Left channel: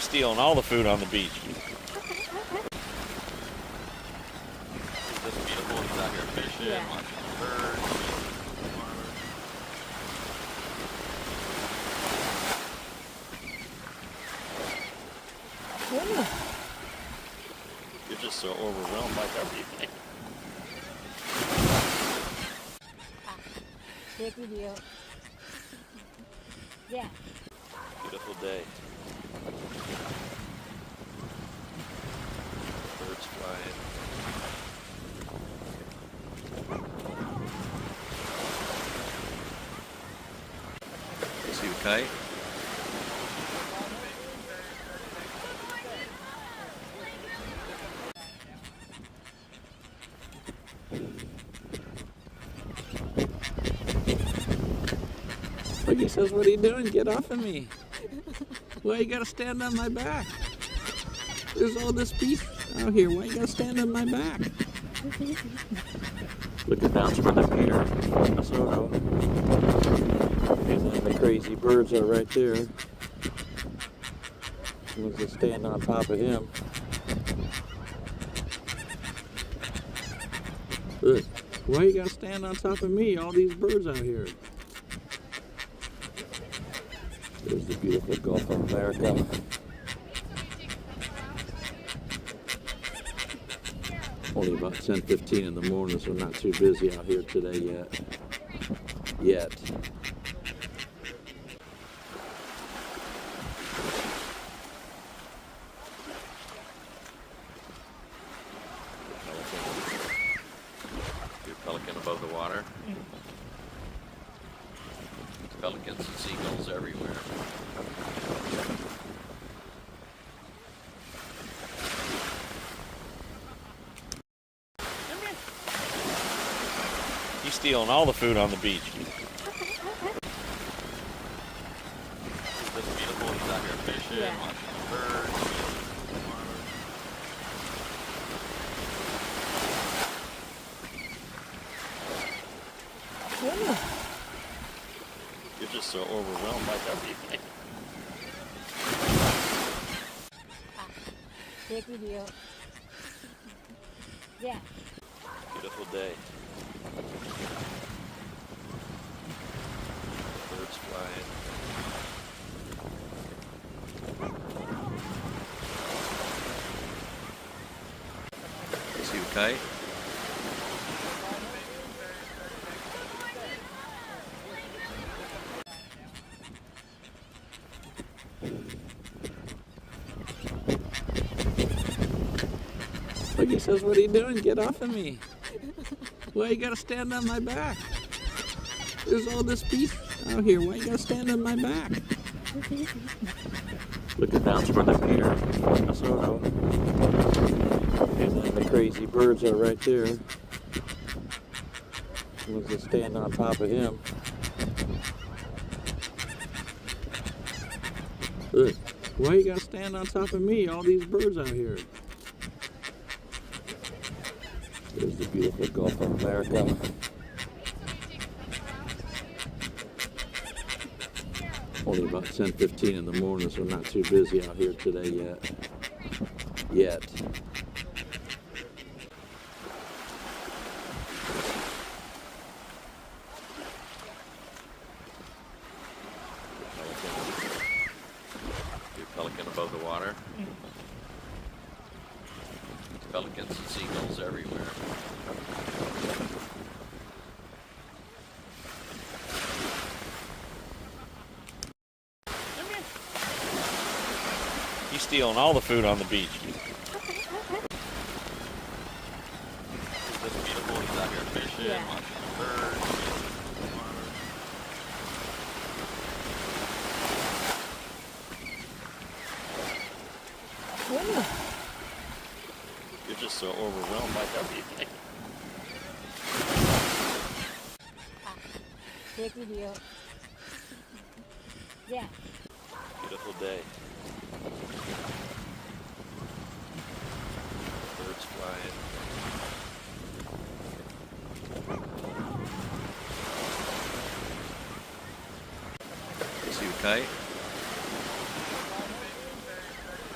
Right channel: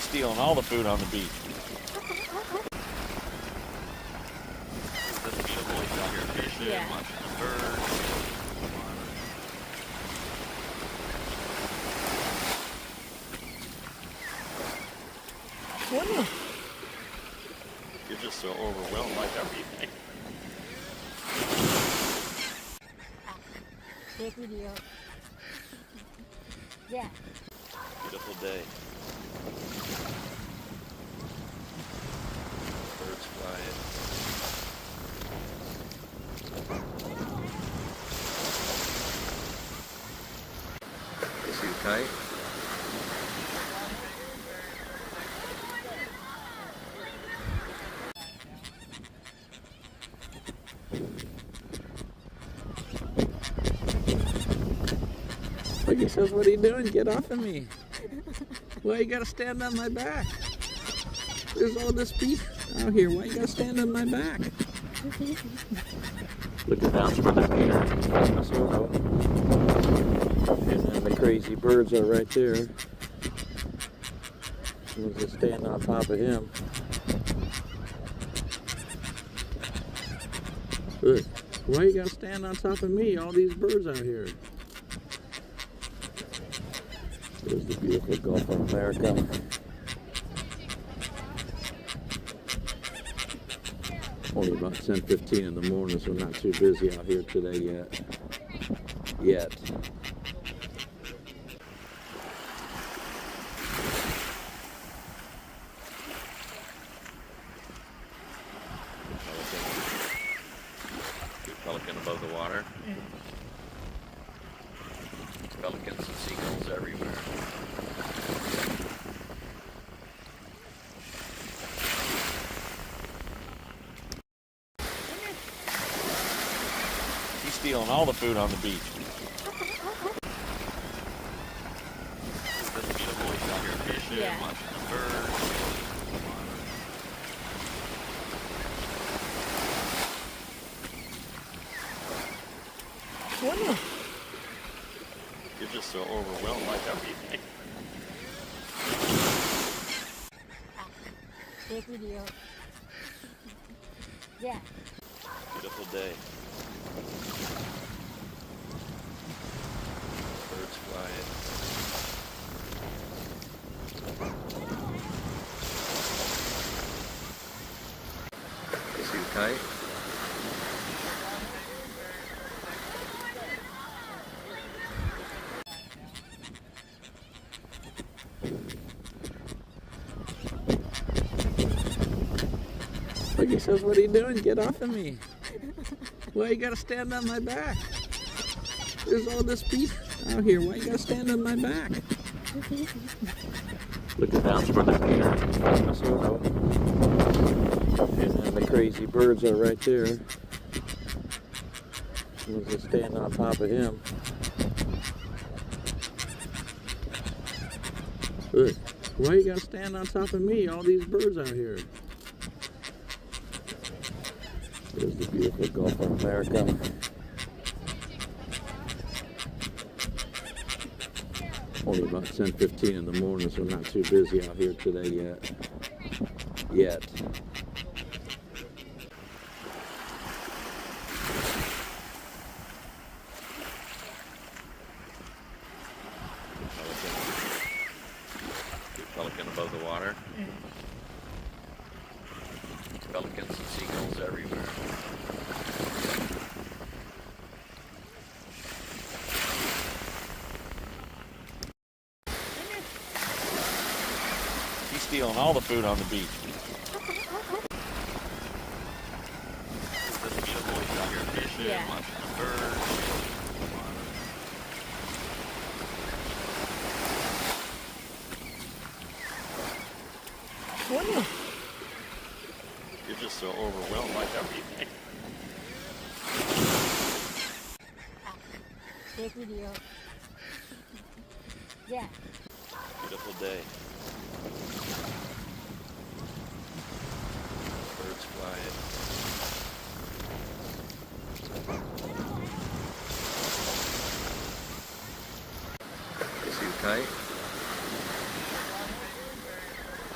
He's stealing all the food on the beach. This beautiful. He's out here fishing, watching birds. You're just so overwhelmed by everything. Take video. Yeah. Beautiful day. Birds flying. See you fight? Look, he says, what are you doing? Get off of me. Why you gotta stand on my back? There's all this beef out here. Why you gotta stand on my back? Look at that for the pier. And then the crazy birds are right there. Let's just stand on top of him. Look, why you gotta stand on top of me? All these birds out here. There's the beautiful Gulf of America. Only about 10:15 in the morning, so not too busy out here today yet. Pelican above the water. Pelicans and seagulls everywhere. He's stealing all the food on the beach. This beautiful. He's out here fishing, watching birds. You're just so overwhelmed by everything. Take video. Yeah. Beautiful day. Birds flying. See you fight? Look, he says, what are you doing? Get off of me. Why you gotta stand on my back? There's all this beef out here. Why you gotta stand on my back? Look at that for the pier. And then the crazy birds are right there. Let's just stand on top of him. Look, why you gotta stand on top of me? All these birds out here. There's the beautiful Gulf of America. Only about 10:15 in the morning, so not too busy out here today yet. Pelican above the water. Pelicans and seagulls everywhere. He's stealing all the food on the beach. This beautiful. He's out here fishing, watching birds. You're just so overwhelmed by everything. Take video. Yeah. Beautiful day. Birds flying. See you fight?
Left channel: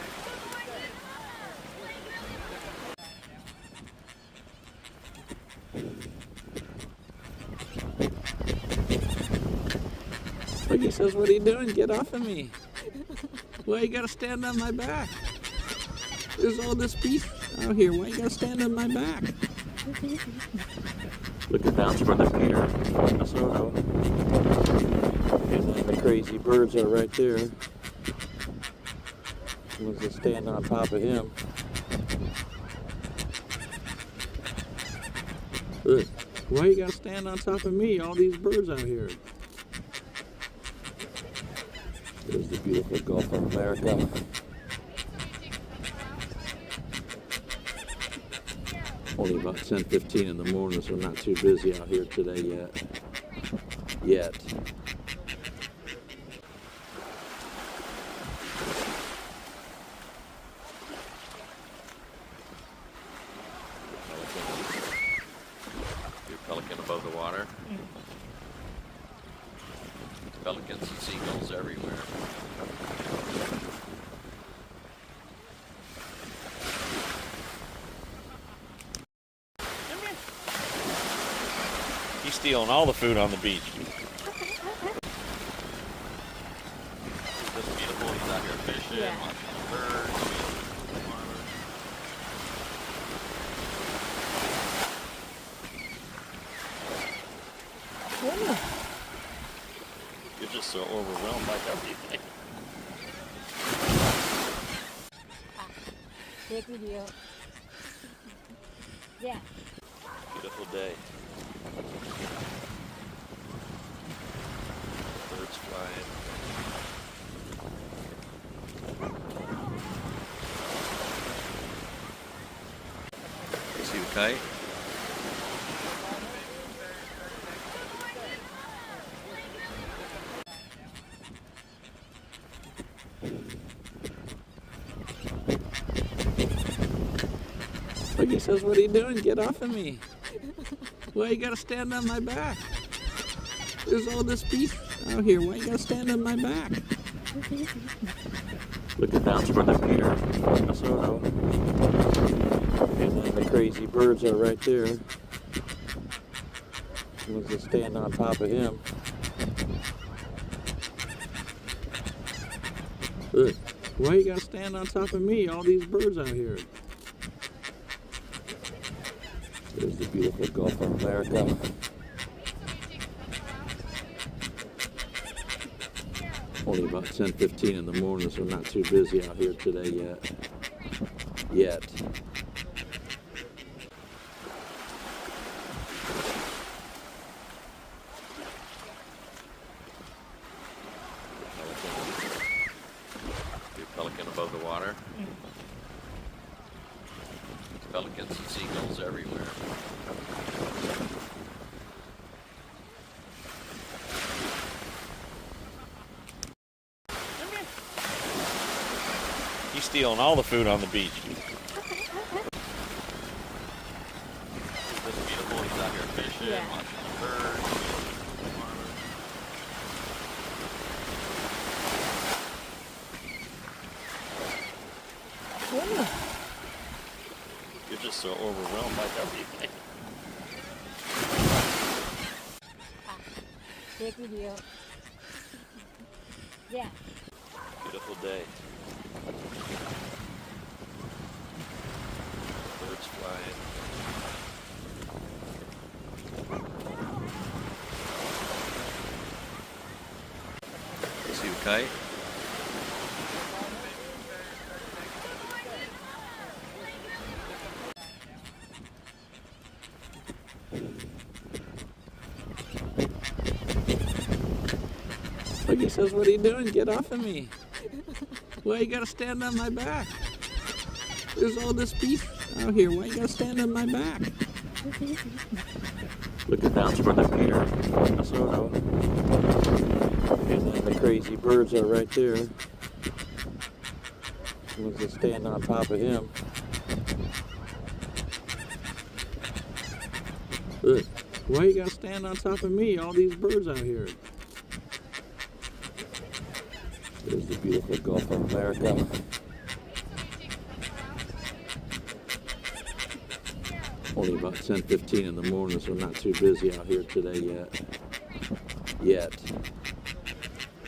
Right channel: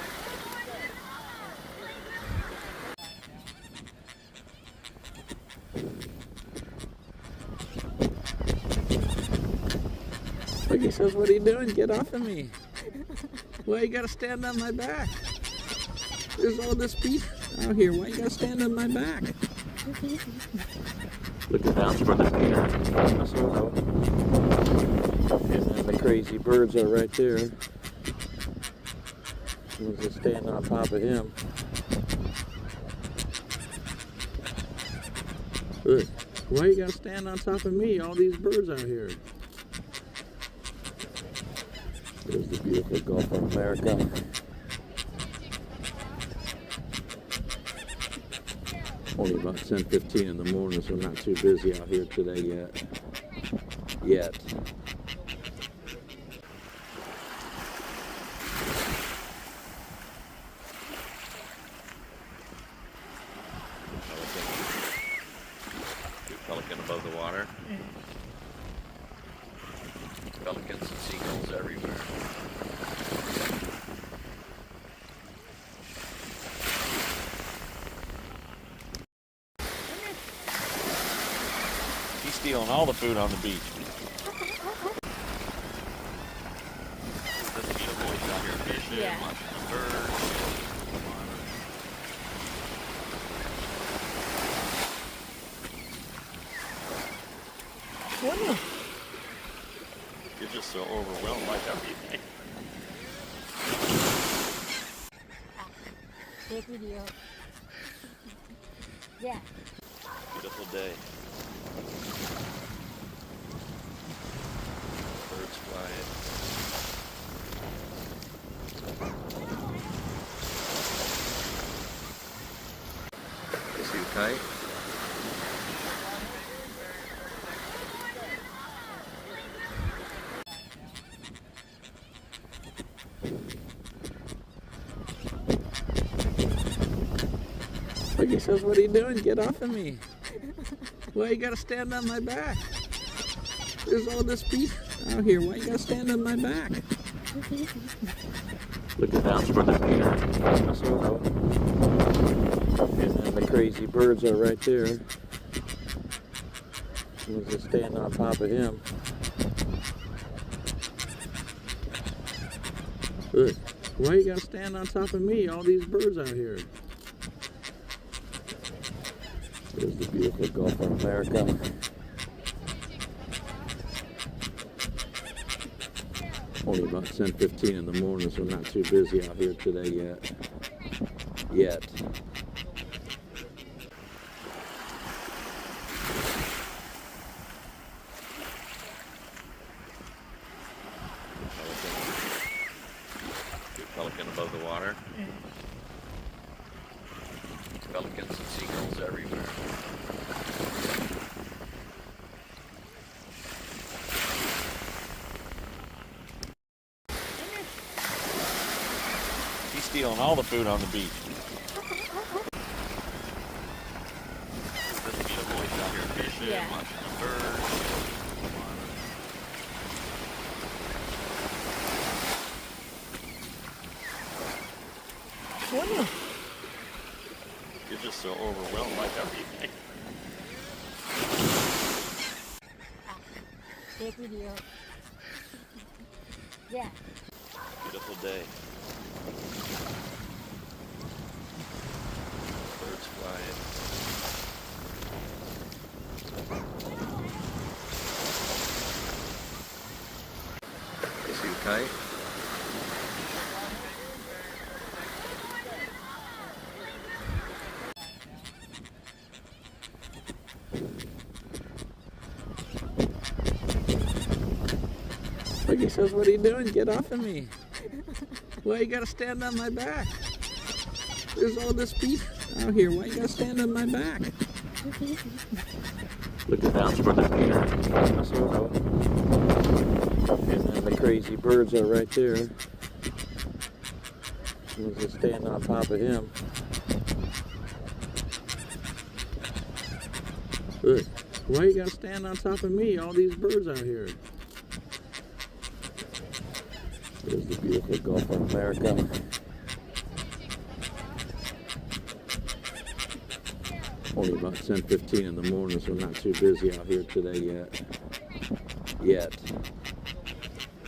Look, he says, what are you doing? Get off of me. Why you gotta stand on my back? There's all this beef out here. Why you gotta stand on my back? Looking down for the Peter. And then the crazy birds are right there. One's just standing on top of him. Look, why you gotta stand on top of me? All these birds out here. There's the beautiful Gulf of America. Only about 10:15 in the morning, so I'm not too busy out here today yet. Pelican above the water. Pelicans and seagulls everywhere. He's stealing all the food on the beach. This beautiful is out here fishing. Yeah. Lots of birds. You're just so overwhelmed by everything. Take video. Yeah. Beautiful day. Birds flying. See you kite? Look, he says, what are you doing? Get off of me. Why you gotta stand on my back? There's all this beef out here. Why you gotta stand on my back? Looking down for the Peter. And then the crazy birds are right there. One's just standing on top of him. Look, why you gotta stand on top of me? All these birds out here. There's the beautiful Gulf of America. Only about 10:15 in the morning, so I'm not too busy out here today yet. Pelican above the water. Pelicans and seagulls everywhere. He's stealing all the food on the beach. This beautiful is out here fishing. Yeah. Lots of birds. You're just so overwhelmed by everything. Take video. Yeah. Beautiful day. Birds flying. See you kite? Look, he says, what are you doing? Get off of me. Why you gotta stand on my back? There's all this beef out here. Why you gotta stand on my back? Looking down for the Peter. And then the crazy birds are right there. One's just standing on top of him. Look, why you gotta stand on top of me? All these birds out here. There's the beautiful Gulf of America. Only about 10:15 in the morning, so I'm not too busy out here today yet.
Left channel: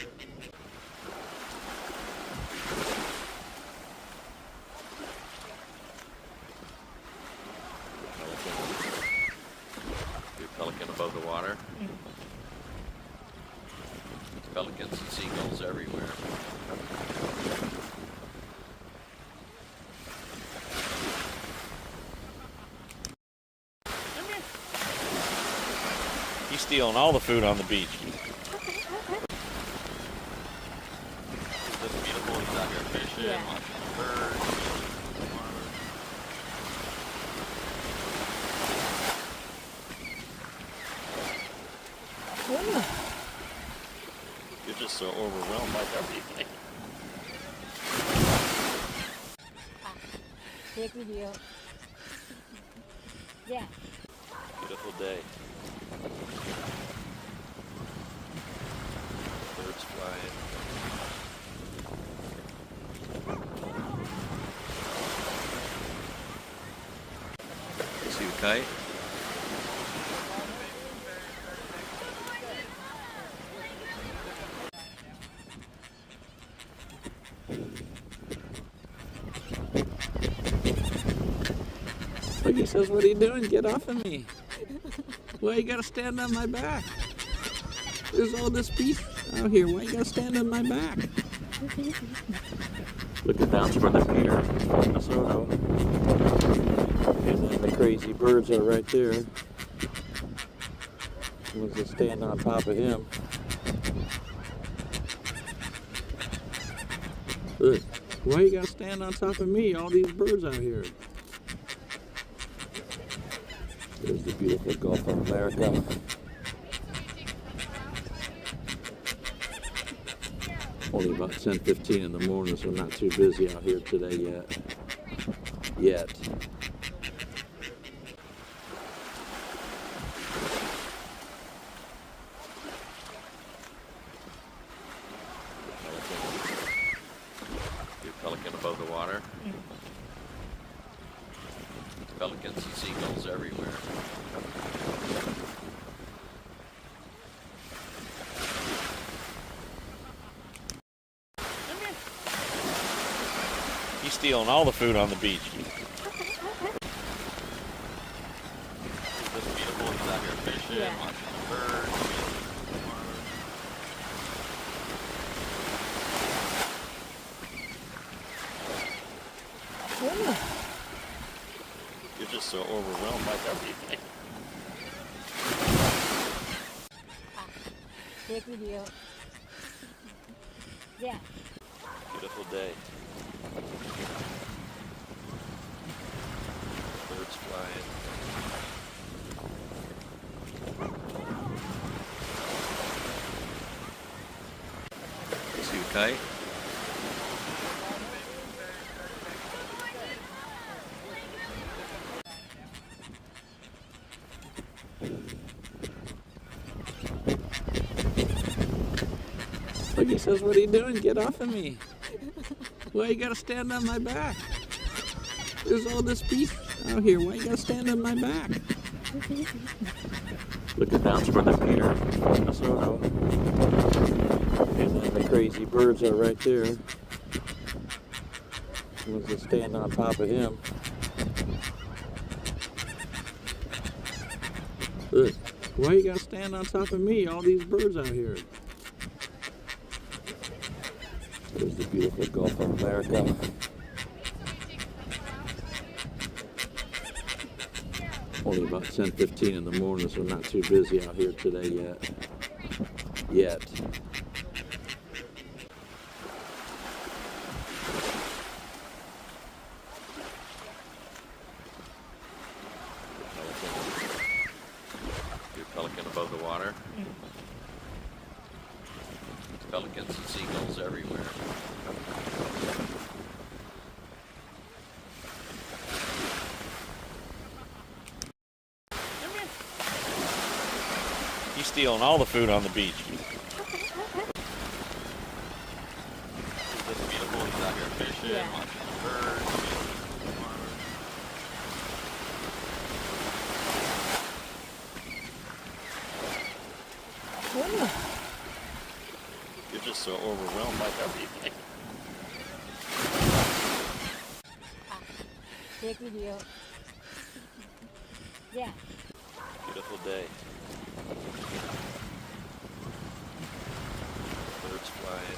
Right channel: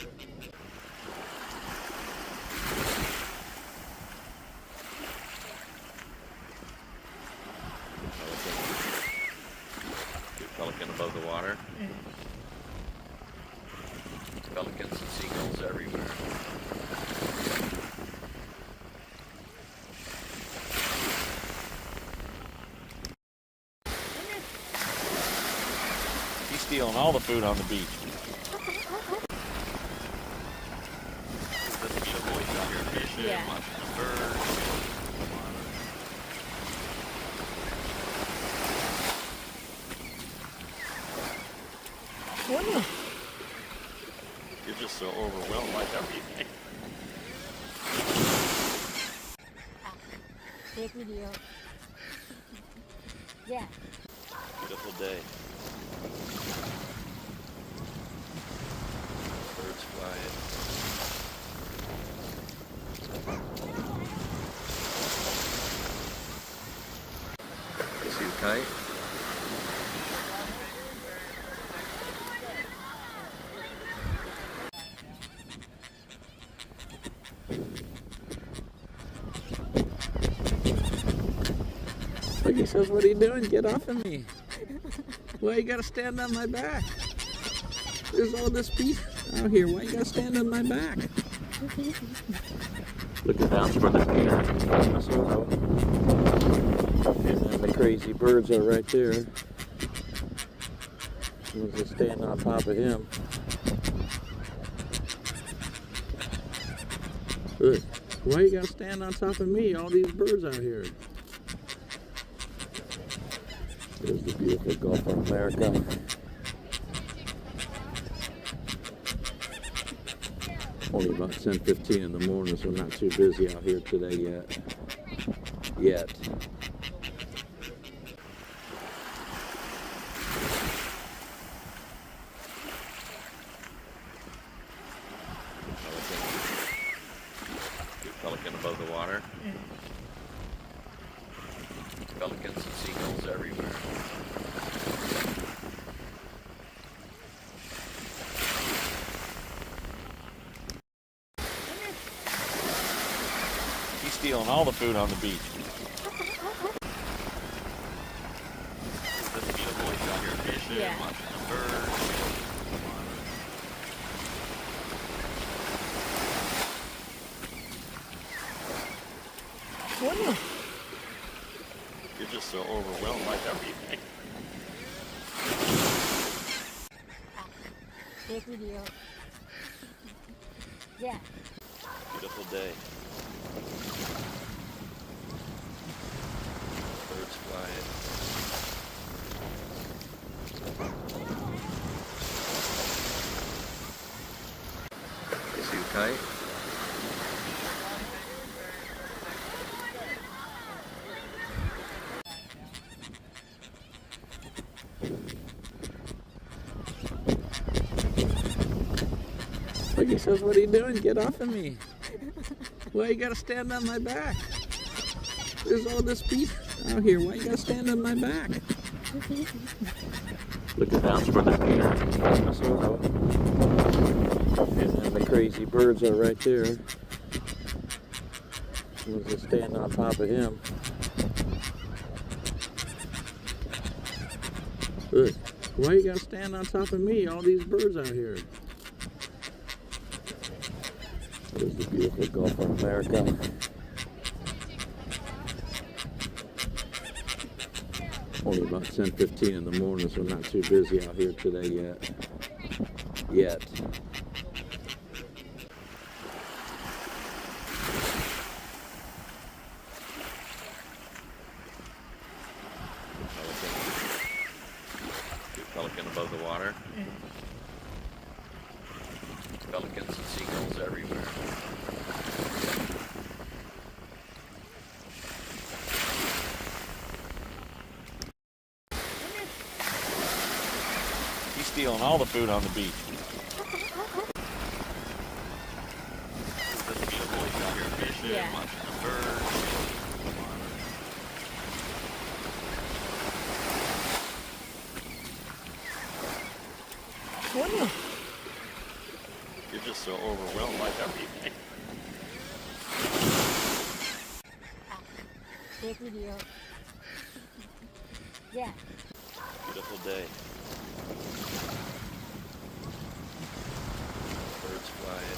seagulls everywhere. He's stealing all the food on the beach. It's just beautiful. He's out here fishing, Yeah. watching birds. You're just so overwhelmed by everything. Take video. Yeah. Beautiful day. Birds flying. See you fight? Look, he says, what are you doing? Get off of me. Why you gotta stand on my back? There's all this beef out here. Why you gotta stand on my back? Look at down from the pier, Minnesota. And then the crazy birds are right there. Was just standing on top of him. Look, why you gotta stand on top of me? All these birds out here. There's the beautiful Gulf of America. Only about 10:15 in the morning, so not too busy out here today yet. Pelican above the water. Pelicans and seagulls everywhere. He's stealing all the food on the beach. It's just beautiful. He's out here fishing, Yeah. watching birds. You're just so overwhelmed by everything. Take video. Yeah. Beautiful day. Birds flying. See you fight? Look, he says, what are you doing? Get off of me. Why you gotta stand on my back? There's all this beef out here. Why you gotta stand on my back? Look at down from the pier, Minnesota. And then the crazy birds are right there. Was just standing on top of him. Look, why you gotta stand on top of me? All these birds out here. There's the beautiful Gulf of America. Only about 10:15 in the morning, so not too busy out here today yet. Pelican above the water. Pelicans and seagulls everywhere. He's stealing all the food on the beach. It's just beautiful. He's out here fishing, Yeah. watching birds. You're just so overwhelmed by everything. Take video. Yeah. Beautiful day. Birds flying.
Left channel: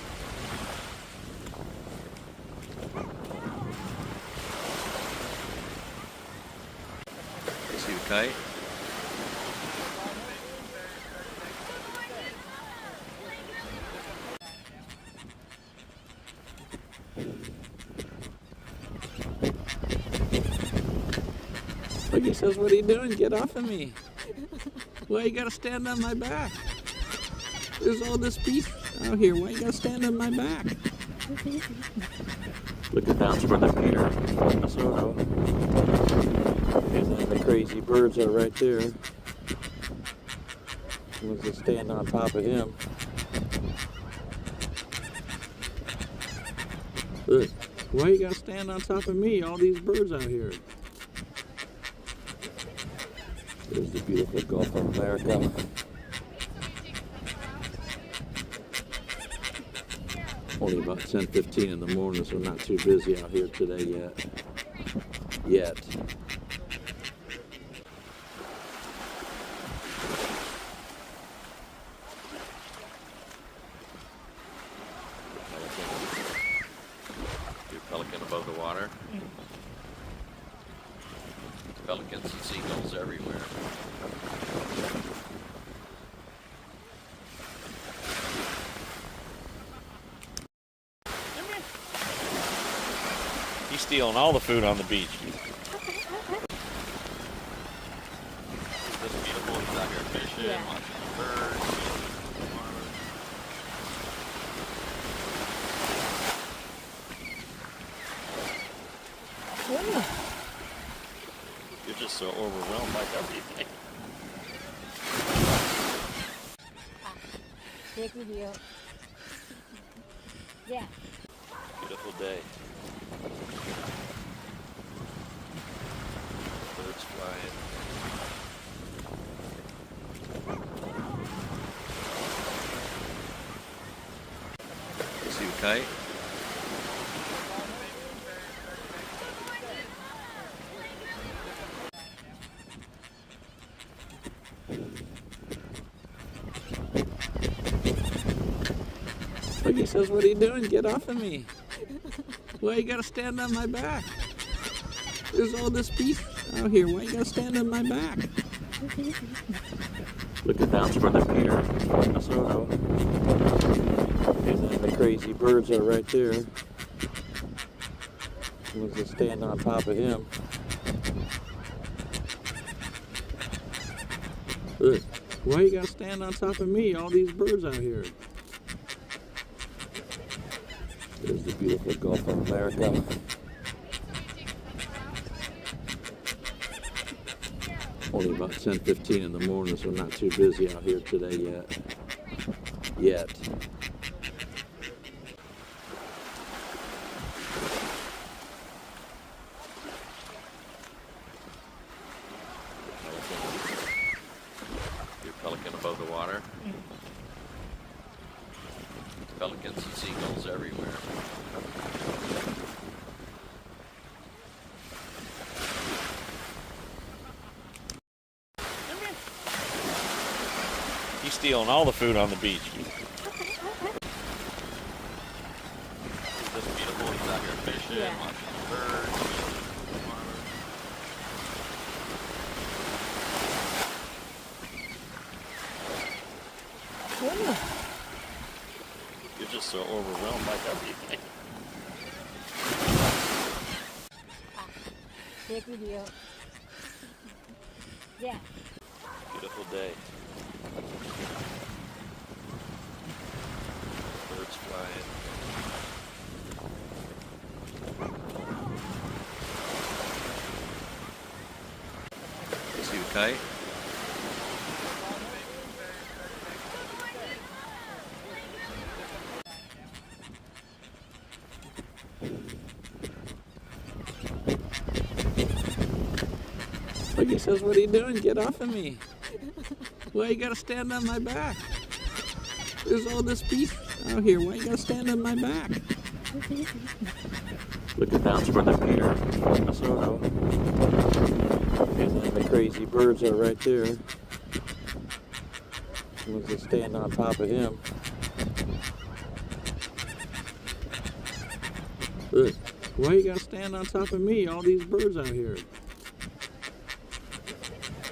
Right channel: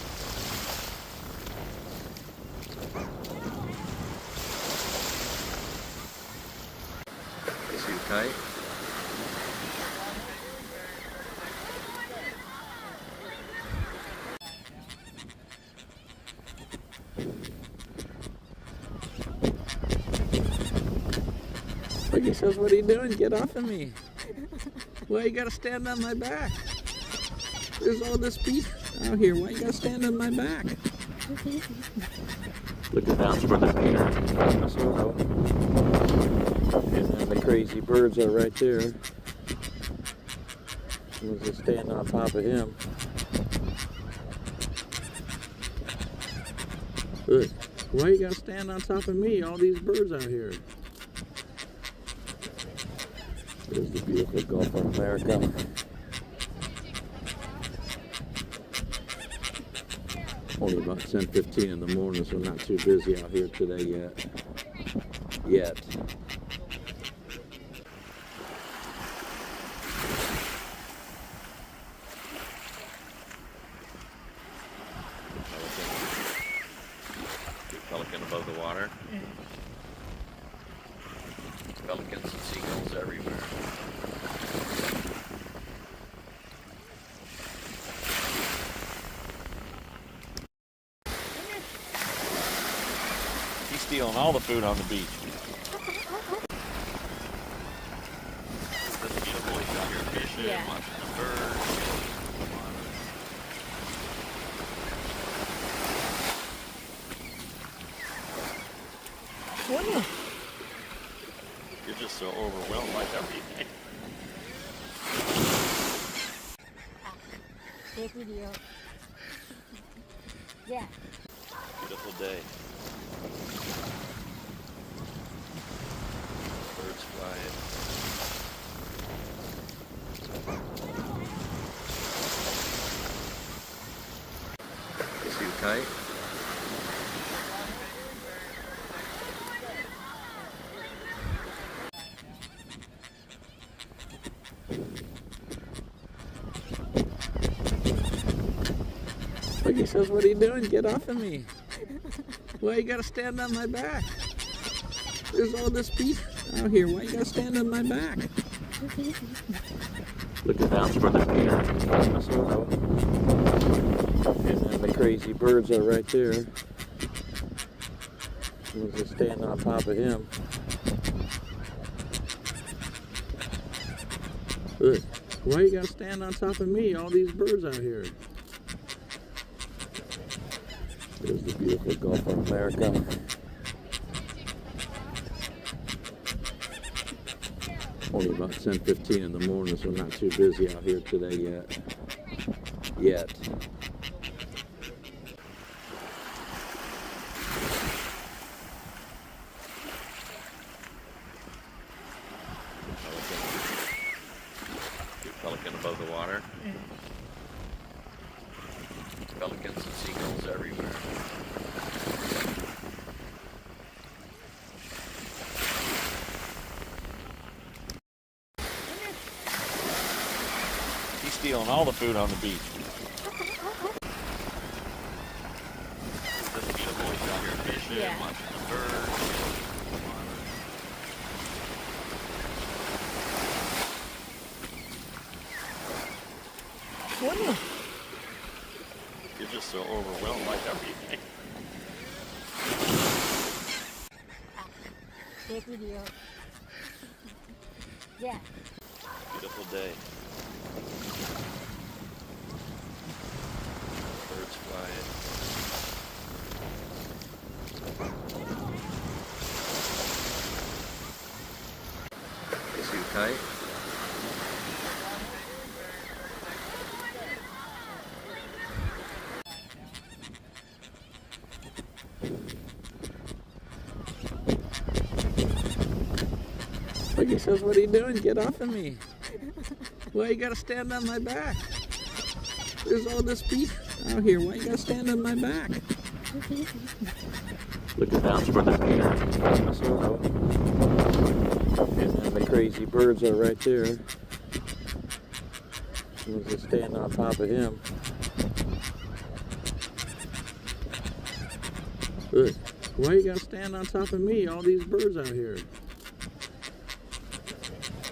fight? Look, he says, what are you doing? Get off of me. Why you gotta stand on my back? There's all this beef out here. Why you gotta stand on my back? Looking down for the Peter. And then the crazy birds are right there. Was just standing on top of him. Look, why you gotta stand on top of me? All these birds out here. There's the beautiful Gulf of America. Only about 10:15 in the morning, so not too busy out here today yet. Pelican above the water. Pelicans and seagulls everywhere. He's stealing all the food on the beach. Isn't this beautiful? He's out here fishing, Yeah. watching birds. You're just so overwhelmed by everything. Take video. Yeah. Beautiful day. Birds flying. See you fight? Look, he says, what are you doing? Get off of me. Why you gotta stand on my back? There's all this beef out here. Why you gotta stand on my back? Looking down for the Peter. And then the crazy birds are right there. Was just standing on top of him. Look, why you gotta stand on top of me? All these birds out here. There's the beautiful Gulf of America. Only about 10:15 in the morning, so not too busy out here today yet. Pelican above the water. Pelicans and seagulls everywhere. He's stealing all the food on the beach. Isn't this beautiful? He's out here fishing, Yeah. watching birds. You're just so overwhelmed by everything. Take video. Yeah. Beautiful day. Birds flying. See you fight? Look, he says, what are you doing? Get off of me. Why you gotta stand on my back? There's all this beef out here. Why you gotta stand on my back? Looking down for the Peter. And then the crazy birds are right there. Was just standing on top of him. Look, why you gotta stand on top of me? All these birds out here.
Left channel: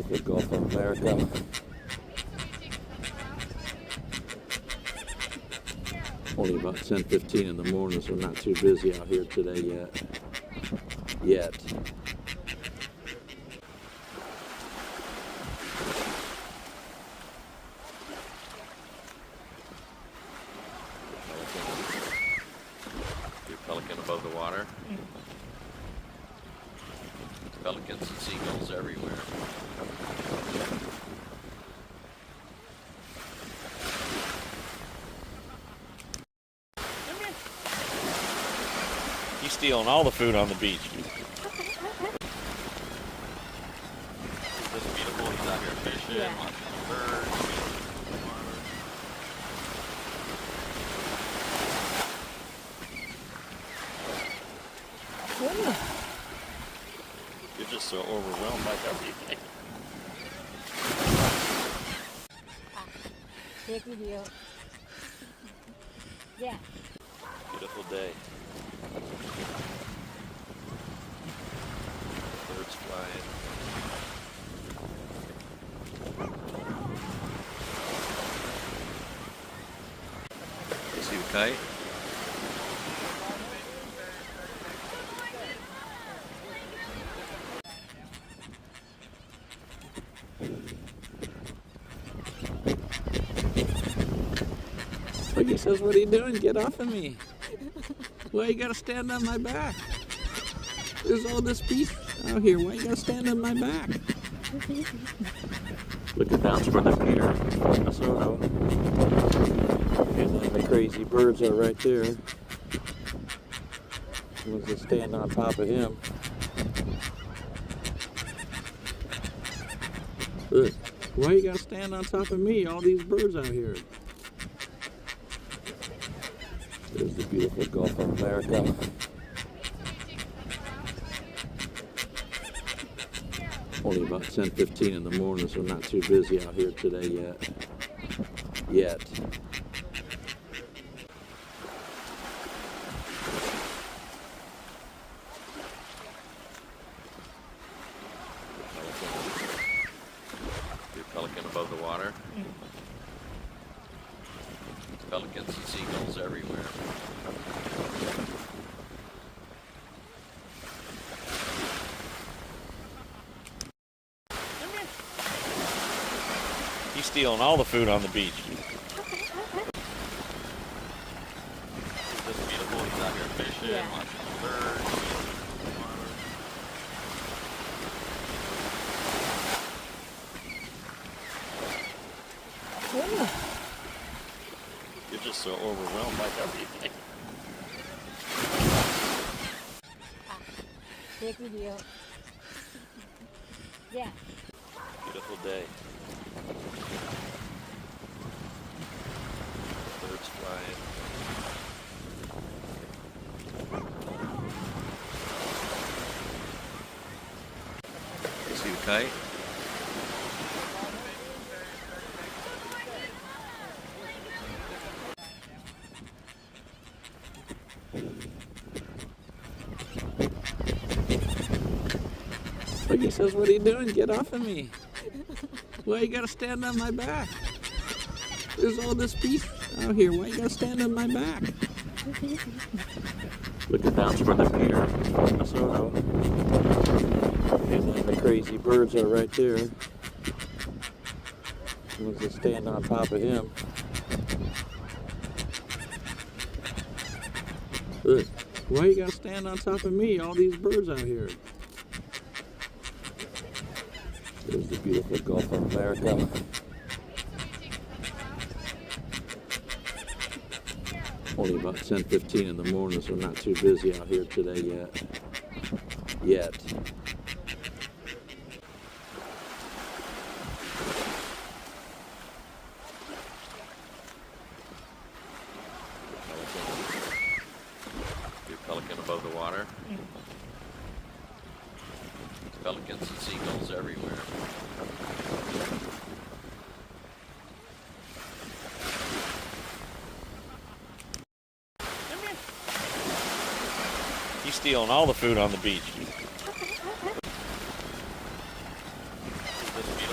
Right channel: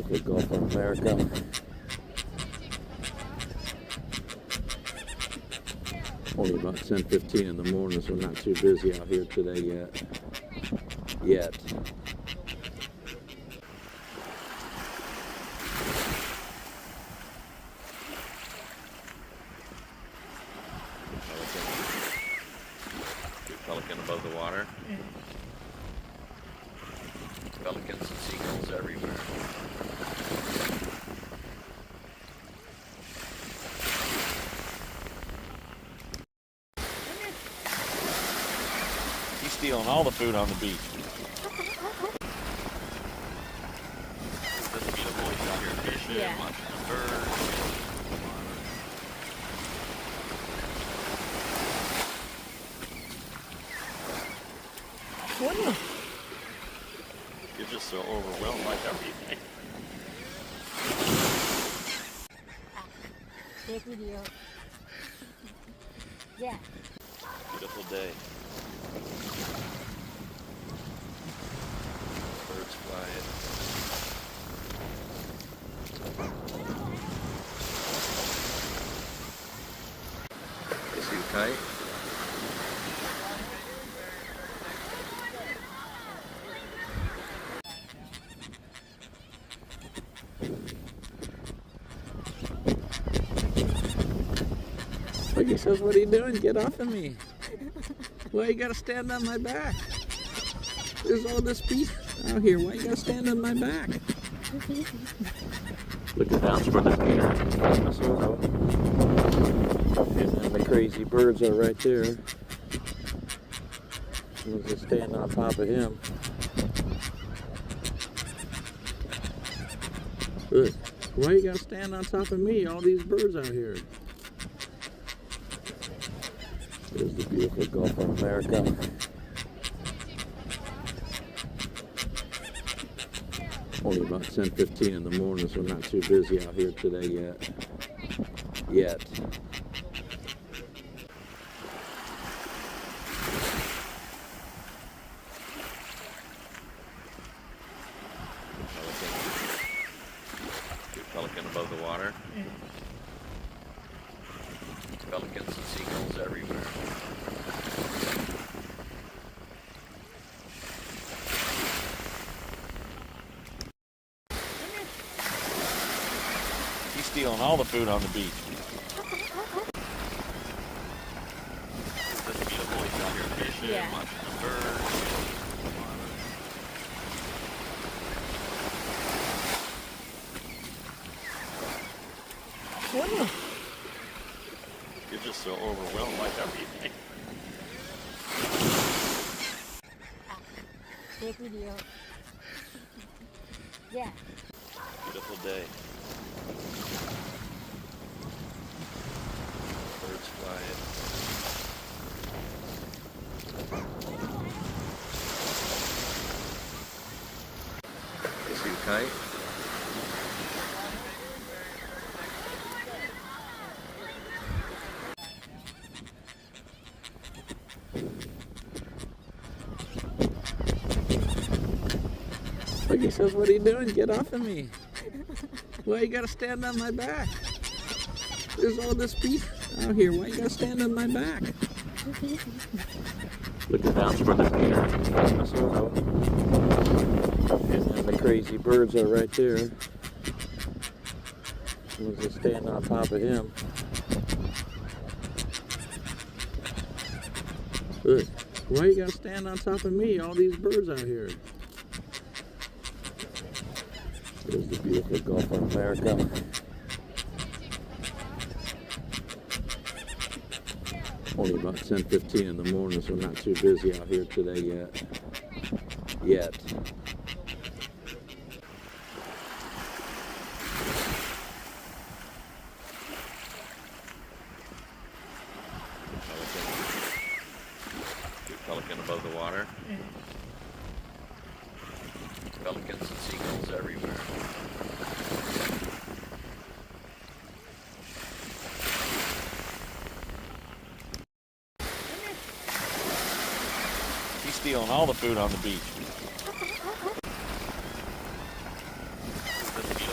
beautiful Gulf of America. Only about 10:15 in the morning, so not too busy out here today yet. Pelican above the water. Pelicans and seagulls everywhere. He's stealing all the food on the beach. Isn't this beautiful? He's out here fishing, Yeah. watching birds. You're just so overwhelmed by everything. Take video. Yeah. Beautiful day. Birds flying. See you fight? I guess that's what he's doing. Get off of me. Why you gotta stand on my back? There's all this beef out here. Why you gotta stand on my back? Looking down for the pier. And then the crazy birds are right there. Someone's just standing on top of him. Look, why you gotta stand on top of me? All these birds out here. There's the beautiful Gulf of America. Only about 10:15 in the morning, so not too busy out here today yet. Pelican above the water. Pelicans and seagulls everywhere. He's stealing all the food on the beach. Isn't this beautiful? He's out here fishing, Yeah. watching birds. You're just so overwhelmed by everything. Take video. Yeah. Beautiful day. Birds flying. See you fight? I guess that's what he's doing. Get off of me. Why you gotta stand on my back? There's all this beef out here. Why you gotta stand on my back? Looking down for the pier. And then the crazy birds are right there. Someone's just standing on top of him. Look, why you gotta stand on top of me? All these birds out here. There's the beautiful Gulf of America. Only about 10:15 in the morning, so not too busy out here today yet. Pelican above the water. Pelicans and seagulls everywhere. He's stealing all the food on the beach. Isn't this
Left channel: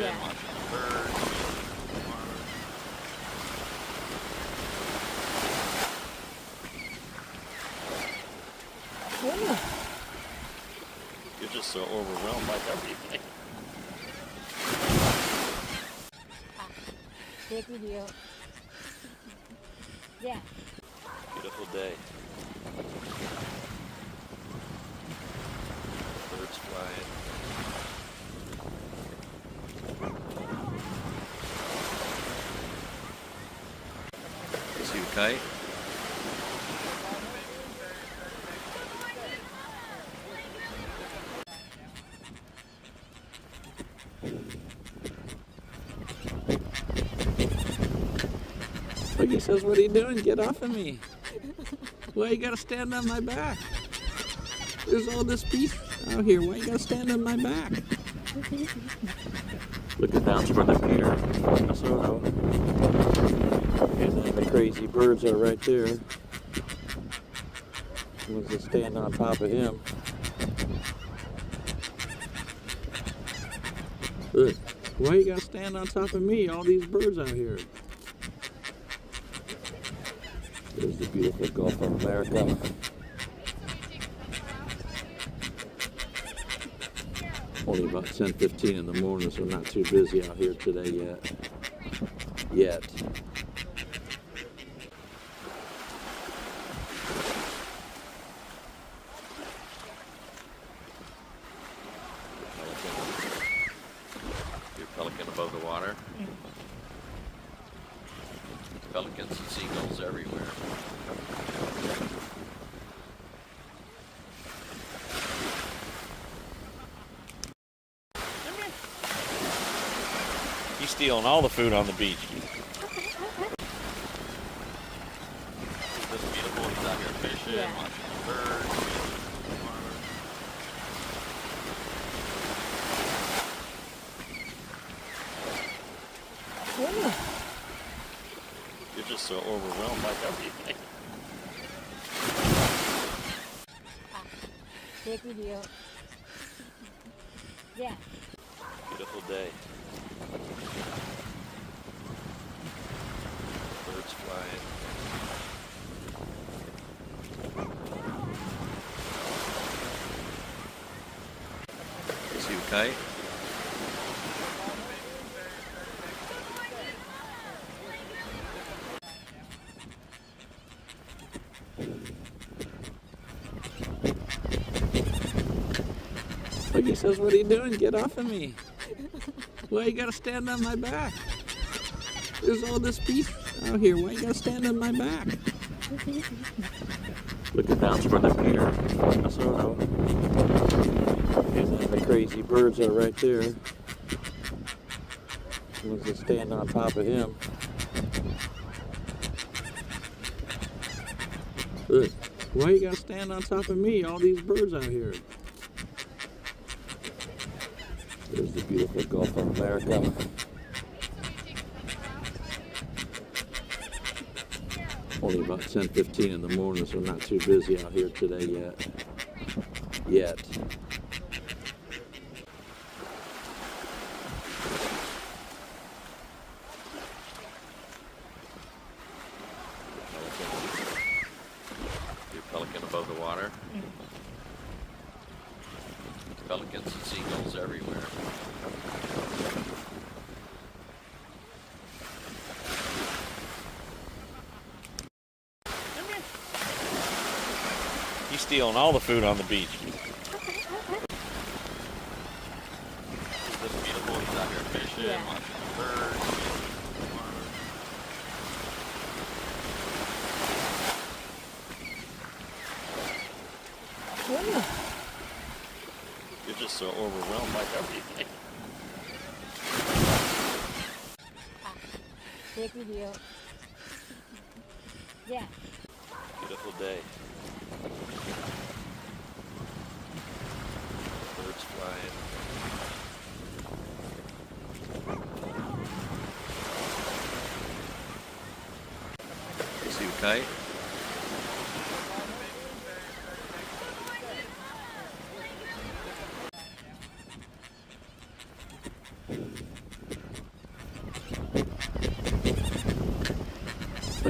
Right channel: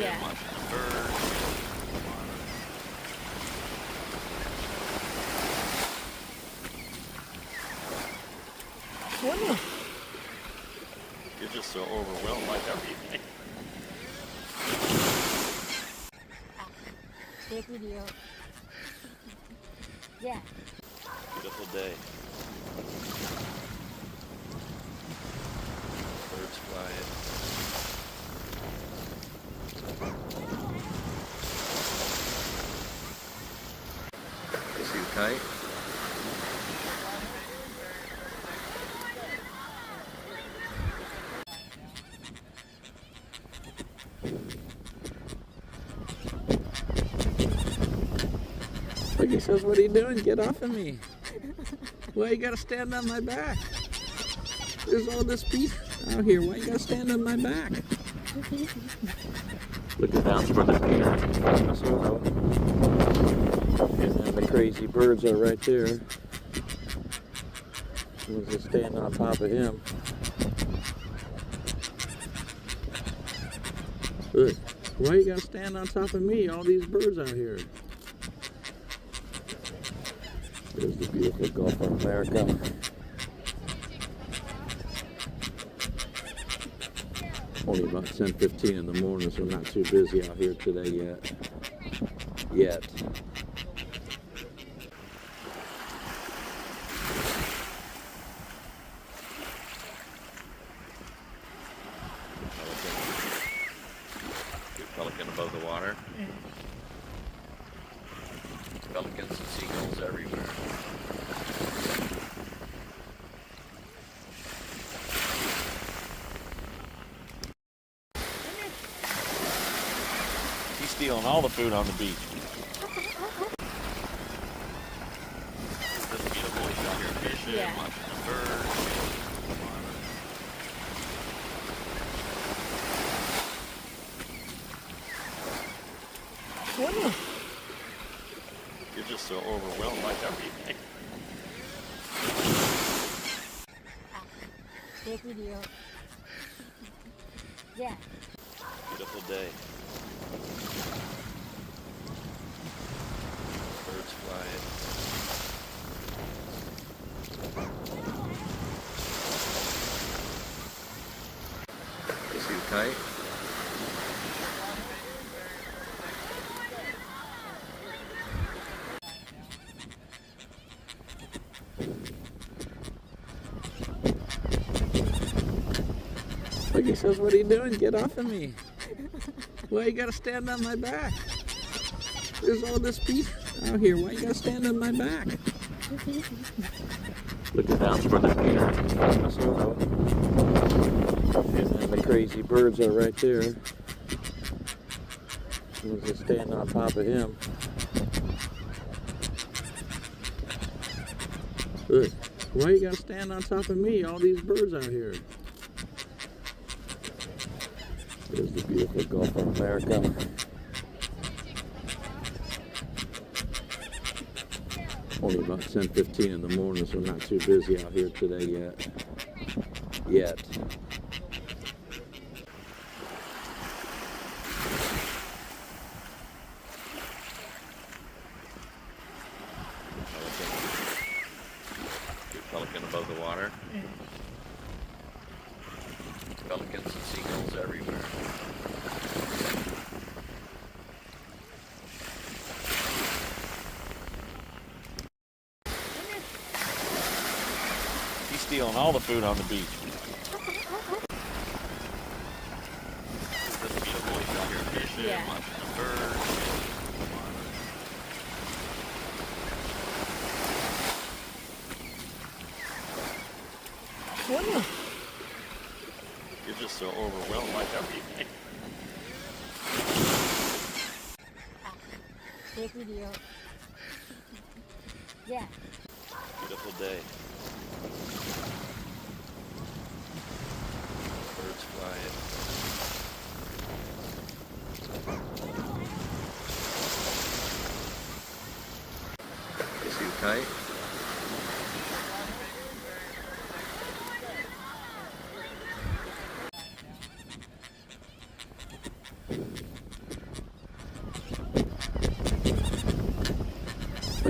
them, watching the birds. You're just so overwhelmed by everything. Take video. Yeah. Beautiful day. Birds flying. See you fight? Look, he says, what are you doing? Get off of me. Why you gotta stand on my back? There's all this beef out here. Why you gotta stand on my back? Looking down from the pier, Minnesota. And then the crazy birds are right there. Someone's just standing on top of him. Look, why you gotta stand on top of me? All these birds out here. There's the beautiful Gulf of America. Only about 10:15 in the morning, so not too busy out here today yet. Your pelican above the water. Pelicans and seagulls everywhere. He's stealing all the food on the beach. It's just beautiful. He's out here fishing, Yeah. watching the birds. You're just so overwhelmed by everything. Take video. Yeah. Beautiful day. Birds flying. See you fight? Look, he says, what are you doing? Get off of me. Why you gotta stand on my back? There's all this beef out here. Why you gotta stand on my back? Looking down from the pier, Minnesota. And then the crazy birds are right there. Someone's just standing on top of him. Look, why you gotta stand on top of me? All these birds out here. There's the beautiful Gulf of America. Only about 10:15 in the morning, so not too busy out here today yet. Your pelican above the water. Pelicans and seagulls everywhere. He's stealing all the food on the beach. It's just beautiful. He's out here fishing, Yeah. watching the birds. You're just so overwhelmed by everything. Take video. Yeah. Beautiful day. Birds flying. See you fight?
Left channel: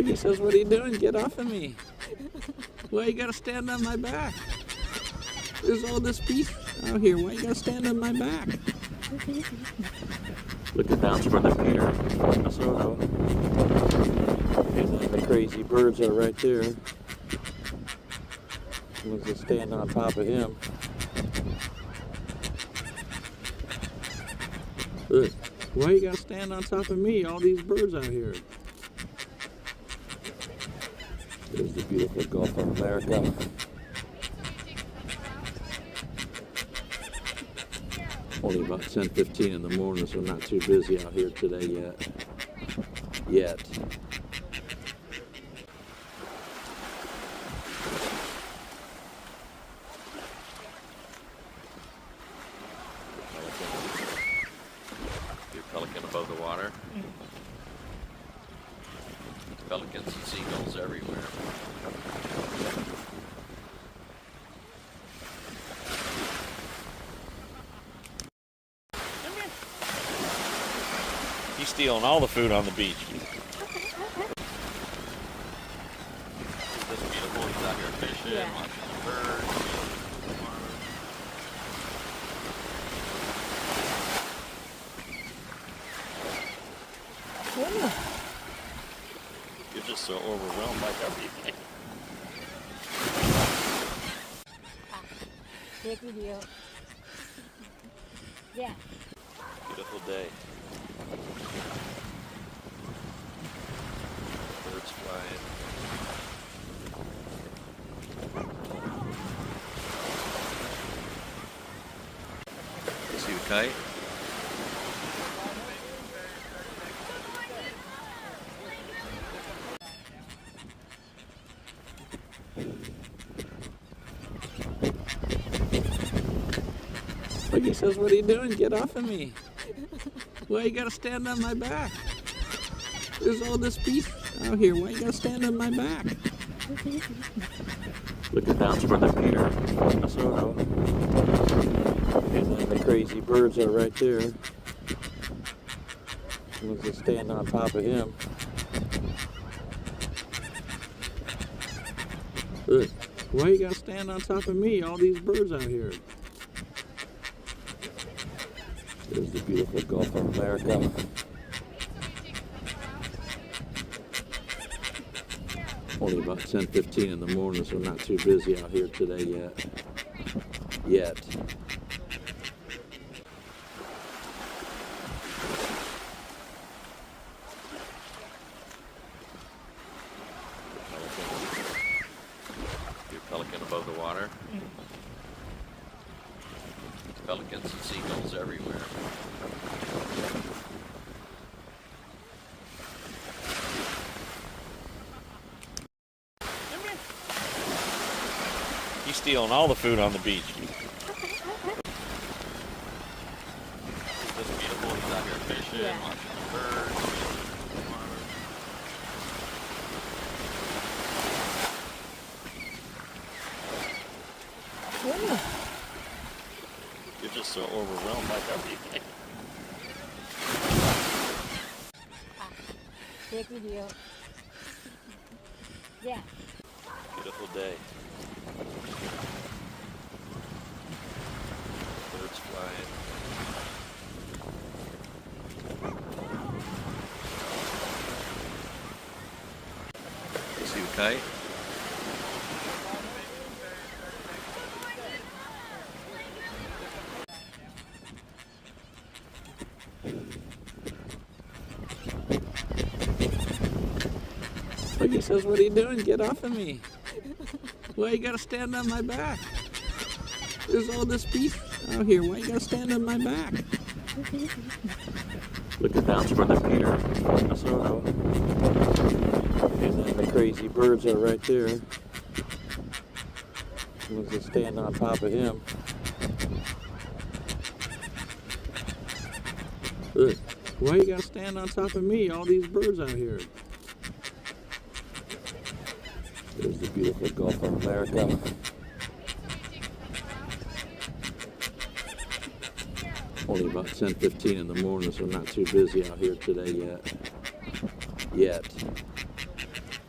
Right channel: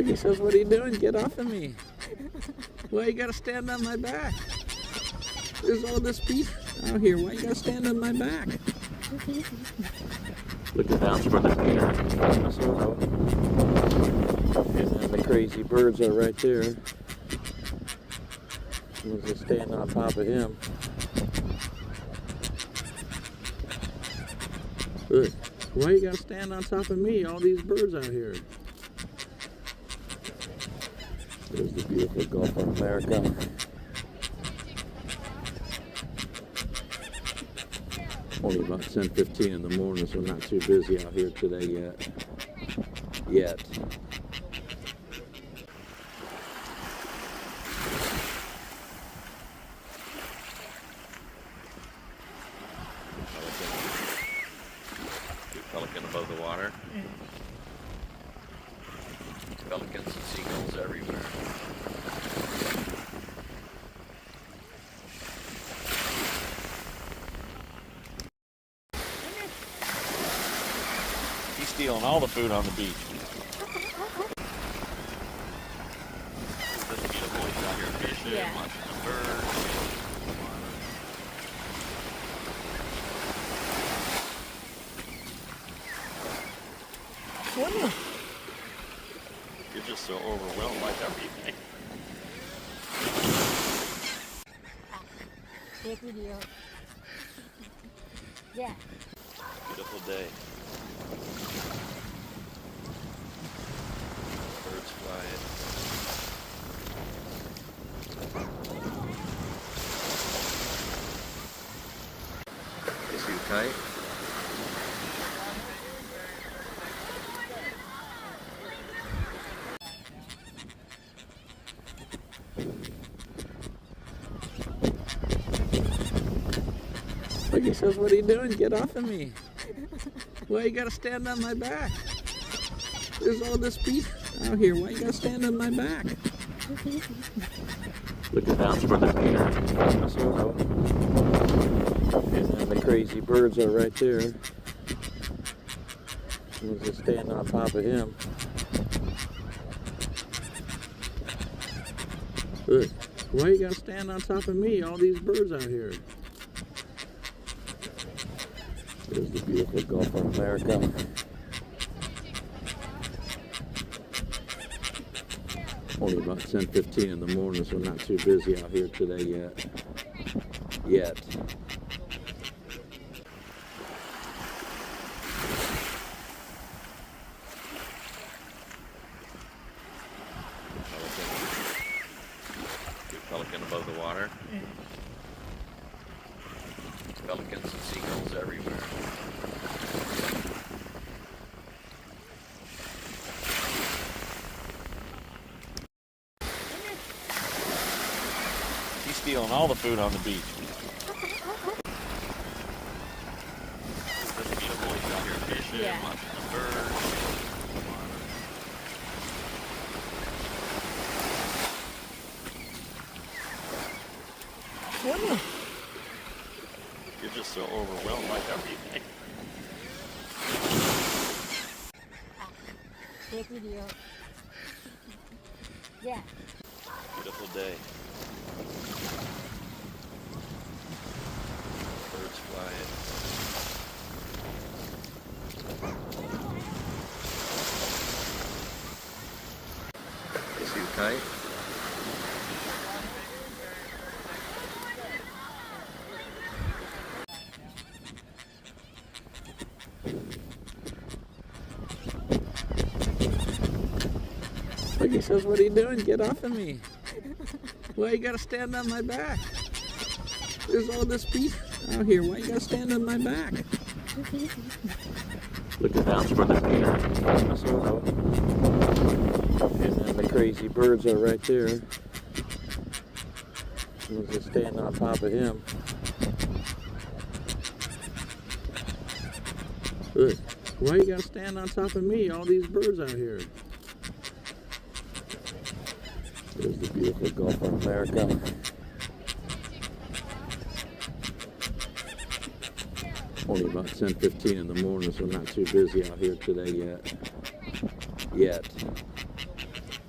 Like he says, what are you doing? Get off of me. Why you gotta stand on my back? There's all this beef out here. Why you gotta stand on my back? Looking down for the Peter. And then the crazy birds are right there. Was just standing on top of him. Look, why you gotta stand on top of me? All these birds out here. There's the beautiful Gulf of America. Only about 10:15 in the morning, so not too busy out here today yet. Pelican above the water. Pelicans and seagulls everywhere. He's stealing all the food on the beach. Isn't this beautiful? He's out here fishing, Yeah. watching birds. You're just so overwhelmed by everything. Take video. Yeah. Beautiful day. Birds flying. See fight? Like he says, what are you doing? Get off of me. Why you gotta stand on my back? There's all this beef out here. Why you gotta stand on my back? Looking down for the Peter. And then the crazy birds are right there. Was just standing on top of him. Look, why you gotta stand on top of me? All these birds out here. There's the beautiful Gulf of America. Only about 10:15 in the morning, so not too busy out here today yet. Pelican above the water. Pelicans and seagulls everywhere. He's stealing all the food on the beach. Isn't this beautiful? He's out here fishing, Yeah. watching birds. You're just so overwhelmed by everything. Take video. Yeah. Beautiful day. Birds flying. See fight? Like he says, what are you doing? Get off of me. Why you gotta stand on my back? There's all this beef out here. Why you gotta stand on my back? Looking down for the Peter. And then the crazy birds are right there. Was just standing on top of him. Look, why you gotta stand on top of me? All these birds out here. There's the beautiful Gulf of America. Only about 10:15 in the morning, so not too busy out here today yet.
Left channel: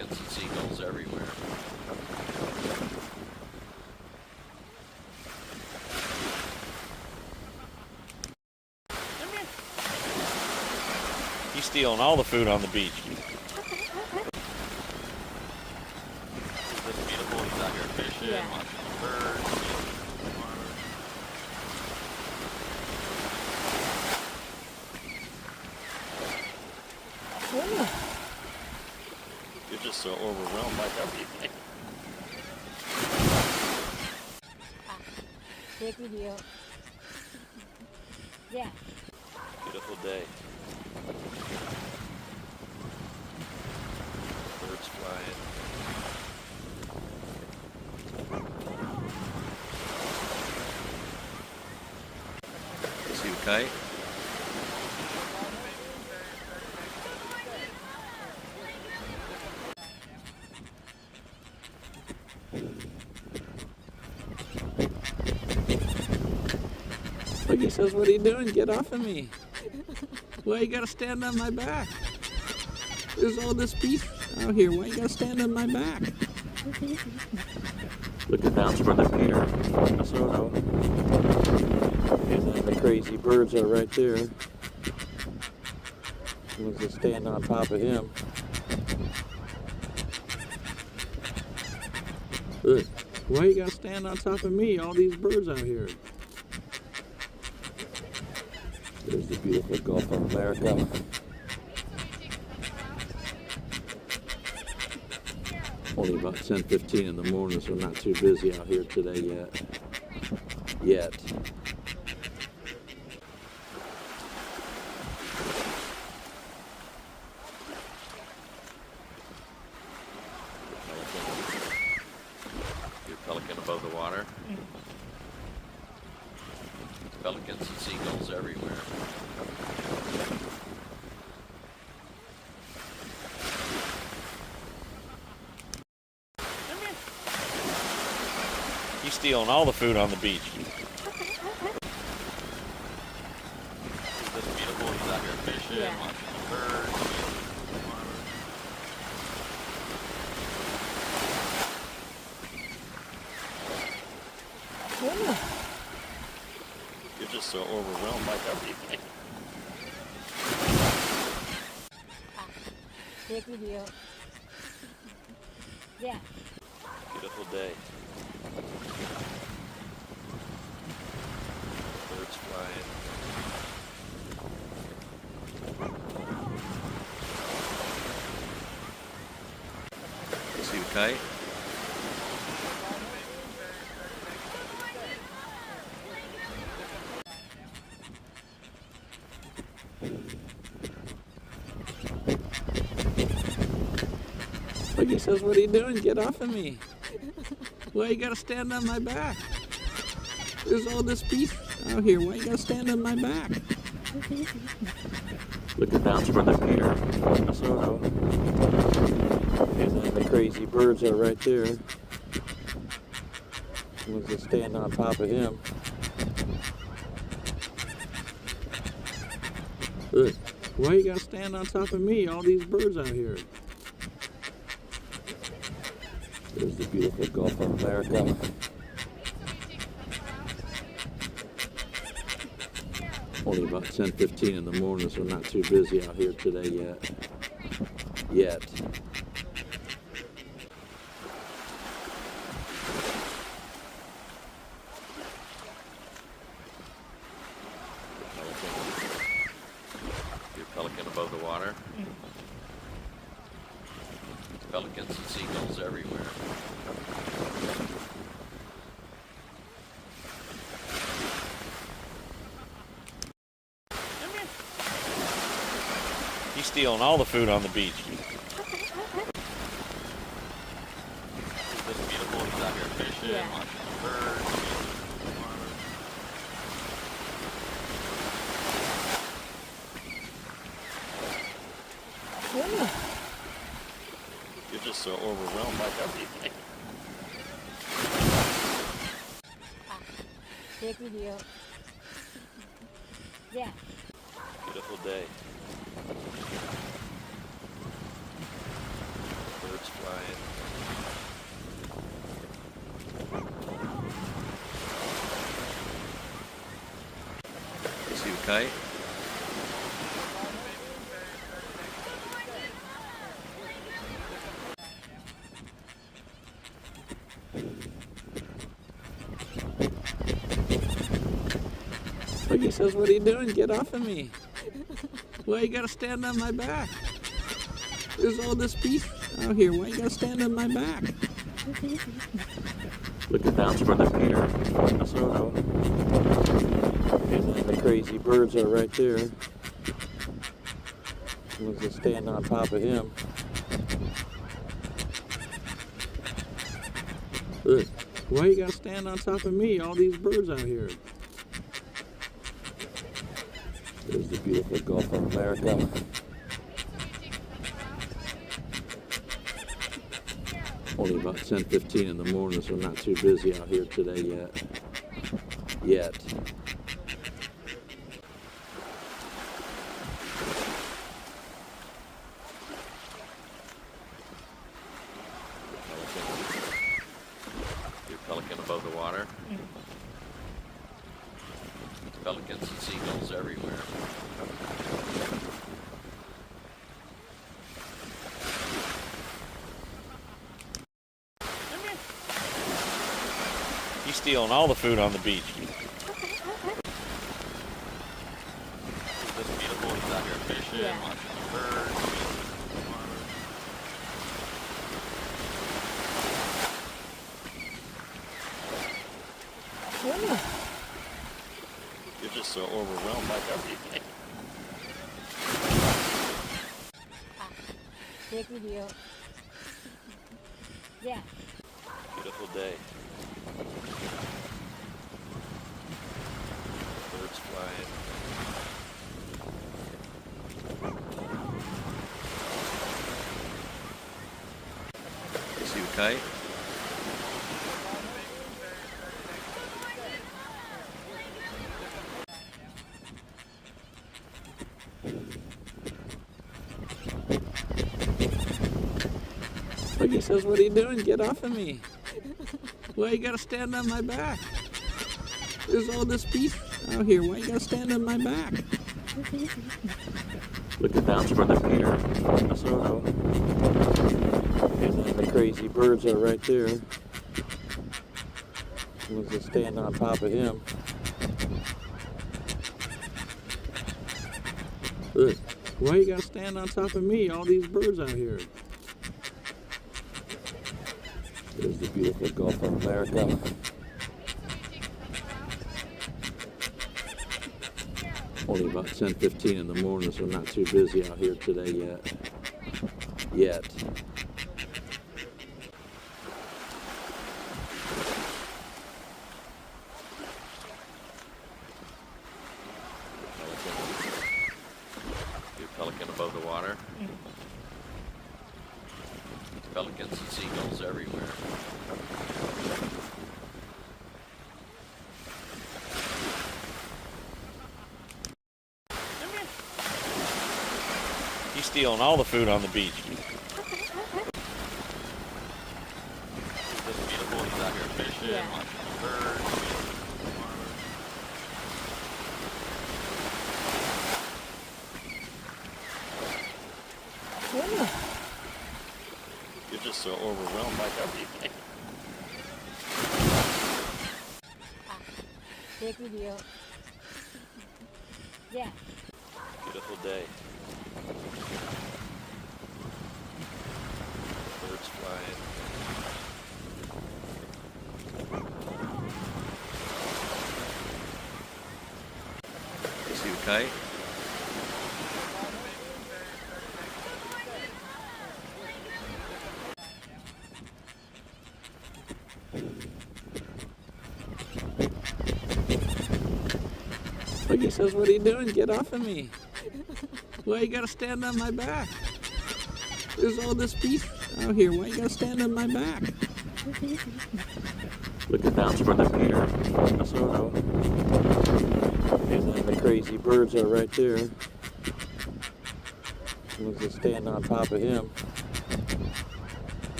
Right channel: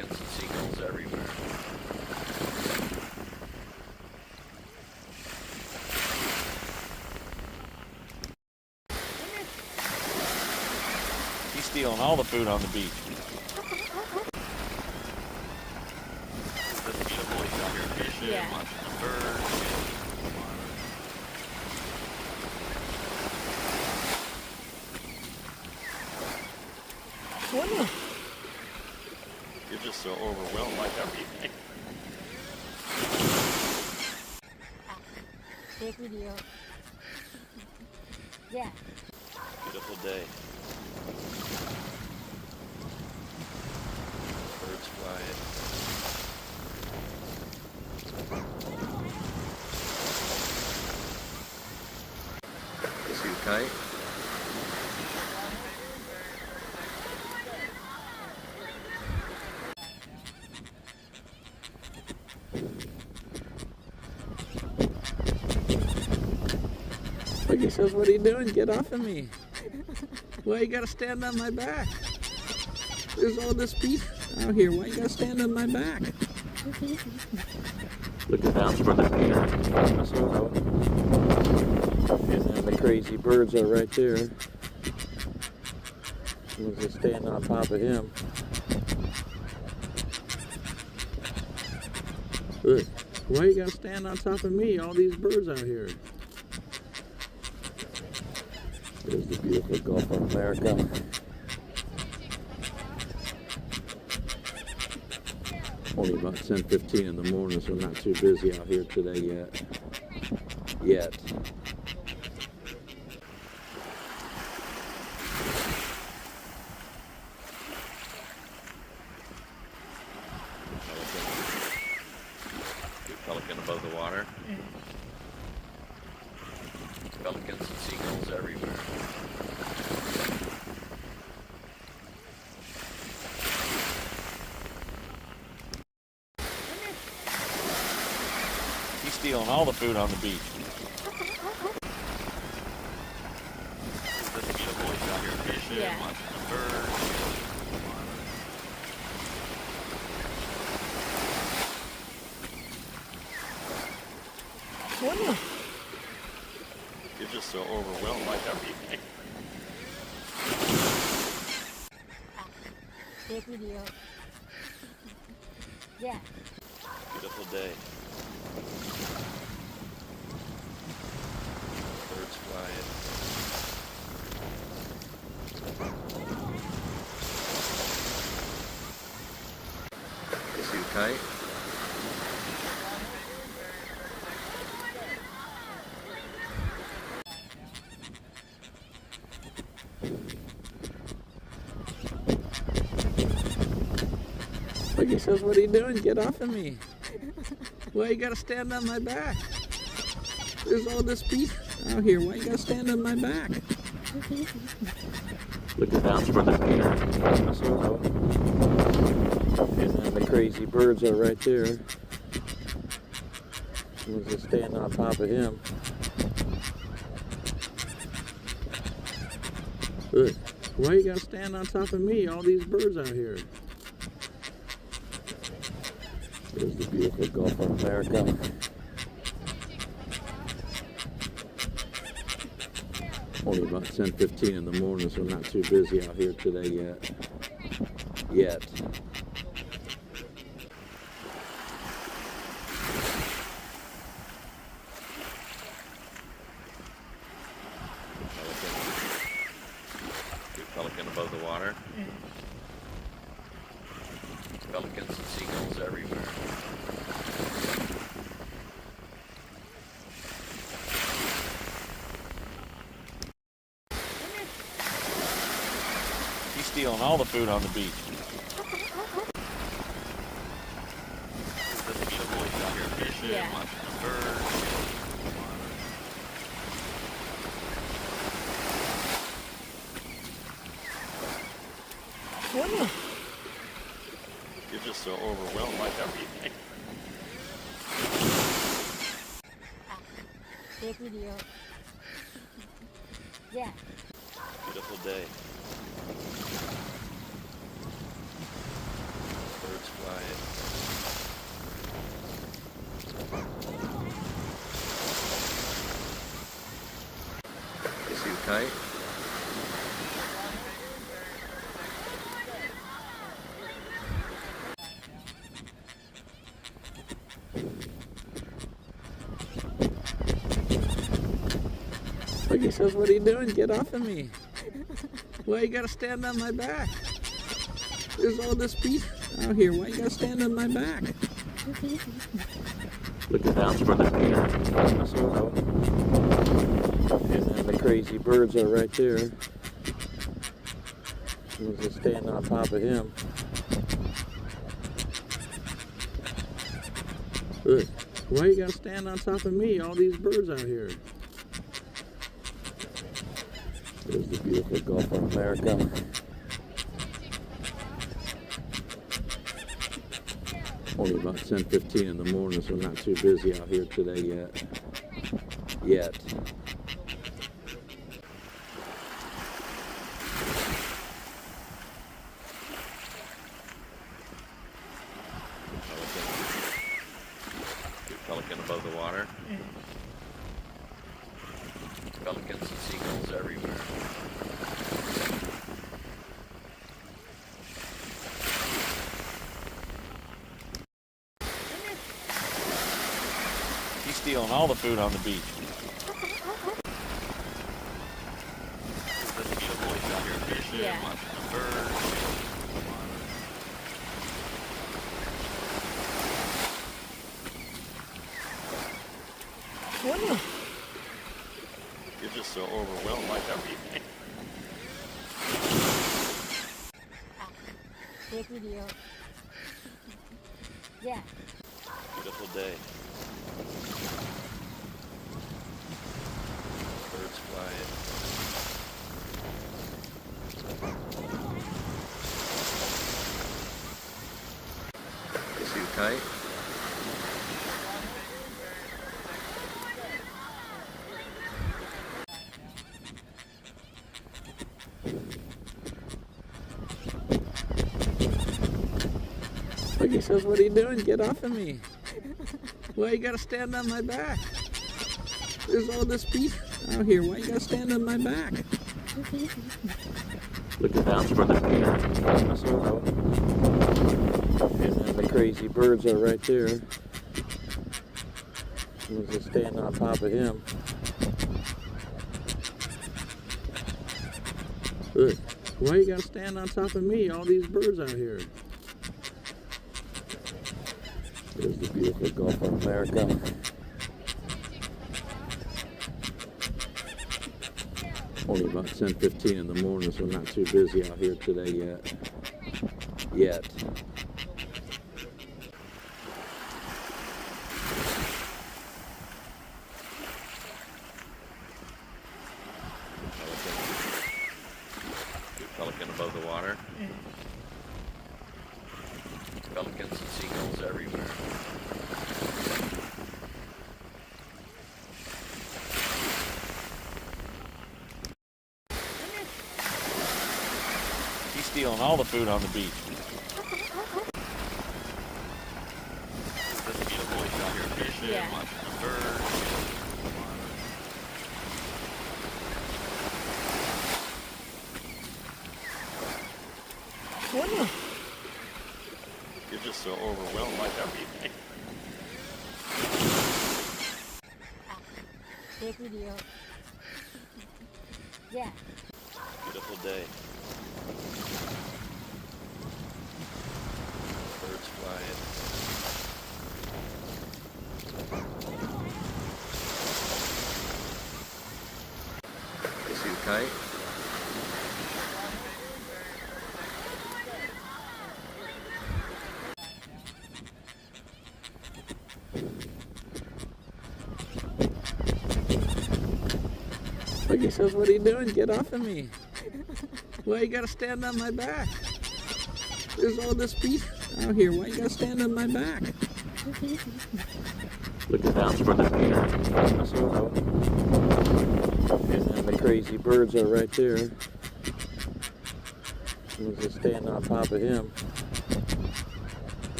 and seagulls everywhere. He's stealing all the food on the beach. This is beautiful. He's out here fishing, Yeah. watching birds. You're just so overwhelmed by everything. Take video. Yeah. Beautiful day. Birds flying. See you fight? Look, he says, what are you doing? Get off of me. Why you gotta stand on my back? There's all this beef out here. Why you gotta stand on my back? Looking down toward the pier. Minnesota. And then the crazy birds are right there. Someone's just standing on top of him. Look, why you gotta stand on top of me? All these birds out here. There's the beautiful Gulf of America. Only about 10:15 in the morning, so not too busy out here today yet. Your pelican above the water. Pelicans and seagulls everywhere. He's stealing all the food on the beach. This is beautiful. He's out here fishing, Yeah. watching birds. You're just so overwhelmed by everything. Take video. Yeah. Beautiful day. Birds flying. See you fight? Look, he says, what are you doing? Get off of me. Why you gotta stand on my back? There's all this beef out here. Why you gotta stand on my back? Looking down toward the pier. Minnesota. And then the crazy birds are right there. Someone's just standing on top of him. Look, why you gotta stand on top of me? All these birds out here. There's the beautiful Gulf of America. Only about 10:15 in the morning, so not too busy out here today yet. Your pelican above the water. Pelicans and seagulls everywhere. He's stealing all the food on the beach. This is beautiful. He's out here fishing, Yeah. watching birds. You're just so overwhelmed by everything. Take video. Yeah. Beautiful day. Birds flying. Is he fight? Look, he says, what are you doing? Get off of me. Why you gotta stand on my back? There's all this beef out here. Why you gotta stand on my back? Look at that for the Peter. And then the crazy birds are right there. We'll just stand on top of him. Look, why you gotta stand on top of me? All these birds out here. There's the beautiful Gulf of America. Only about 10:15 in the morning, so not too busy out here today yet. Pelican above the water. Pelicans and seagulls everywhere. He's stealing all the food on the beach. This beautiful, he's out here fishing, Yeah. watching birds. You're just so overwhelmed by everything. Take video. Yeah. Beautiful day. Birds flying. Is he fight? Look, he says, what are you doing? Get off of me. Why you gotta stand on my back? There's all this beef out here. Why you gotta stand on my back? Look at that for the Peter. And then the crazy birds are right there. We'll just stand on top of him. Look, why you gotta stand on top of me? All these birds out here. There's the beautiful Gulf of America. Only about 10:15 in the morning, so not too busy out here today yet. Pelican above the water. Pelicans and seagulls everywhere. He's stealing all the food on the beach. This beautiful, he's out here fishing, Yeah. watching birds. You're just so overwhelmed by everything. Take video. Yeah. Beautiful day. Birds flying. Is he fight? Look, he says, what are you doing? Get off of me. Why you gotta stand on my back? There's all this beef out here. Why you gotta stand on my back? Look at that for the Peter. And then the crazy birds are right there. We'll just stand on top of him.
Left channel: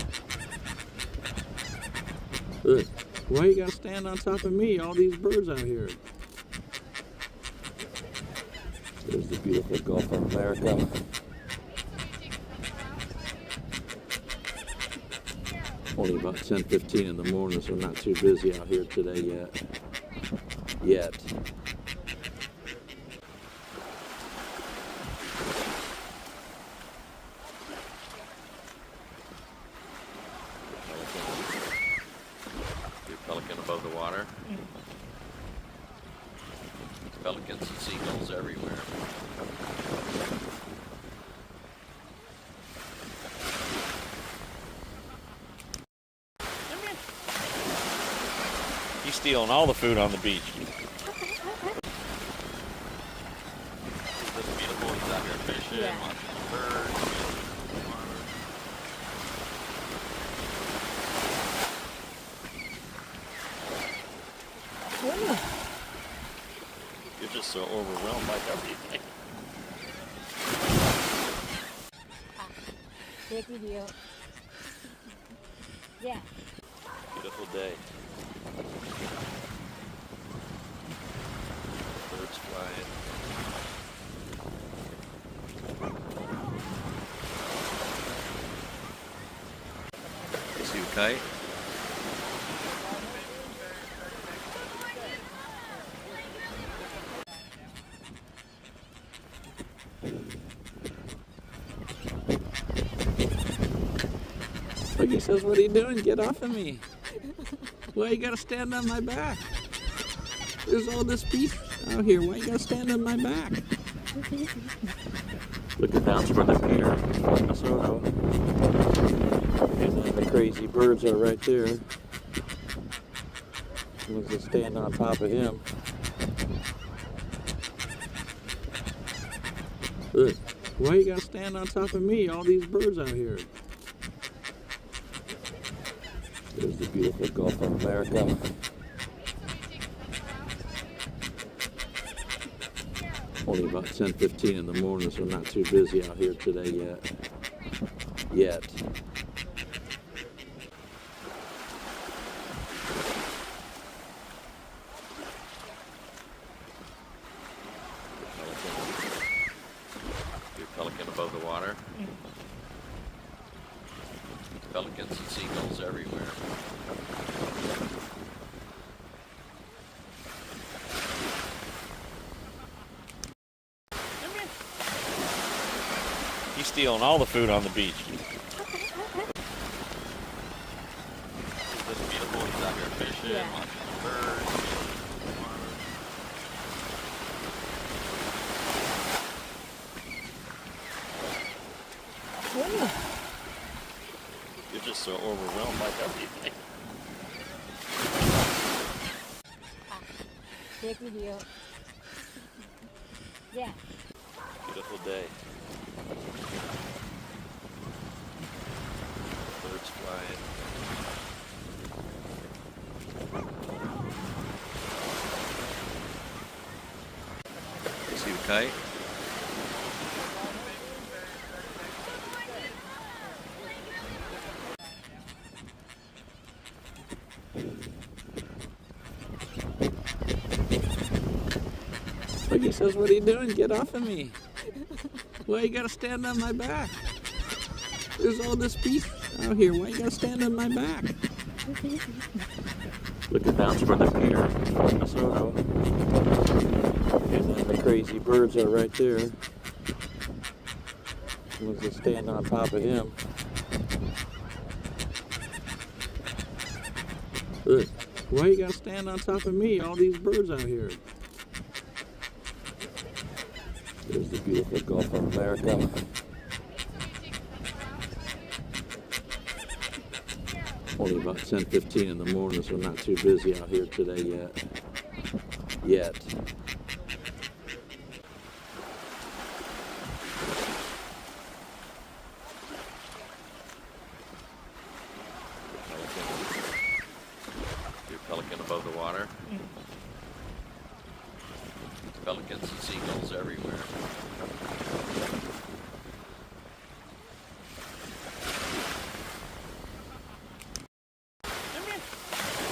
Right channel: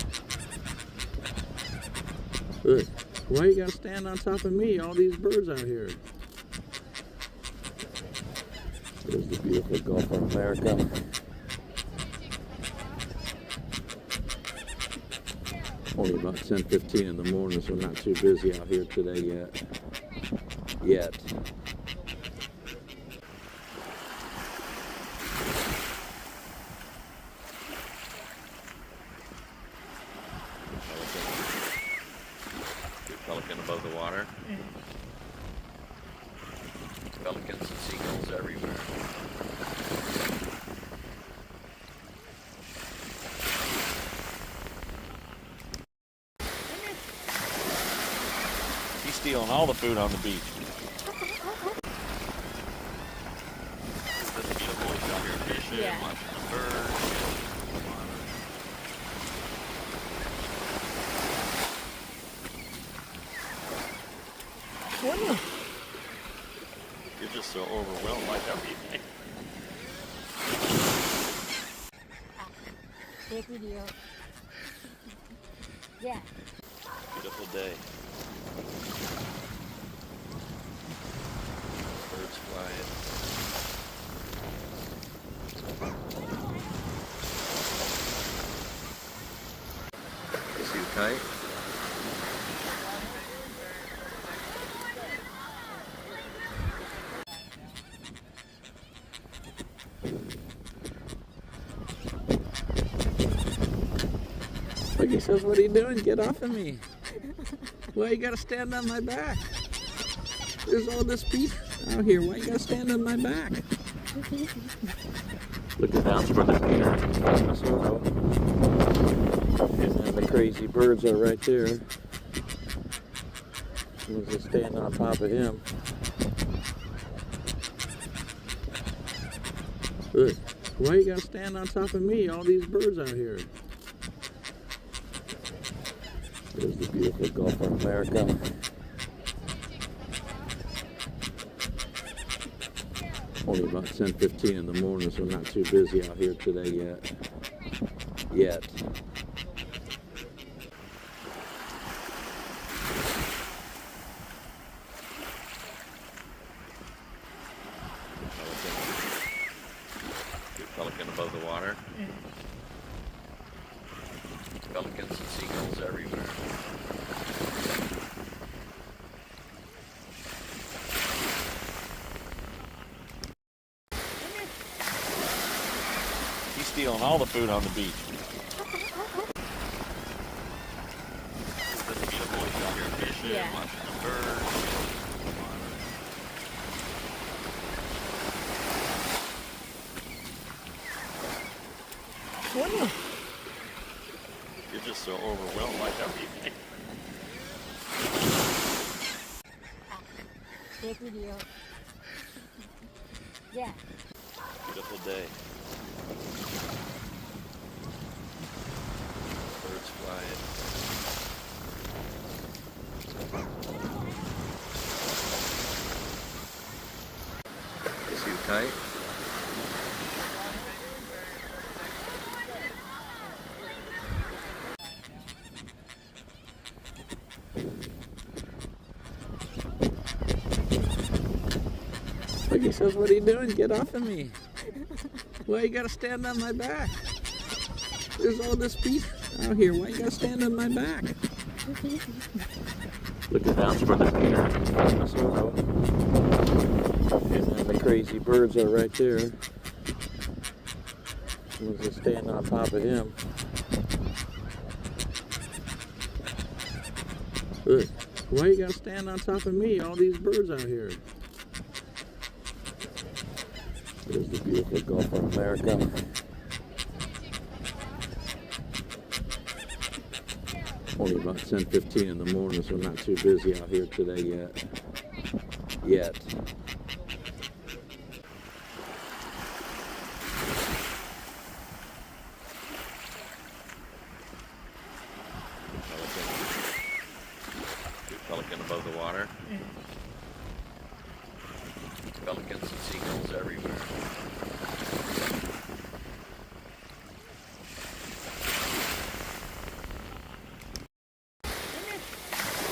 Look, why you gotta stand on top of me? All these birds out here. There's the beautiful Gulf of America. Only about 10:15 in the morning, so not too busy out here today yet. Pelican above the water. Pelicans and seagulls everywhere. He's stealing all the food on the beach. It's just beautiful. He's out here fishing, Yeah. watching birds. You're just so overwhelmed by everything. Take video. Yeah. Beautiful day. Birds flying. See you kite? Look, he says, what are you doing? Get off of me. Why you gotta stand on my back? There's all this beef out here. Why you gotta stand on my back? Look at that's where the Peter, Minnesota. And then the crazy birds are right there. We'll just stand on top of him. Look, why you gotta stand on top of me? All these birds out here. There's the beautiful Gulf of America. Only about 10:15 in the morning, so not too busy out here today yet. Pelican above the water. Pelicans and seagulls everywhere. He's stealing all the food on the beach. It's just beautiful. He's out here fishing, Yeah. watching birds. You're just so overwhelmed by everything. Take video. Yeah. Beautiful day. Birds flying. See you kite? Look, he says, what are you doing? Get off of me. Why you gotta stand on my back? There's all this beef out here. Why you gotta stand on my back? Look at that's where the Peter, Minnesota. And then the crazy birds are right there. We'll just stand on top of him. Look, why you gotta stand on top of me? All these birds out here. There's the beautiful Gulf of America. Only about 10:15 in the morning, so not too busy out here today yet. Pelican above the water. Pelicans and seagulls everywhere.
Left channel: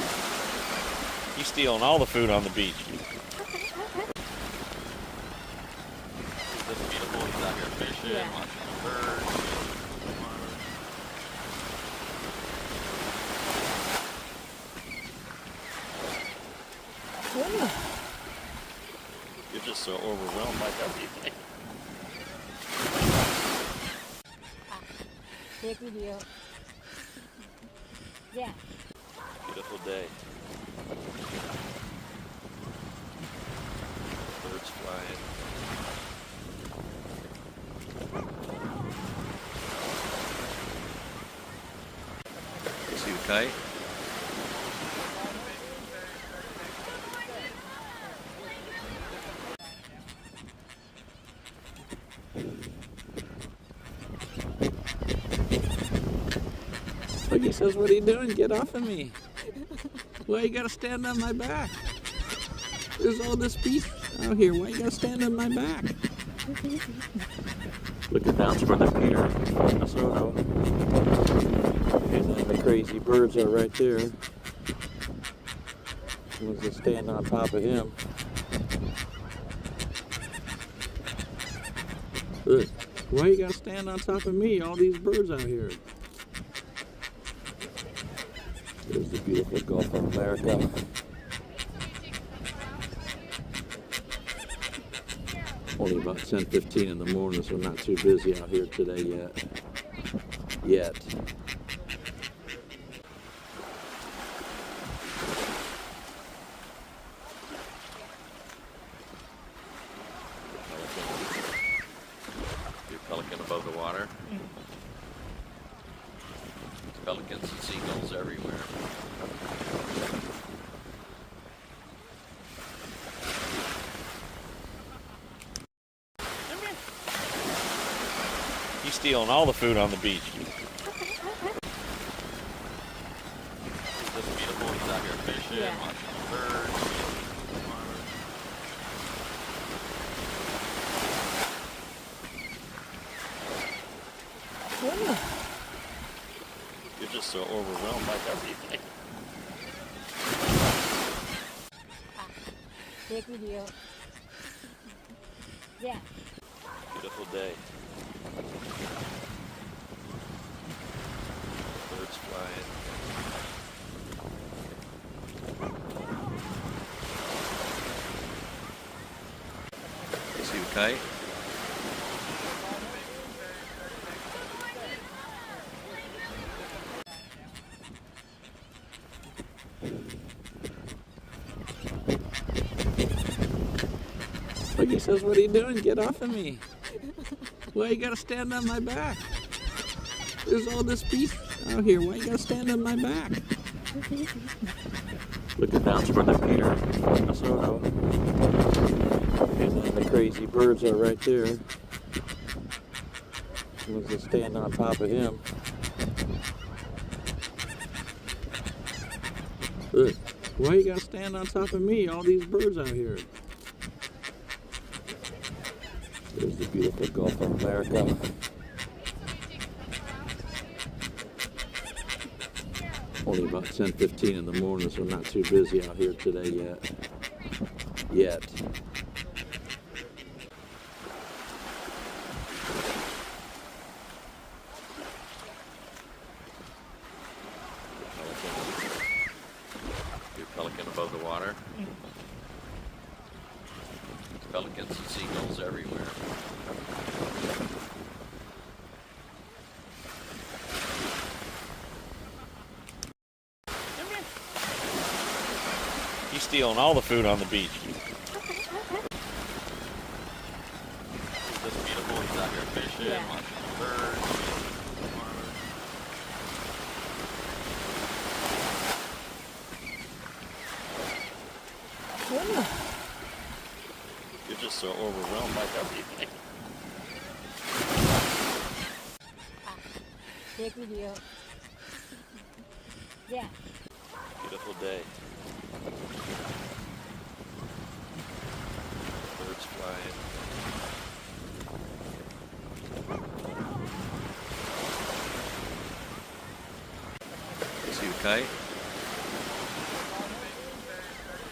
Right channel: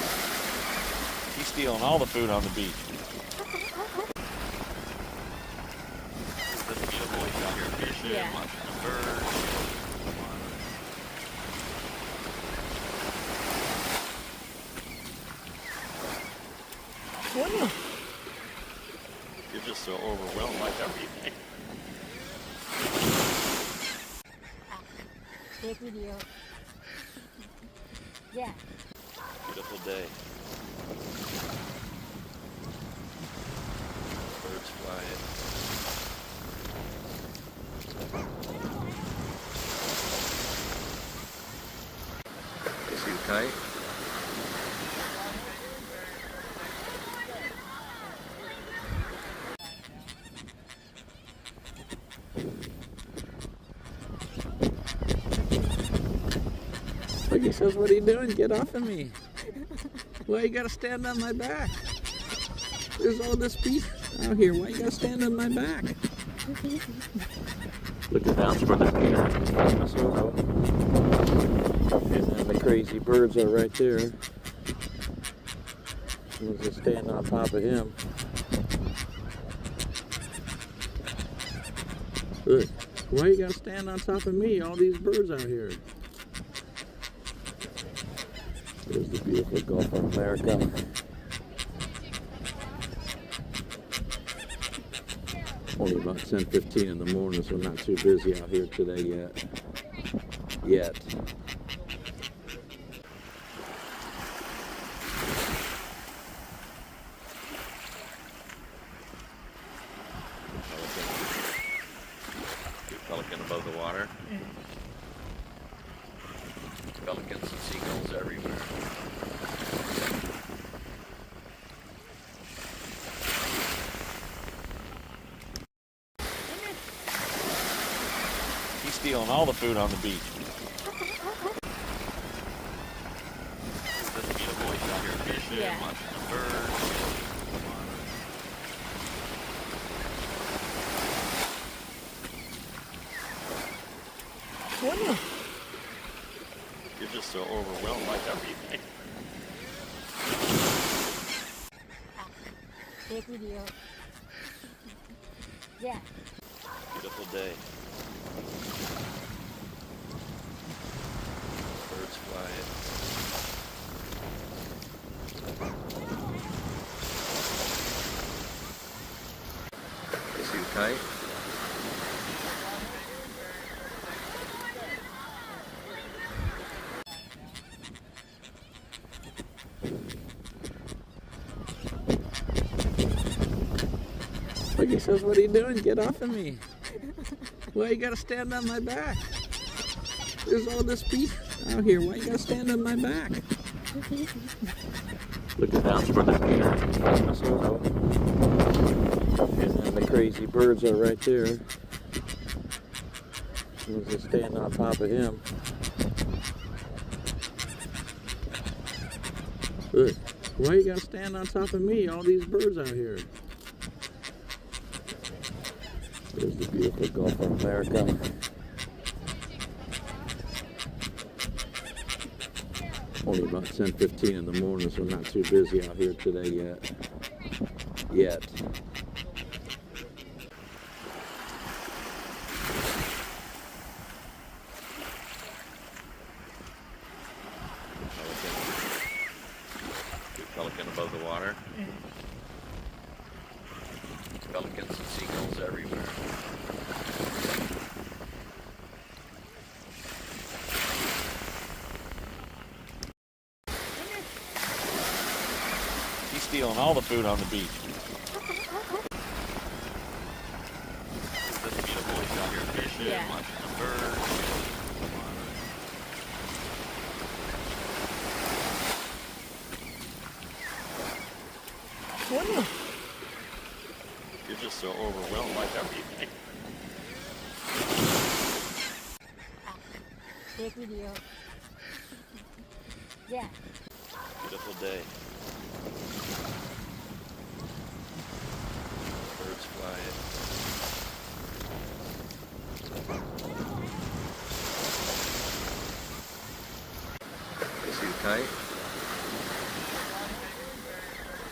He's stealing all the food on the beach. Is this beautiful? He's out here fishing, Yeah. watching birds. You're just so overwhelmed by everything. Take video. Yeah. Beautiful day. Birds flying. Suit tight. Look, he says, what are you doing? Get off of me. Why you gotta stand on my back? There's all this beef out here. Why you gotta stand on my back? Looking down for the pier. And then the crazy birds are right there. Someone's just standing on top of him. Look, why you gotta stand on top of me? All these birds out here. There's the beautiful Gulf of America. Only about 10:15 in the morning, so not too busy out here today yet. Pelican above the water. Pelicans and seagulls everywhere. He's stealing all the food on the beach. Is this beautiful? He's out here fishing, Yeah. watching birds. You're just so overwhelmed by everything. Take video. Yeah. Beautiful day. Birds flying. Suit tight. Look, he says, what are you doing? Get off of me. Why you gotta stand on my back? There's all this beef out here. Why you gotta stand on my back? Looking down for the pier. And then the crazy birds are right there. Someone's just standing on top of him. Look, why you gotta stand on top of me? All these birds out here. There's the beautiful Gulf of America. Only about 10:15 in the morning, so not too busy out here today yet. Pelican above the water. Pelicans and seagulls everywhere. He's stealing all the food on the beach. Is this beautiful? He's out here fishing, Yeah. watching birds. You're just so overwhelmed by everything. Take video. Yeah. Beautiful day. Birds flying. Suit tight.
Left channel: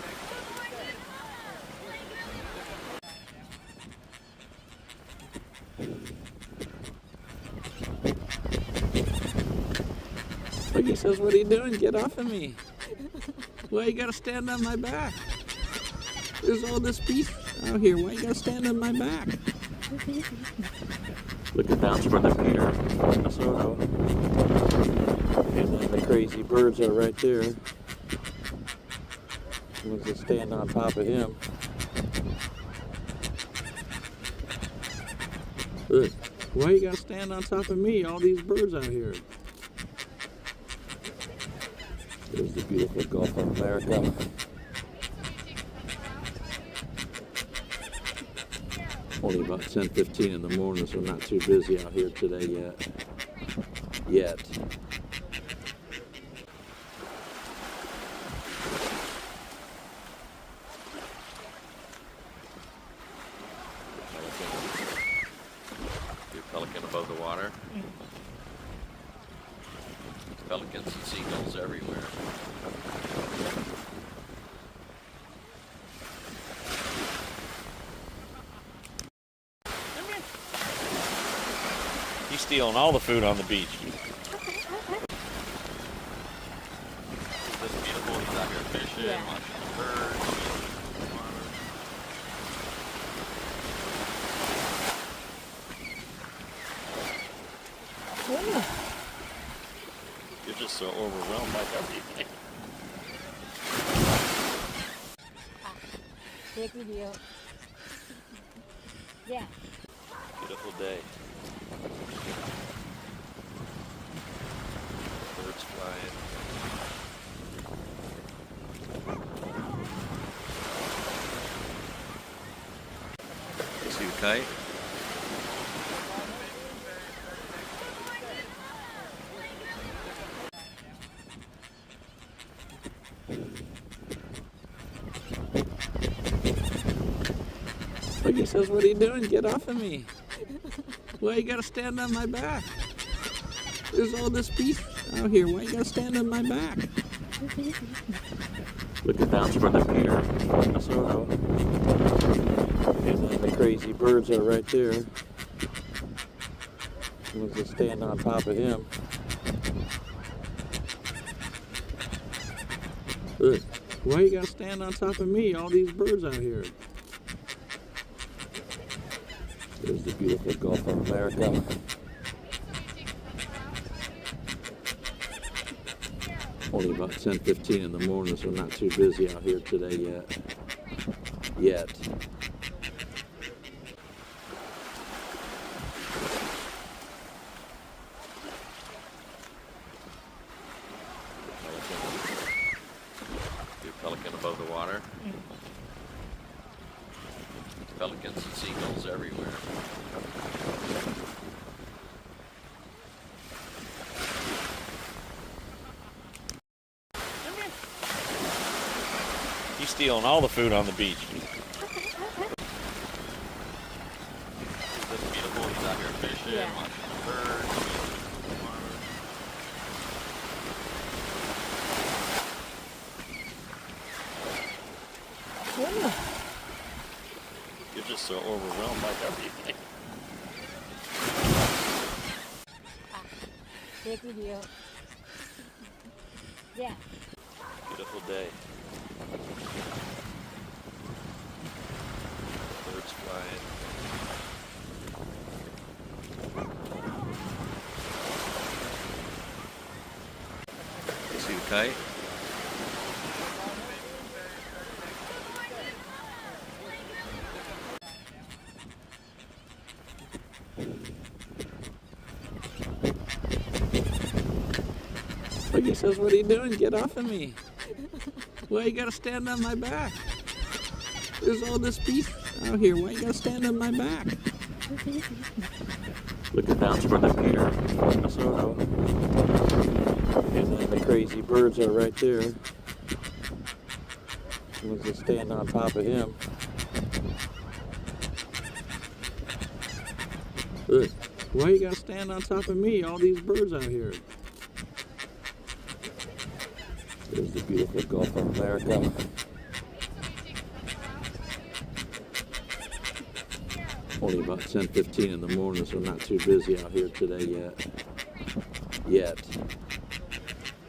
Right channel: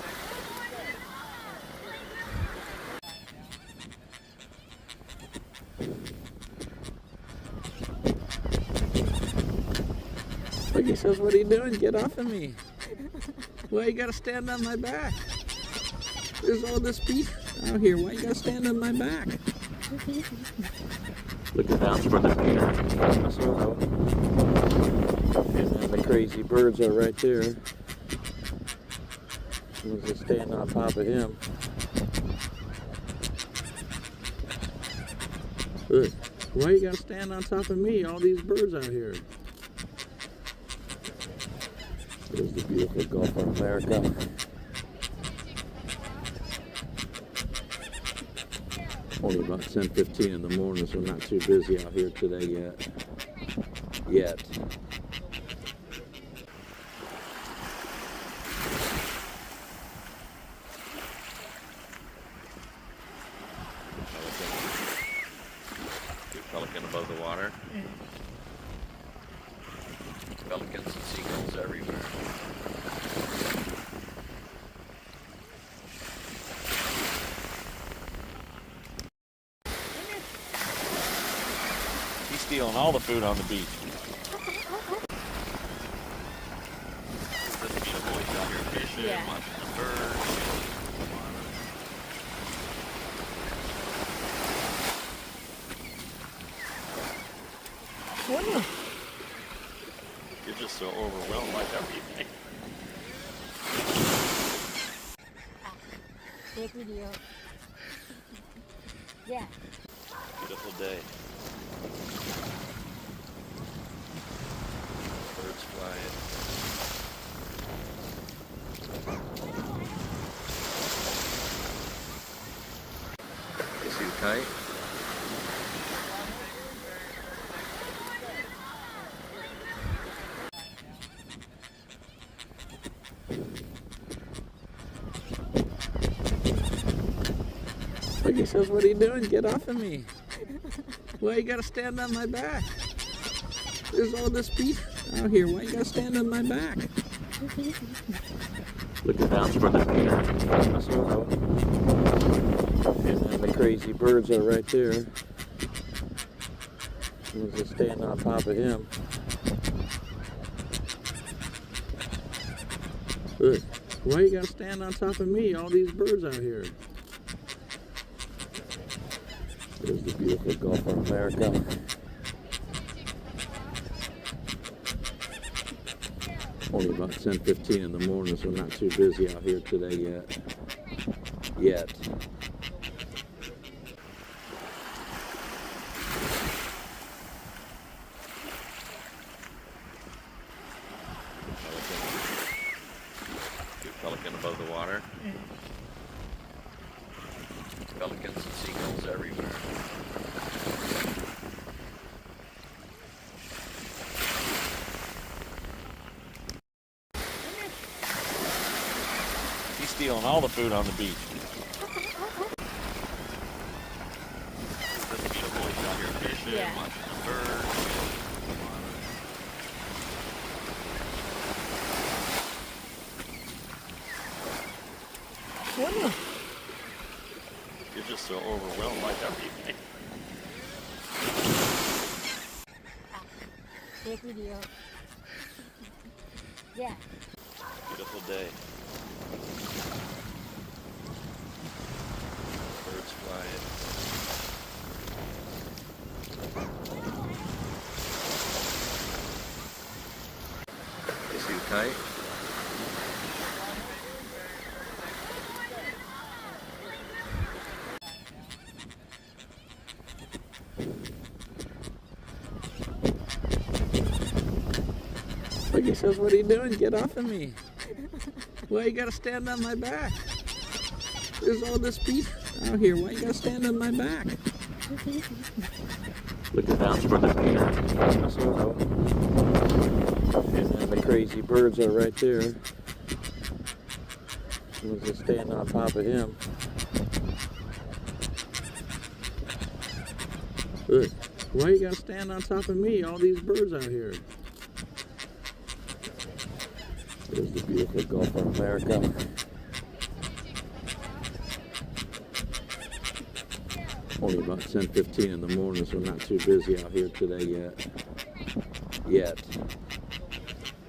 Look, he says, what are you doing? Get off of me. Why you gotta stand on my back? There's all this beef out here. Why you gotta stand on my back? Look at that for the Peter. Minnesota. And then the crazy birds are right there. We'll just stand on top of him. Look, why you gotta stand on top of me? All these birds out here. There's the beautiful Gulf of America. Only about 10:15 in the morning, so not too busy out here today yet. Your pelican above the water. Pelicans and seagulls everywhere. He's stealing all the food on the beach. This beautiful, he's out here fishing, Yeah. watching birds. You're just so overwhelmed by everything. Take video. Yeah. Beautiful day. Birds flying. Too tight. Look, he says, what are you doing? Get off of me. Why you gotta stand on my back? There's all this beef out here. Why you gotta stand on my back? Look at that for the Peter. Minnesota. And then the crazy birds are right there. We'll just stand on top of him. Look, why you gotta stand on top of me? All these birds out here. There's the beautiful Gulf of America. Only about 10:15 in the morning, so not too busy out here today yet. Your pelican above the water. Pelicans and seagulls everywhere. He's stealing all the food on the beach. This beautiful, he's out here fishing, Yeah. watching birds. You're just so overwhelmed by everything. Take video. Yeah. Beautiful day. Birds flying. Too tight. Look, he says, what are you doing? Get off of me. Why you gotta stand on my back? There's all this beef out here. Why you gotta stand on my back? Look at that for the Peter. Minnesota. And then the crazy birds are right there. We'll just stand on top of him. Look, why you gotta stand on top of me? All these birds out here. There's the beautiful Gulf of America. Only about 10:15 in the morning, so not too busy out here today yet.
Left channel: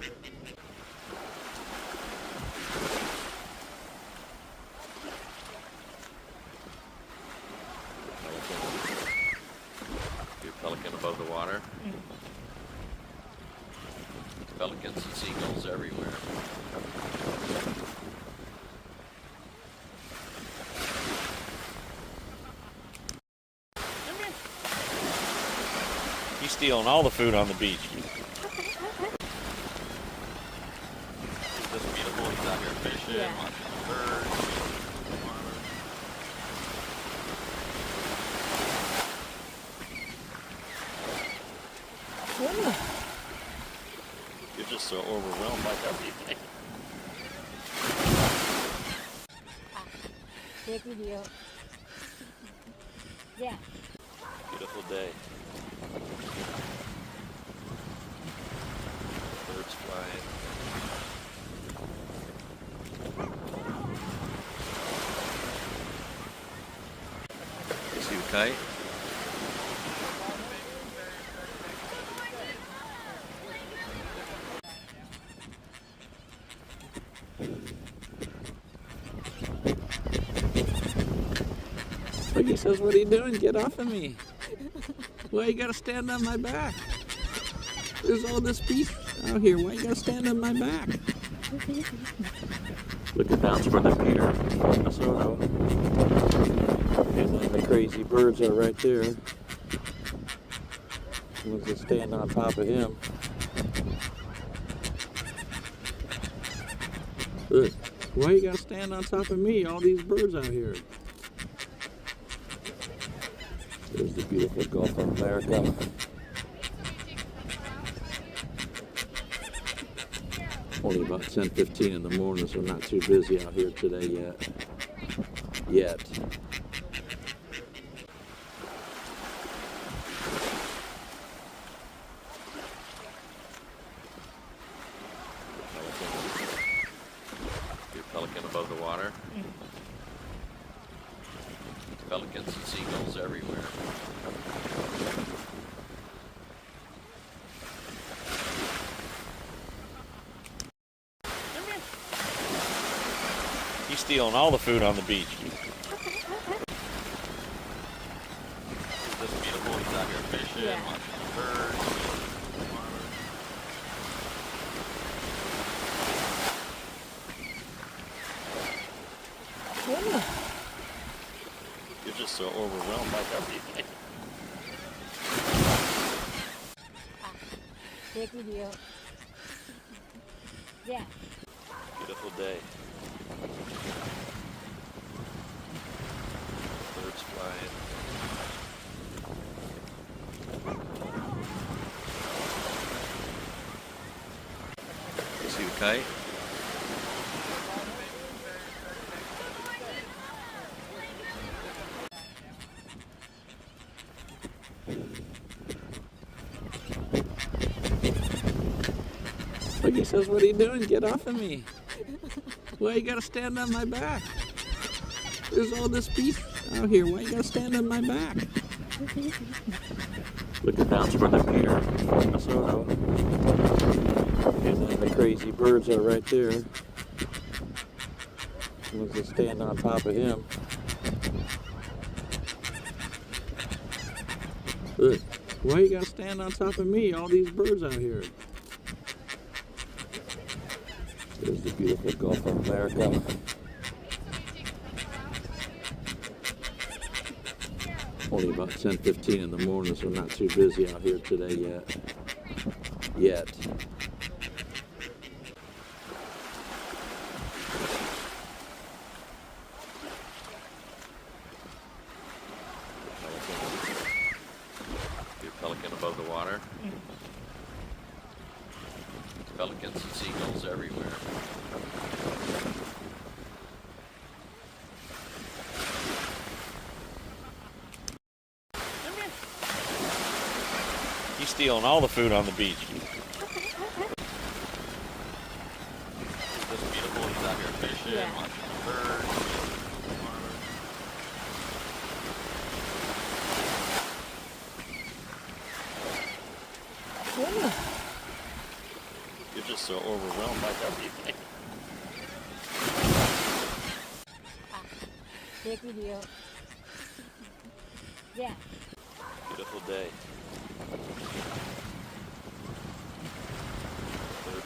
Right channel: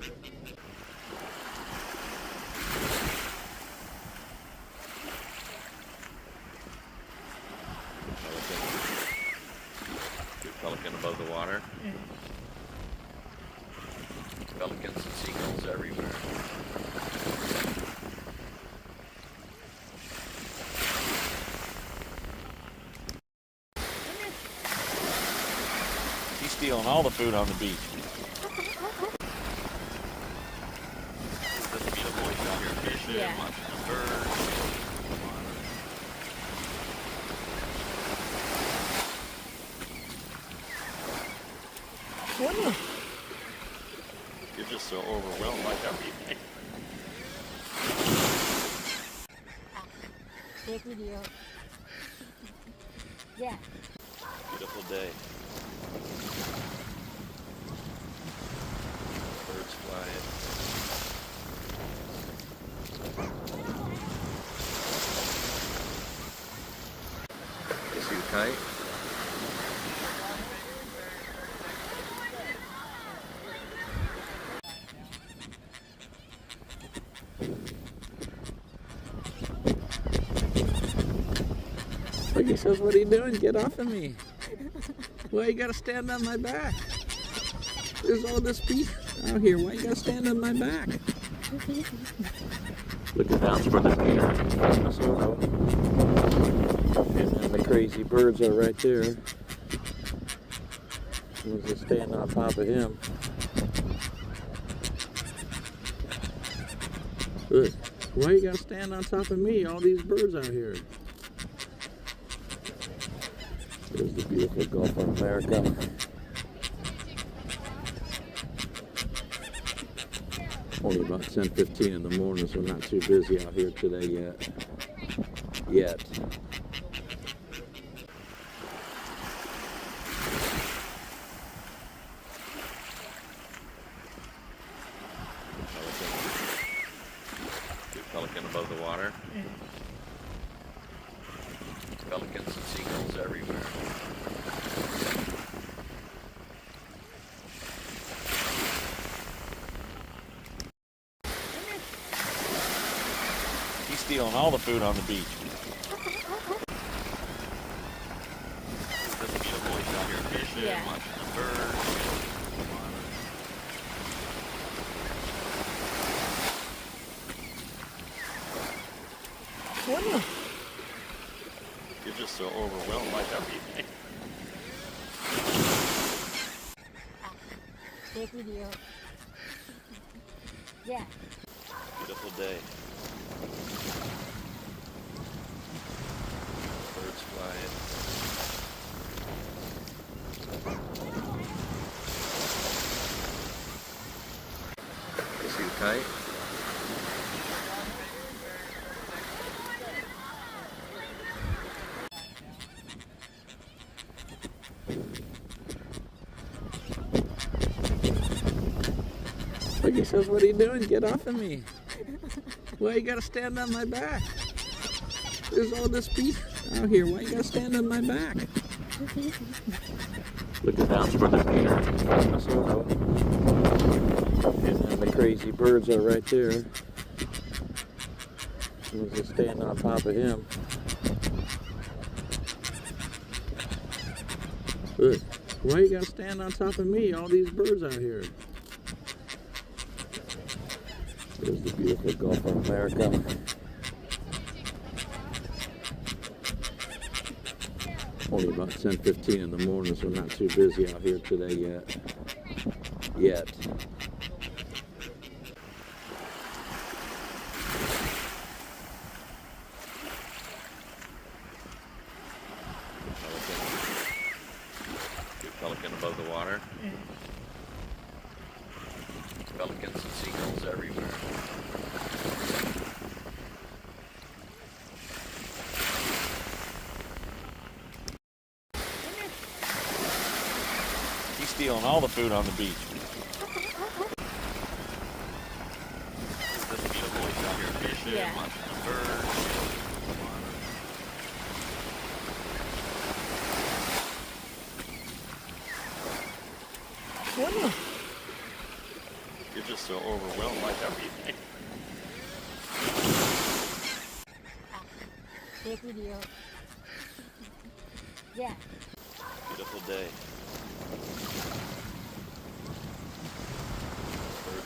Pelicans and seagulls everywhere. He's stealing all the food on the beach. It's just beautiful. He's out here fishing, Yeah. watching birds. You're just so overwhelmed by everything. Take video. Yeah. Beautiful day. Birds flying. See you fight? Look, he says, what are you doing? Get off of me. Why you gotta stand on my back? There's all this beef out here. Why you gotta stand on my back? Look at that's for the pier. Minnesota. And then the crazy birds are right there. We'll just stand on top of him. Look, why you gotta stand on top of me? All these birds out here. There's the beautiful Gulf of America. Only about 10:15 in the morning, so not too busy out here today yet. Big pelican above the water. Pelicans and seagulls everywhere. He's stealing all the food on the beach. It's just beautiful. He's out here fishing, Yeah. watching birds. You're just so overwhelmed by everything. Take video. Yeah. Beautiful day. Birds flying. See you fight? Look, he says, what are you doing? Get off of me. Why you gotta stand on my back? There's all this beef out here. Why you gotta stand on my back? Look at that's for the pier. Minnesota. And then the crazy birds are right there. We'll just stand on top of him. Look, why you gotta stand on top of me? All these birds out here. There's the beautiful Gulf of America. Only about 10:15 in the morning, so not too busy out here today yet. Big pelican above the water. Pelicans and seagulls everywhere. He's stealing all the food on the beach. It's just beautiful. He's out here fishing, Yeah. watching birds. You're just so overwhelmed by everything. Take video. Yeah. Beautiful day. Birds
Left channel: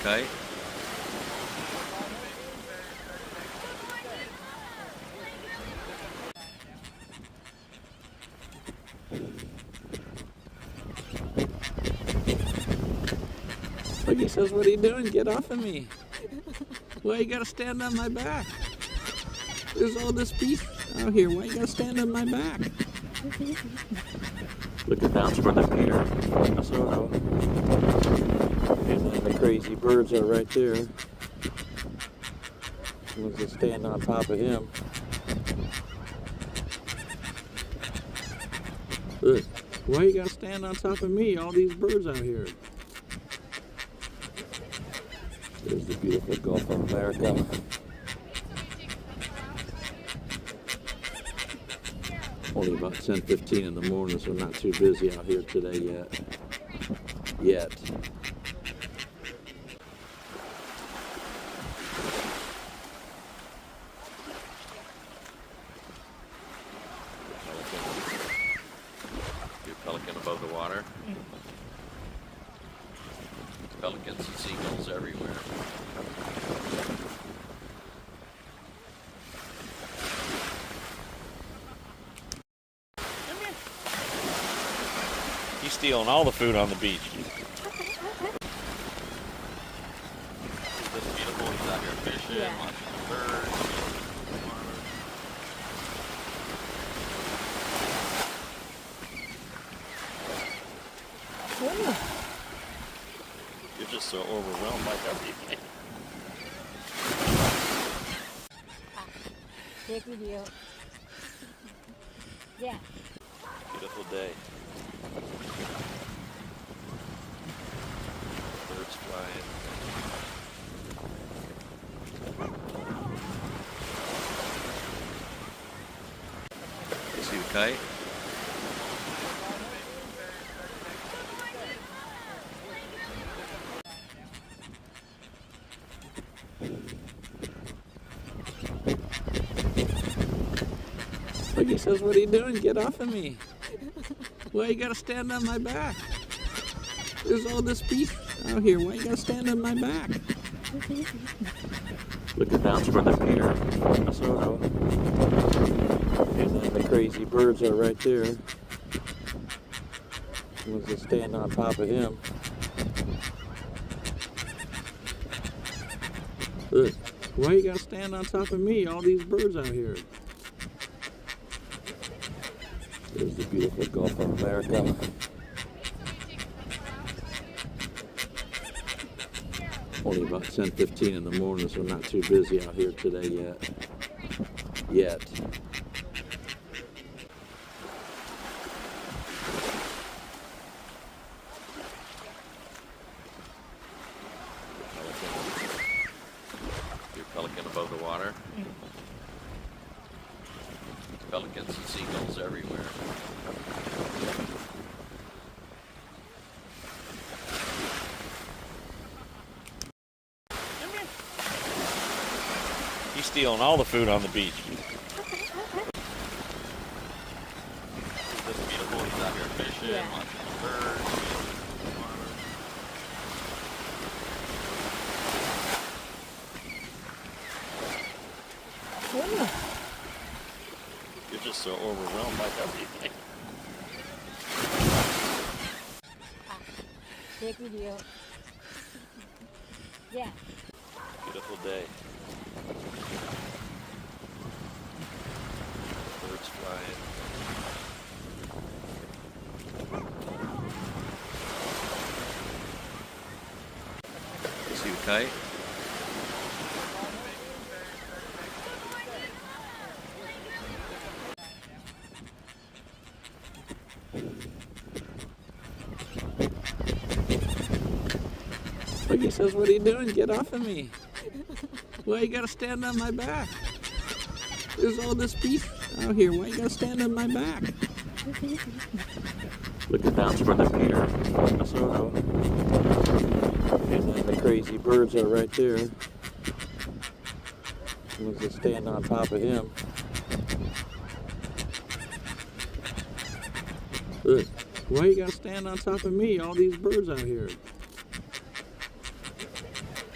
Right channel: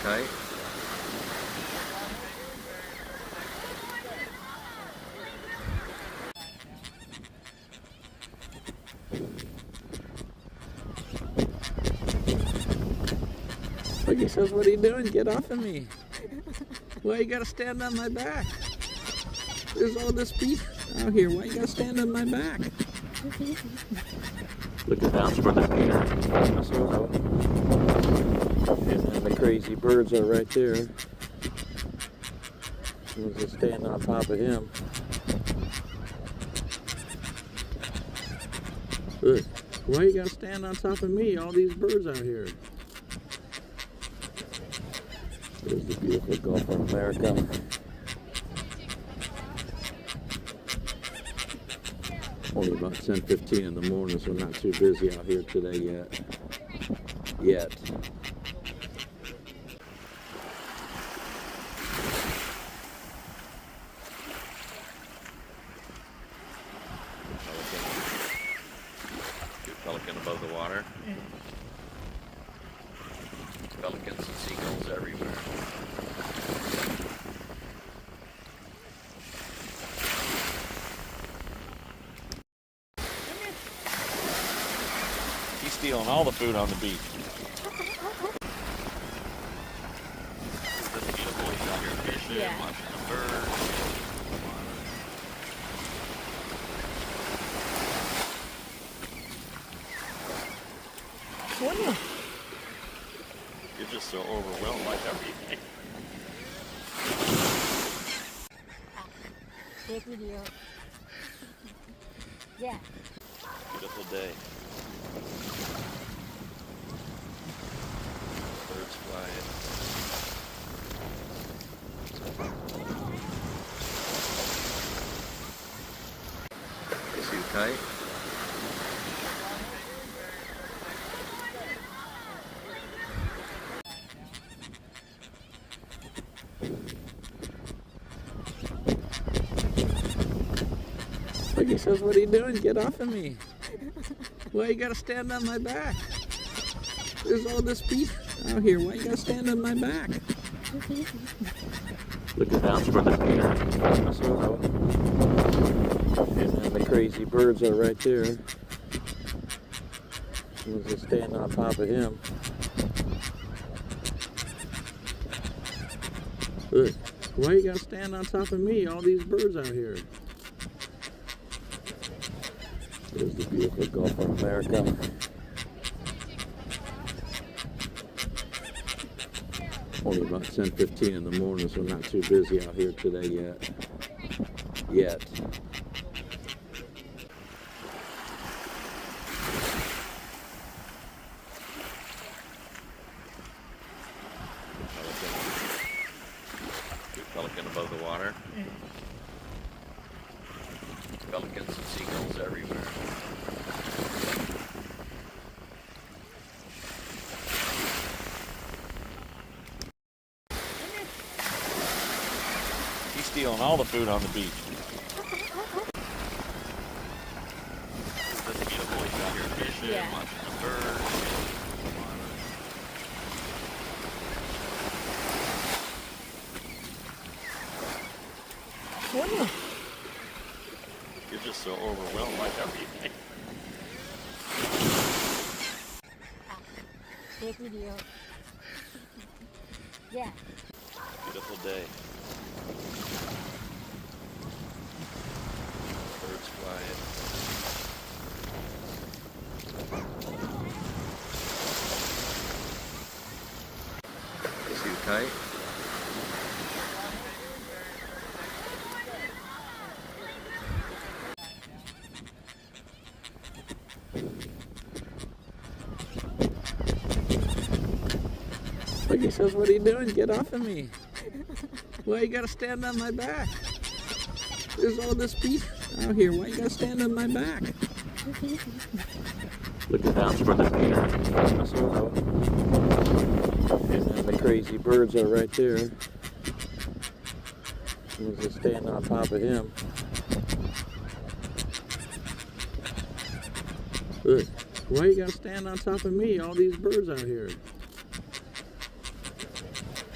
fight? Look, he says, what are you doing? Get off of me. Why you gotta stand on my back? There's all this beef out here. Why you gotta stand on my back? Look at that for the deer. And then the crazy birds are right there. Let's just stand on top of him. Look, why you gotta stand on top of me? All these birds out here. There's the beautiful Gulf of America. Only about 10:15 in the morning, so not too busy out here today yet. Your pelican above the water. Pelicans and seagulls everywhere. He's stealing all the food on the beach. Isn't this beautiful? He's out here fishing, Yeah. watching birds. You're just so overwhelmed by everything. Take video. Yeah. Beautiful day. Birds flying. See you fight? Look, he says, what are you doing? Get off of me. Why you gotta stand on my back? There's all this beef out here. Why you gotta stand on my back? Look at that for the deer. And then the crazy birds are right there. Let's just stand on top of him. Look, why you gotta stand on top of me? All these birds out here. There's the beautiful Gulf of America. Only about 10:15 in the morning, so not too busy out here today yet. Your pelican above the water. Pelicans and seagulls everywhere. He's stealing all the food on the beach. Isn't this beautiful? He's out here fishing, Yeah. watching birds. You're just so overwhelmed by everything. Take video. Yeah. Beautiful day. Birds flying. See you fight? Look, he says, what are you doing? Get off of me. Why you gotta stand on my back? There's all this beef out here. Why you gotta stand on my back? Look at that for the deer. And then the crazy birds are right there. Let's just stand on top of him. Look, why you gotta stand on top of me? All these birds out here.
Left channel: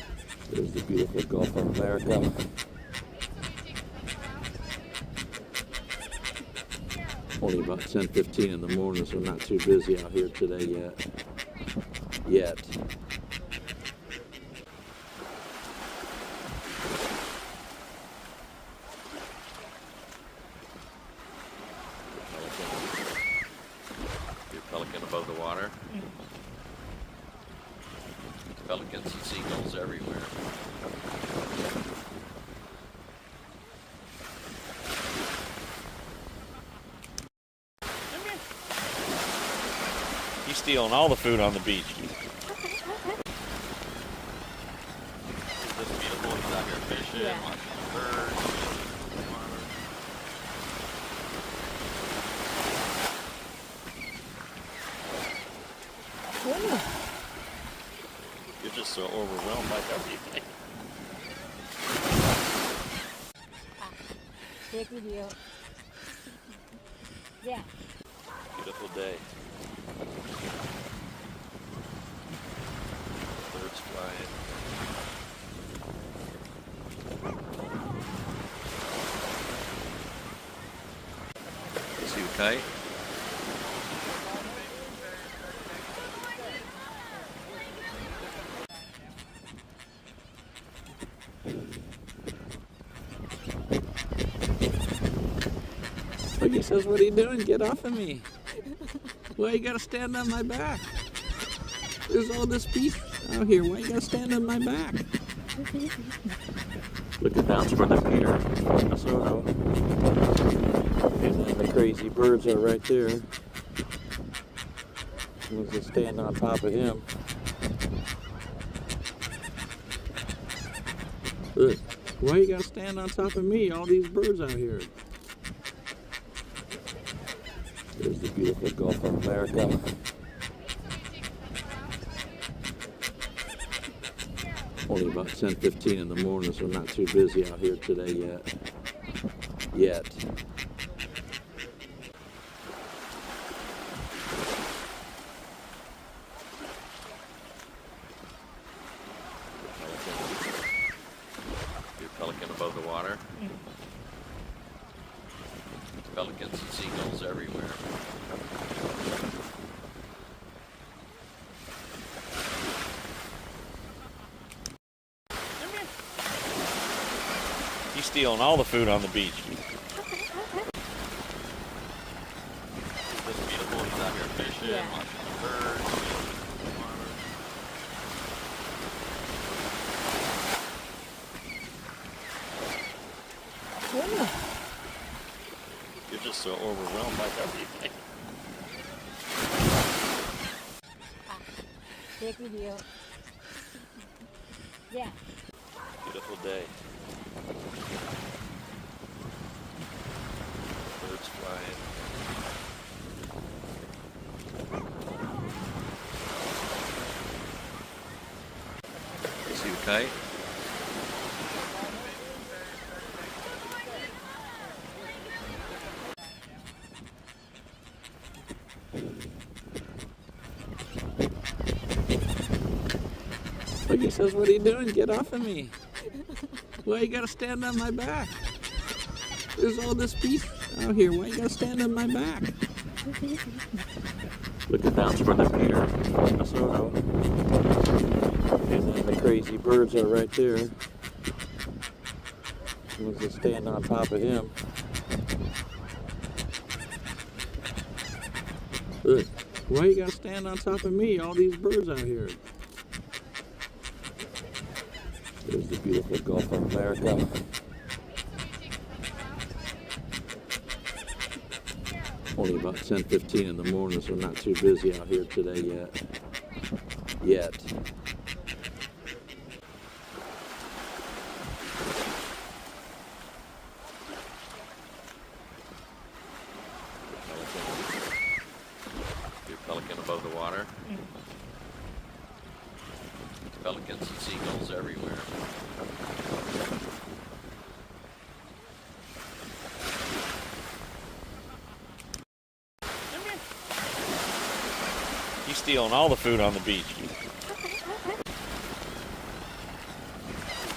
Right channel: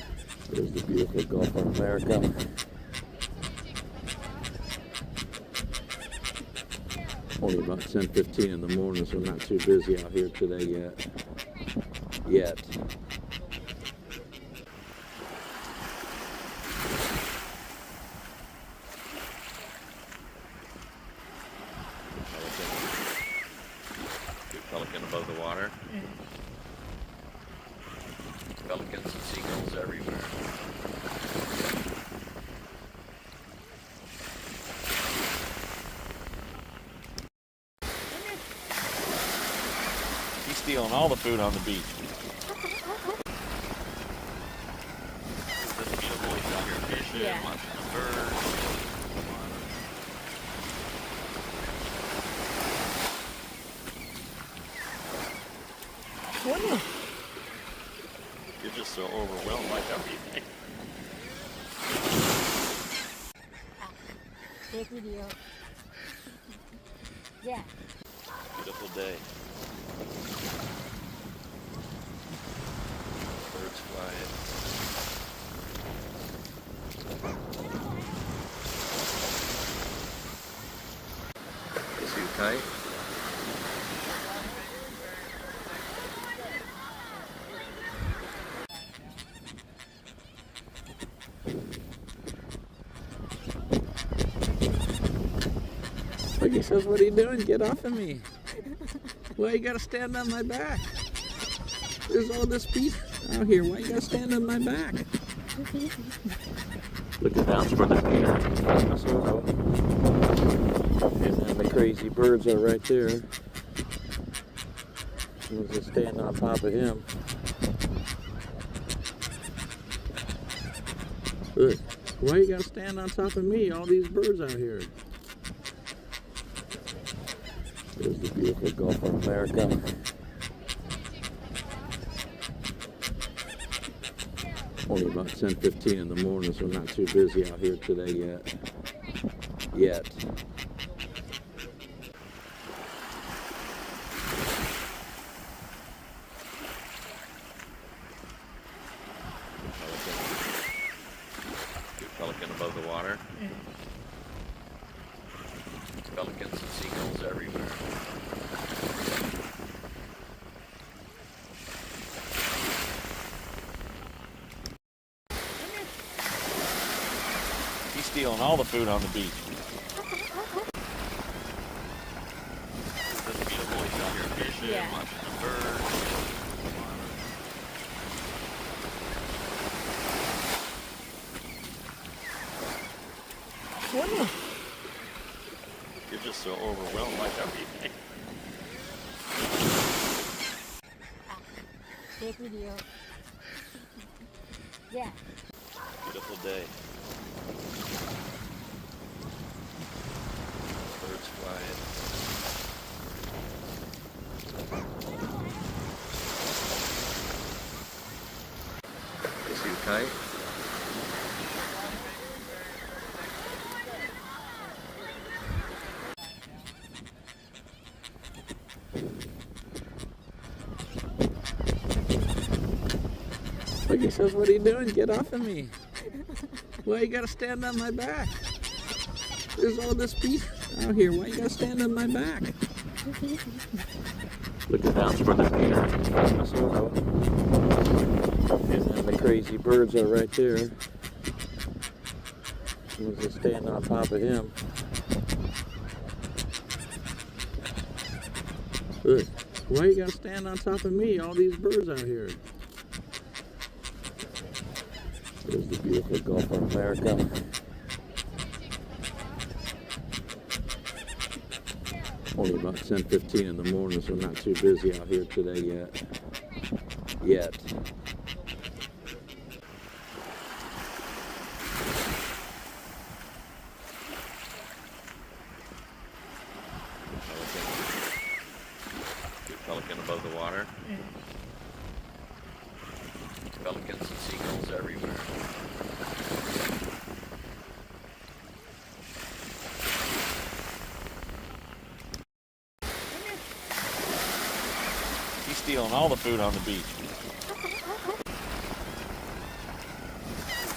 the beautiful Gulf of America. Only about 10:15 in the morning, so not too busy out here today yet. Your pelican above the water. Pelicans and seagulls everywhere. He's stealing all the food on the beach. Isn't this beautiful? He's out here fishing, Yeah. watching birds. Wow. You're just so overwhelmed by everything. Take video. Yeah. Beautiful day. Birds flying. See you fight? Look, he says, what are you doing? Get off of me. Why you gotta stand on my back? There's all this beef out here. Why you gotta stand on my back? Look at down for the pier. And then the crazy birds are right there. We'll just stand on top of him. Look, why you gotta stand on top of me? All these birds out here. There's the beautiful Gulf of America. Only about 10:15 in the morning, so not too busy out here today yet. Your pelican above the water. Pelicans and seagulls everywhere. He's stealing all the food on the beach. Isn't this beautiful? He's out here fishing, Yeah. watching birds. Wow. You're just so overwhelmed by everything. Take video. Yeah. Beautiful day. Birds flying. See you fight? Look, he says, what are you doing? Get off of me. Why you gotta stand on my back? There's all this beef out here. Why you gotta stand on my back? Look at down for the pier. And then the crazy birds are right there. We'll just stand on top of him. Look, why you gotta stand on top of me? All these birds out here. There's the beautiful Gulf of America. Only about 10:15 in the morning, so not too busy out here today yet. Your pelican above the water. Pelicans and seagulls everywhere. He's stealing all the food on the beach. Isn't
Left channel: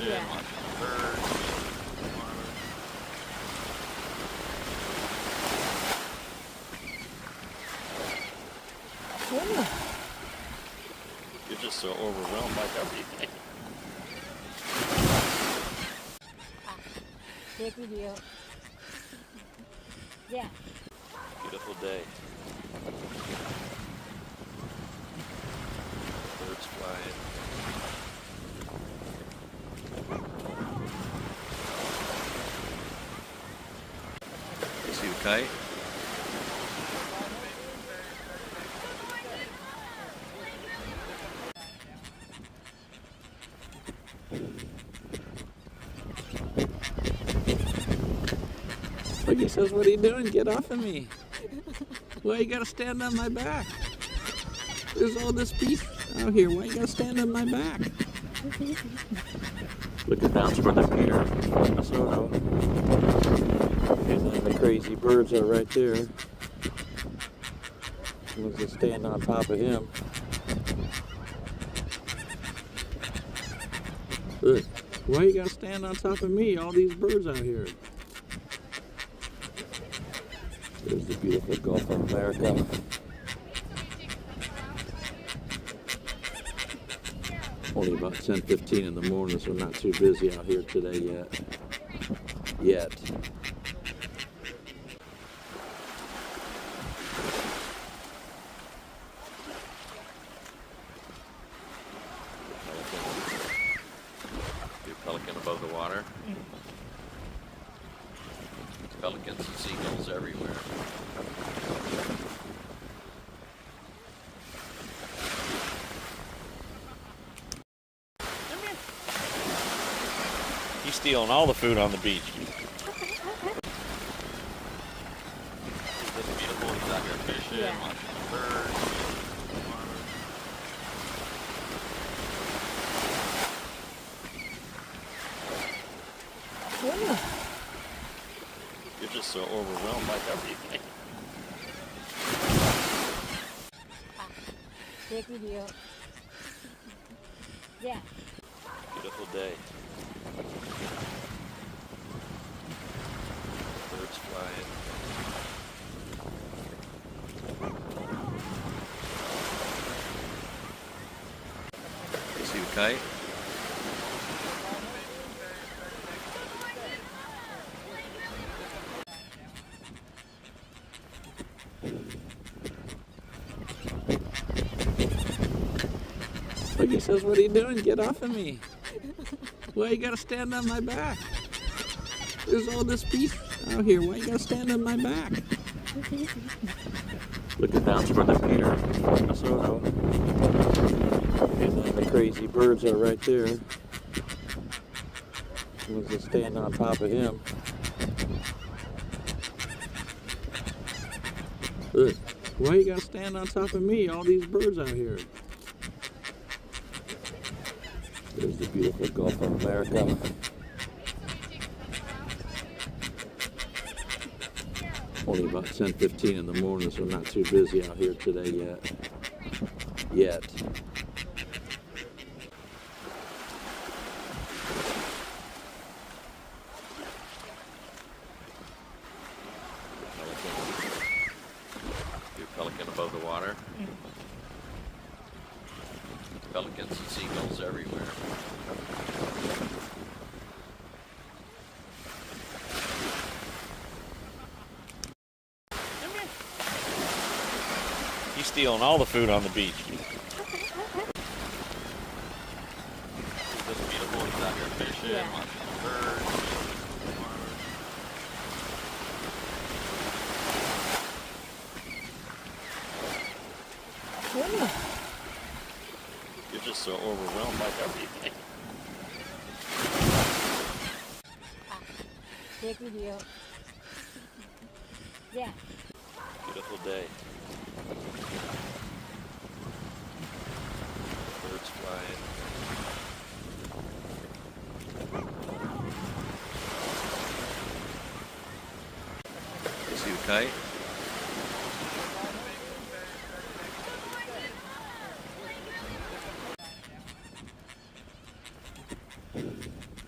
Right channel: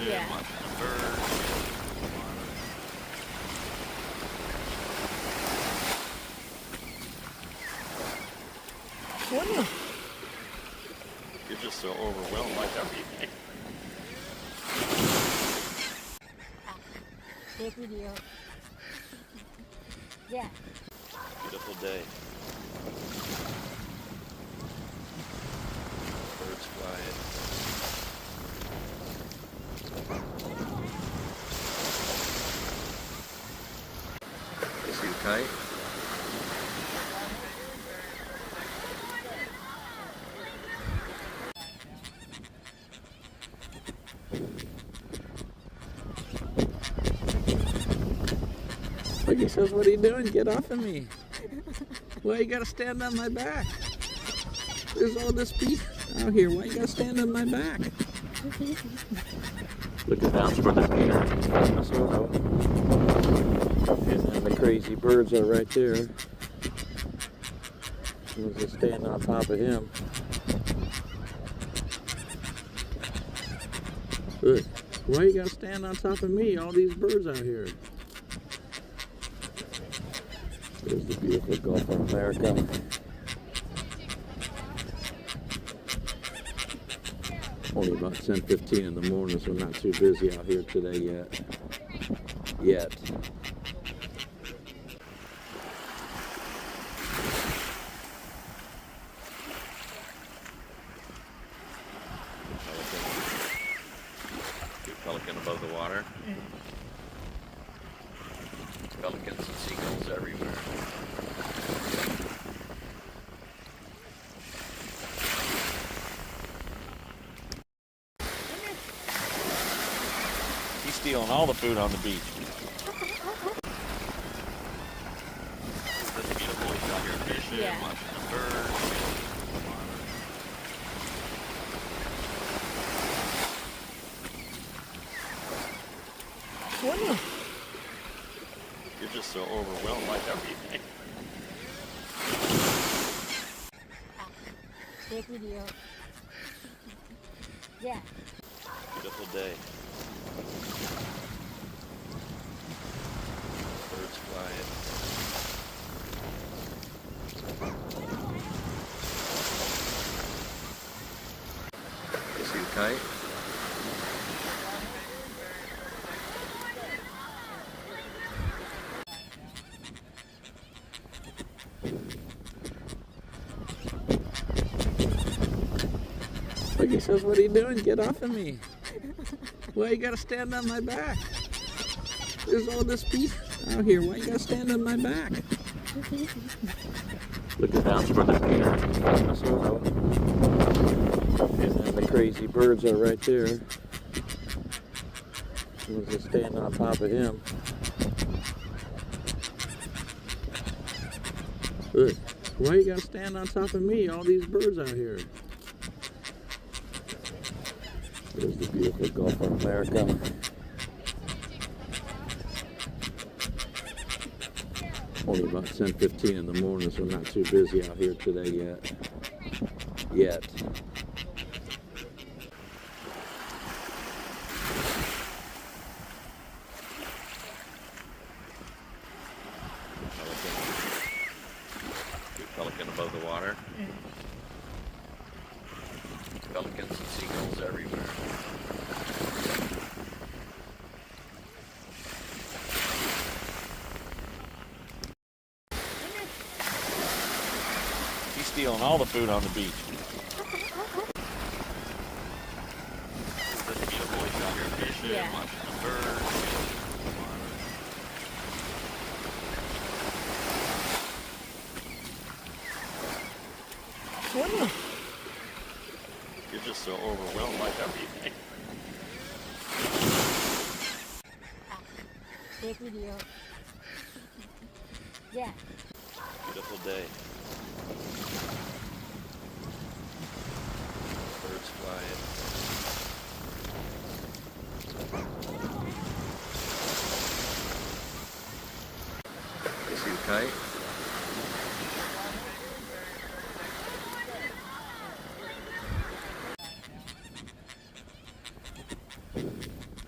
fish, Yeah. lots of birds. Wouldn't You're just so overwhelmed by everything. Take video. Yeah. Beautiful day. Birds flying. See you fight? Look, he says, what are you doing? Get off of me. Why you gotta stand on my back? There's all this beef out here. Why you gotta stand on my back? Look at that for the deer. And then the crazy birds are right there. Let's just stand on top of him. Look, why you gotta stand on top of me? All these birds out here. There's the beautiful Gulf of America. Only about 10:15 in the morning, so not too busy out here today yet. Big pelican above the water. Pelicans and seagulls everywhere. He's stealing all the food on the beach. It's beautiful. He's out here fishing. Yeah. Lots of birds. Wouldn't You're just so overwhelmed by everything. Take video. Yeah. Beautiful day. Birds flying. See you fight? Look, he says, what are you doing? Get off of me. Why you gotta stand on my back? There's all this beef out here. Why you gotta stand on my back? Look at that for the deer. And then the crazy birds are right there. Let's just stand on top of him. Look, why you gotta stand on top of me? All these birds out here. There's the beautiful Gulf of America. Only about 10:15 in the morning, so not too busy out here today yet. Big pelican above the water. Pelicans and seagulls everywhere. He's stealing all the food on the beach. It's beautiful. He's out here fishing. Yeah. Lots of birds. Wouldn't You're just so overwhelmed by everything. Take video. Yeah. Beautiful day. Birds flying. See you fight?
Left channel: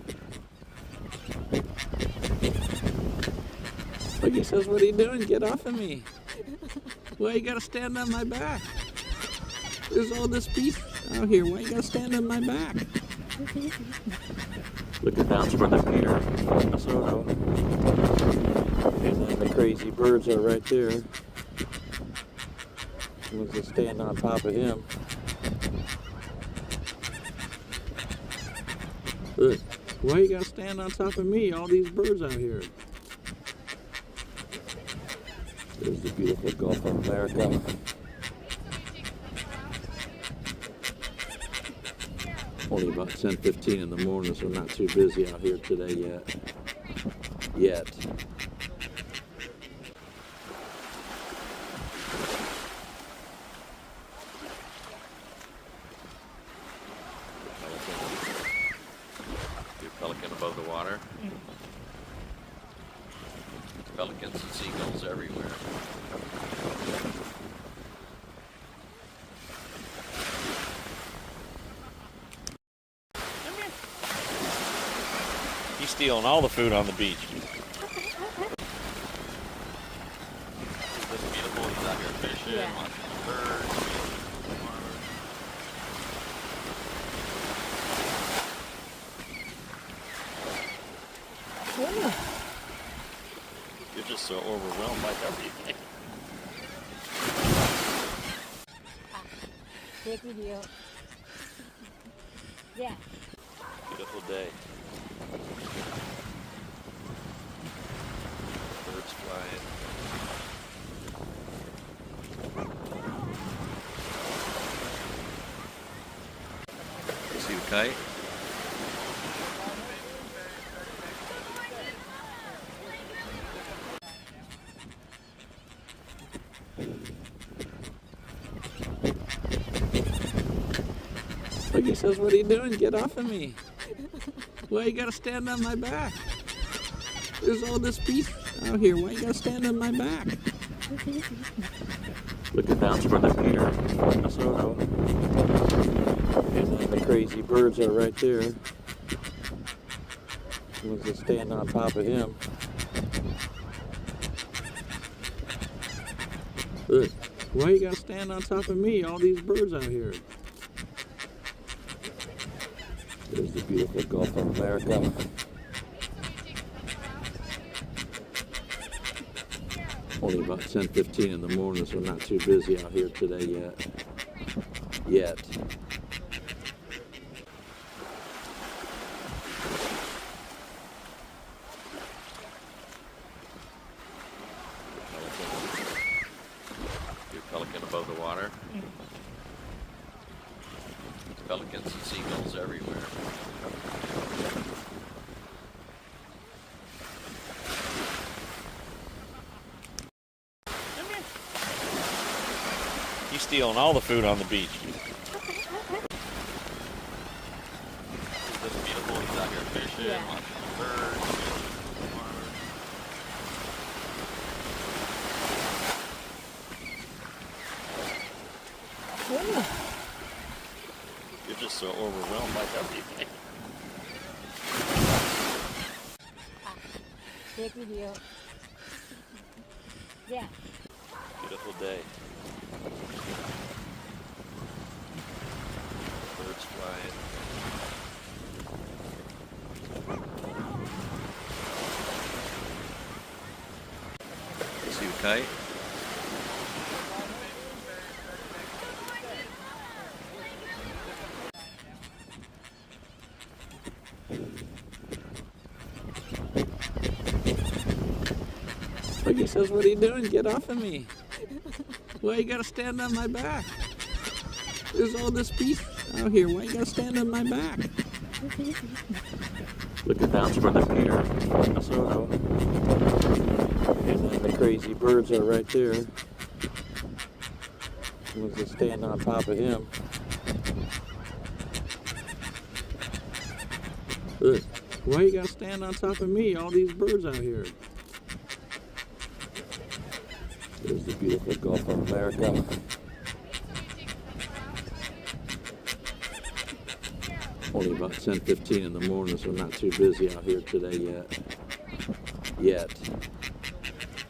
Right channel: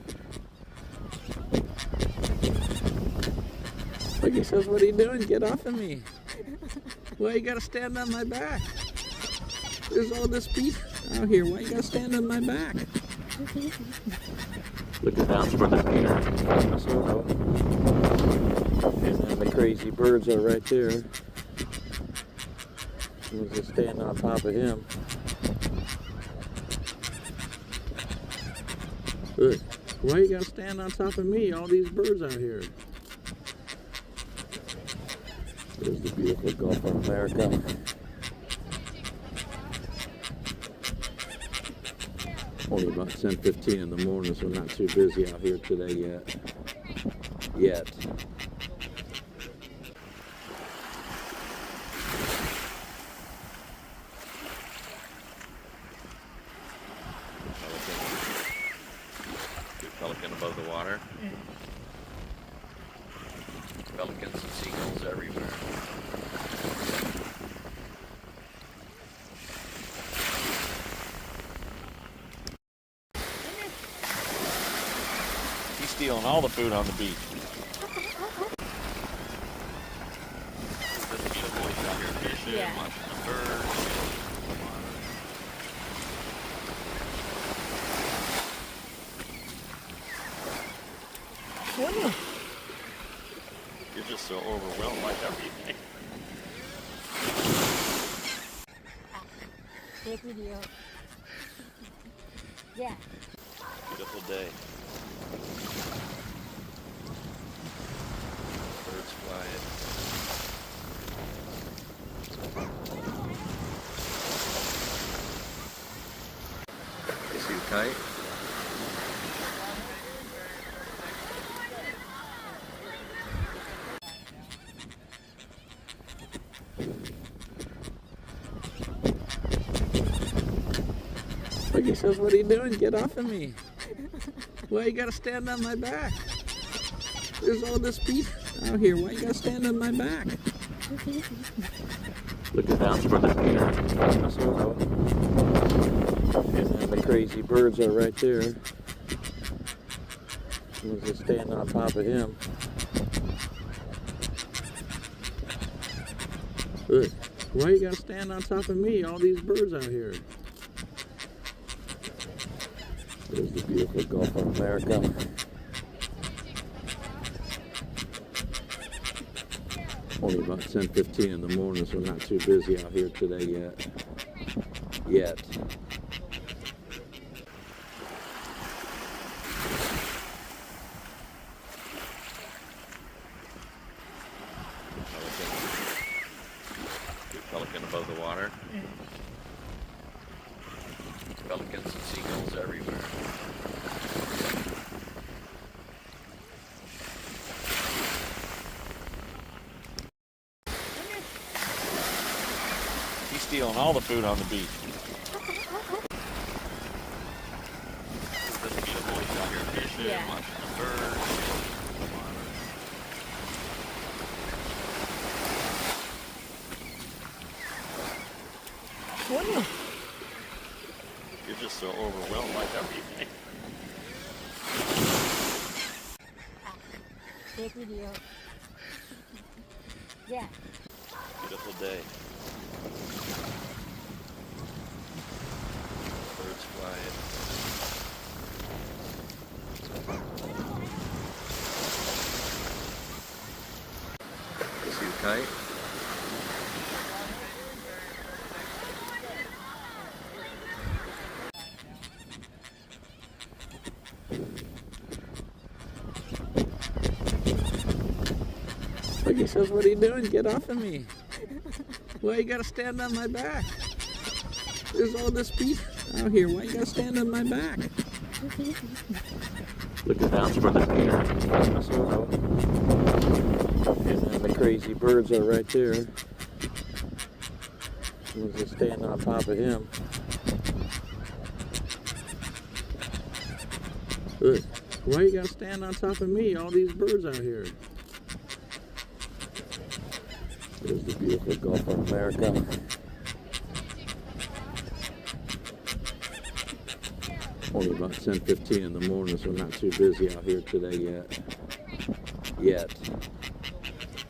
Look, he says, what are you doing? Get off of me. Why you gotta stand on my back? There's all this beef out here. Why you gotta stand on my back? Looking down toward the pier, Minnesota. And then the crazy birds are right there. Someone's just standing on top of him. Look, why you gotta stand on top of me? All these birds out here. There's the beautiful Gulf of America. Only about 10:15 in the morning, so not too busy out here today yet. Pelican above the water. Pelicans and seagulls everywhere. He's stealing all the food on the beach. It's just beautiful. He's out here fishing, Yeah. watching birds. You're just so overwhelmed by everything. Take video. Yeah. Beautiful day. Birds flying. See you kite? Look, he says, what are you doing? Get off of me. Why you gotta stand on my back? There's all this beef out here. Why you gotta stand on my back? Looking down toward the pier, Minnesota. And then the crazy birds are right there. Someone's just standing on top of him. Look, why you gotta stand on top of me? All these birds out here. There's the beautiful Gulf of America. Only about 10:15 in the morning, so not too busy out here today yet. Pelican above the water. Pelicans and seagulls everywhere. He's stealing all the food on the beach. It's just beautiful. He's out here fishing, Yeah. watching birds. You're just so overwhelmed by everything. Take video. Yeah. Beautiful day. Birds flying. See you kite? Look, he says, what are you doing? Get off of me. Why you gotta stand on my back? There's all this beef out here. Why you gotta stand on my back? Looking down toward the pier, Minnesota. And then the crazy birds are right there. Someone's just standing on top of him. Look, why you gotta stand on top of me? All these birds out here. There's the beautiful Gulf of America. Only about 10:15 in the morning, so not too busy out here today yet.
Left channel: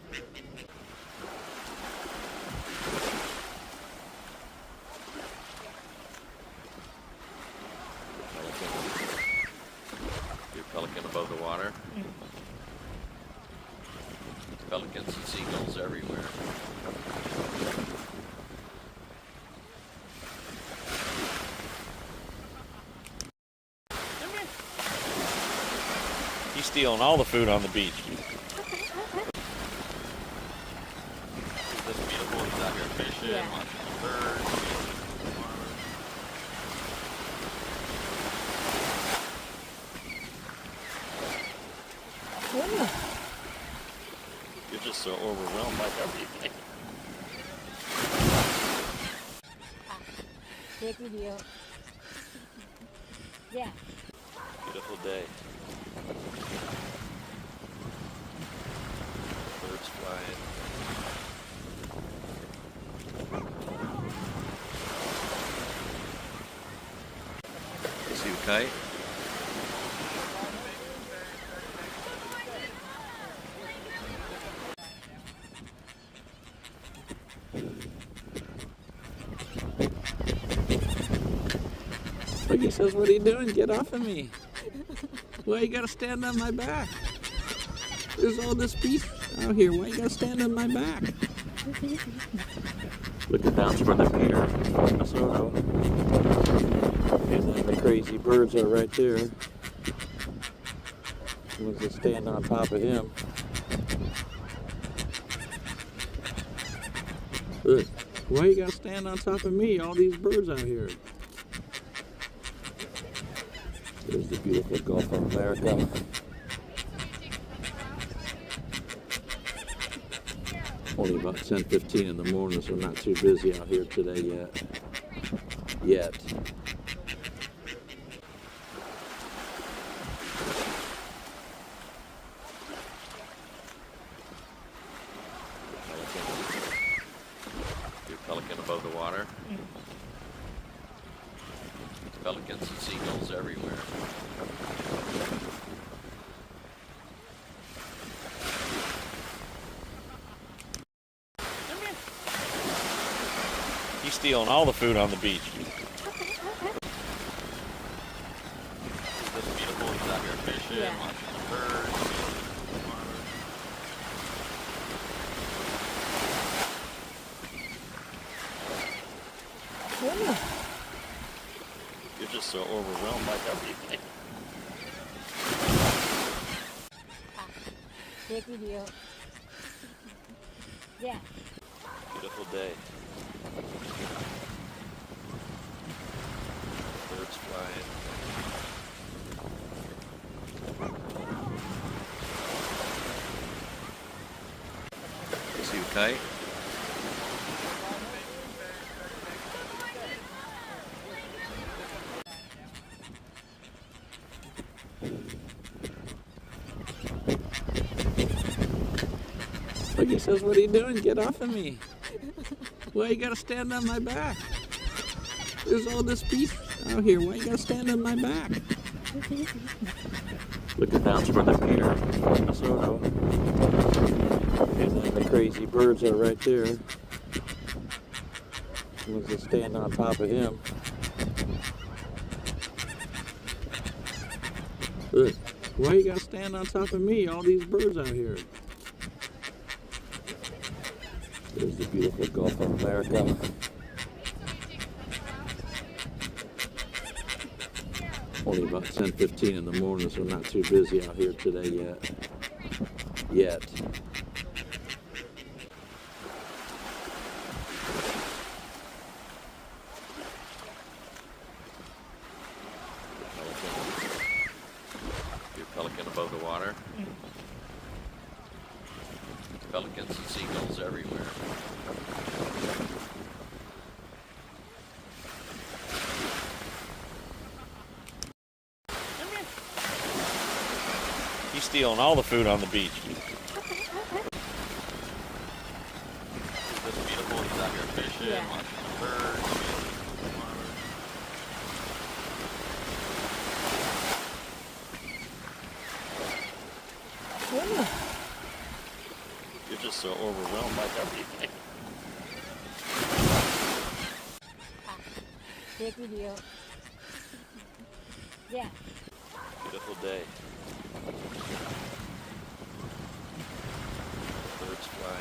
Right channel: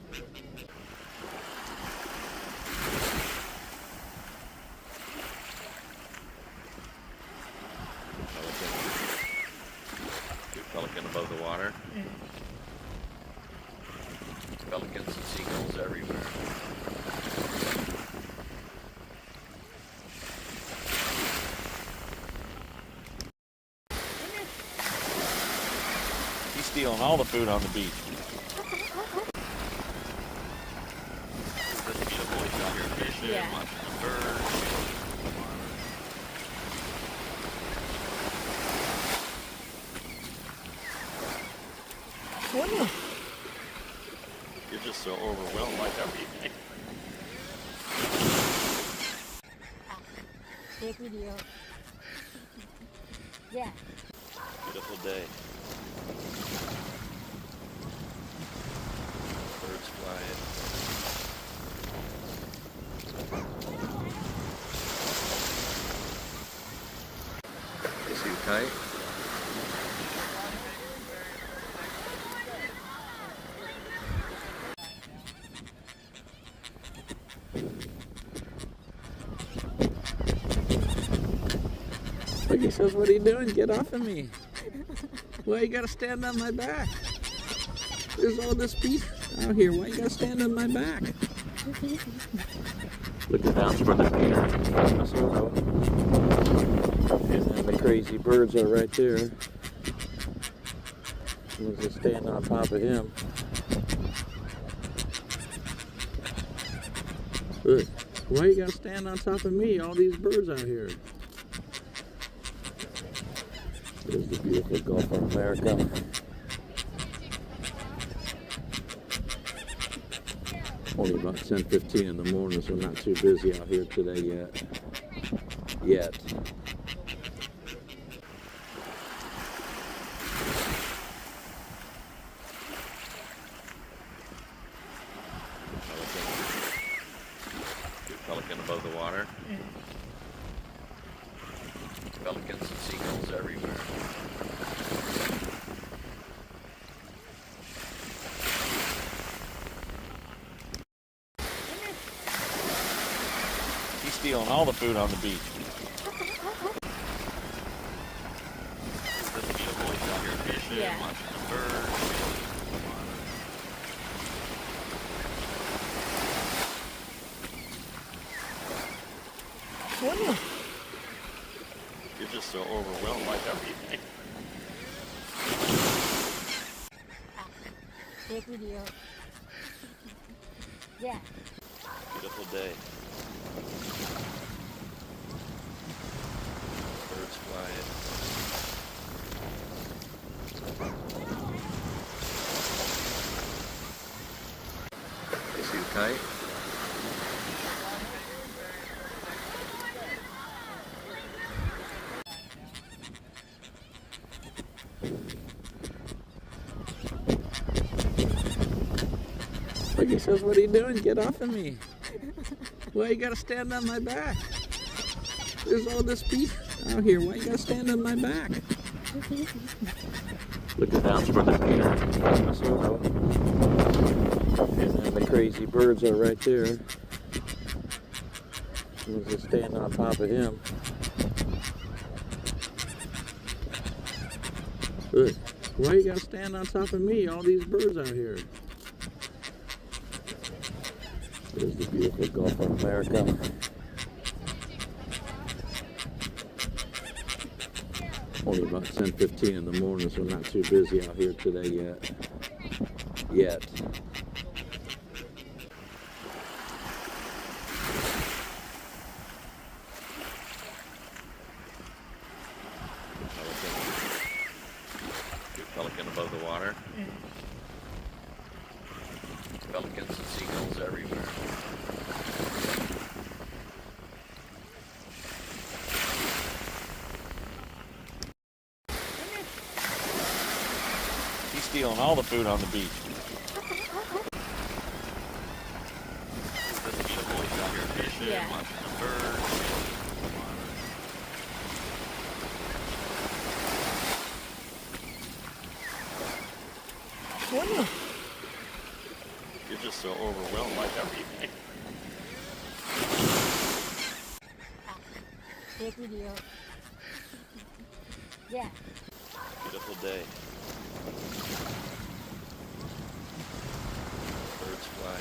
and seagulls everywhere. He's stealing all the food on the beach. It's just beautiful. He's out here fishing, Yeah. watching the birds. Whoa. You're just so overwhelmed by everything. Take video. Yeah. Beautiful day. Birds flying. See you fight? Look, he says, what are you doing? Get off of me. Why you gotta stand on my back? There's all this beef out here. Why you gotta stand on my back? Looking down for the pier. Minnesota. And then the crazy birds are right there. Was just stand on top of him. Look, why you gotta stand on top of me? All these birds out here. There's the beautiful Gulf of America. Only about 10:15 in the morning, so not too busy out here today yet. Big pelican above the water. Pelicans and seagulls everywhere. He's stealing all the food on the beach. It's just beautiful. He's out here fishing, Yeah. watching the birds. Whoa. You're just so overwhelmed by everything. Take video. Yeah. Beautiful day. Birds flying. See you fight? Look, he says, what are you doing? Get off of me. Why you gotta stand on my back? There's all this beef out here. Why you gotta stand on my back? Looking down for the pier. Minnesota. And then the crazy birds are right there. Was just stand on top of him. Look, why you gotta stand on top of me? All these birds out here. There's the beautiful Gulf of America. Only about 10:15 in the morning, so not too busy out here today yet. Big pelican above the water. Pelicans and seagulls everywhere. He's stealing all the food on the beach. It's just beautiful. He's out here fishing, Yeah. watching the birds. Whoa. You're just so overwhelmed by everything. Take video. Yeah. Beautiful day. Birds flying.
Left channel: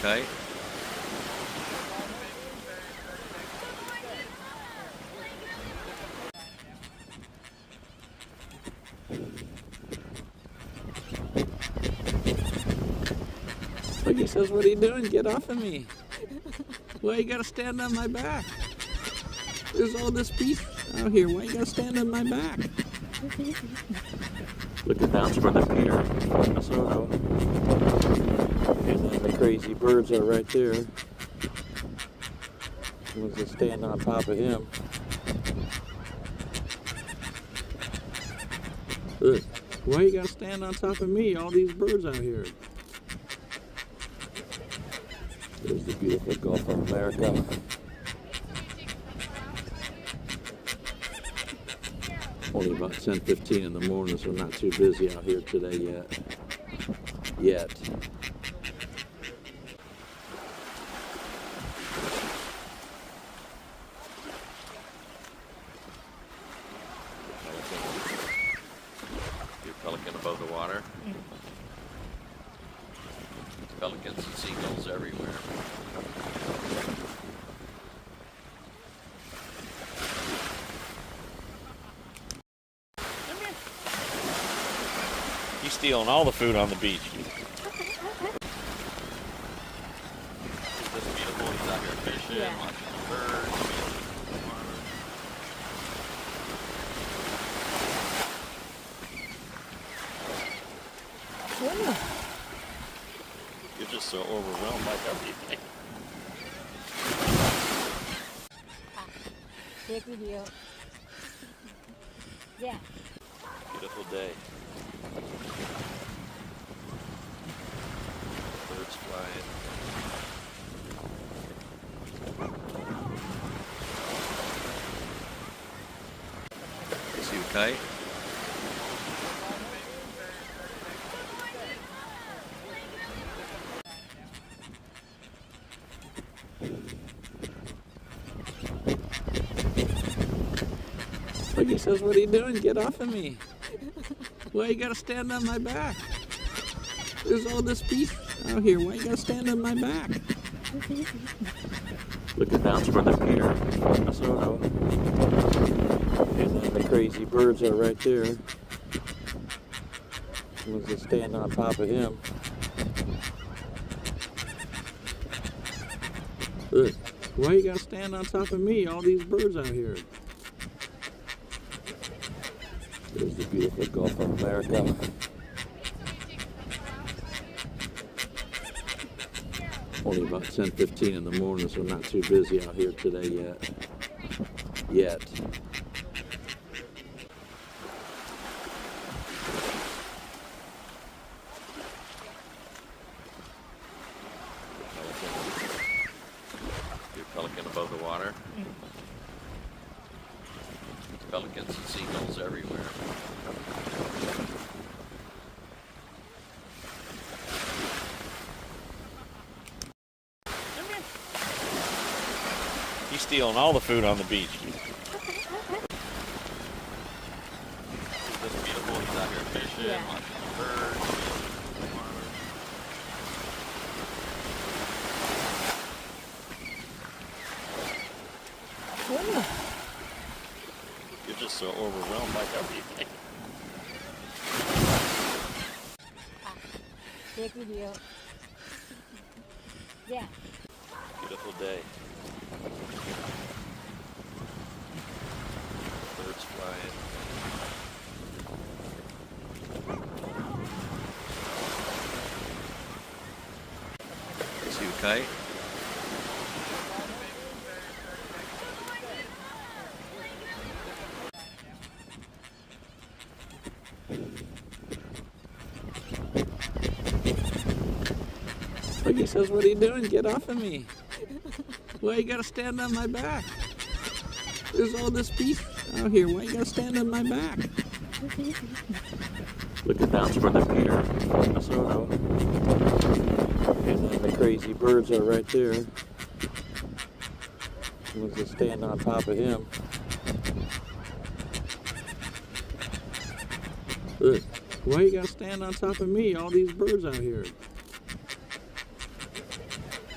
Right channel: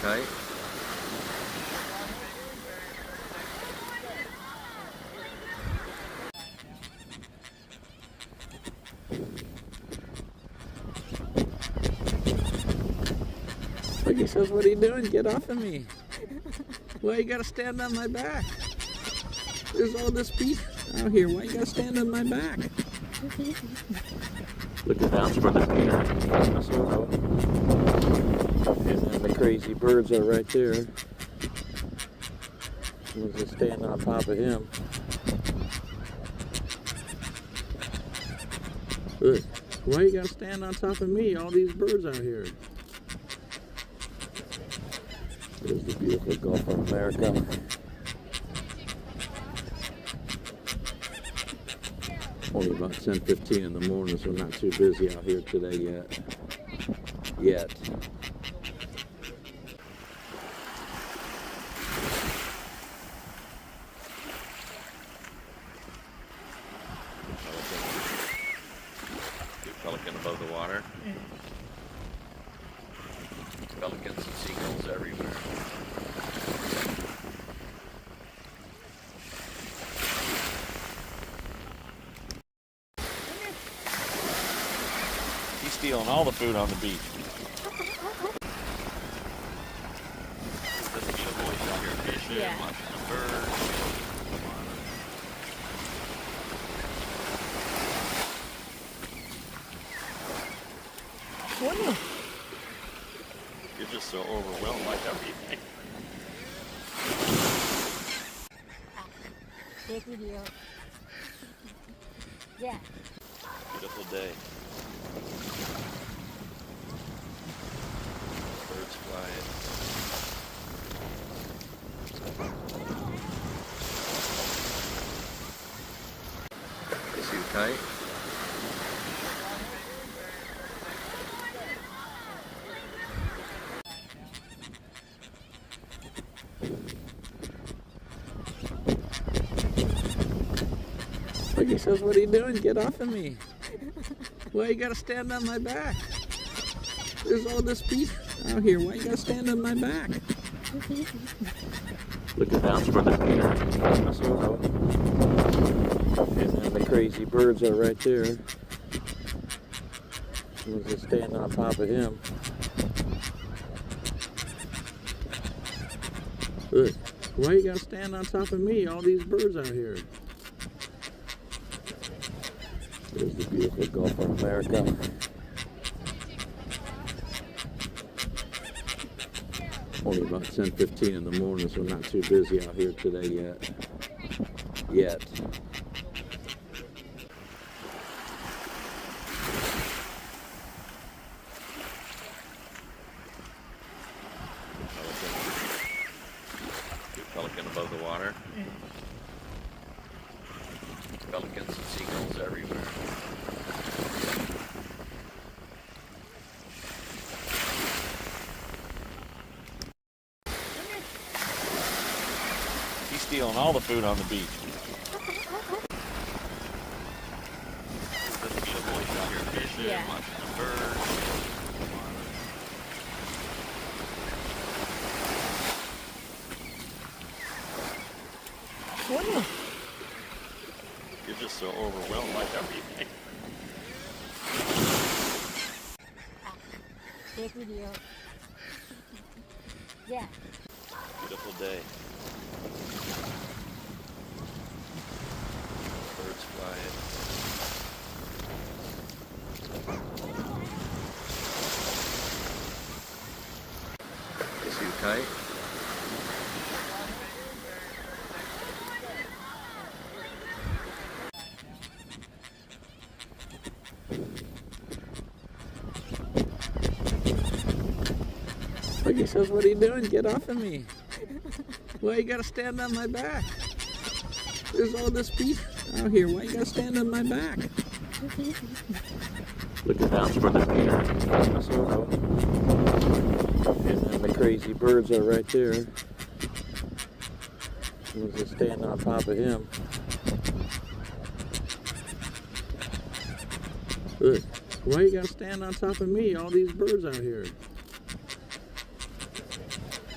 kite? Look, he says, what are you doing? Get off of me. Why you gotta stand on my back? There's all this beef out here. Why you gotta stand on my back? Looking down from the pier. And then the crazy birds are right there. Was just standing on top of him. Look, why you gotta stand on top of me? All these birds out here. There's the beautiful Gulf of America. Only about 10:15 in the morning, so not too busy out here today yet. Your pelican above the water. Pelicans and seagulls everywhere. He's stealing all the food on the beach. Isn't this beautiful? He's out here fishing, Yeah. watching the birds. Wow. You're just so overwhelmed by everything. Take video. Yeah. Beautiful day. Birds flying. See a kite? Look, he says, what are you doing? Get off of me. Why you gotta stand on my back? There's all this beef out here. Why you gotta stand on my back? Looking down from the pier. And then the crazy birds are right there. Was just standing on top of him. Look, why you gotta stand on top of me? All these birds out here. There's the beautiful Gulf of America. Only about 10:15 in the morning, so not too busy out here today yet. Your pelican above the water. Pelicans and seagulls everywhere. He's stealing all the food on the beach. Isn't this beautiful? He's out here fishing, Yeah. watching the birds. Wow. You're just so overwhelmed by everything. Take video. Yeah. Beautiful day. Birds flying. See a kite? Look, he says, what are you doing? Get off of me. Why you gotta stand on my back? There's all this beef out here. Why you gotta stand on my back? Looking down from the pier. And then the crazy birds are right there. Was just standing on top of him. Look, why you gotta stand on top of me? All these birds out here.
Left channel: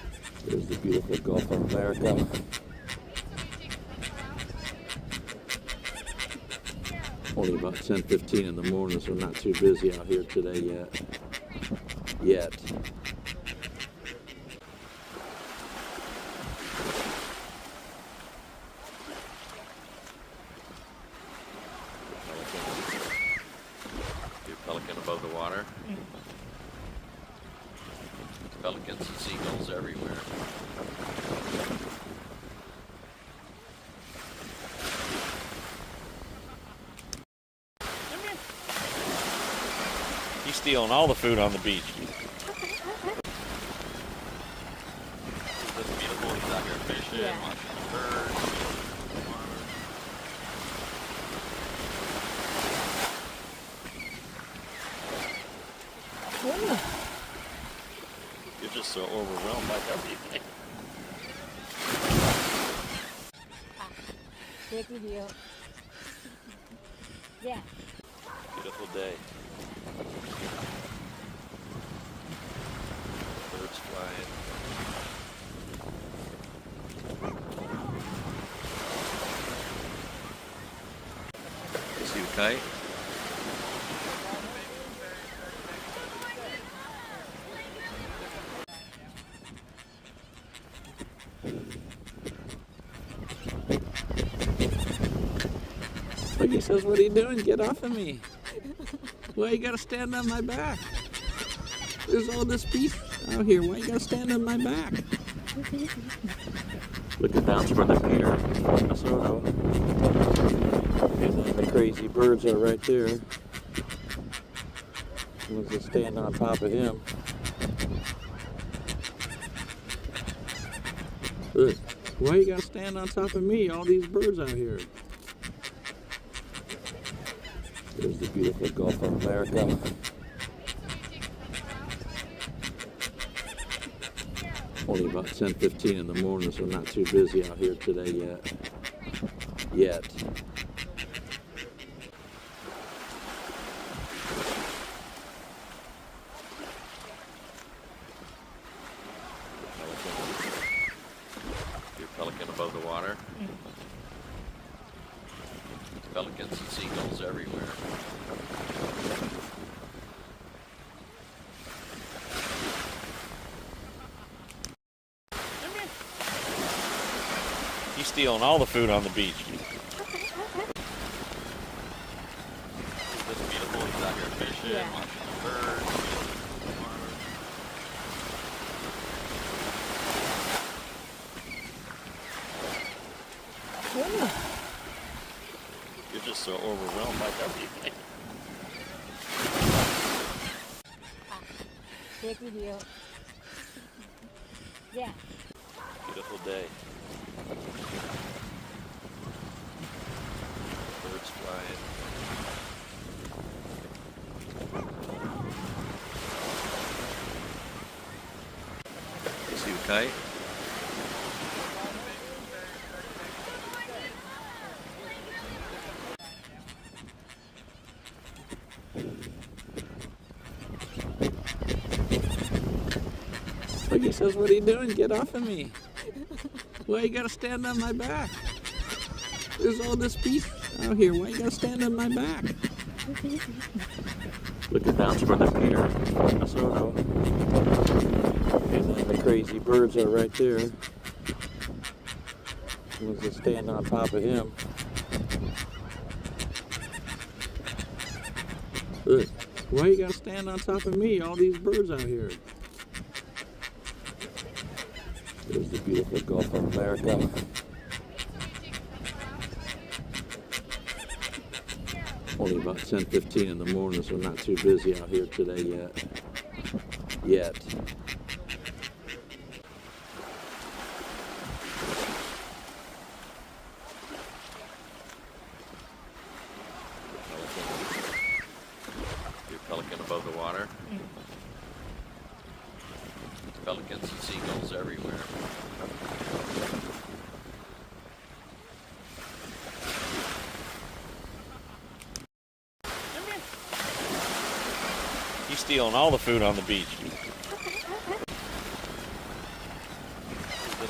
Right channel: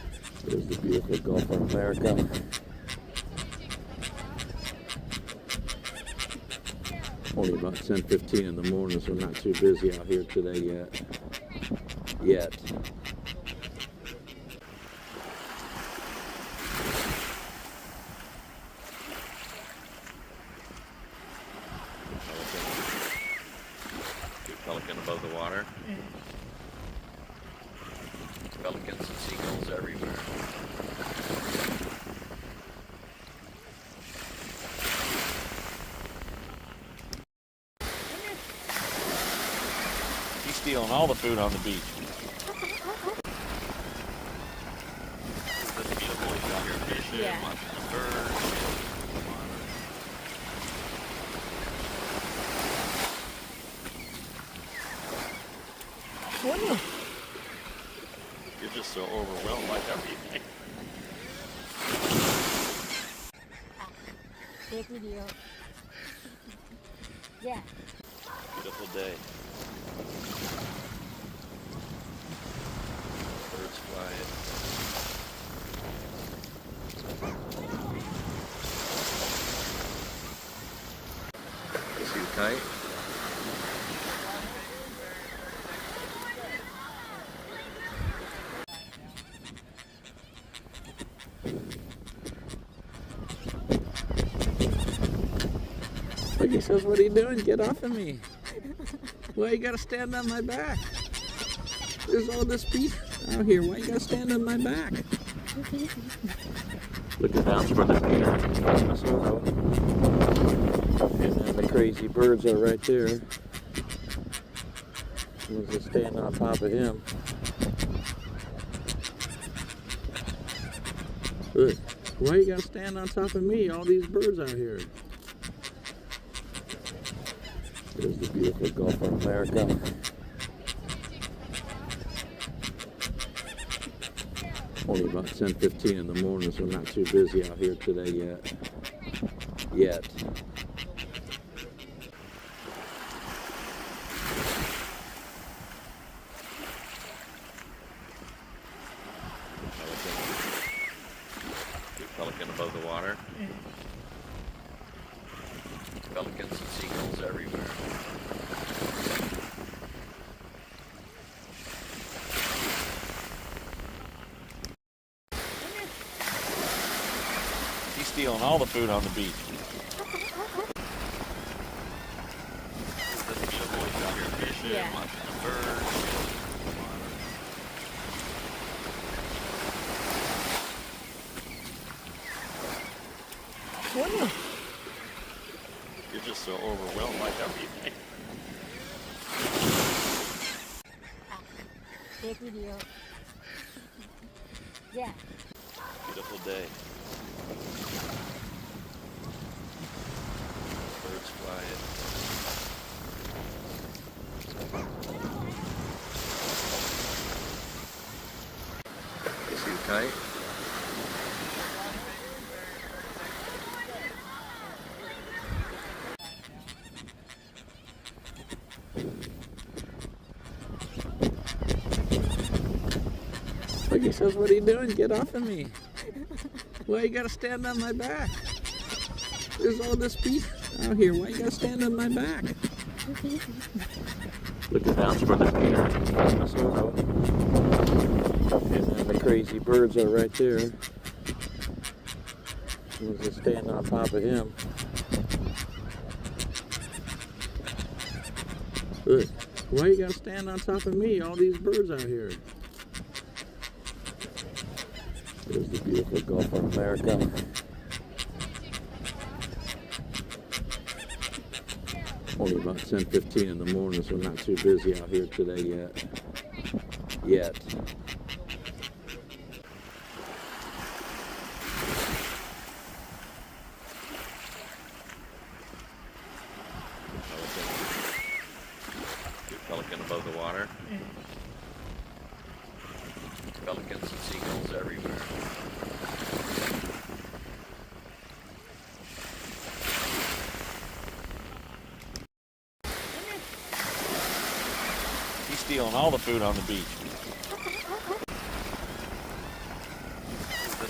the beautiful Gulf of America. Only about 10:15 in the morning, so not too busy out here today yet. Pelican above the water. Pelicans and seagulls everywhere. He's stealing all the food on the beach. Isn't this beautiful? He's out here fishing, Yeah. watching birds. You're just so overwhelmed by everything. Take video. Yeah. Beautiful day. Birds flying. Is he tight? Like he says, what are you doing? Get off of me. Why you gotta stand on my back? There's all this beef out here. Why you gotta stand on my back? Looking down toward the pier. And then the crazy birds are right there. Someone's just standing on top of him. Look, why you gotta stand on top of me? All these birds out here. There's the beautiful Gulf of America. Only about 10:15 in the morning, so not too busy out here today yet. Pelican above the water. Pelicans and seagulls everywhere. He's stealing all the food on the beach. Isn't this beautiful? He's out here fishing, Yeah. watching birds. You're just so overwhelmed by everything. Take video. Yeah. Beautiful day. Birds flying. Is he tight? Like he says, what are you doing? Get off of me. Why you gotta stand on my back? There's all this beef out here. Why you gotta stand on my back? Looking down toward the pier. And then the crazy birds are right there. Someone's just standing on top of him. Look, why you gotta stand on top of me? All these birds out here. There's the beautiful Gulf of America. Only about 10:15 in the morning, so not too busy out here today yet. Pelican above the water. Pelicans and seagulls everywhere. He's stealing all the food on the beach. Isn't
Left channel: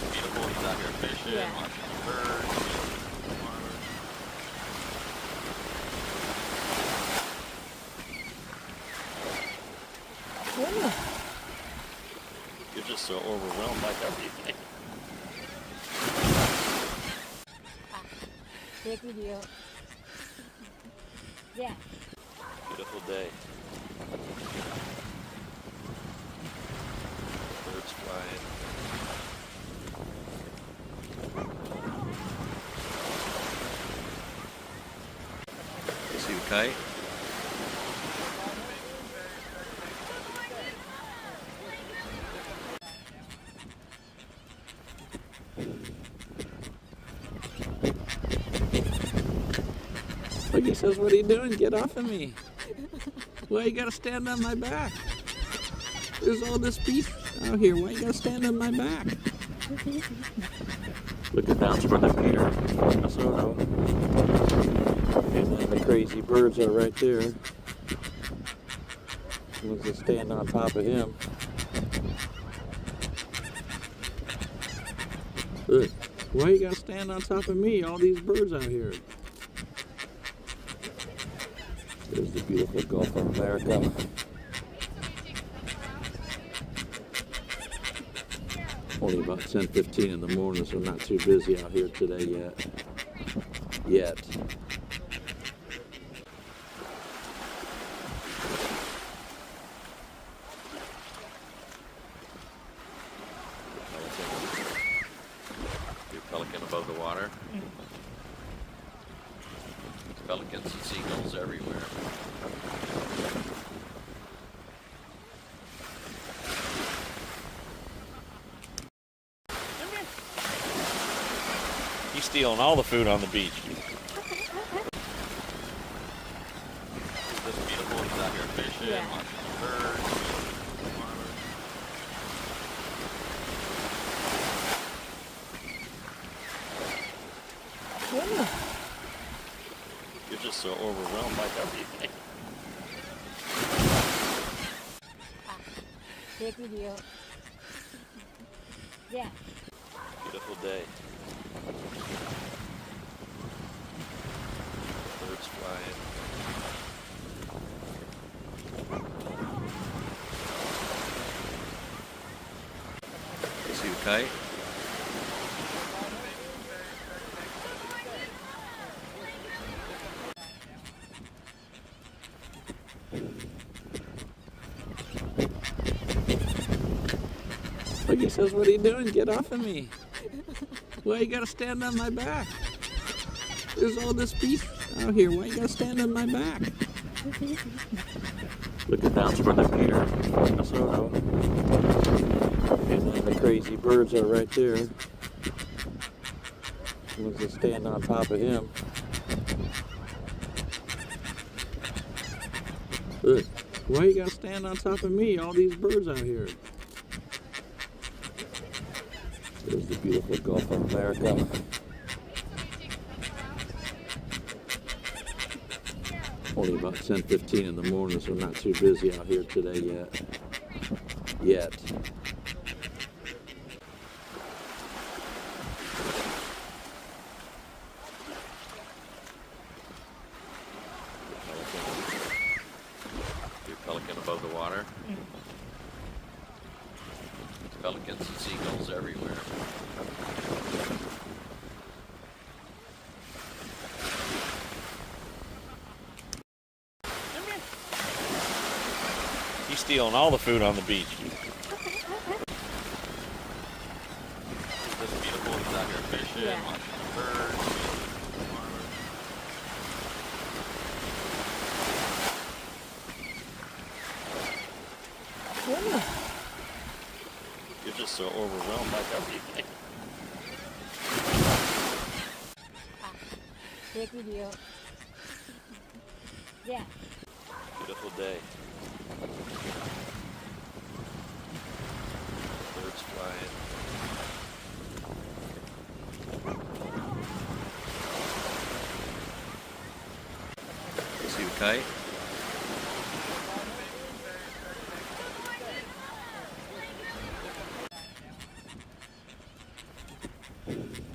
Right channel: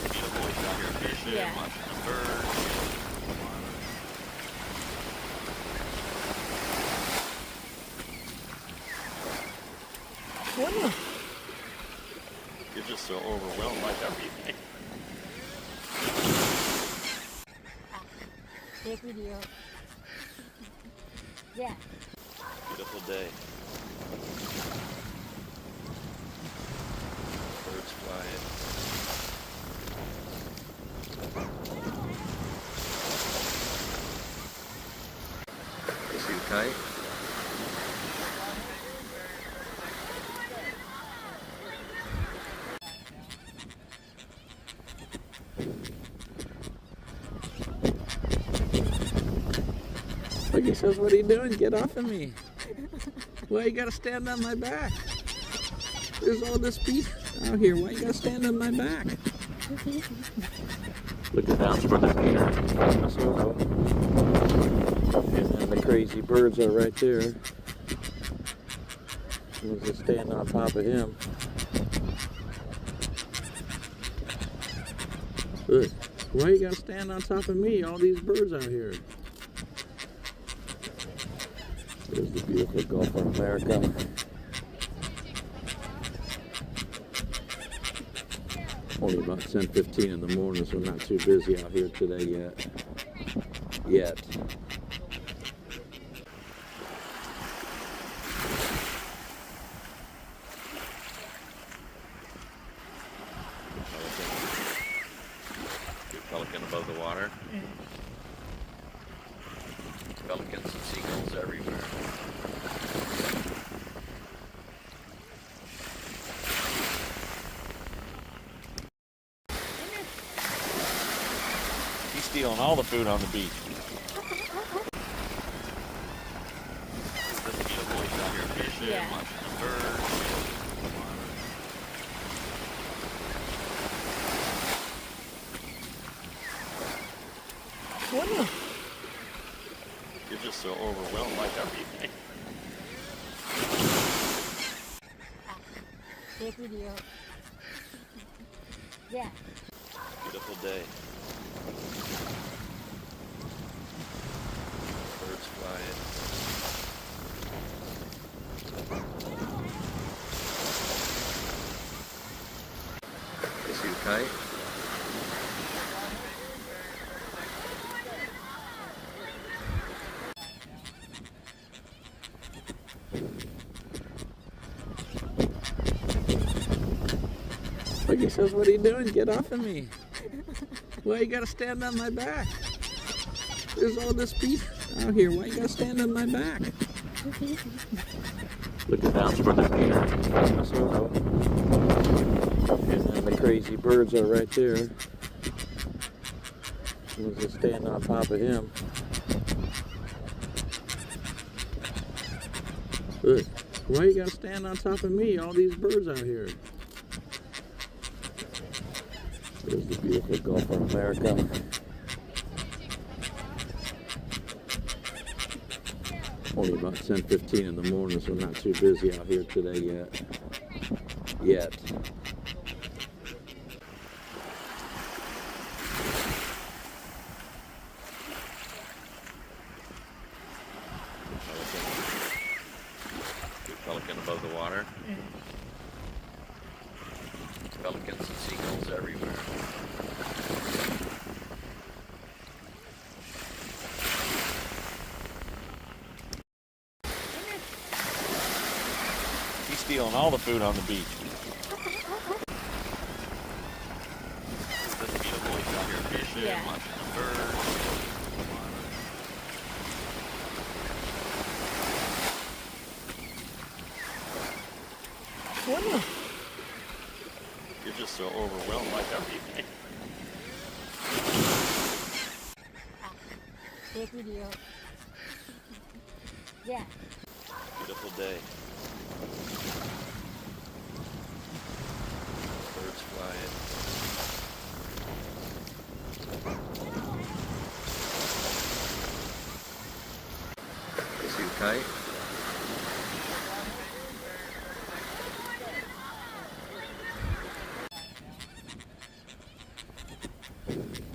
fishing, Yeah. watching birds. Goodness. You're just so overwhelmed by everything. Take video. Yeah. Beautiful day. Birds flying. Is he tight? Look, he says, what are you doing? Get off of me. Why you gotta stand on my back? There's all this beef out here. Why you gotta stand on my back? Look at that's where the Peter, Minnesota. And then the crazy birds are right there. We'll just stand on top of him. Look, why you gotta stand on top of me? All these birds out here. There's the beautiful Gulf of America. Only about 10:15 in the morning, so not too busy out here today yet. Your pelican above the water. Pelicans and seagulls everywhere. He's stealing all the food on the beach. It's just beautiful. He's out here fishing, Yeah. watching birds. Goodness. You're just so overwhelmed by everything. Take video. Yeah. Beautiful day. Birds flying. Is he tight? Look, he says, what are you doing? Get off of me. Why you gotta stand on my back? There's all this beef out here. Why you gotta stand on my back? Look at that's where the Peter, Minnesota. And then the crazy birds are right there. We'll just stand on top of him. Look, why you gotta stand on top of me? All these birds out here. There's the beautiful Gulf of America. Only about 10:15 in the morning, so not too busy out here today yet. Your pelican above the water. Pelicans and seagulls everywhere. He's stealing all the food on the beach. It's just beautiful. He's out here fishing, Yeah. watching birds. Goodness. You're just so overwhelmed by everything. Take video. Yeah. Beautiful day. Birds flying. Is he tight?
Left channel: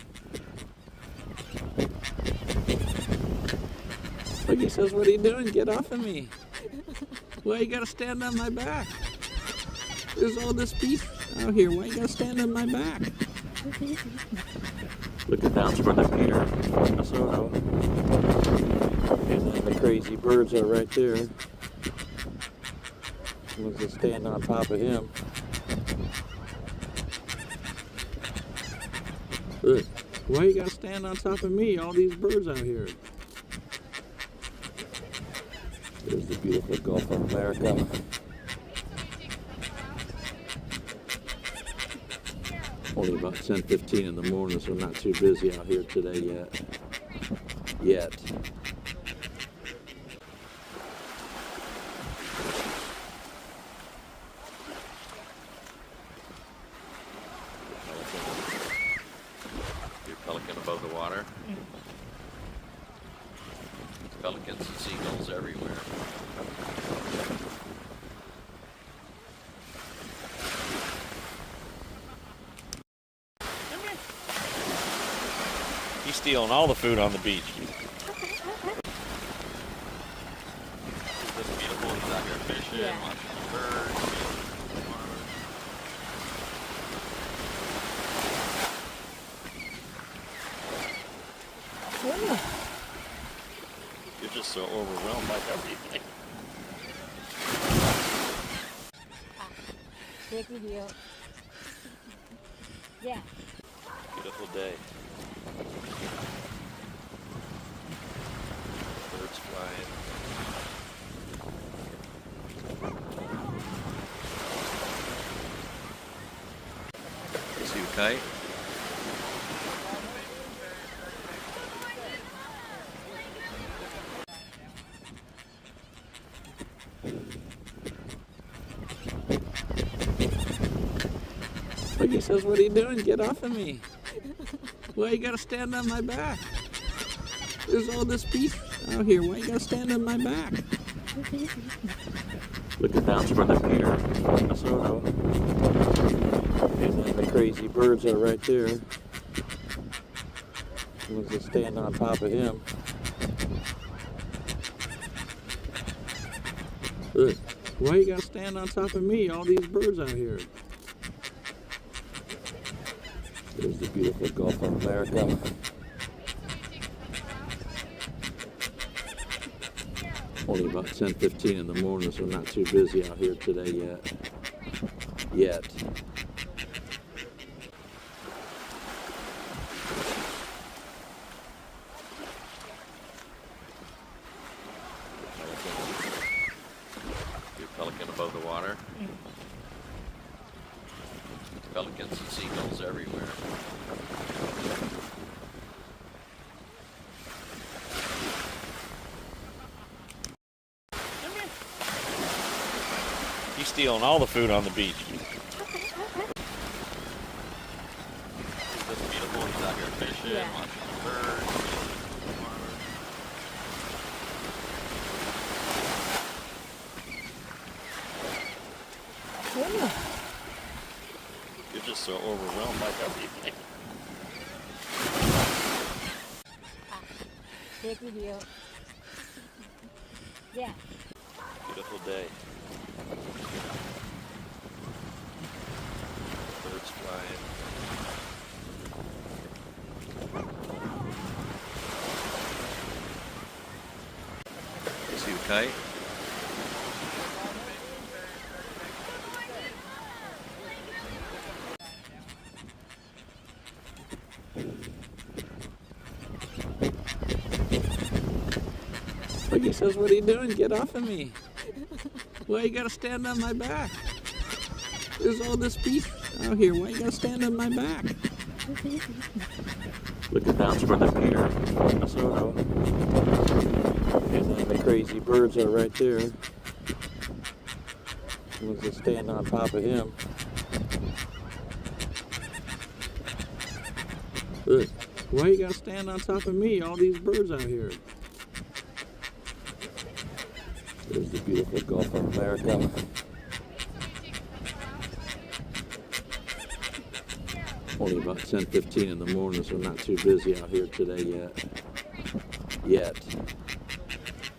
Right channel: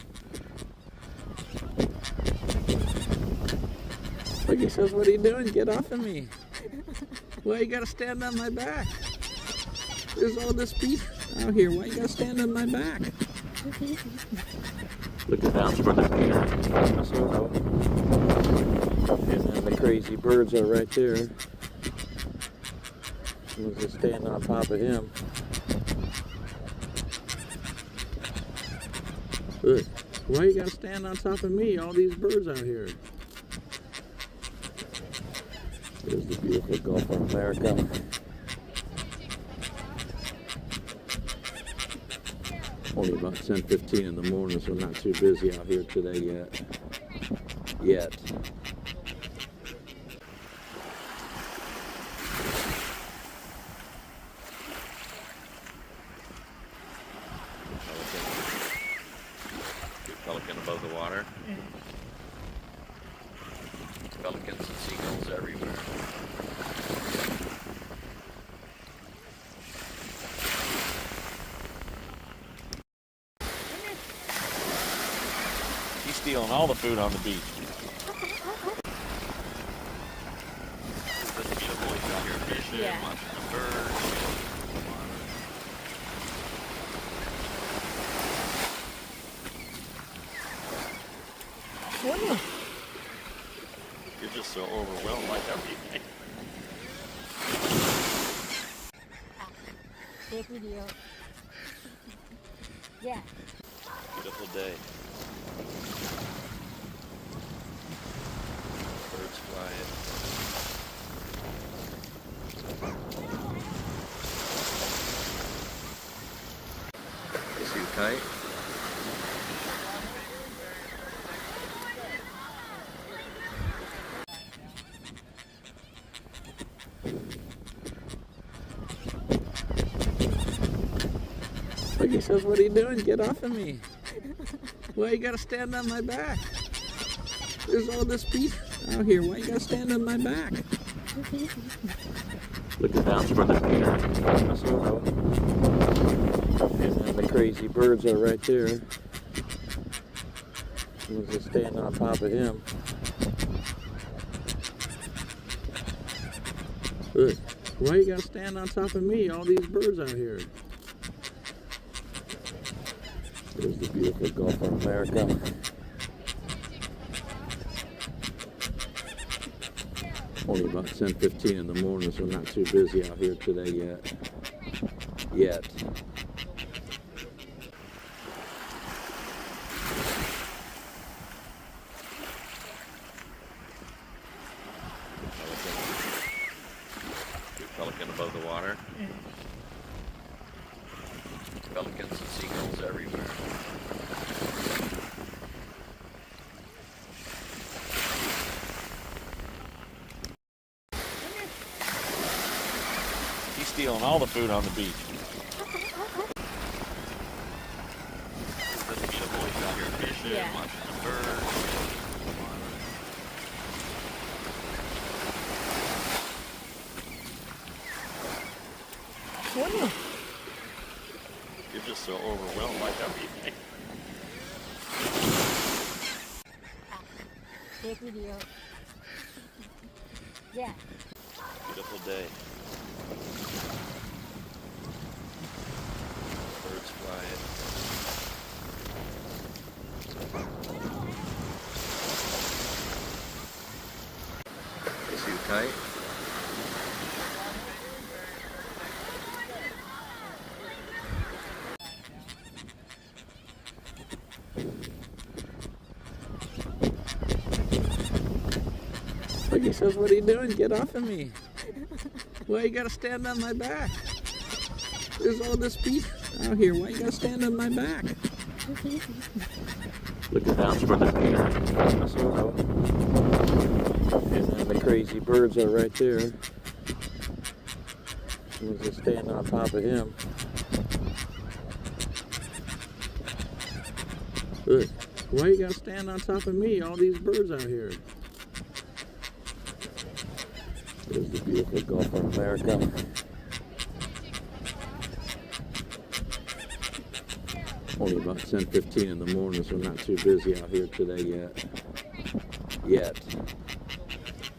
Look, he says, what are you doing? Get off of me. Why you gotta stand on my back? There's all this beef out here. Why you gotta stand on my back? Look at that for the Peter. Minnesota. And then the crazy birds are right there. Someone's just standing on top of him. Look, why you gotta stand on top of me? All these birds out here. There's the beautiful Gulf of America. Only about 10:15 in the morning, so not too busy out here today yet. Pelican above the water. Pelicans and seagulls everywhere. He's stealing all the food on the beach. This beautiful, he's out here fishing, Yeah. watching birds. You're just so overwhelmed by everything. Take video. Yeah. Beautiful day. Birds flying. See you fight. Look, he says, what are you doing? Get off of me. Why you gotta stand on my back? There's all this beef out here. Why you gotta stand on my back? Look at that for the Peter. Minnesota. And then the crazy birds are right there. Someone's just standing on top of him. Look, why you gotta stand on top of me? All these birds out here. There's the beautiful Gulf of America. Only about 10:15 in the morning, so not too busy out here today yet. Pelican above the water. Pelicans and seagulls everywhere. He's stealing all the food on the beach. This beautiful, he's out here fishing, Yeah. watching birds. You're just so overwhelmed by everything. Take video. Yeah. Beautiful day. Birds flying. See you fight. Look, he says, what are you doing? Get off of me. Why you gotta stand on my back? There's all this beef out here. Why you gotta stand on my back? Look at that for the Peter. Minnesota. And then the crazy birds are right there. Someone's just standing on top of him. Look, why you gotta stand on top of me? All these birds out here. There's the beautiful Gulf of America. Only about 10:15 in the morning, so not too busy out here today yet.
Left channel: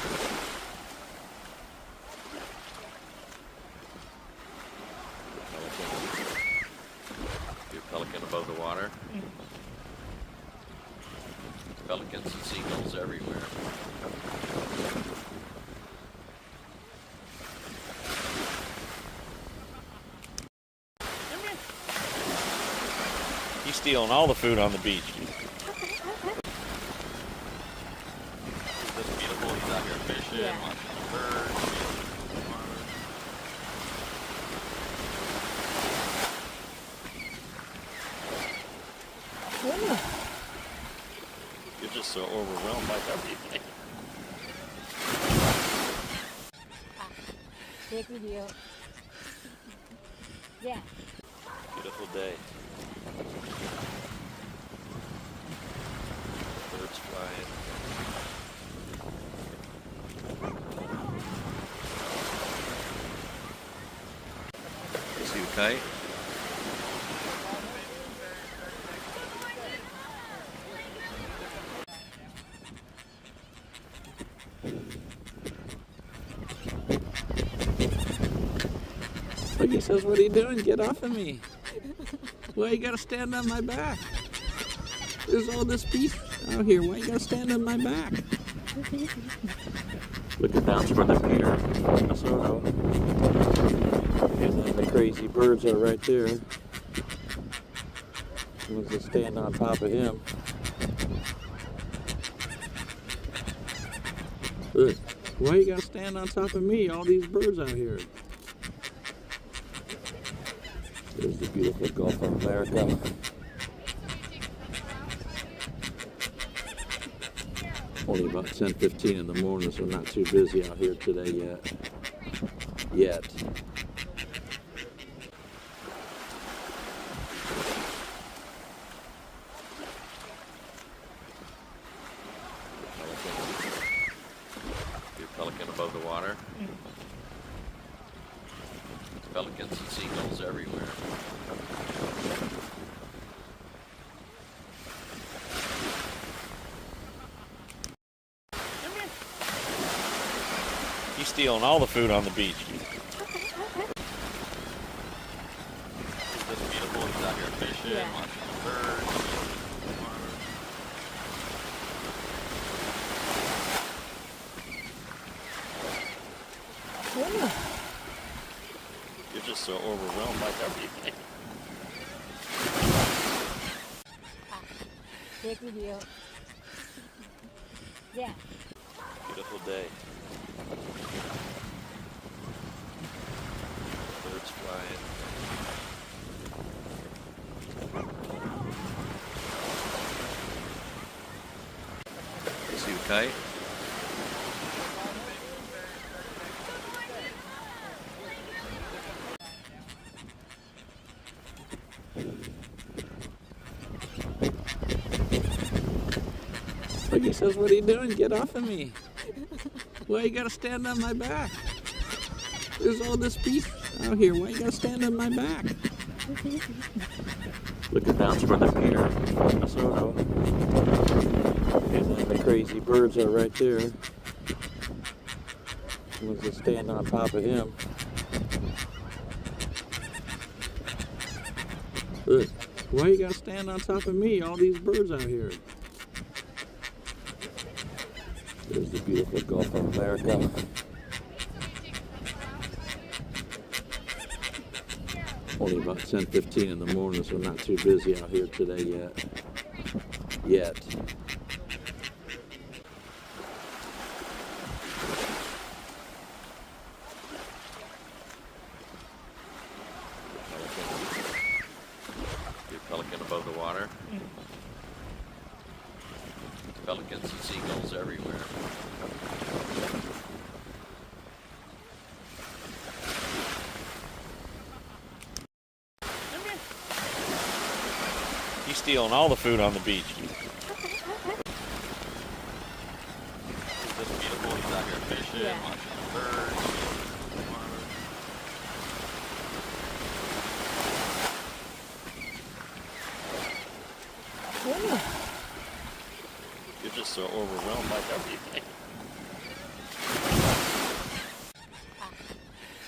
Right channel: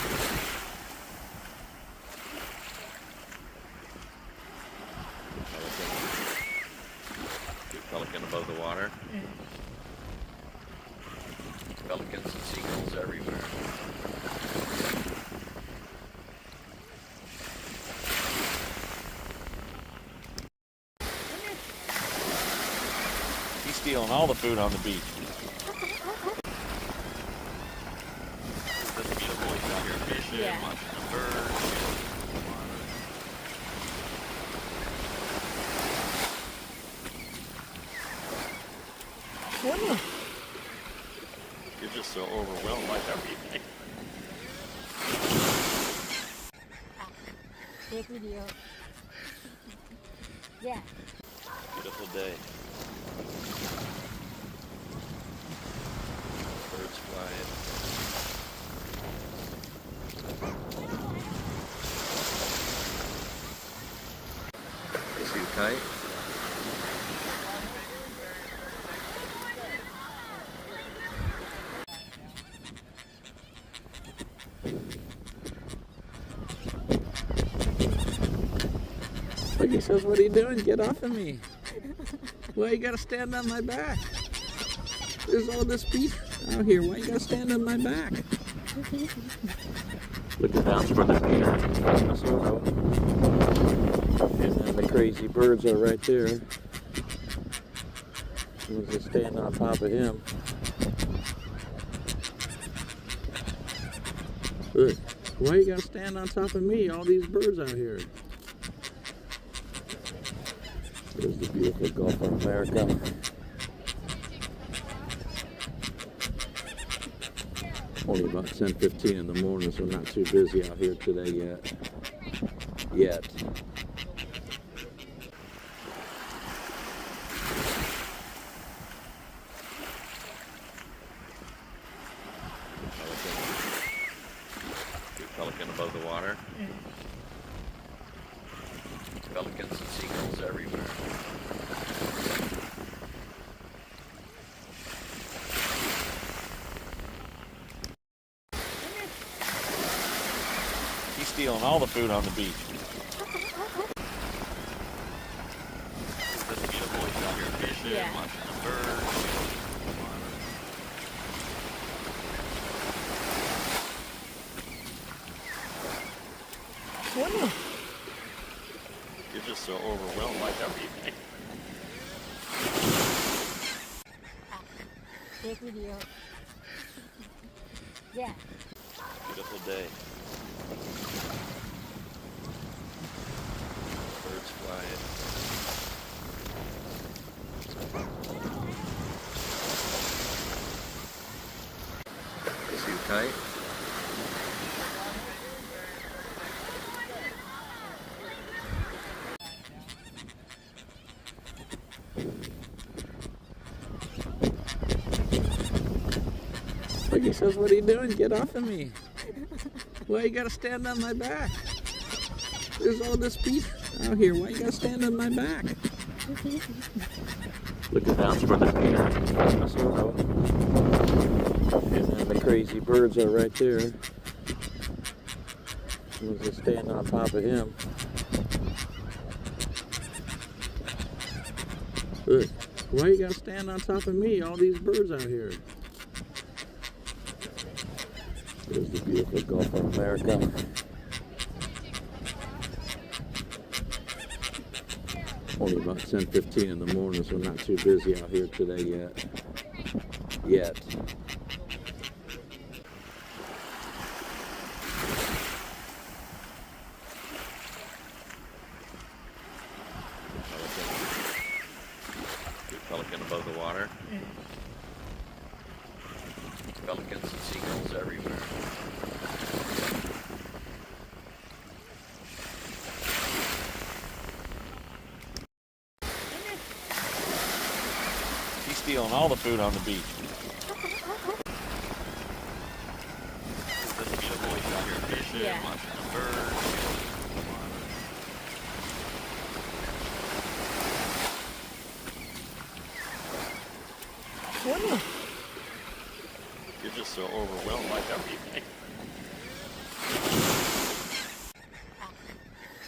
Your pelican above the water. Pelicans and seagulls everywhere. He's stealing all the food on the beach. Isn't this beautiful? He's out here fishing, Yeah. watching birds, shooting the water. You're just so overwhelmed by everything. Take video. Yeah. Beautiful day. Birds flying. See you fight? Look, he says, what are you doing? Get off of me. Why you gotta stand on my back? There's all this beef out here. Why you gotta stand on my back? Look at that's where the Peter, Minnesota. And then the crazy birds are right there. We'll just stand on top of him. Look, why you gotta stand on top of me? All these birds out here. There's the beautiful Gulf of America. Only about 10:15 in the morning, so not too busy out here today yet. Your pelican above the water. Pelicans and seagulls everywhere. He's stealing all the food on the beach. Isn't this beautiful? He's out here fishing, Yeah. watching birds, shooting the water. You're just so overwhelmed by everything. Take video. Yeah. Beautiful day. Birds flying. See you fight? Look, he says, what are you doing? Get off of me. Why you gotta stand on my back? There's all this beef out here. Why you gotta stand on my back? Look at that's where the Peter, Minnesota. And then the crazy birds are right there. We'll just stand on top of him. Look, why you gotta stand on top of me? All these birds out here. There's the beautiful Gulf of America. Only about 10:15 in the morning, so not too busy out here today yet. Your pelican above the water. Pelicans and seagulls everywhere. He's stealing all the food on the beach. Isn't this beautiful? He's out here fishing, Yeah. watching birds, shooting the water. You're just so overwhelmed by everything.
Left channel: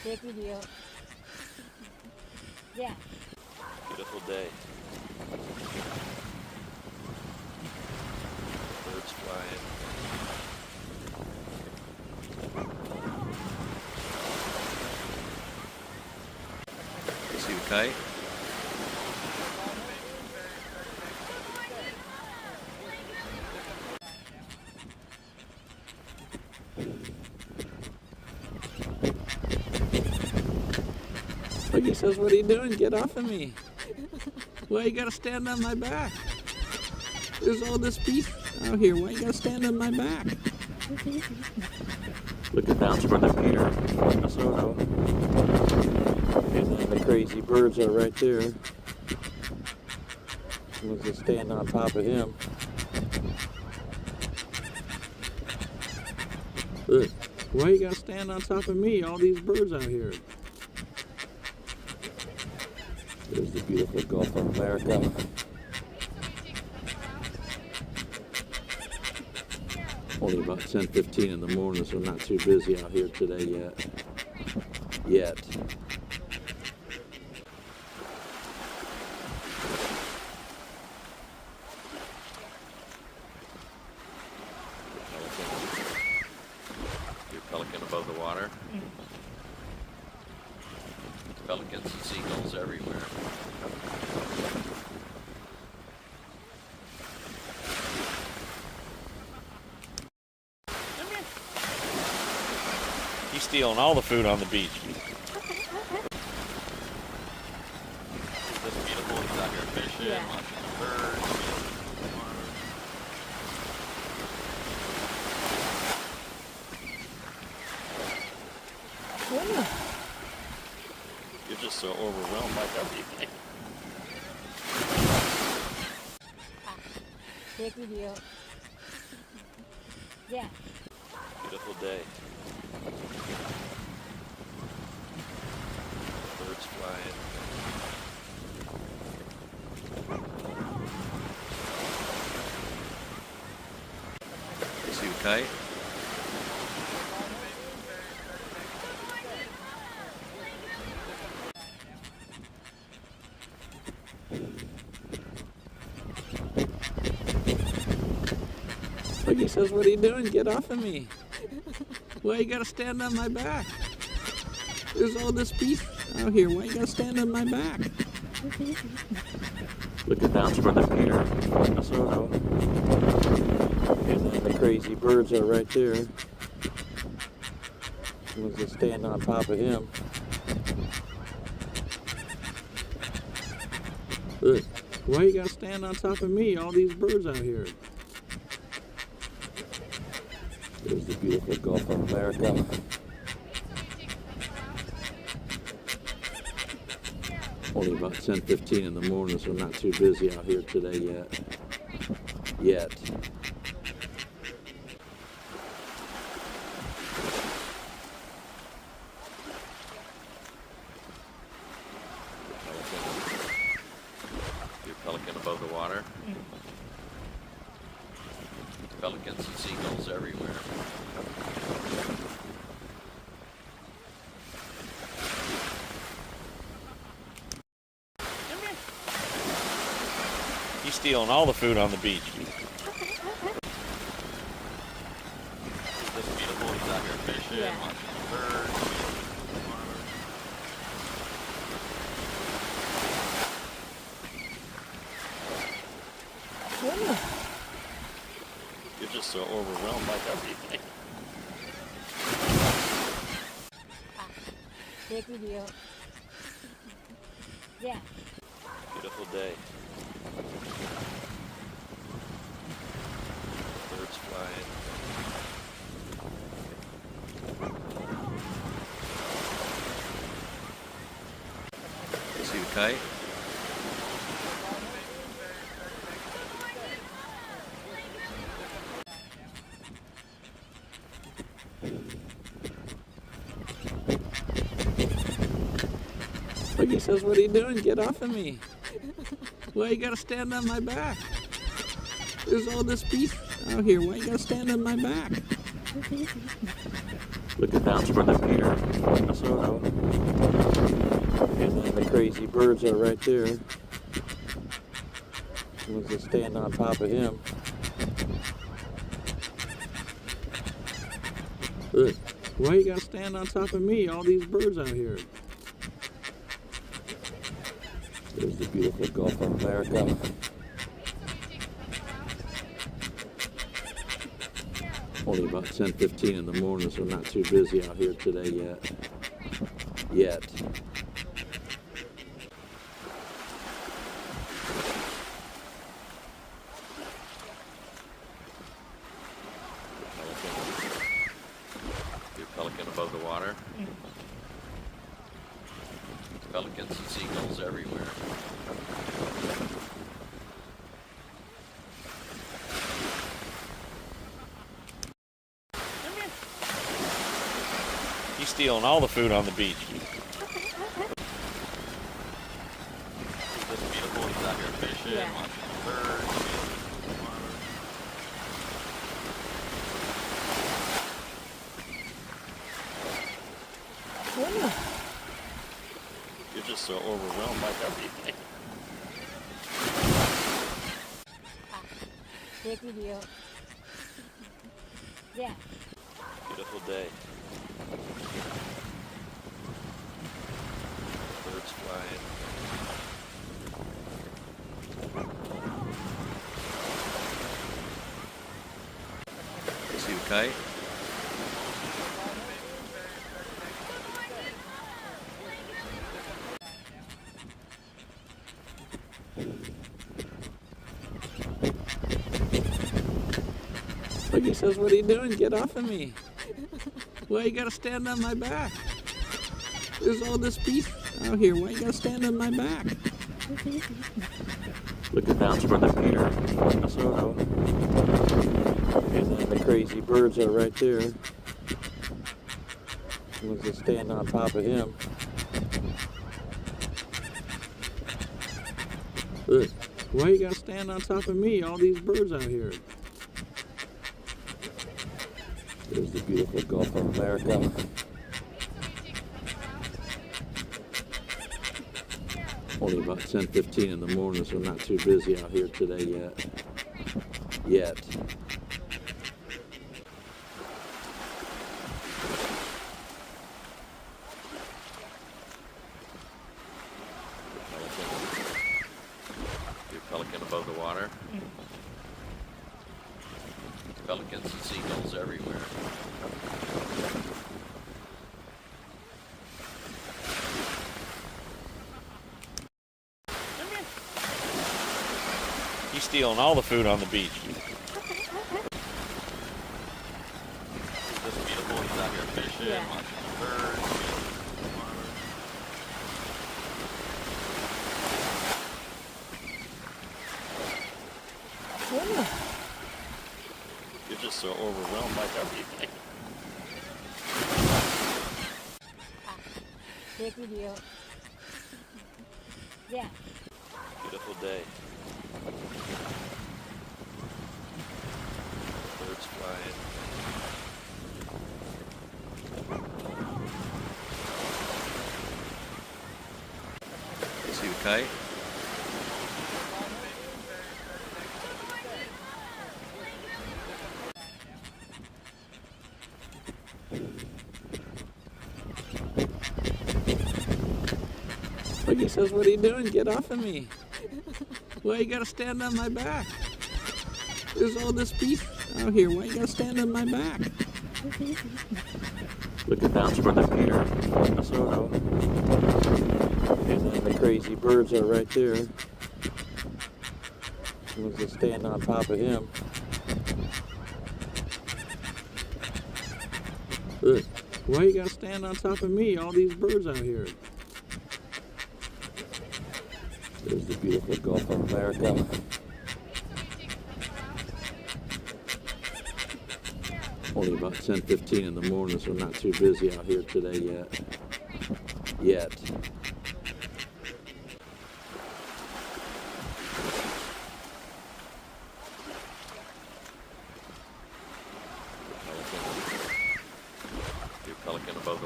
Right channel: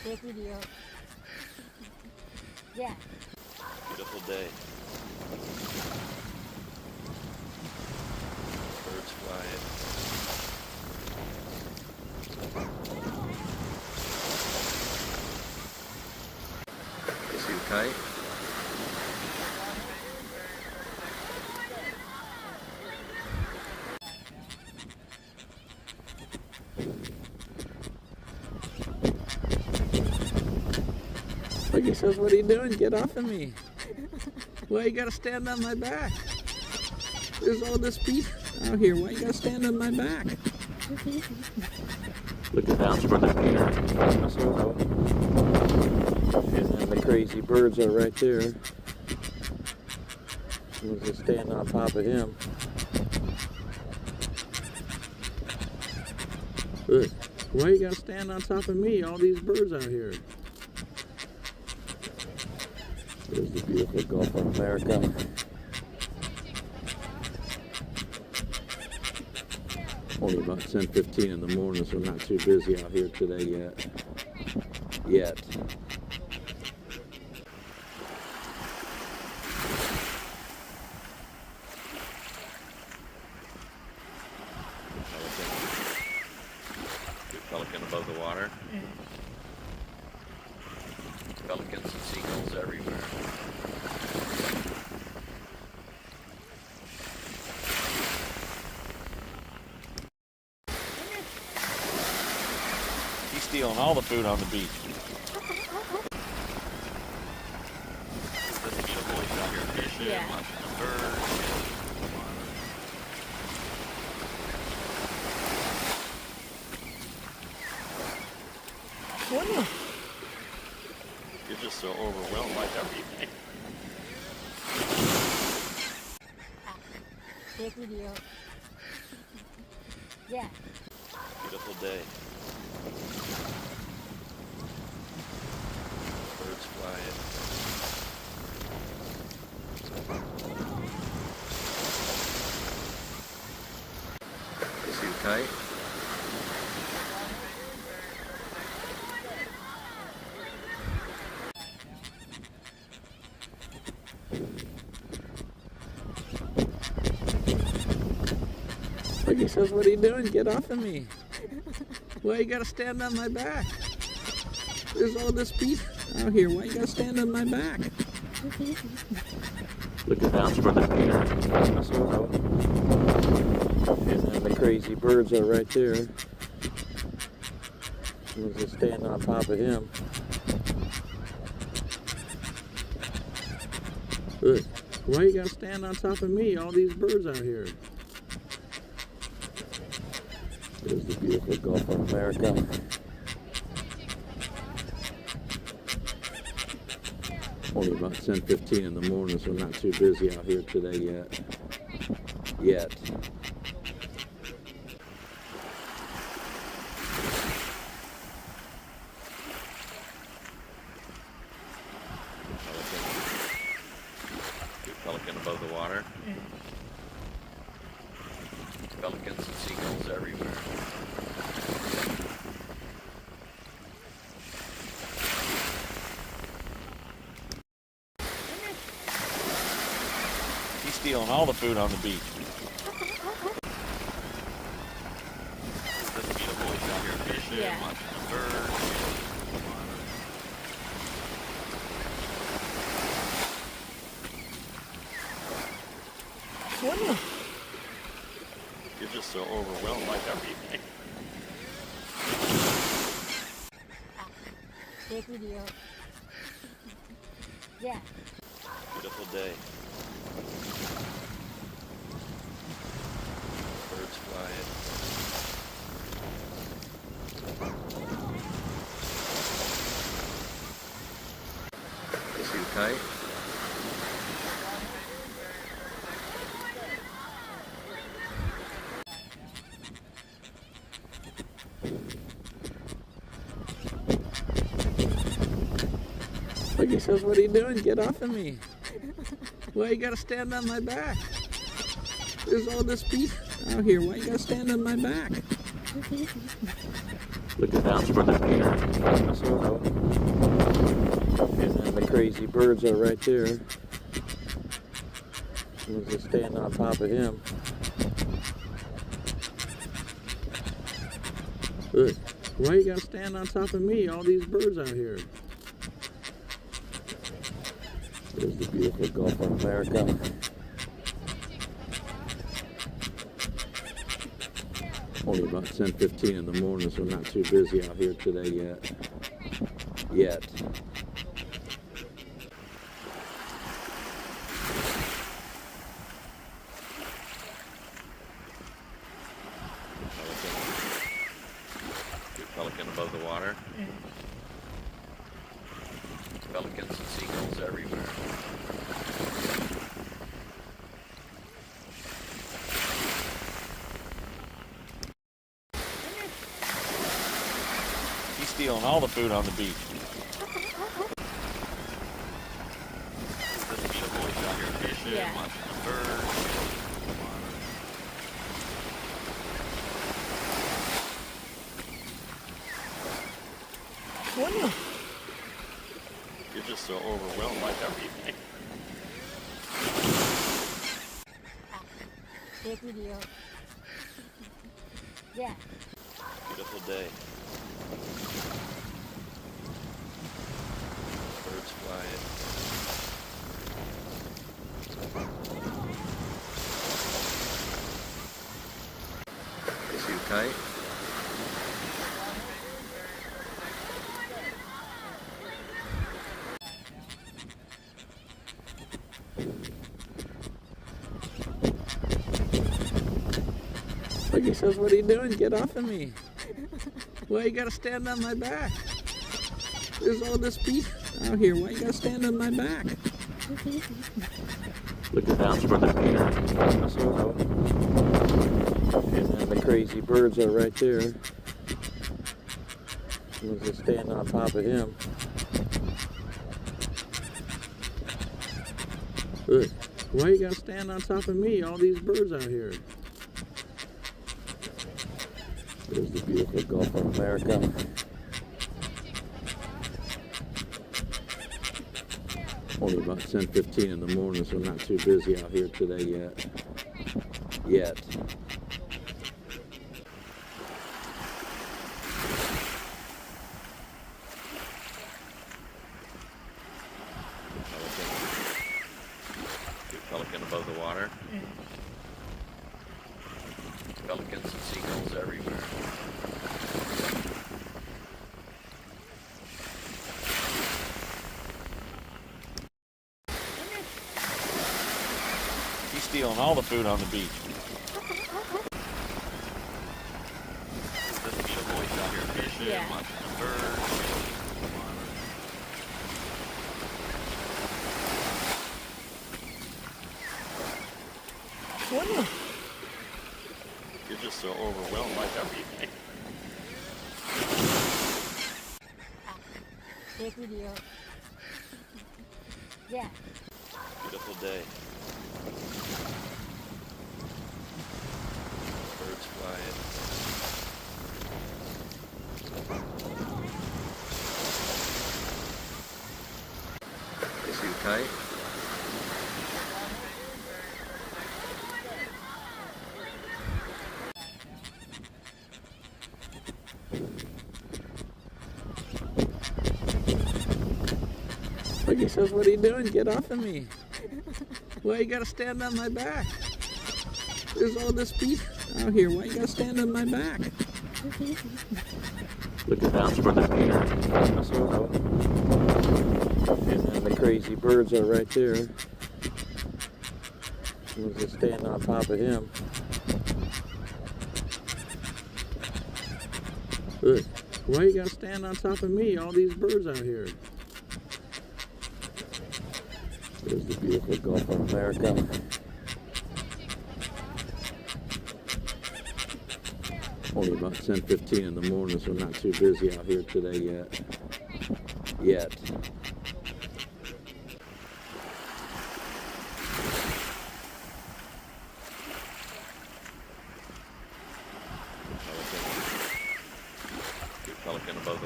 Take video. Yeah. Beautiful day. Birds flying. See fight. Look, he says, what are you doing? Get off of me. Why you gotta stand on my back? There's all this beef out here. Why you gotta stand on my back? Look at that's where the Peter from Minnesota. And then the crazy birds are right there. We'll just stand on top of him. Look, why you gotta stand on top of me? All these birds out here. There's the beautiful Gulf of America. Only about 10:15 in the morning, so not too busy out here today yet. Pelican above the water. Pelicans and seagulls everywhere. He's stealing all the food on the beach. Isn't this beautiful? He's out here fishing, Yeah. watching birds. You're just so overwhelmed by everything. Take video. Yeah. Beautiful day. Birds flying. See fight. Look, he says, what are you doing? Get off of me. Why you gotta stand on my back? There's all this beef out here. Why you gotta stand on my back? Look at that's where the Peter from Minnesota. And then the crazy birds are right there. We'll just stand on top of him. Look, why you gotta stand on top of me? All these birds out here. There's the beautiful Gulf of America. Only about 10:15 in the morning, so not too busy out here today yet. Pelican above the water. Pelicans and seagulls everywhere. He's stealing all the food on the beach. Isn't this beautiful? He's out here fishing, Yeah. watching birds. You're just so overwhelmed by everything. Take video. Yeah. Beautiful day. Birds flying. See fight. Look, he says, what are you doing? Get off of me. Why you gotta stand on my back? There's all this beef out here. Why you gotta stand on my back? Look at that's where the Peter, Minnesota. And then the crazy birds are right there. Someone's just standing on top of him. Look, why you gotta stand on top of me? All these birds out here. There's the beautiful Gulf of America. Only about 10:15 in the morning, so not too busy out here today yet. Your pelican above the water. Pelicans and seagulls everywhere. He's stealing all the food on the beach. It's beautiful. He's out here fishing, Yeah. watching birds, shooting the water. You're just so overwhelmed by everything. Take video. Yeah. Beautiful day. Birds flying. See you fight. Look, he says, what are you doing? Get off of me. Why you gotta stand on my back? There's all this beef out here. Why you gotta stand on my back? Look at that's where the Peter, Minnesota. And then the crazy birds are right there. Someone's just standing on top of him. Look, why you gotta stand on top of me? All these birds out here. There's the beautiful Gulf of America. Only about 10:15 in the morning, so not too busy out here today yet. Your pelican above the water. Pelicans and seagulls everywhere. He's stealing all the food on the beach. It's beautiful. He's out here fishing, Yeah. watching birds, shooting the water. You're just so overwhelmed by everything. Take video. Yeah. Beautiful day. Birds flying. See you fight. Look, he says, what are you doing? Get off of me. Why you gotta stand on my back? There's all this beef out here. Why you gotta stand on my back? Look at that's where the Peter, Minnesota. And then the crazy birds are right there. Someone's just standing on top of him. Look, why you gotta stand on top of me? All these birds out here. There's the beautiful Gulf of America. Only about 10:15 in the morning, so not too busy out here today yet.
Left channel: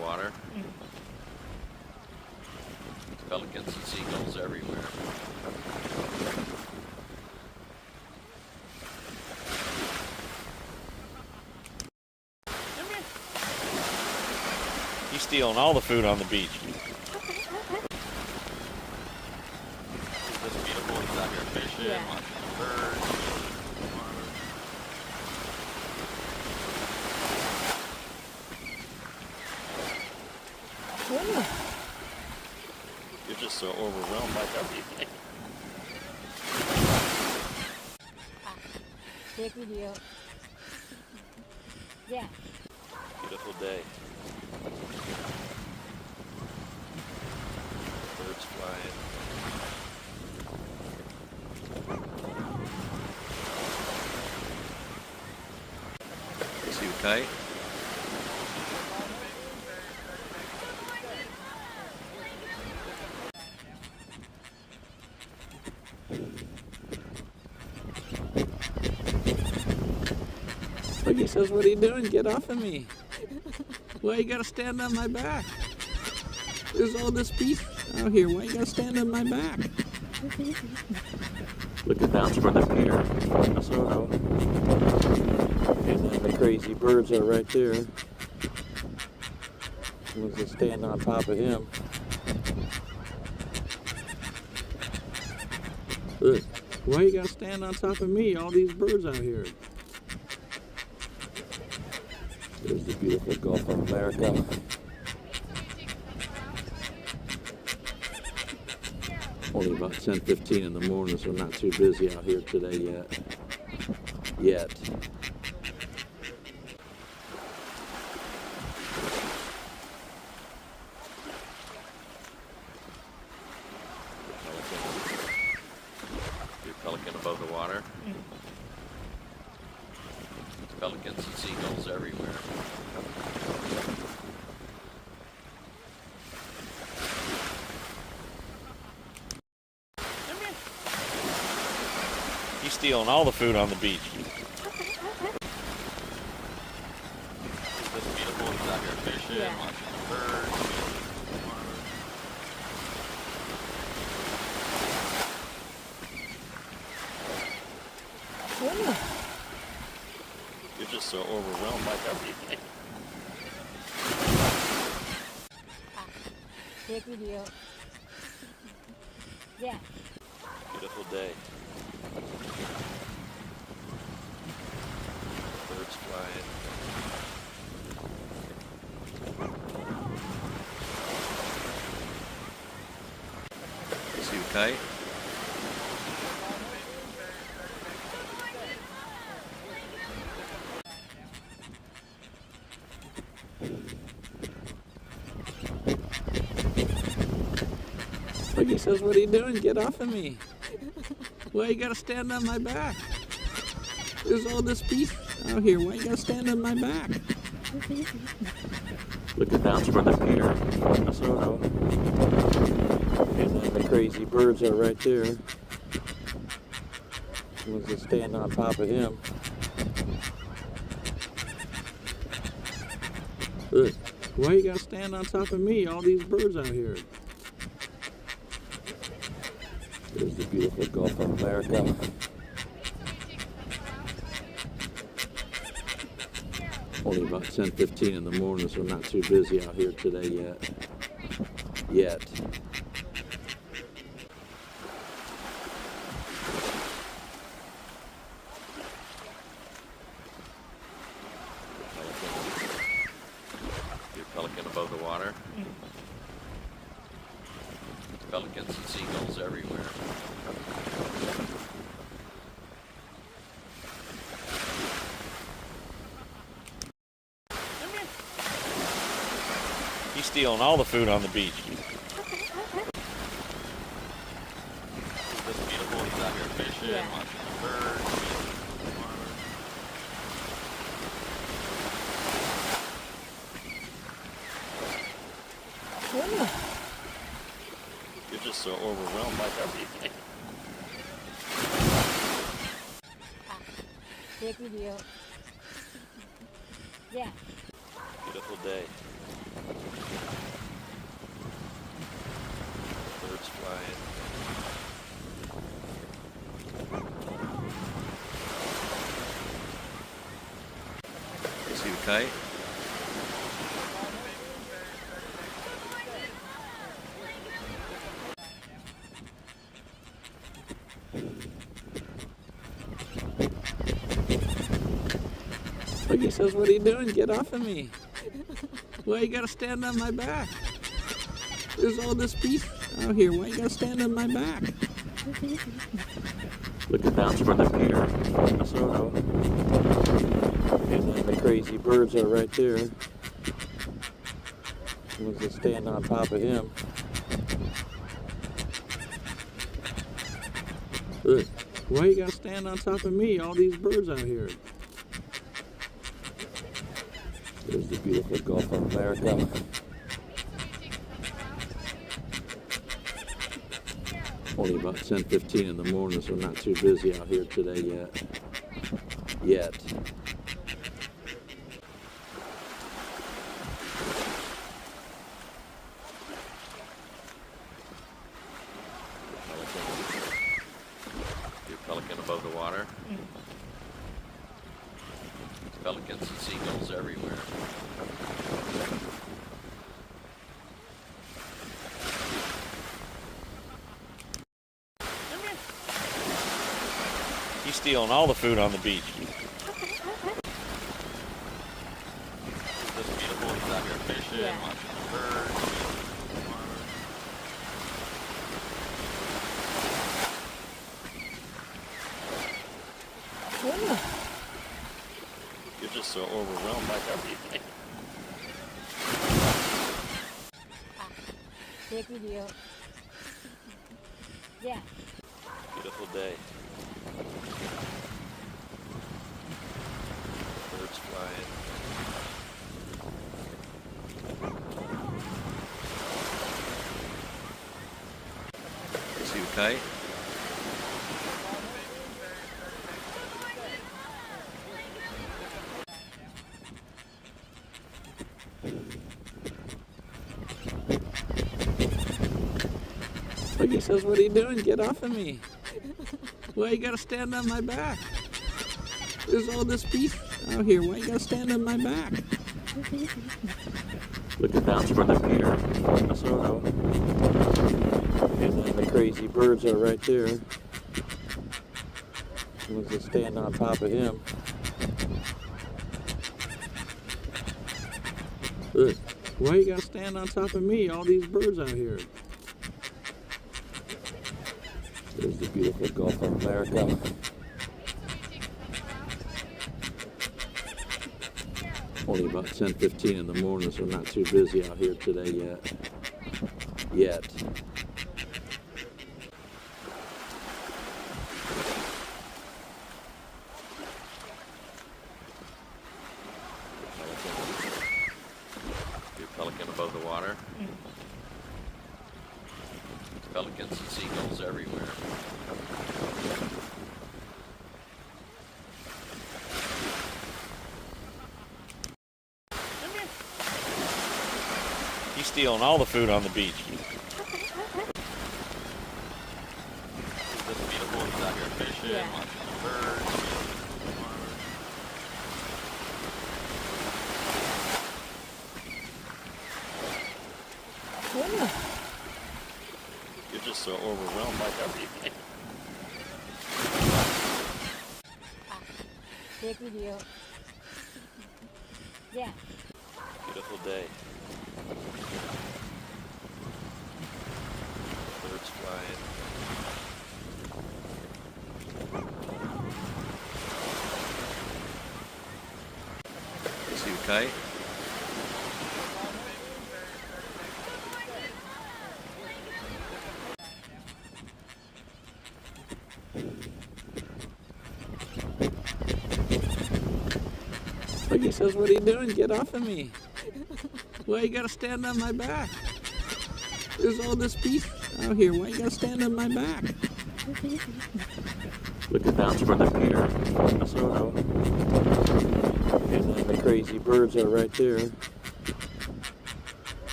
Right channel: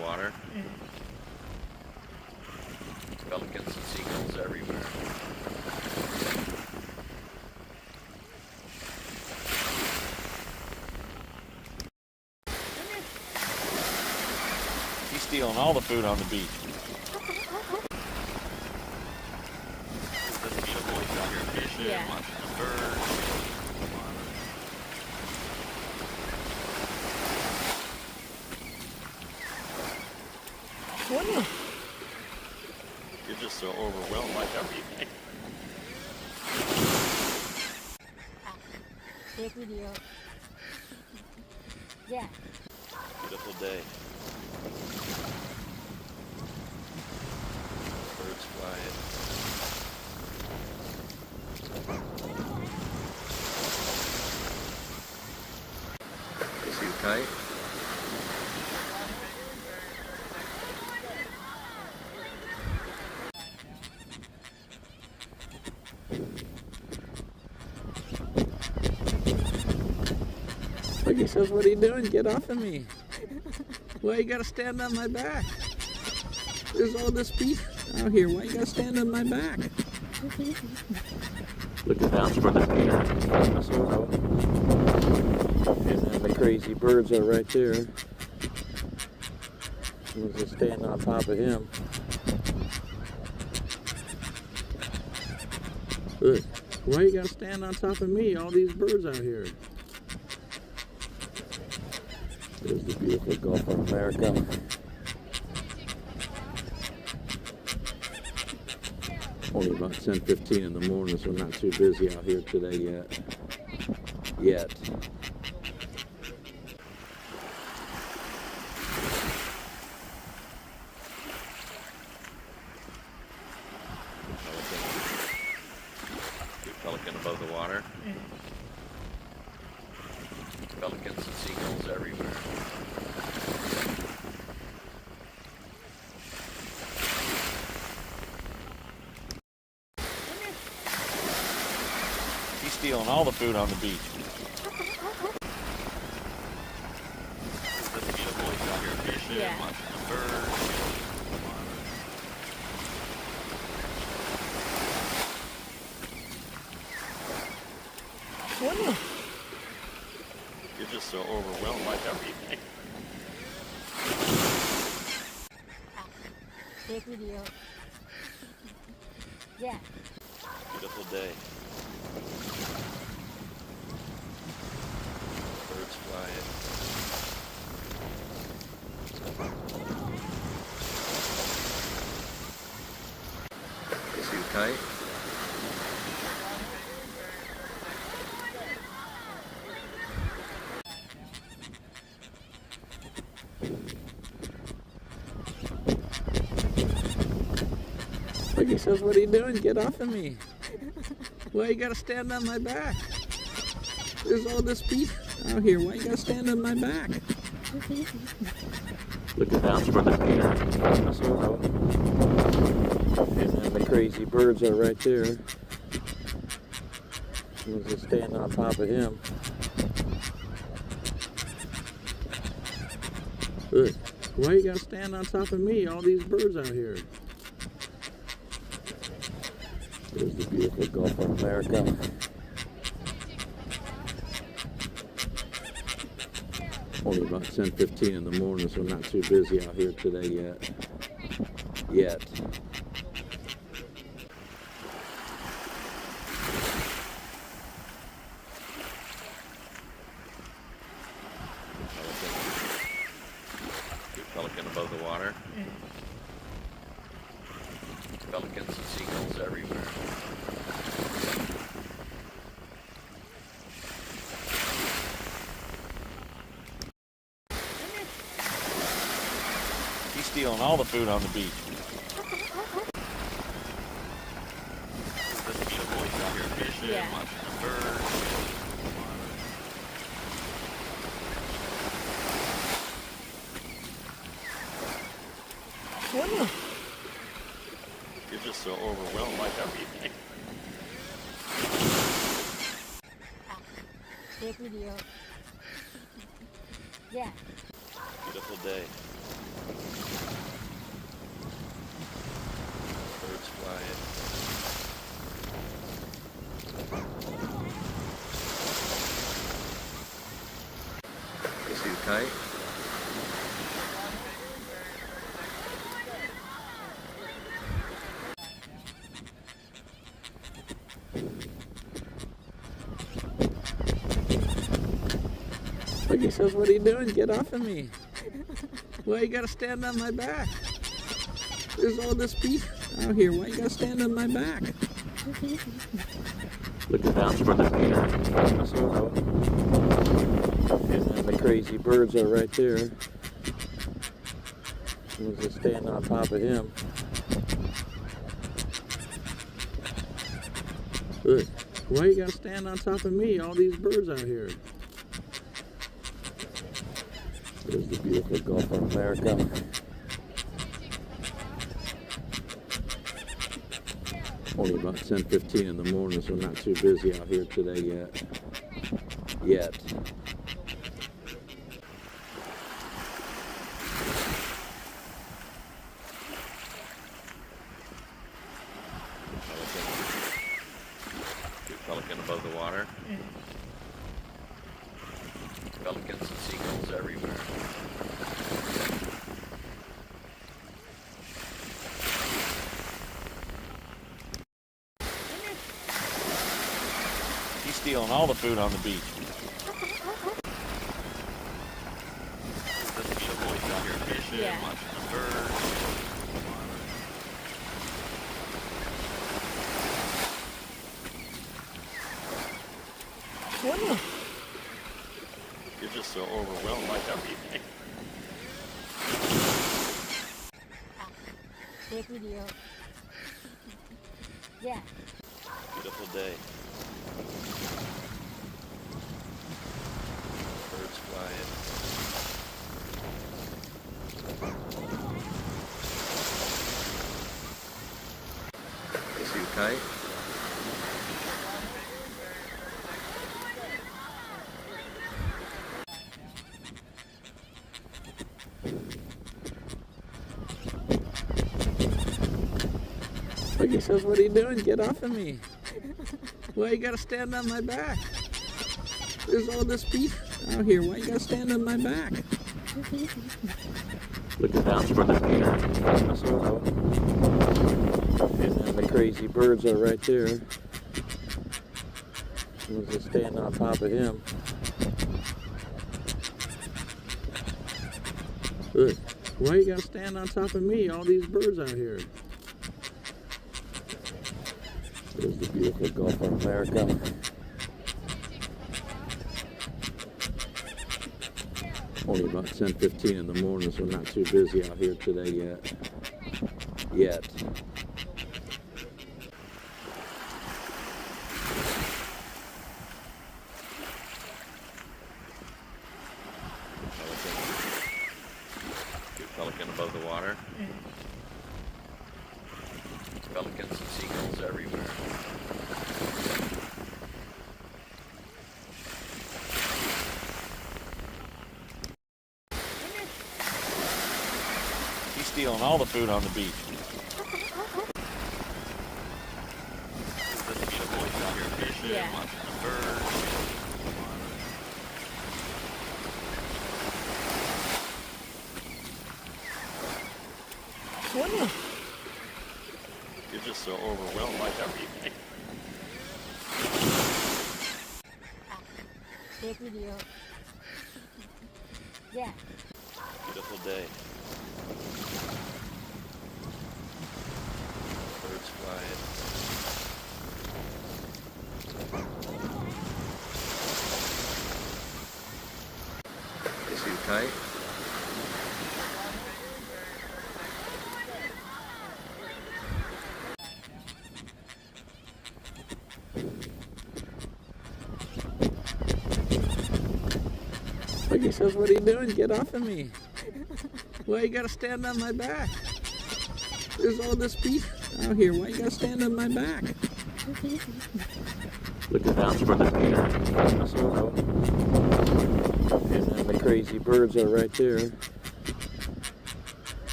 the water. Pelicans and seagulls everywhere. He's stealing all the food on the beach. Isn't this beautiful? He's out here fishing, Yeah. watching birds. You're just so overwhelmed by everything. Take video. Yeah. Beautiful day. Birds flying. See you fight. Look, he says, what are you doing? Get off of me. Why you gotta stand on my back? There's all this beef out here. Why you gotta stand on my back? Look at that's where the Peter. And then the crazy birds are right there. Was just standing on top of him. Look, why you gotta stand on top of me? All these birds out here. There's the beautiful Gulf of America. Only about 10:15 in the morning, so not too busy out here today yet. Big pelican above the water. Pelicans and seagulls everywhere. He's stealing all the food on the beach. Isn't this beautiful? He's out here fishing, Yeah. watching birds. You're just so overwhelmed by everything. Take video. Yeah. Beautiful day. Birds flying. See you fight. Look, he says, what are you doing? Get off of me. Why you gotta stand on my back? There's all this beef out here. Why you gotta stand on my back? Look at that's where the Peter. And then the crazy birds are right there. Was just standing on top of him. Look, why you gotta stand on top of me? All these birds out here. There's the beautiful Gulf of America. Only about 10:15 in the morning, so not too busy out here today yet. Big pelican above the water. Pelicans and seagulls everywhere. He's stealing all the food on the beach. Isn't this beautiful? He's out here fishing, Yeah. watching birds. You're just so overwhelmed by everything. Take video. Yeah. Beautiful day. Birds flying. Is he fight? Look, he says, what are you doing? Get off of me. Why you gotta stand on my back? There's all this beef out here. Why you gotta stand on my back? Look at that's where the deer in Minnesota. And then the crazy birds are right there. We'll just stand on top of him. Look, why you gotta stand on top of me? All these birds out here. There's the beautiful Gulf of America. Only about 10:15 in the morning, so not too busy out here today yet. Pelican above the water. Pelicans and seagulls everywhere. He's stealing all the food on the beach. This is beautiful. He's out here fishing, Yeah. watching birds. You're just so overwhelmed by everything. Take video. Yeah. Beautiful day. Birds flying. Is he fight? Look, he says, what are you doing? Get off of me. Why you gotta stand on my back? There's all this beef out here. Why you gotta stand on my back? Look at that's where the deer in Minnesota. And then the crazy birds are right there. We'll just stand on top of him. Look, why you gotta stand on top of me? All these birds out here. There's the beautiful Gulf of America. Only about 10:15 in the morning, so not too busy out here today yet. Pelican above the water. Pelicans and seagulls everywhere. He's stealing all the food on the beach. This is beautiful. He's out here fishing, Yeah. watching birds. You're just so overwhelmed by everything. Take video. Yeah. Beautiful day. Birds flying. Is he fight? Look, he says, what are you doing? Get off of me. Why you gotta stand on my back? There's all this beef out here. Why you gotta stand on my back? Look at that's where the deer in Minnesota. And then the crazy birds are right there.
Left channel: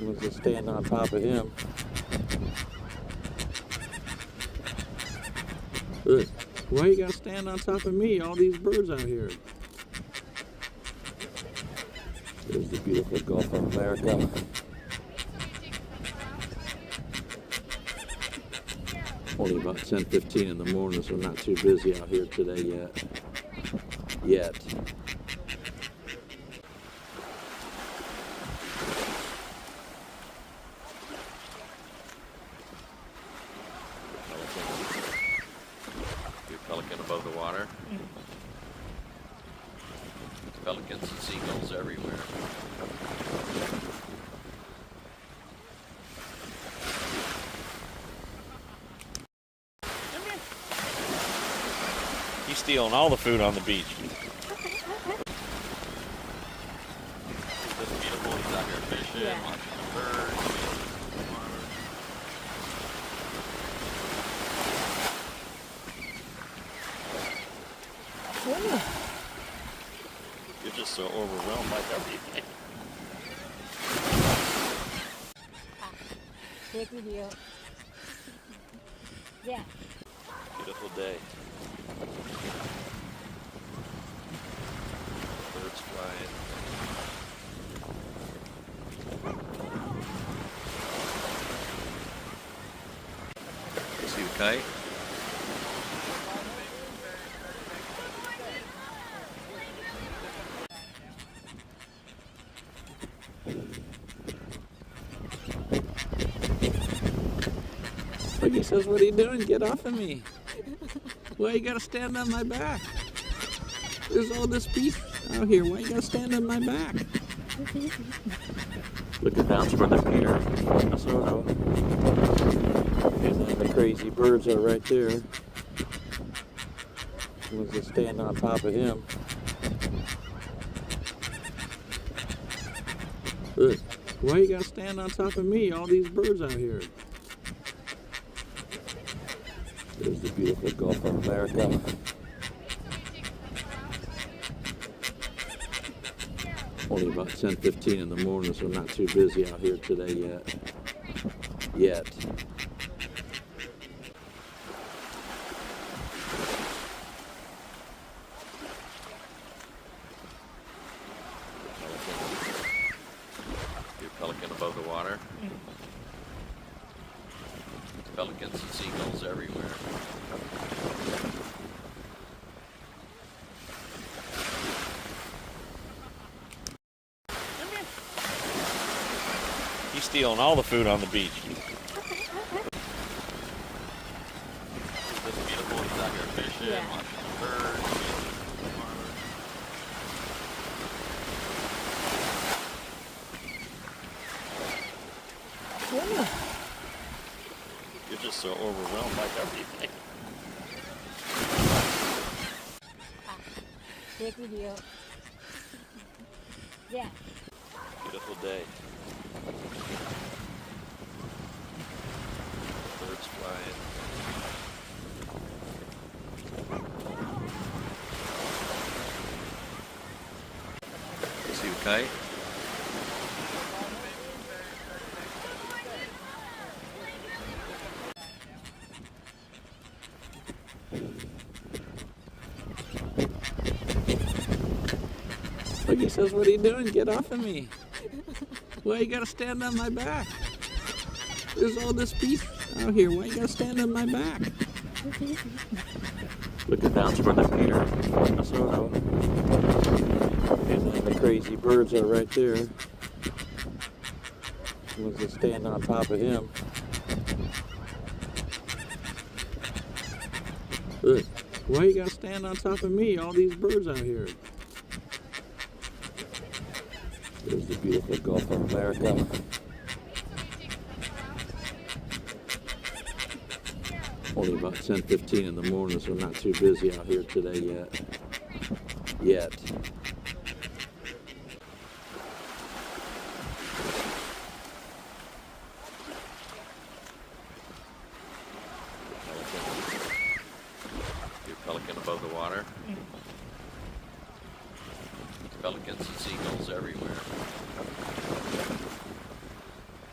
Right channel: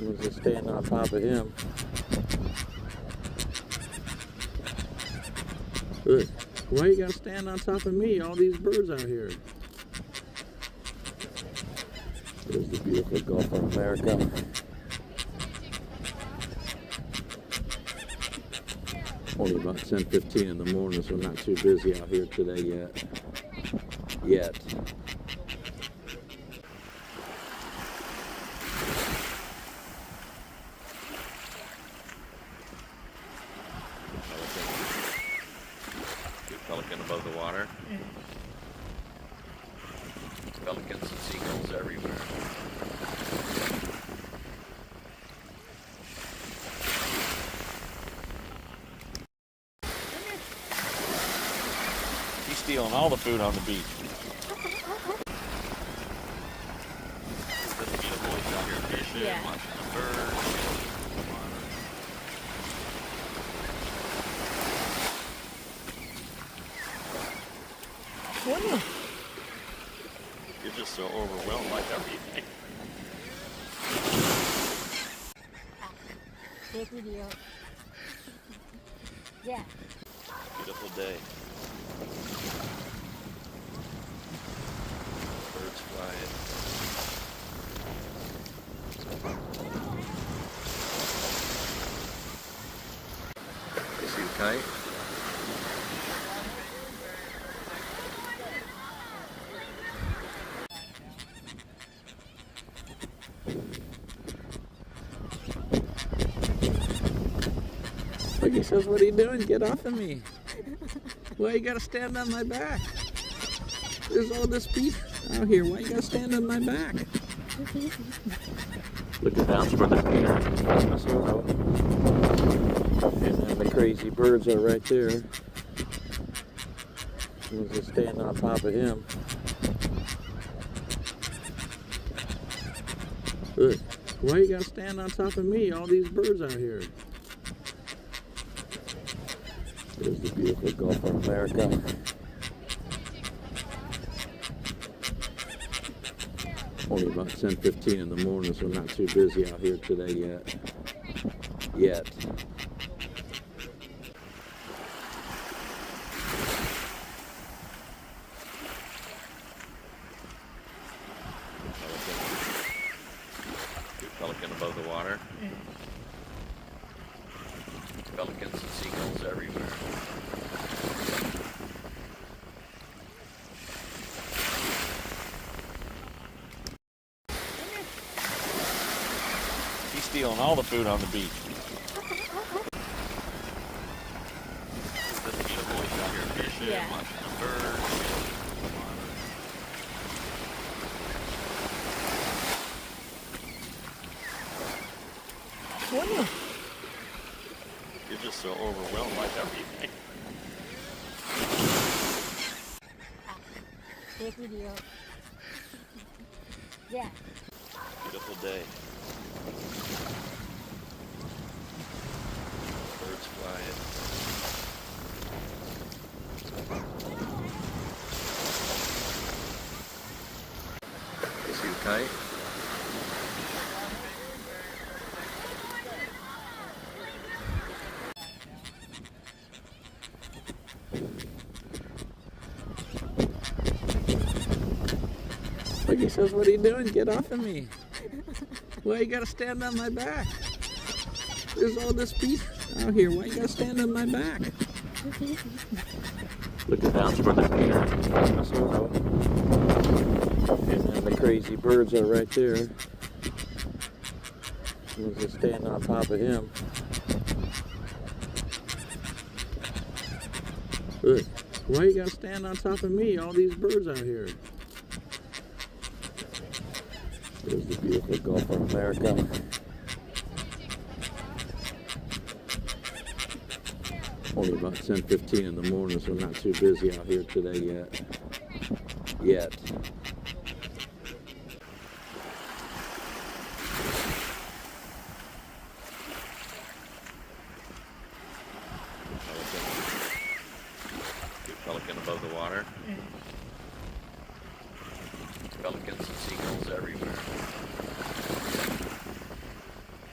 was just staying on top of him. Look, why you gotta stand on top of me? All these birds out here. There's the beautiful Gulf of America. Only about 10:15 in the morning, so not too busy out here today yet. Pelican above the water. Pelicans and seagulls everywhere. He's stealing all the food on the beach. It's just beautiful. He's out here fishing, Yeah. watching the birds. You're just so overwhelmed by everything. Take video. Yeah. Beautiful day. Birds flying. See a kite? Look, he says, what are you doing? Get off of me. Why you gotta stand on my back? There's all this beef out here. Why you gotta stand on my back? Looking down toward the pier. Minnesota. And then the crazy birds are right there. I was just standing on top of him. Look, why you gotta stand on top of me? All these birds out here. There's the beautiful Gulf of America. Only about 10:15 in the morning, so not too busy out here today yet. Pelican above the water. Pelicans and seagulls everywhere. He's stealing all the food on the beach. It's just beautiful. He's out here fishing, Yeah. watching the birds. You're just so overwhelmed by everything. Take video. Yeah. Beautiful day. Birds flying. See a kite? Look, he says, what are you doing? Get off of me. Why you gotta stand on my back? There's all this beef out here. Why you gotta stand on my back? Looking down toward the pier. Minnesota. And then the crazy birds are right there. I was just standing on top of him. Look, why you gotta stand on top of me? All these birds out here. There's the beautiful Gulf of America. Only about 10:15 in the morning, so not too busy out here today yet. Pelican above the water. Pelicans and seagulls everywhere.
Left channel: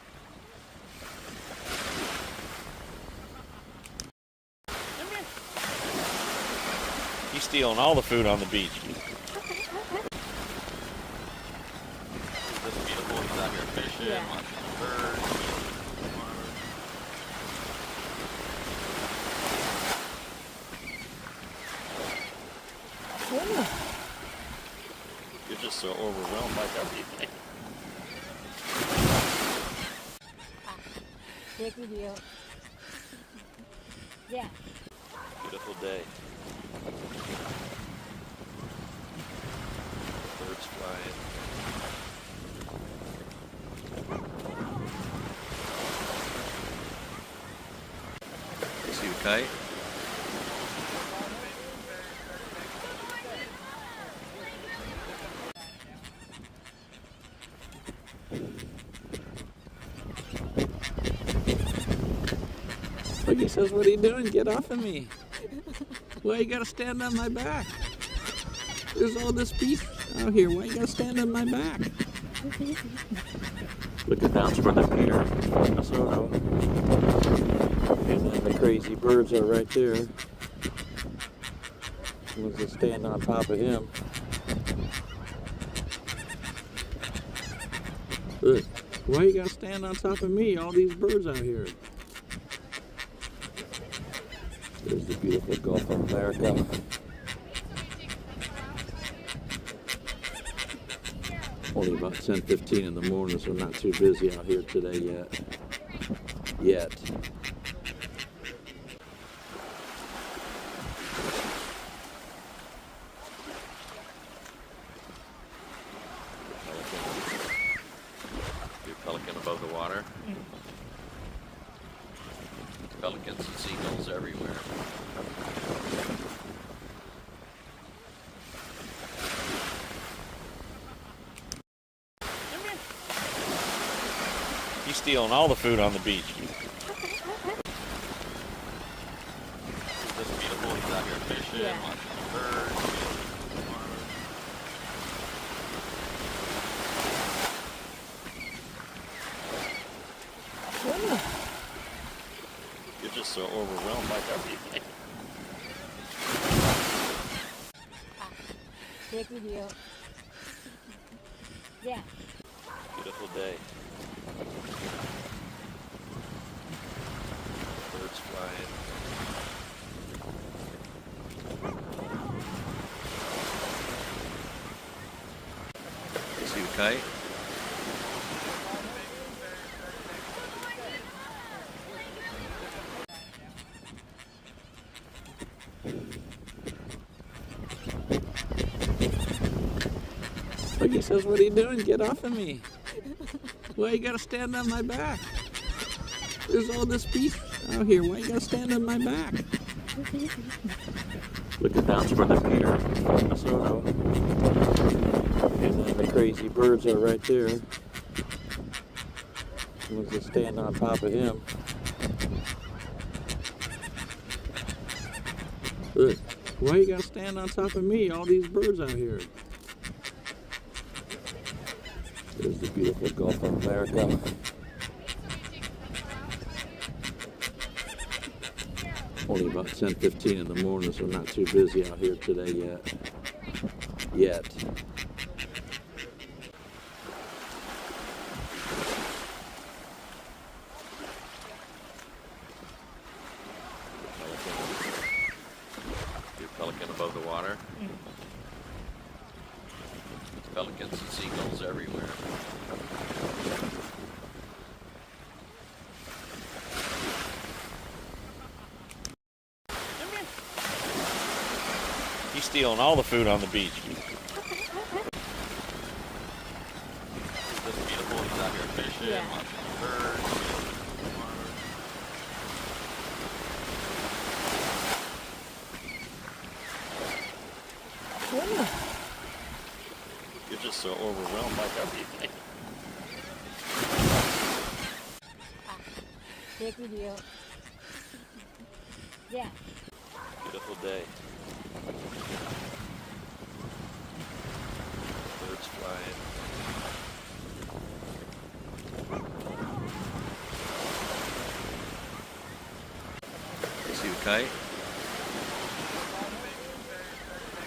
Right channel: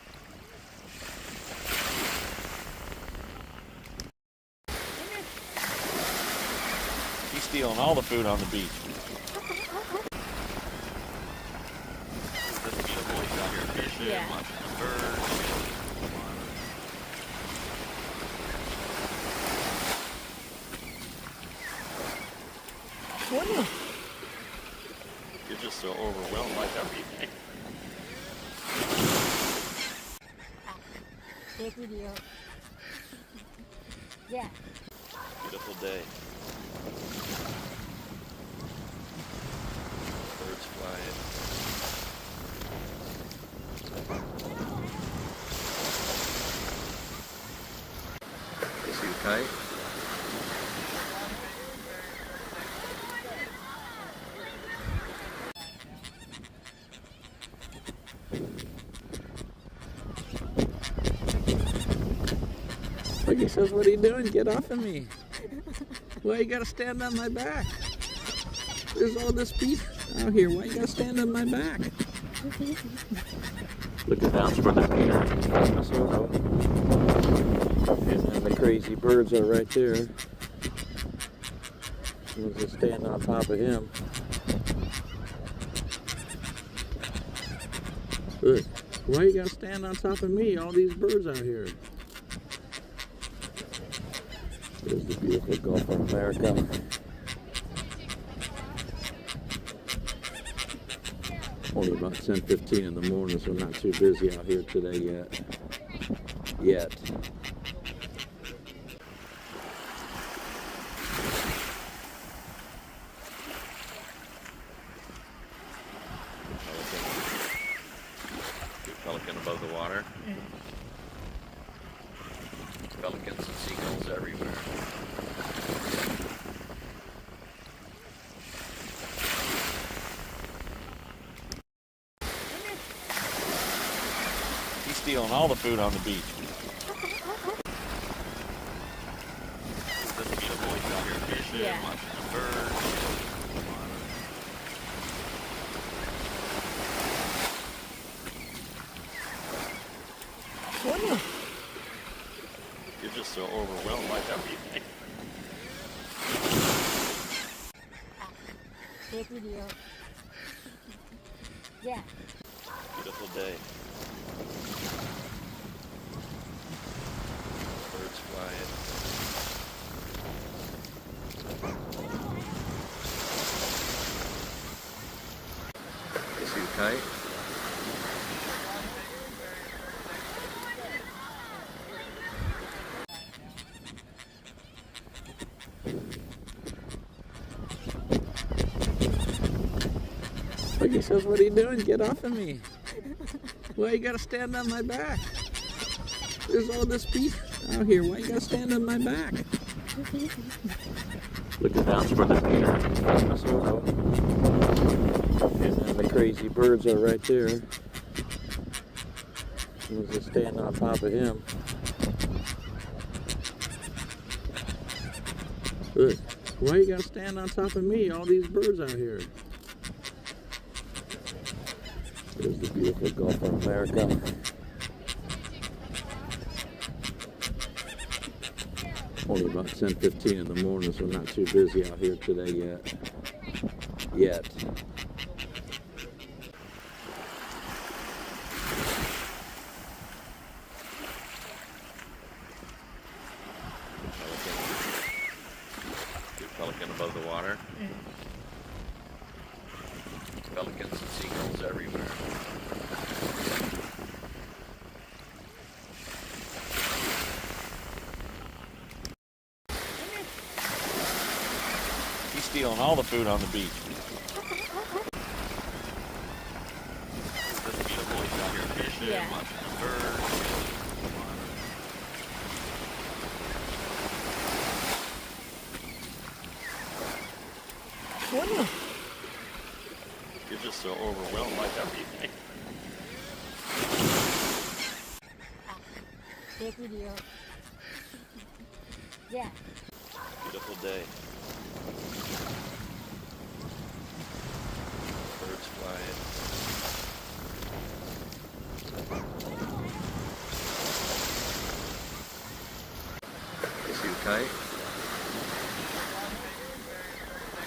stealing all the food on the beach. Is this beautiful? He's out here fishing, Yeah. watching birds. You're just so overwhelmed by everything. Take video. Yeah. Beautiful day. Birds flying. Is he tight? Look, he says, what are you doing? Get off of me. Why you gotta stand on my back? There's all this beef out here. Why you gotta stand on my back? Look at that's where the Peter Minnesota. And then the crazy birds are right there. We'll just stand on top of him. Look, why you gotta stand on top of me? All these birds out here. There's the beautiful Gulf of America. Only about 10:15 in the morning, so not too busy out here today yet. Pelican above the water. Pelicans and seagulls everywhere. He's stealing all the food on the beach. Is this beautiful? He's out here fishing, Yeah. watching birds. You're just so overwhelmed by everything. Take video. Yeah. Beautiful day. Birds flying. Is he tight? Look, he says, what are you doing? Get off of me. Why you gotta stand on my back? There's all this beef out here. Why you gotta stand on my back? Look at that's where the Peter Minnesota. And then the crazy birds are right there. We'll just stand on top of him. Look, why you gotta stand on top of me? All these birds out here. There's the beautiful Gulf of America. Only about 10:15 in the morning, so not too busy out here today yet. Pelican above the water. Pelicans and seagulls everywhere. He's stealing all the food on the beach. Is this beautiful? He's out here fishing, Yeah. watching birds. You're just so overwhelmed by everything. Take video. Yeah. Beautiful day. Birds flying. Is he tight?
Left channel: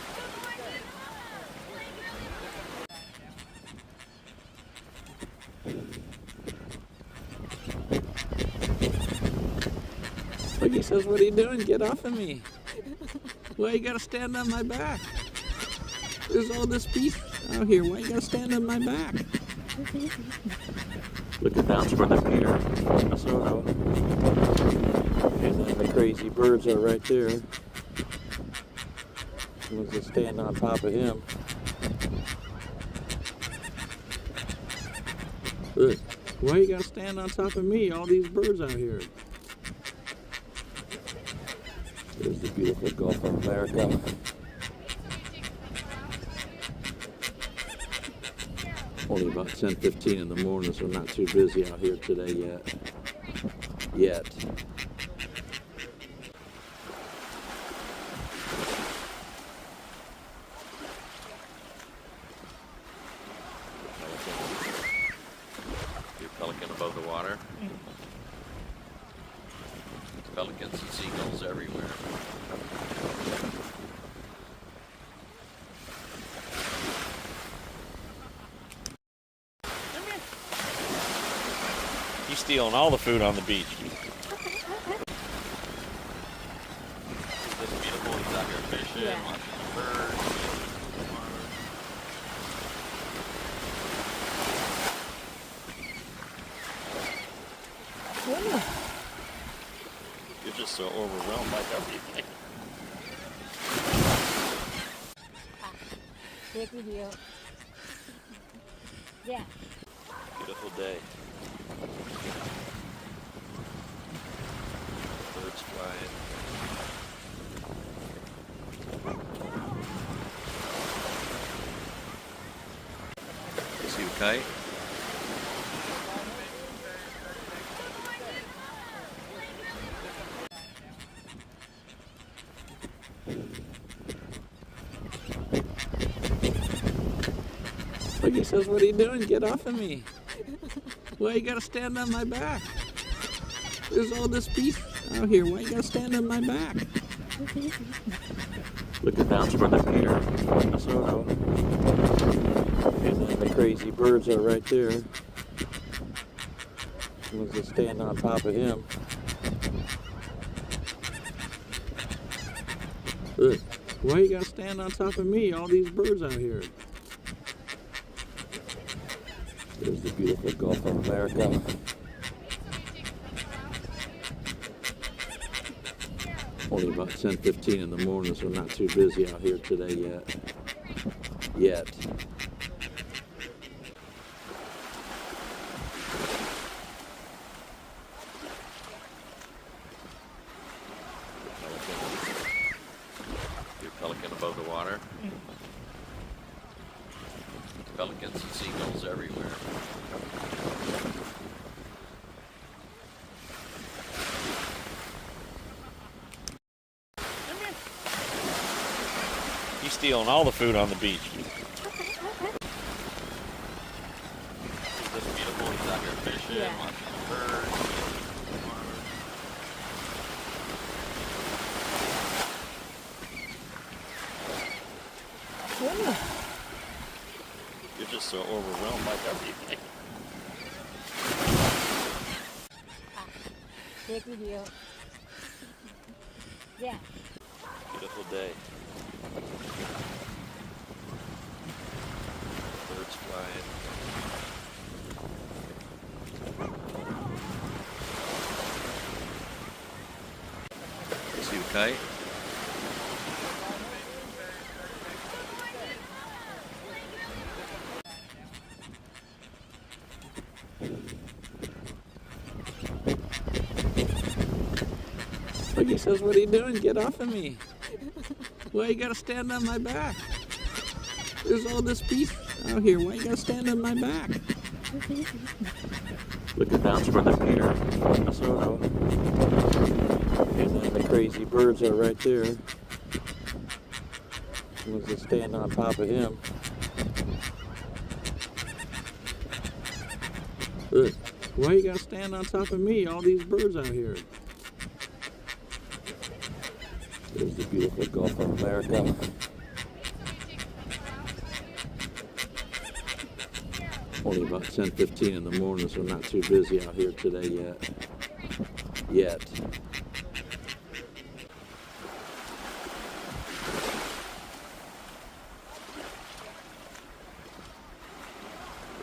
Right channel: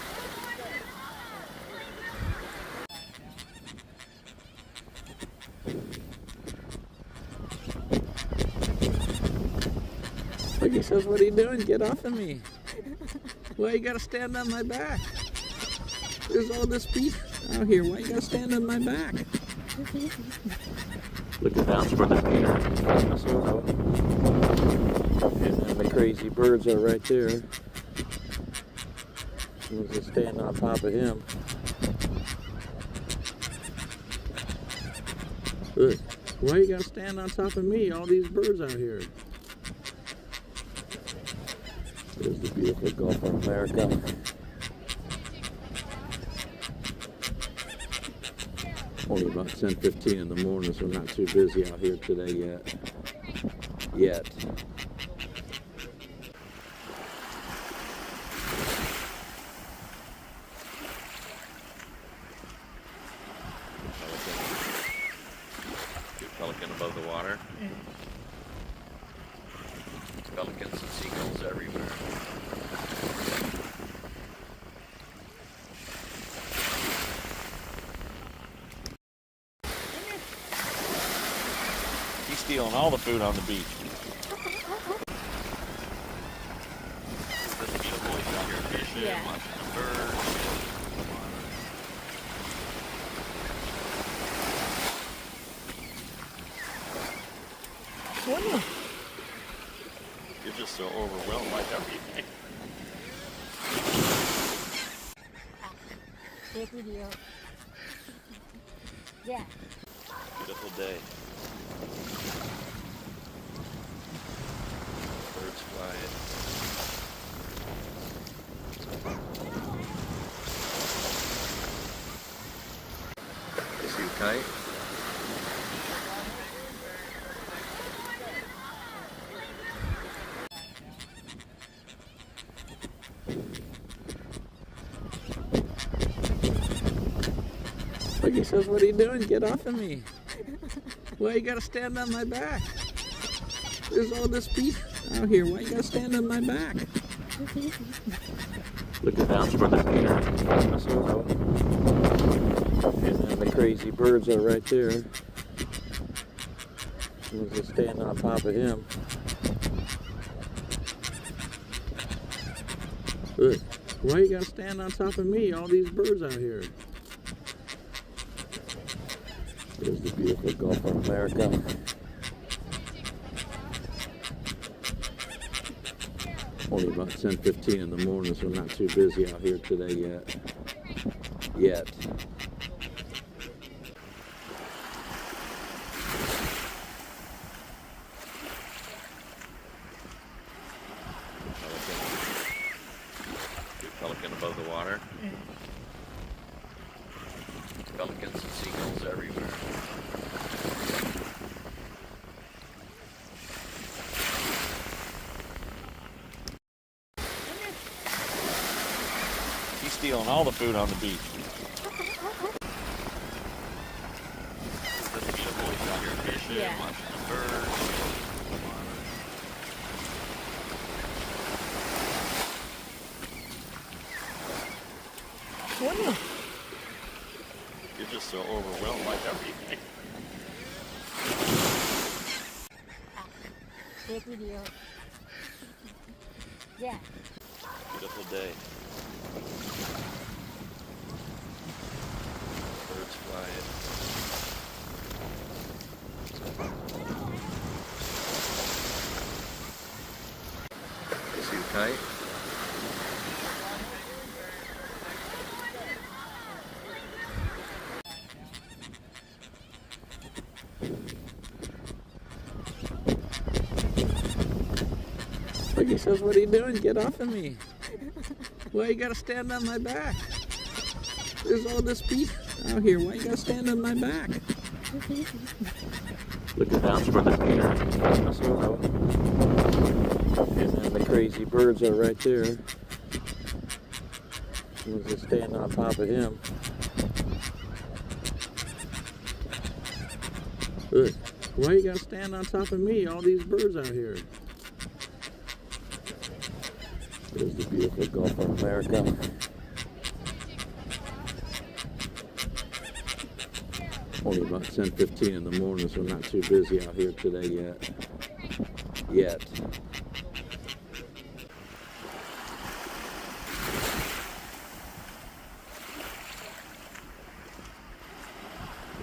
He says, what are you doing? Get off of me. Why you gotta stand on my back? There's all this beef out here. Why you gotta stand on my back? Looking down toward the pier. Minnesota. And then the crazy birds are right there. Someone's just standing on top of him. Look, why you gotta stand on top of me? All these birds out here. There's the beautiful Gulf of America. Only about 10:15 in the morning, so not too busy out here today yet. Pelican above the water. Pelicans and seagulls everywhere. He's stealing all the food on the beach. This beautiful, he's out here fishing, Yeah. watching birds. You're just so overwhelmed by everything. Take video. Yeah. Beautiful day. Birds flying. See a kite? He says, what are you doing? Get off of me. Why you gotta stand on my back? There's all this beef out here. Why you gotta stand on my back? Looking down toward the pier. Minnesota. And then the crazy birds are right there. Someone's just standing on top of him. Look, why you gotta stand on top of me? All these birds out here. There's the beautiful Gulf of America. Only about 10:15 in the morning, so not too busy out here today yet. Pelican above the water. Pelicans and seagulls everywhere. He's stealing all the food on the beach. This beautiful, he's out here fishing, Yeah. watching birds. You're just so overwhelmed by everything. Take video. Yeah. Beautiful day. Birds flying. See a kite? He says, what are you doing? Get off of me. Why you gotta stand on my back? There's all this beef out here. Why you gotta stand on my back? Looking down toward the pier. Minnesota. And then the crazy birds are right there. Someone's just standing on top of him. Look, why you gotta stand on top of me? All these birds out here. There's the beautiful Gulf of America. Only about 10:15 in the morning, so not too busy out here today yet.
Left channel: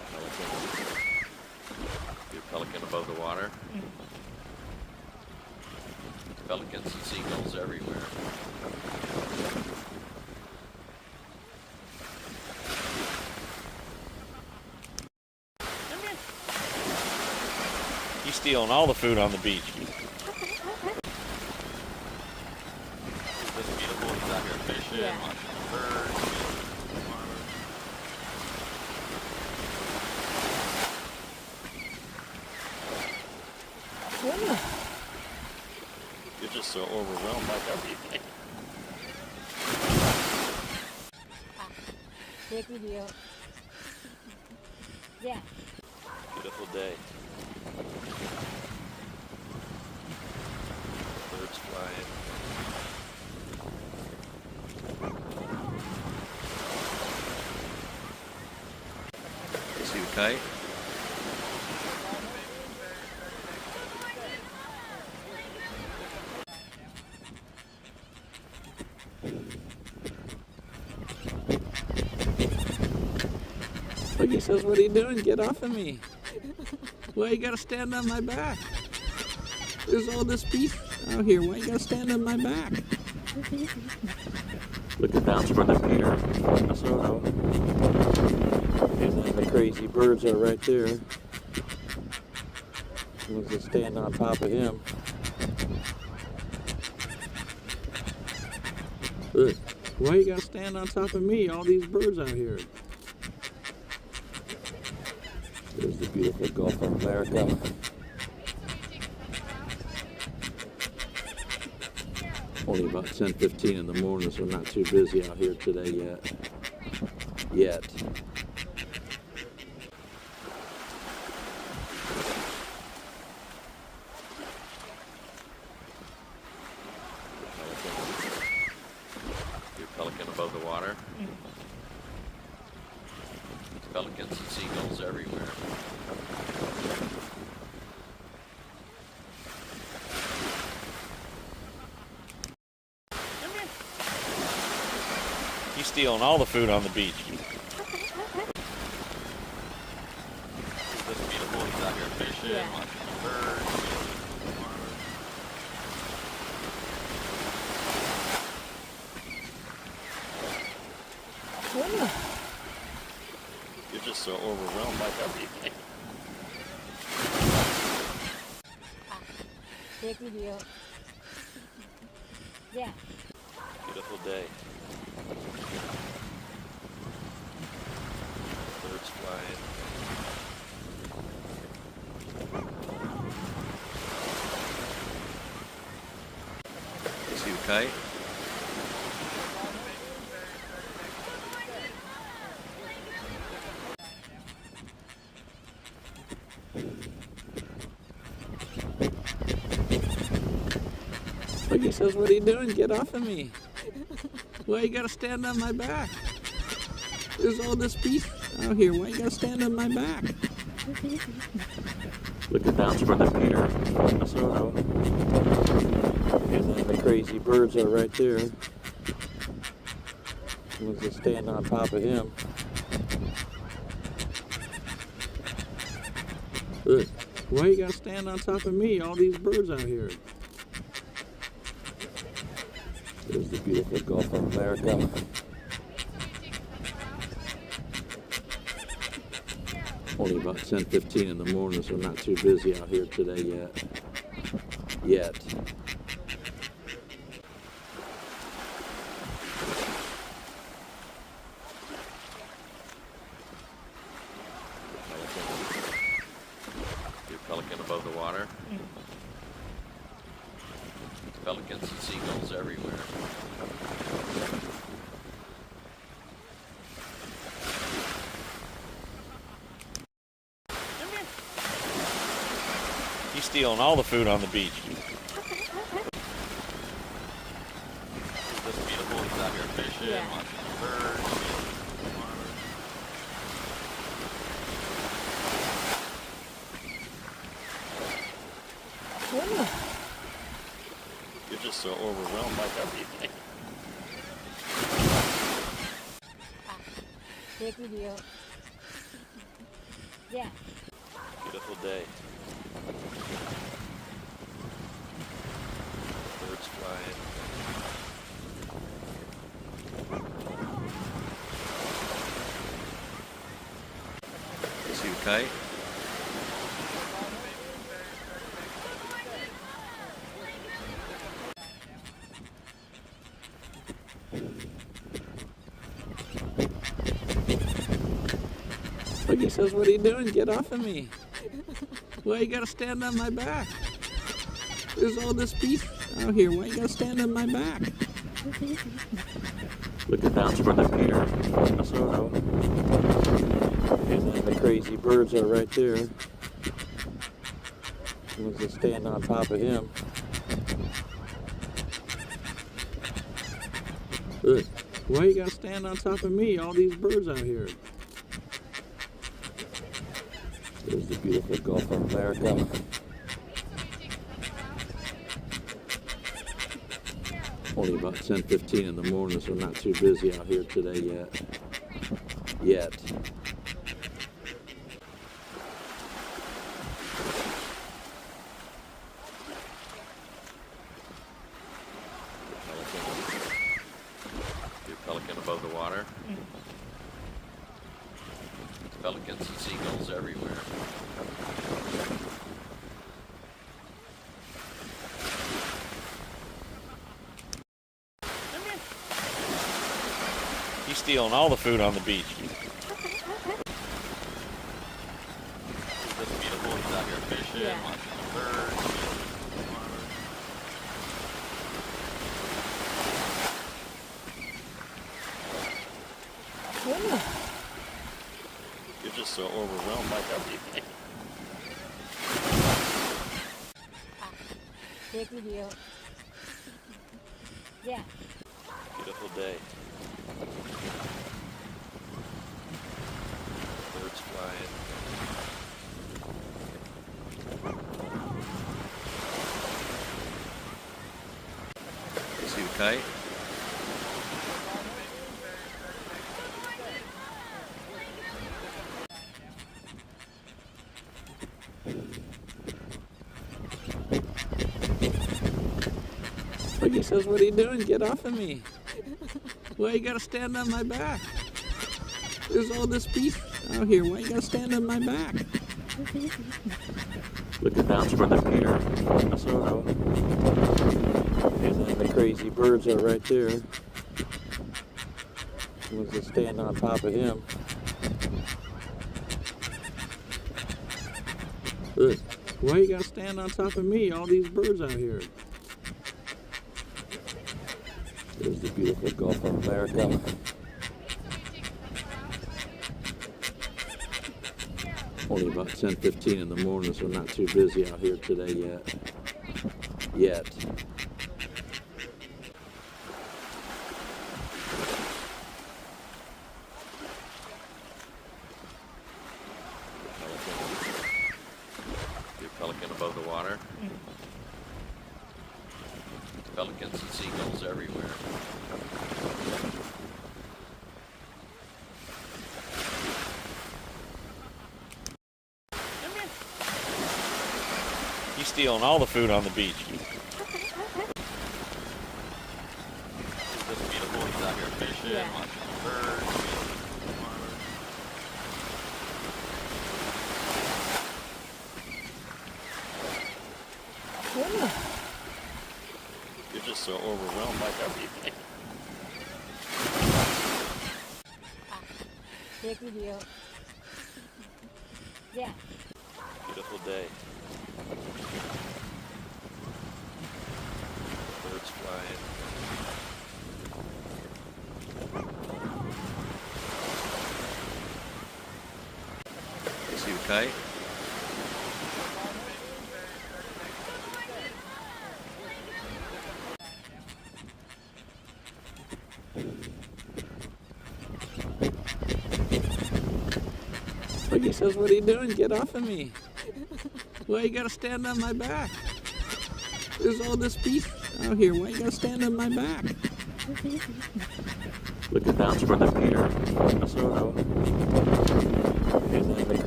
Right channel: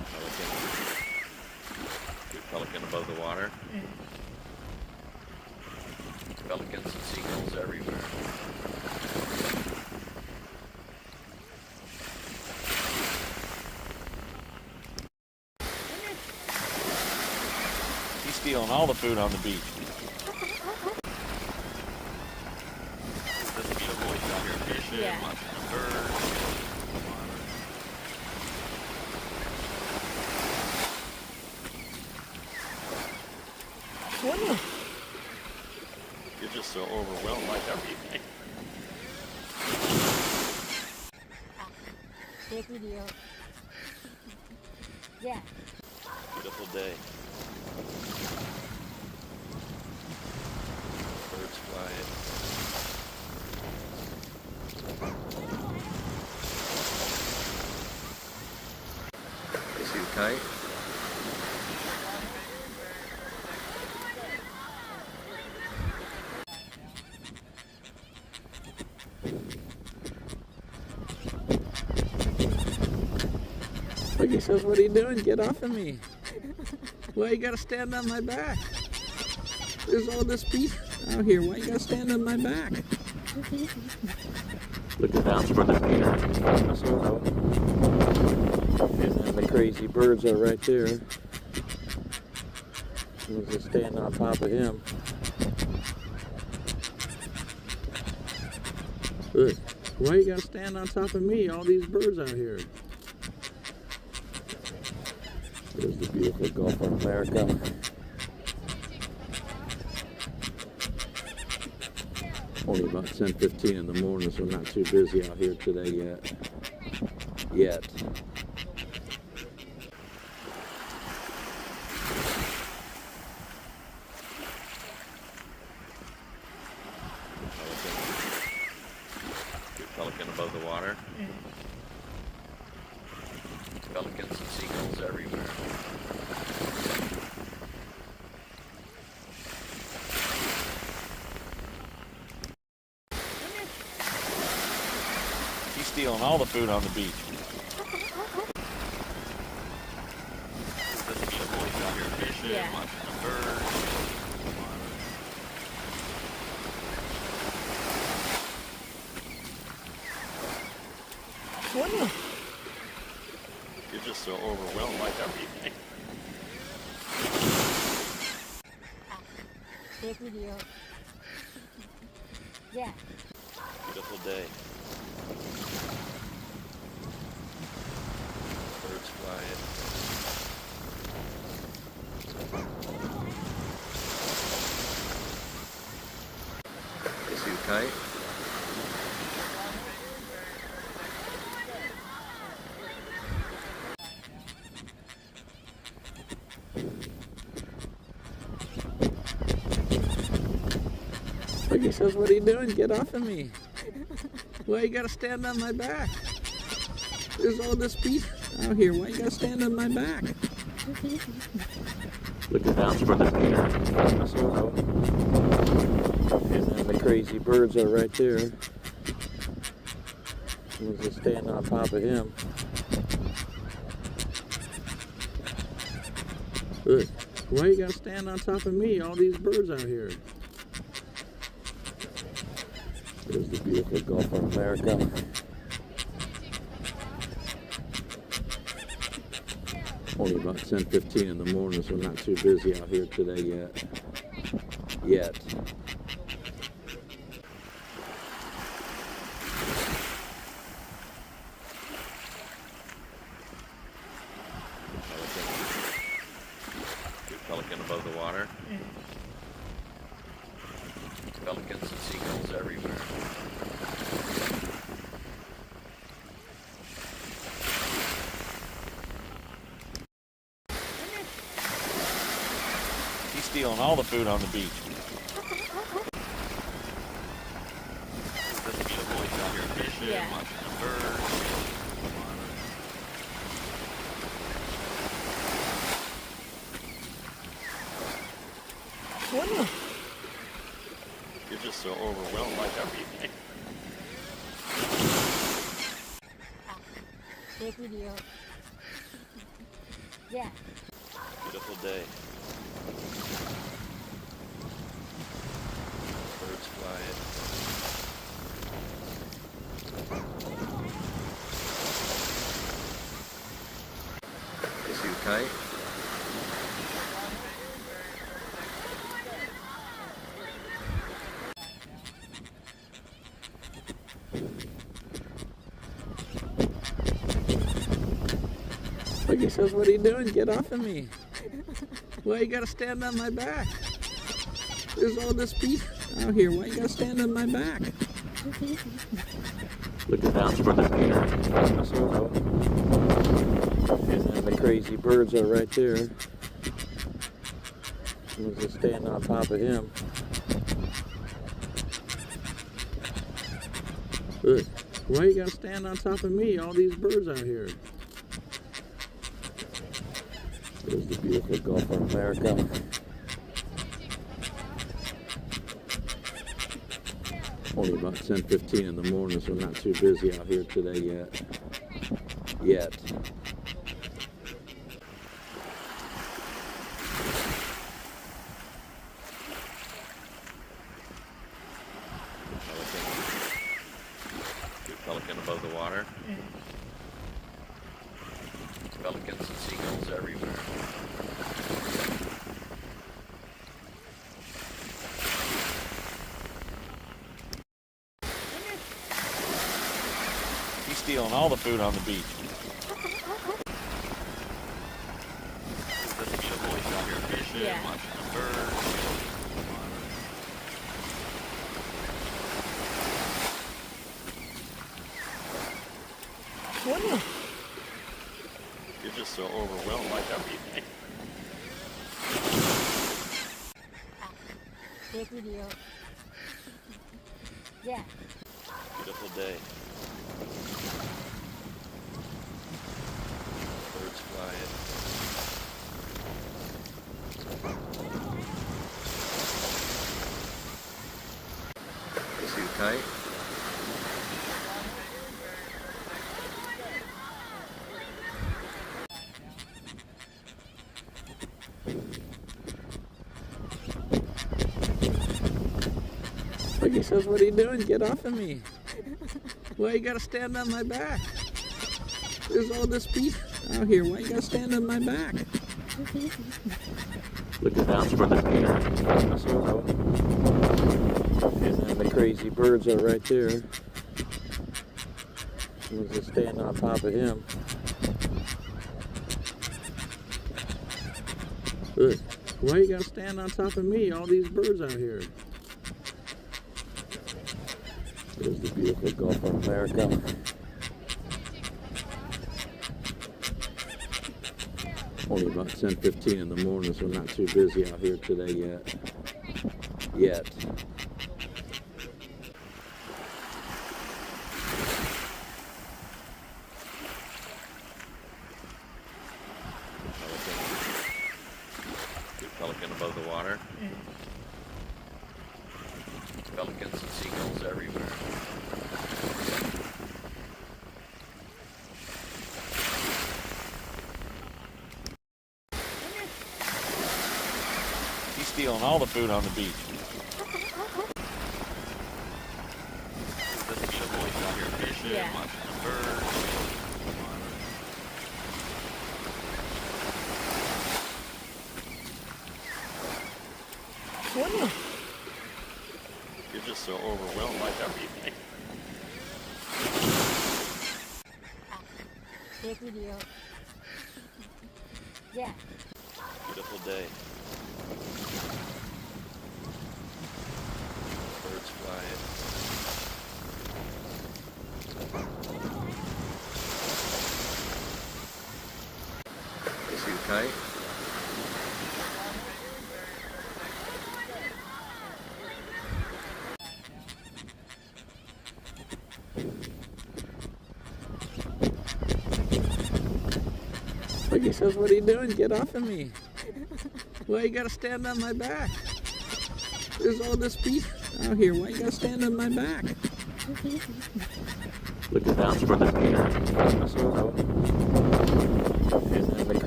Pelican. Your pelican above the water. Pelicans and seagulls everywhere. He's stealing all the food on the beach. Isn't this beautiful? He's out here fishing, Yeah. watching the birds, You're just so overwhelmed by everything. Take video. Yeah. beautiful day. Birds flying. Too tight. Look, he says, what are you doing? Get off of me. Why you gotta stand on my back? There's all this beef out here. Why you gotta stand on my back? Look at that for the Peter. And then the crazy birds are right there. We'll just stand on top of him. Look, why you gotta stand on top of me? All these birds out here. There's the beautiful Gulf of America. Only about 10:15 in the morning, so not too busy out here today yet. Pelican. Your pelican above the water. Pelicans and seagulls everywhere. He's stealing all the food on the beach. Isn't this beautiful? He's out here fishing, Yeah. watching the birds. You're just so overwhelmed by everything. Take video. Yeah. Beautiful day. Birds flying. Too tight. Look, he says, what are you doing? Get off of me. Why you gotta stand on my back? There's all this beef out here. Why you gotta stand on my back? Look at that for the Peter. And then the crazy birds are right there. We'll just stand on top of him. Look, why you gotta stand on top of me? All these birds out here. There's the beautiful Gulf of America. Only about 10:15 in the morning, so not too busy out here today yet. Pelican. Your pelican above the water. Pelicans and seagulls everywhere. He's stealing all the food on the beach. Isn't this beautiful? He's out here fishing, Yeah. watching the birds. You're just so overwhelmed by everything. Take video. Yeah. Beautiful day. Birds flying. See you fight? Look, he says, what are you doing? Get off of me. Why you gotta stand on my back? There's all this beef out here. Why you gotta stand on my back? Looking down toward the pier in Minnesota. And then the crazy birds are right there. Someone's just standing on top of him. Look, why you gotta stand on top of me? All these birds out here. There's the beautiful Gulf of America. Only about 10:15 in the morning, so not too busy out here today yet. Pelican above the water. Pelicans and seagulls everywhere. He's stealing all the food on the beach. It's just beautiful. He's out here fishing, Yeah. watching the birds. You're just so overwhelmed by everything. Take video. Yeah. Beautiful day. Birds flying. See you fight? Look, he says, what are you doing? Get off of me. Why you gotta stand on my back? There's all this beef out here. Why you gotta stand on my back? Looking down toward the pier in Minnesota. And then the crazy birds are right there. Someone's just standing on top of him. Look, why you gotta stand on top of me? All these birds out here. There's the beautiful Gulf of America. Only about 10:15 in the morning, so not too busy out here today yet. Pelican above the water. Pelicans and seagulls everywhere. He's stealing all the food on the beach. It's just beautiful. He's out here fishing, Yeah. watching the birds. You're just so overwhelmed by everything. Take video. Yeah. Beautiful day. Birds flying. See you fight? Look, he says, what are you doing? Get off of me. Why you gotta stand on my back? There's all this beef out here. Why you gotta stand on my back? Looking down toward the pier in Minnesota. And then the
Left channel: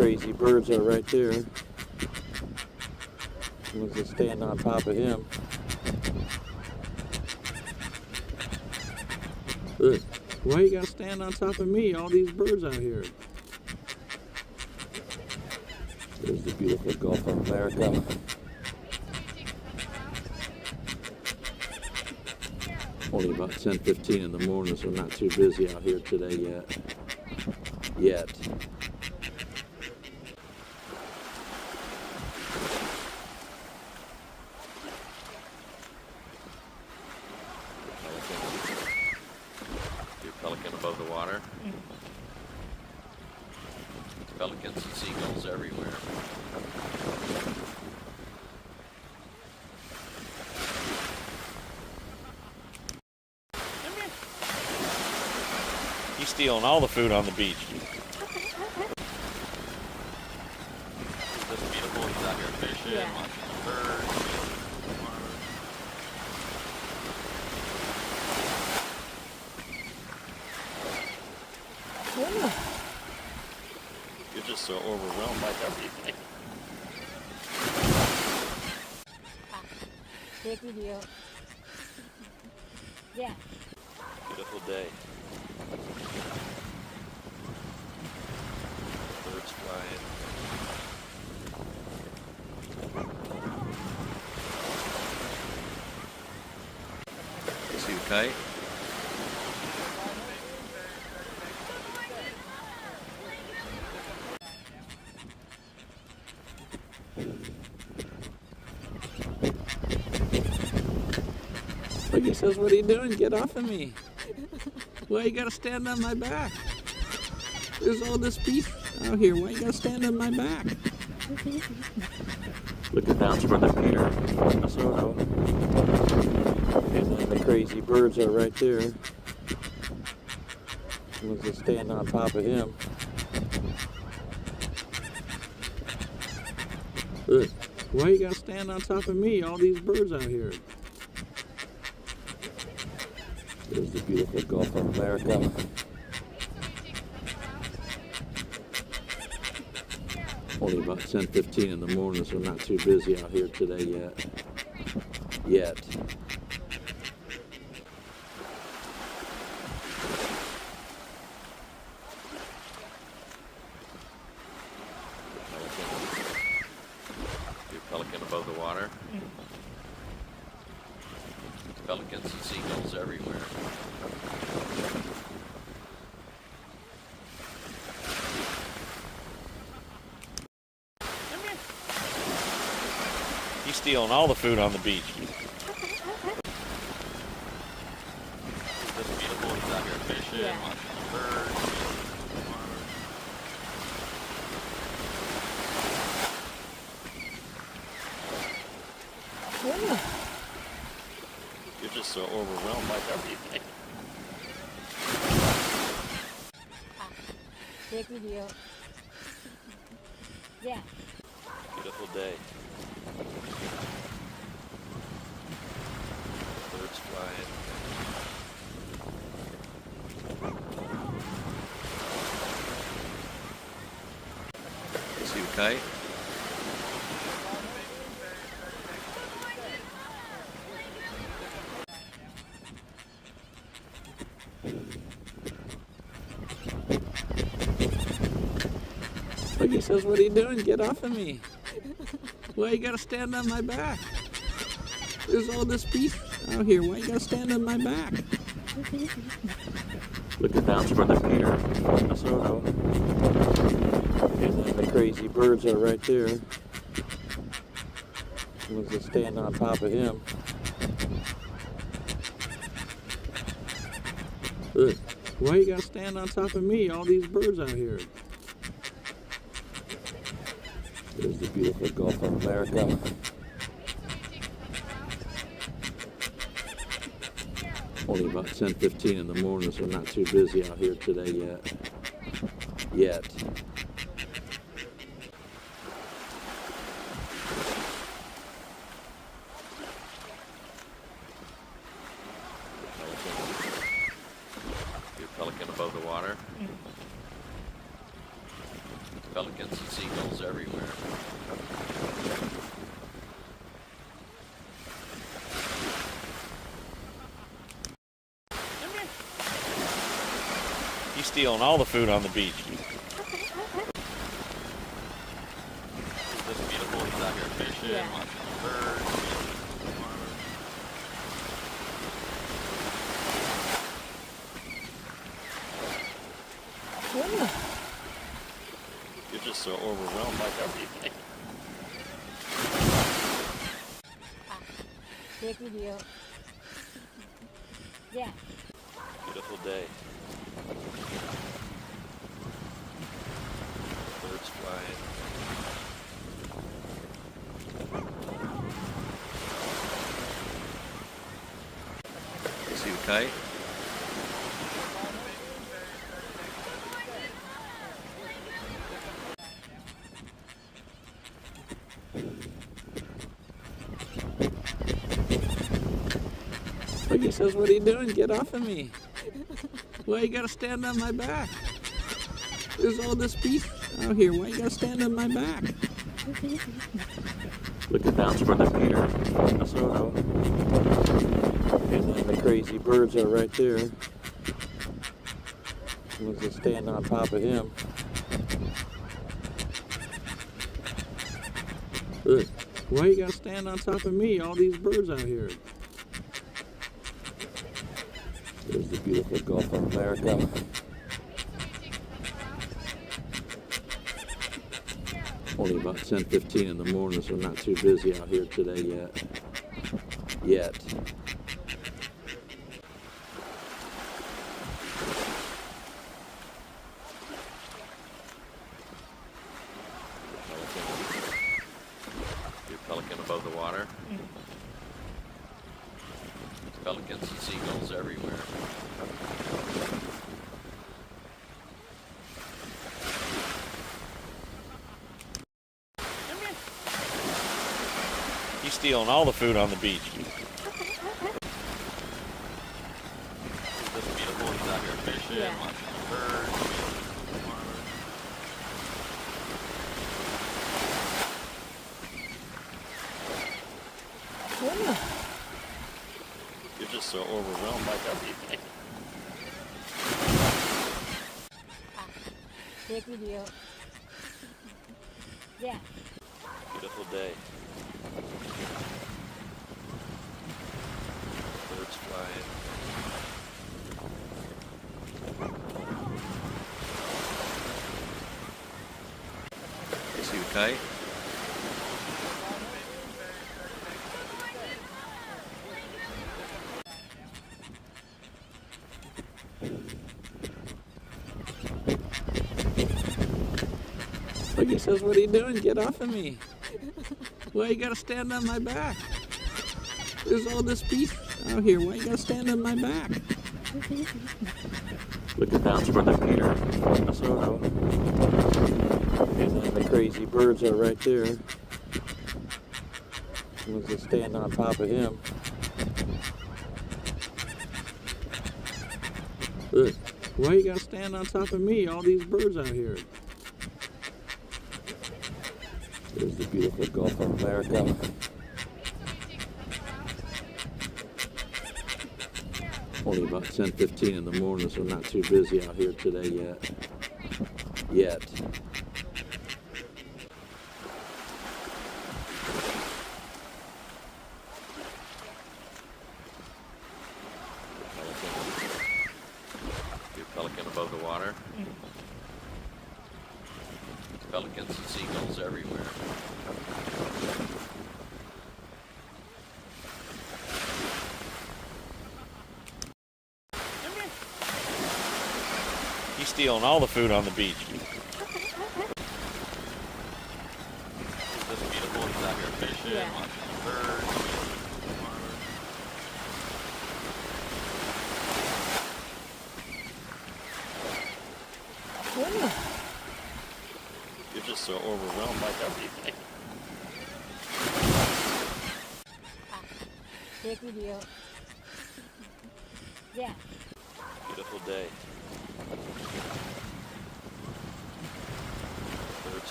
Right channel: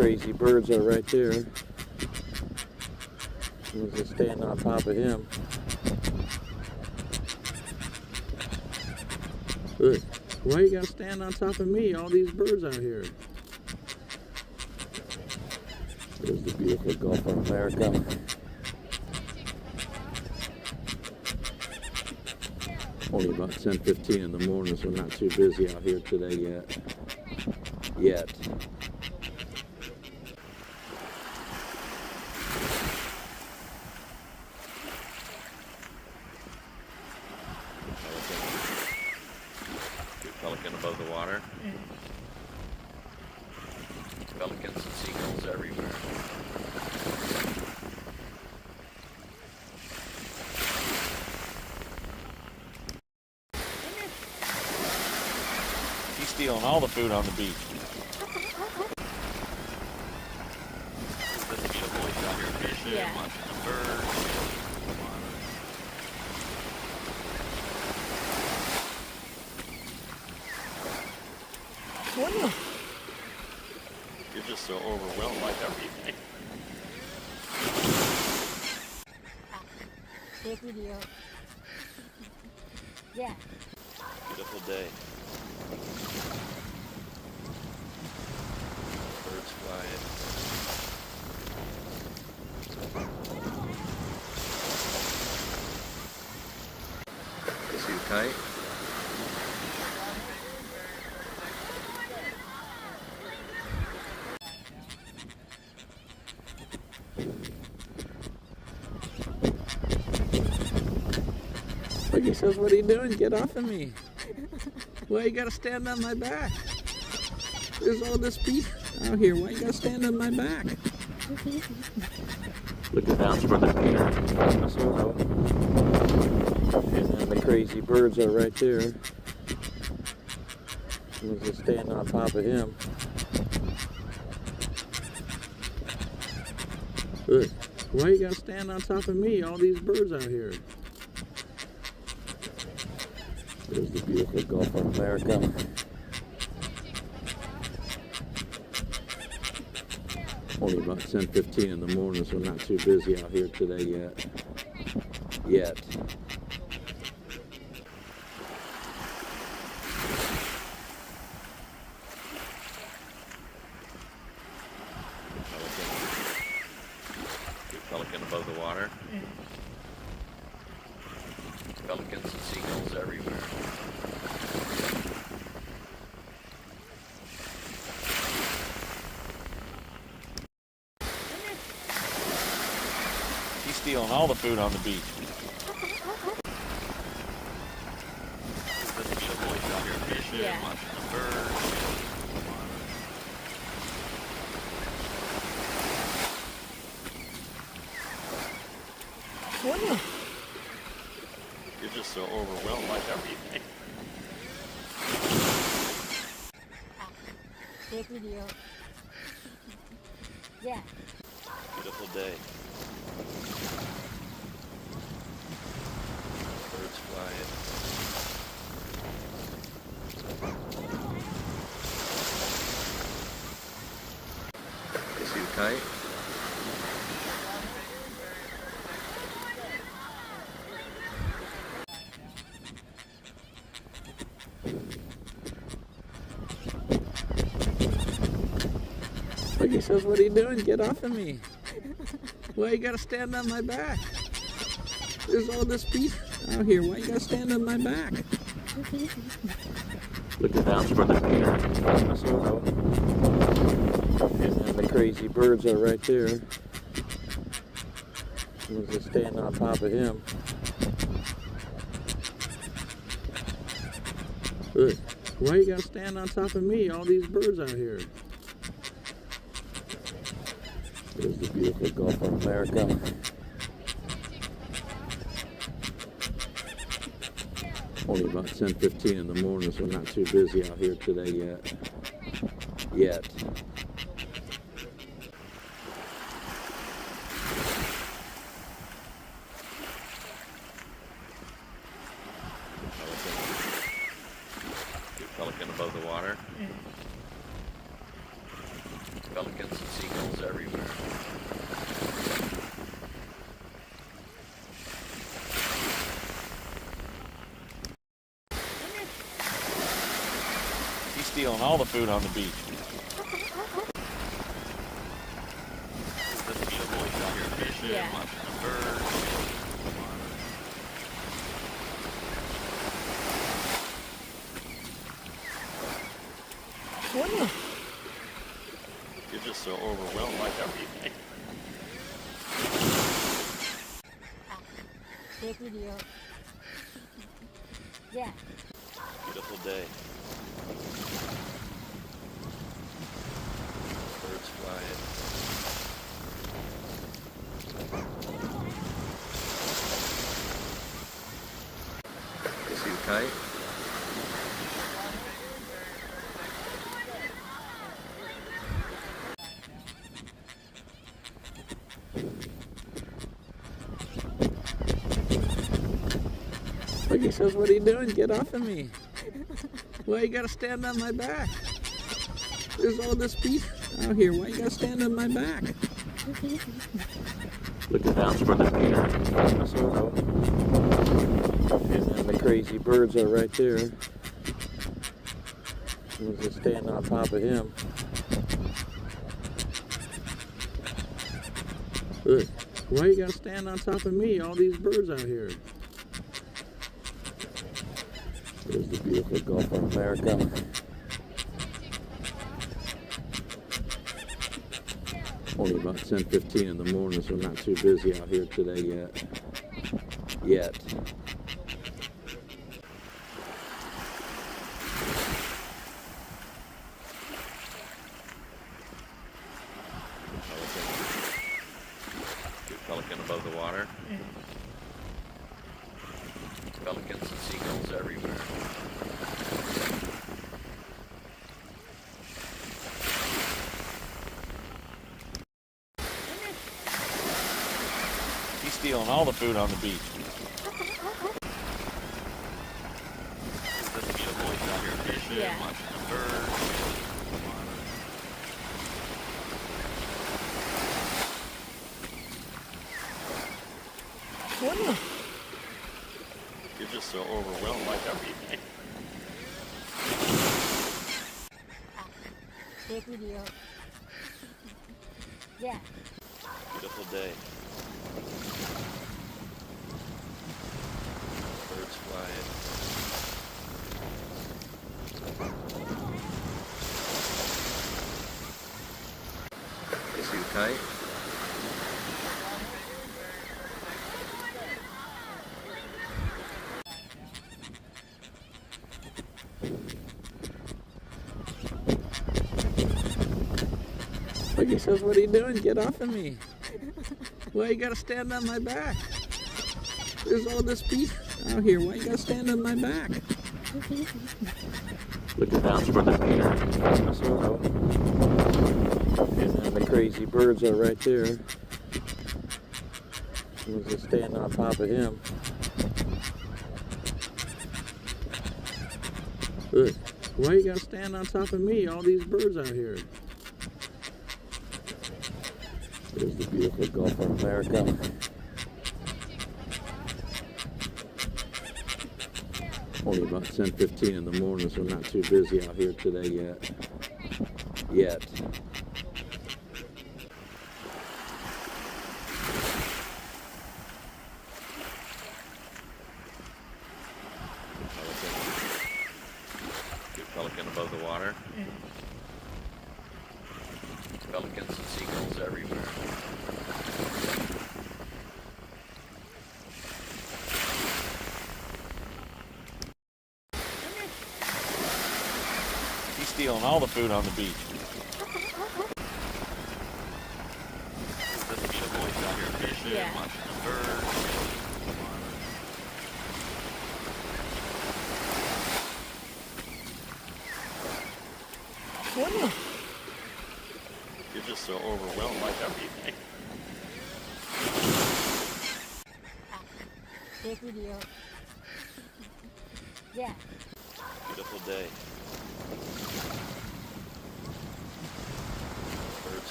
crazy birds are right there. One's just standing on top of him. Look, why you gotta stand on top of me? All these birds out here. There's the beautiful Gulf of America. Only about 10:15 in the morning, so not too busy out here today yet. Pelican above the water. Pelicans and seagulls everywhere. He's stealing all the food on the beach. This beautiful, he's out here fishing, Yeah. watching birds. You're just so overwhelmed by everything. Take video. Yeah. Beautiful day. Birds flying. See you fight. Look, he says, what are you doing? Get off of me. Why you gotta stand on my back? There's all this beef out here. Why you gotta stand on my back? Looking down toward the pier. And then the crazy birds are right there. One's just standing on top of him. Look, why you gotta stand on top of me? All these birds out here. There's the beautiful Gulf of America. Only about 10:15 in the morning, so not too busy out here today yet. Pelican above the water. Pelicans and seagulls everywhere. He's stealing all the food on the beach. This beautiful, he's out here fishing, Yeah. watching birds. You're just so overwhelmed by everything. Take video. Yeah. Beautiful day. Birds flying. See you fight. Look, he says, what are you doing? Get off of me. Why you gotta stand on my back? There's all this beef out here. Why you gotta stand on my back? Looking down toward the pier. And then the crazy birds are right there. One's just standing on top of him. Look, why you gotta stand on top of me? All these birds out here. There's the beautiful Gulf of America. Only about 10:15 in the morning, so not too busy out here today yet. Pelican above the water. Pelicans and seagulls everywhere. He's stealing all the food on the beach. This beautiful, he's out here fishing, Yeah. lots of birds. You're just so overwhelmed by everything. Take video. Yeah. Beautiful day. Birds flying. See you fight? Look, he says, what are you doing? Get off of me. Why you gotta stand on my back? There's all this beef out here. Why you gotta stand on my back? Look at that's where the Peter. And then the crazy birds are right there. We'll just stand on top of him. Look, why you gotta stand on top of me? All these birds out here. There's the beautiful Gulf of America. Only about 10:15 in the morning, so not too busy out here today yet. Big pelican above the water. Pelicans and seagulls everywhere. He's stealing all the food on the beach. This beautiful, he's out here fishing, Yeah. lots of birds. You're just so overwhelmed by everything. Take video. Yeah. Beautiful day. Birds flying. See you fight? Look, he says, what are you doing? Get off of me. Why you gotta stand on my back? There's all this beef out here. Why you gotta stand on my back? Look at that's where the Peter. And then the crazy birds are right there. We'll just stand on top of him. Look, why you gotta stand on top of me? All these birds out here. There's the beautiful Gulf of America. Only about 10:15 in the morning, so not too busy out here today yet. Big pelican above the water. Pelicans and seagulls everywhere. He's stealing all the food on the beach. This beautiful, he's out here fishing, Yeah. lots of birds. You're just so overwhelmed by everything. Take video. Yeah. Beautiful day. Birds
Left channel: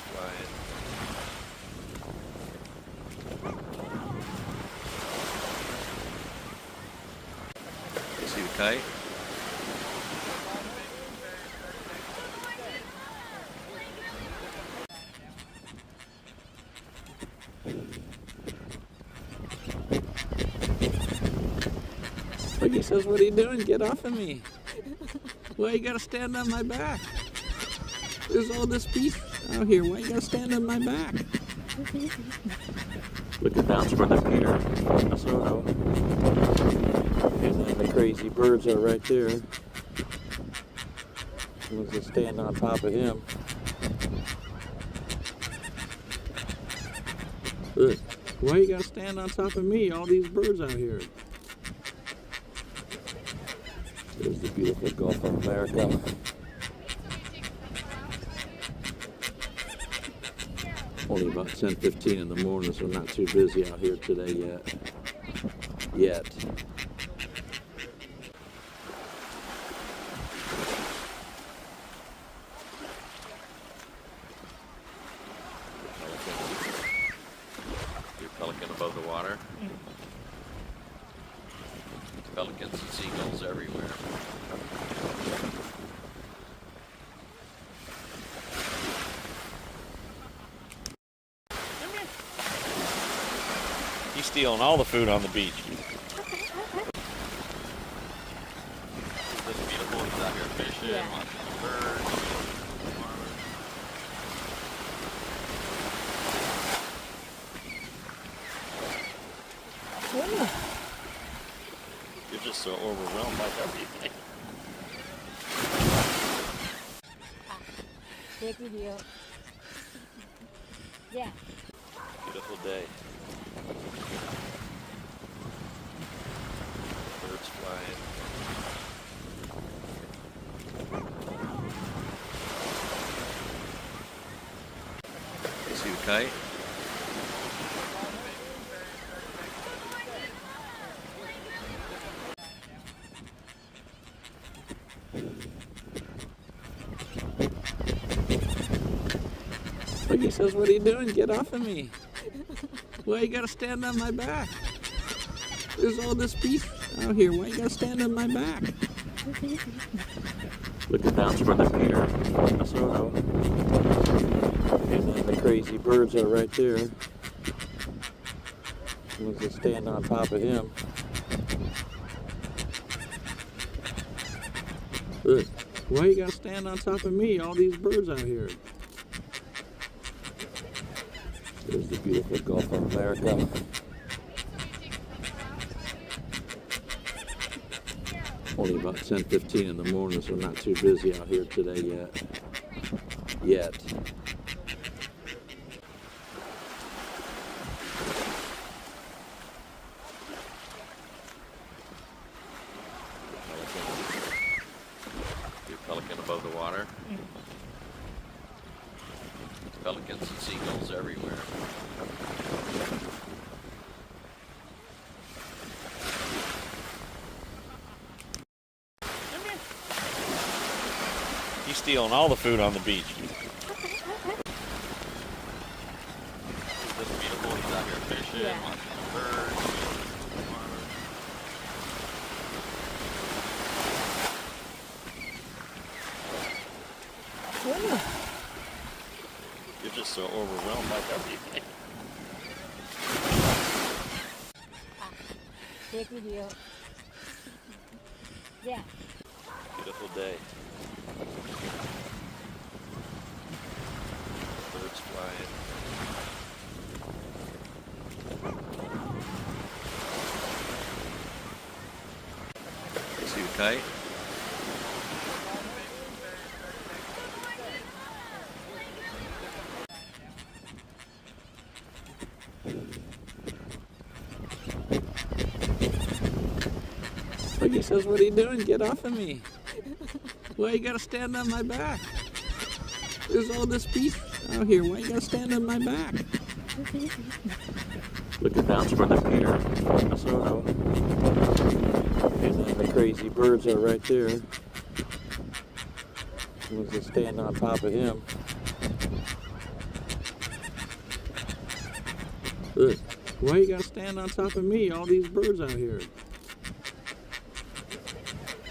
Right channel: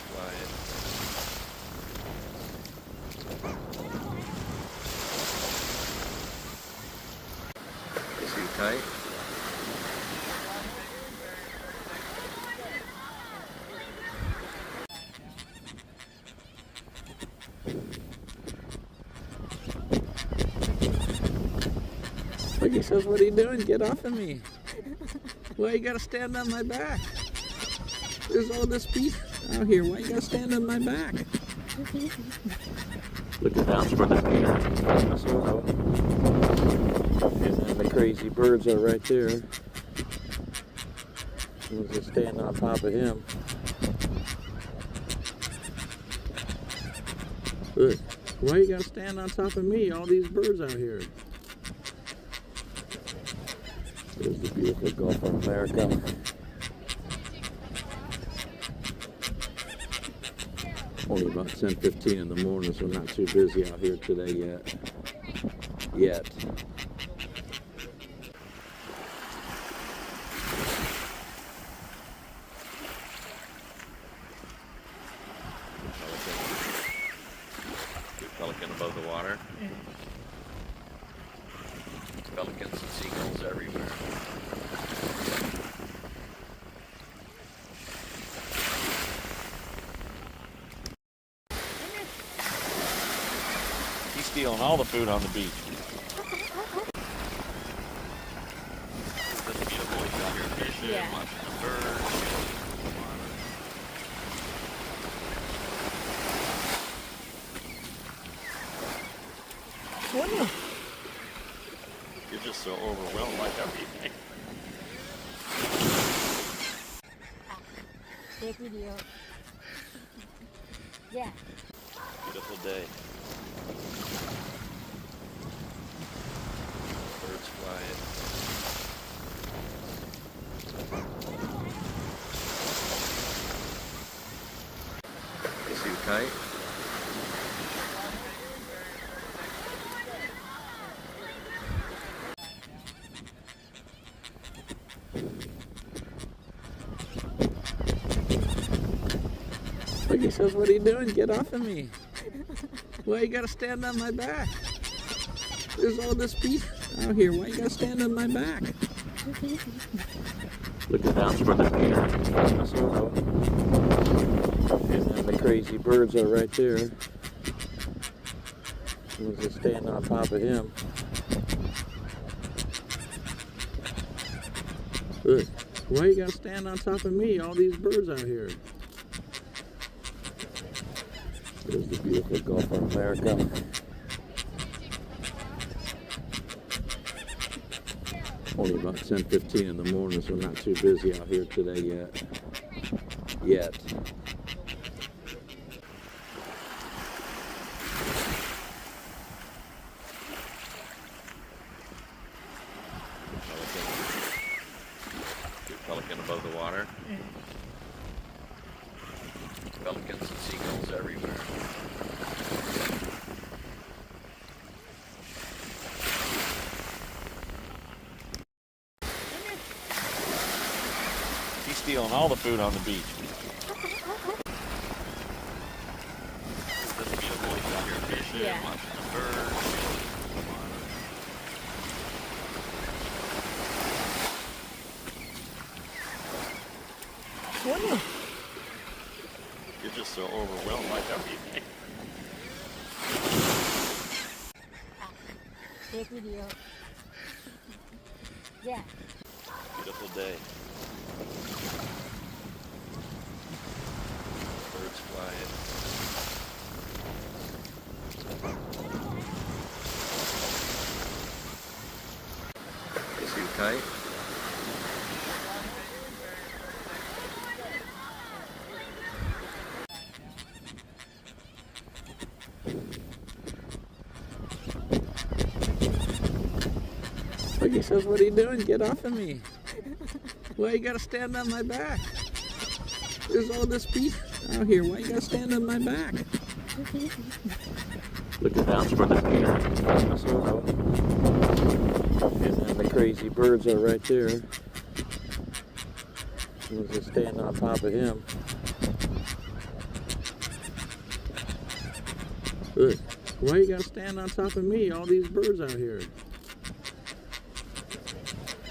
tight? Look, he says, what are you doing? Get off of me. Why you gotta stand on my back? There's all this beef out here. Why you gotta stand on my back? Look at that for the Peter. And then the crazy birds are right there. We'll just stand on top of him. Look, why you gotta stand on top of me? All these birds out here. There's the beautiful Gulf of America. Only about 10:15 in the morning, so not too busy out here today yet. Pelican above the water. Pelicans and seagulls everywhere. He's stealing all the food on the beach. This beautiful, he's out here fishing, Yeah. lots of birds. You're just so overwhelmed by everything. Take video. Yeah. Beautiful day. Birds flying. Is he tight? Look, he says, what are you doing? Get off of me. Why you gotta stand on my back? There's all this beef out here. Why you gotta stand on my back? Look at that for the Peter. And then the crazy birds are right there. We'll just stand on top of him. Look, why you gotta stand on top of me? All these birds out here. There's the beautiful Gulf of America. Only about 10:15 in the morning, so not too busy out here today yet. Pelican above the water. Pelicans and seagulls everywhere. He's stealing all the food on the beach. This beautiful, he's out here fishing, Yeah. lots of birds. You're just so overwhelmed by everything. Take video. Yeah. Beautiful day. Birds flying. Is he tight? Look, he says, what are you doing? Get off of me. Why you gotta stand on my back? There's all this beef out here. Why you gotta stand on my back? Look at that for the Peter. And then the crazy birds are right there. We'll just stand on top of him. Look, why you gotta stand on top of me? All these birds out here.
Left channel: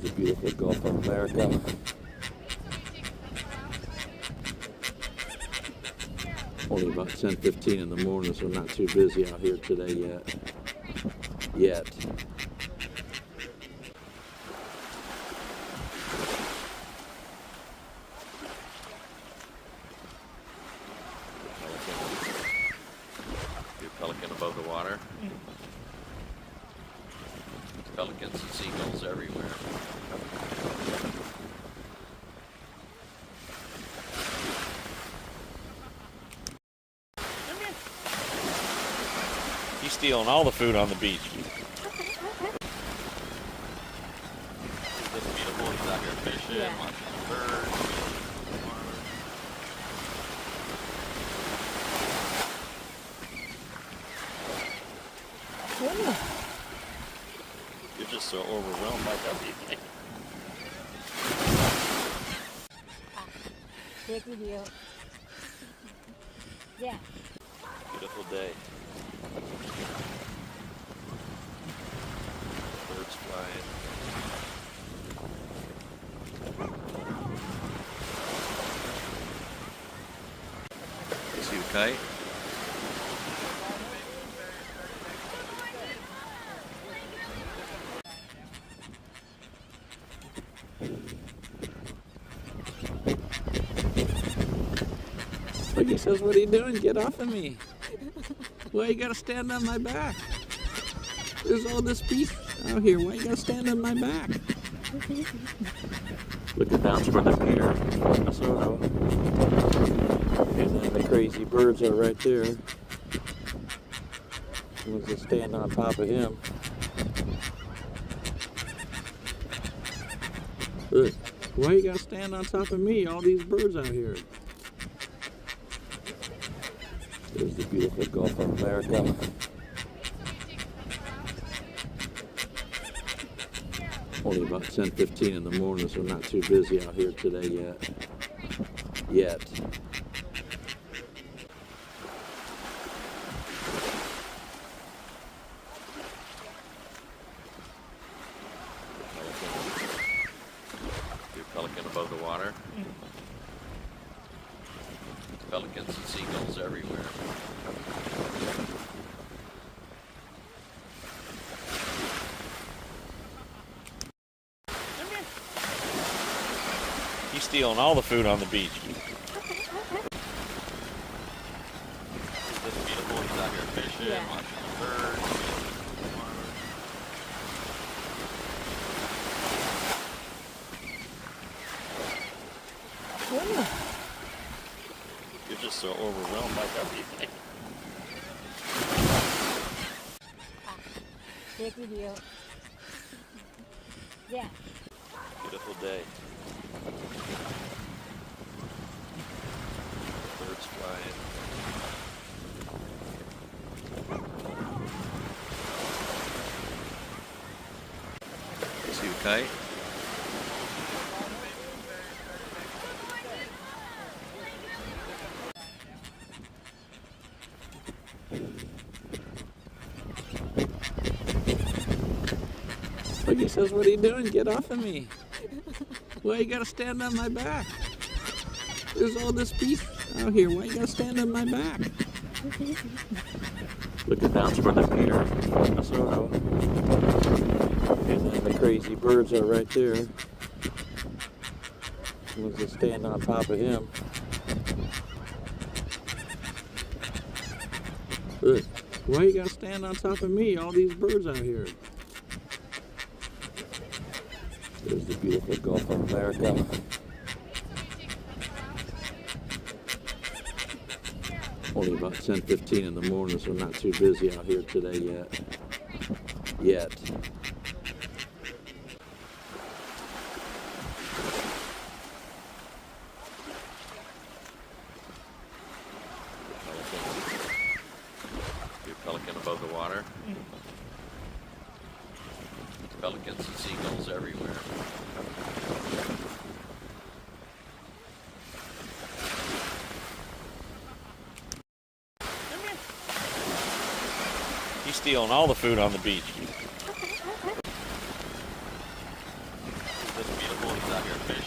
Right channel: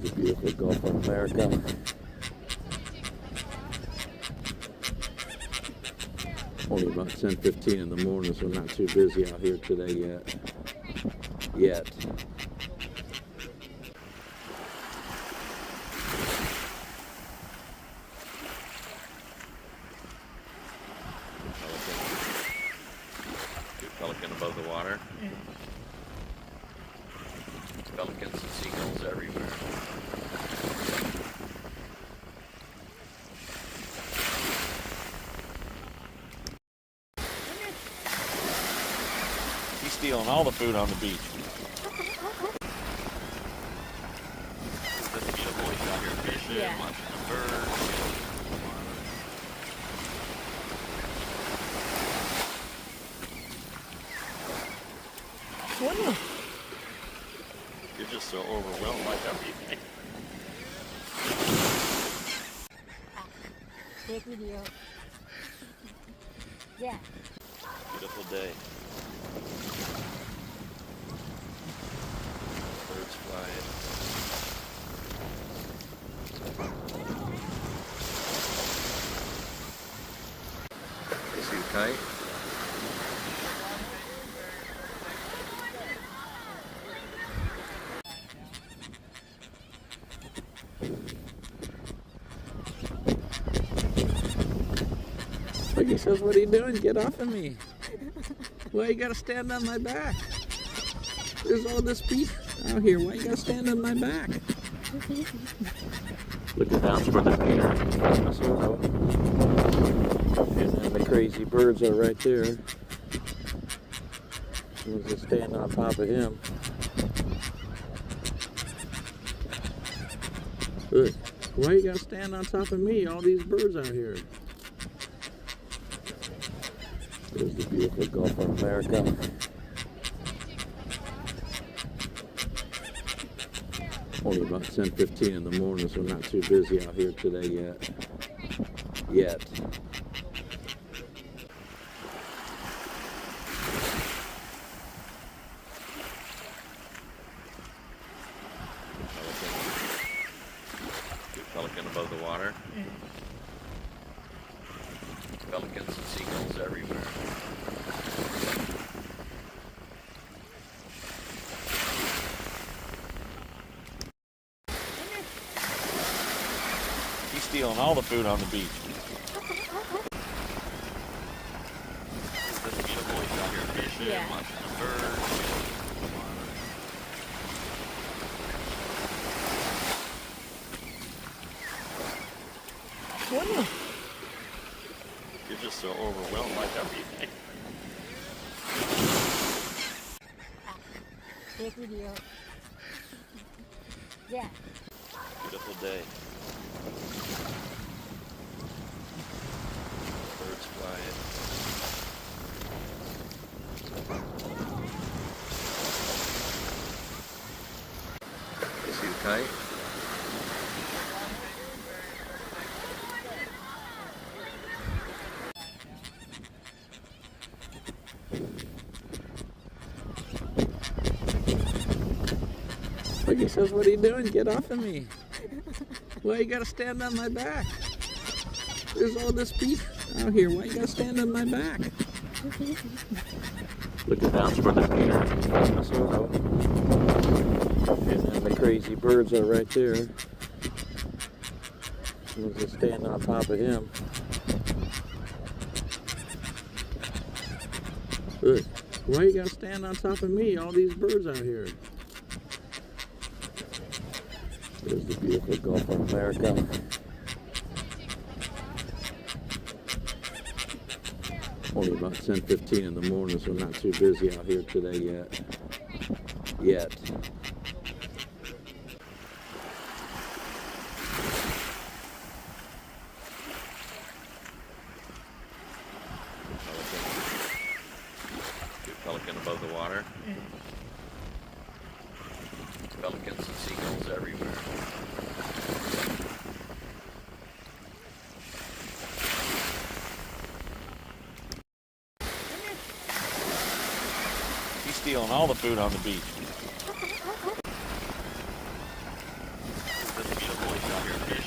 There's the beautiful Gulf of America. Only about 10:15 in the morning, so not too busy out here today yet. Pelican above the water. Pelicans and seagulls everywhere. He's stealing all the food on the beach. Isn't this beautiful? He's out here fishing, Yeah. watching birds. You're just so overwhelmed by everything. Take video. Yeah. Beautiful day. Birds flying. See you fight? Like he says, what are you doing? Get off of me. Why you gotta stand on my back? There's all this beef out here. Why you gotta stand on my back? Looking down for the pier. And then the crazy birds are right there. Someone's just standing on top of him. Look, why you gotta stand on top of me? All these birds out here. There's the beautiful Gulf of America. Only about 10:15 in the morning, so not too busy out here today yet. Pelican above the water. Pelicans and seagulls everywhere. He's stealing all the food on the beach. Isn't this beautiful? He's out here fishing, Yeah. watching birds. You're just so overwhelmed by everything. Take video. Yeah. Beautiful day. Birds flying. See you fight? Like he says, what are you doing? Get off of me. Why you gotta stand on my back? There's all this beef out here. Why you gotta stand on my back? Looking down for the pier. And then the crazy birds are right there. Someone's just standing on top of him. Look, why you gotta stand on top of me? All these birds out here. There's the beautiful Gulf of America. Only about 10:15 in the morning, so not too busy out here today yet. Pelican above the water. Pelicans and seagulls everywhere. He's stealing all the food on the beach.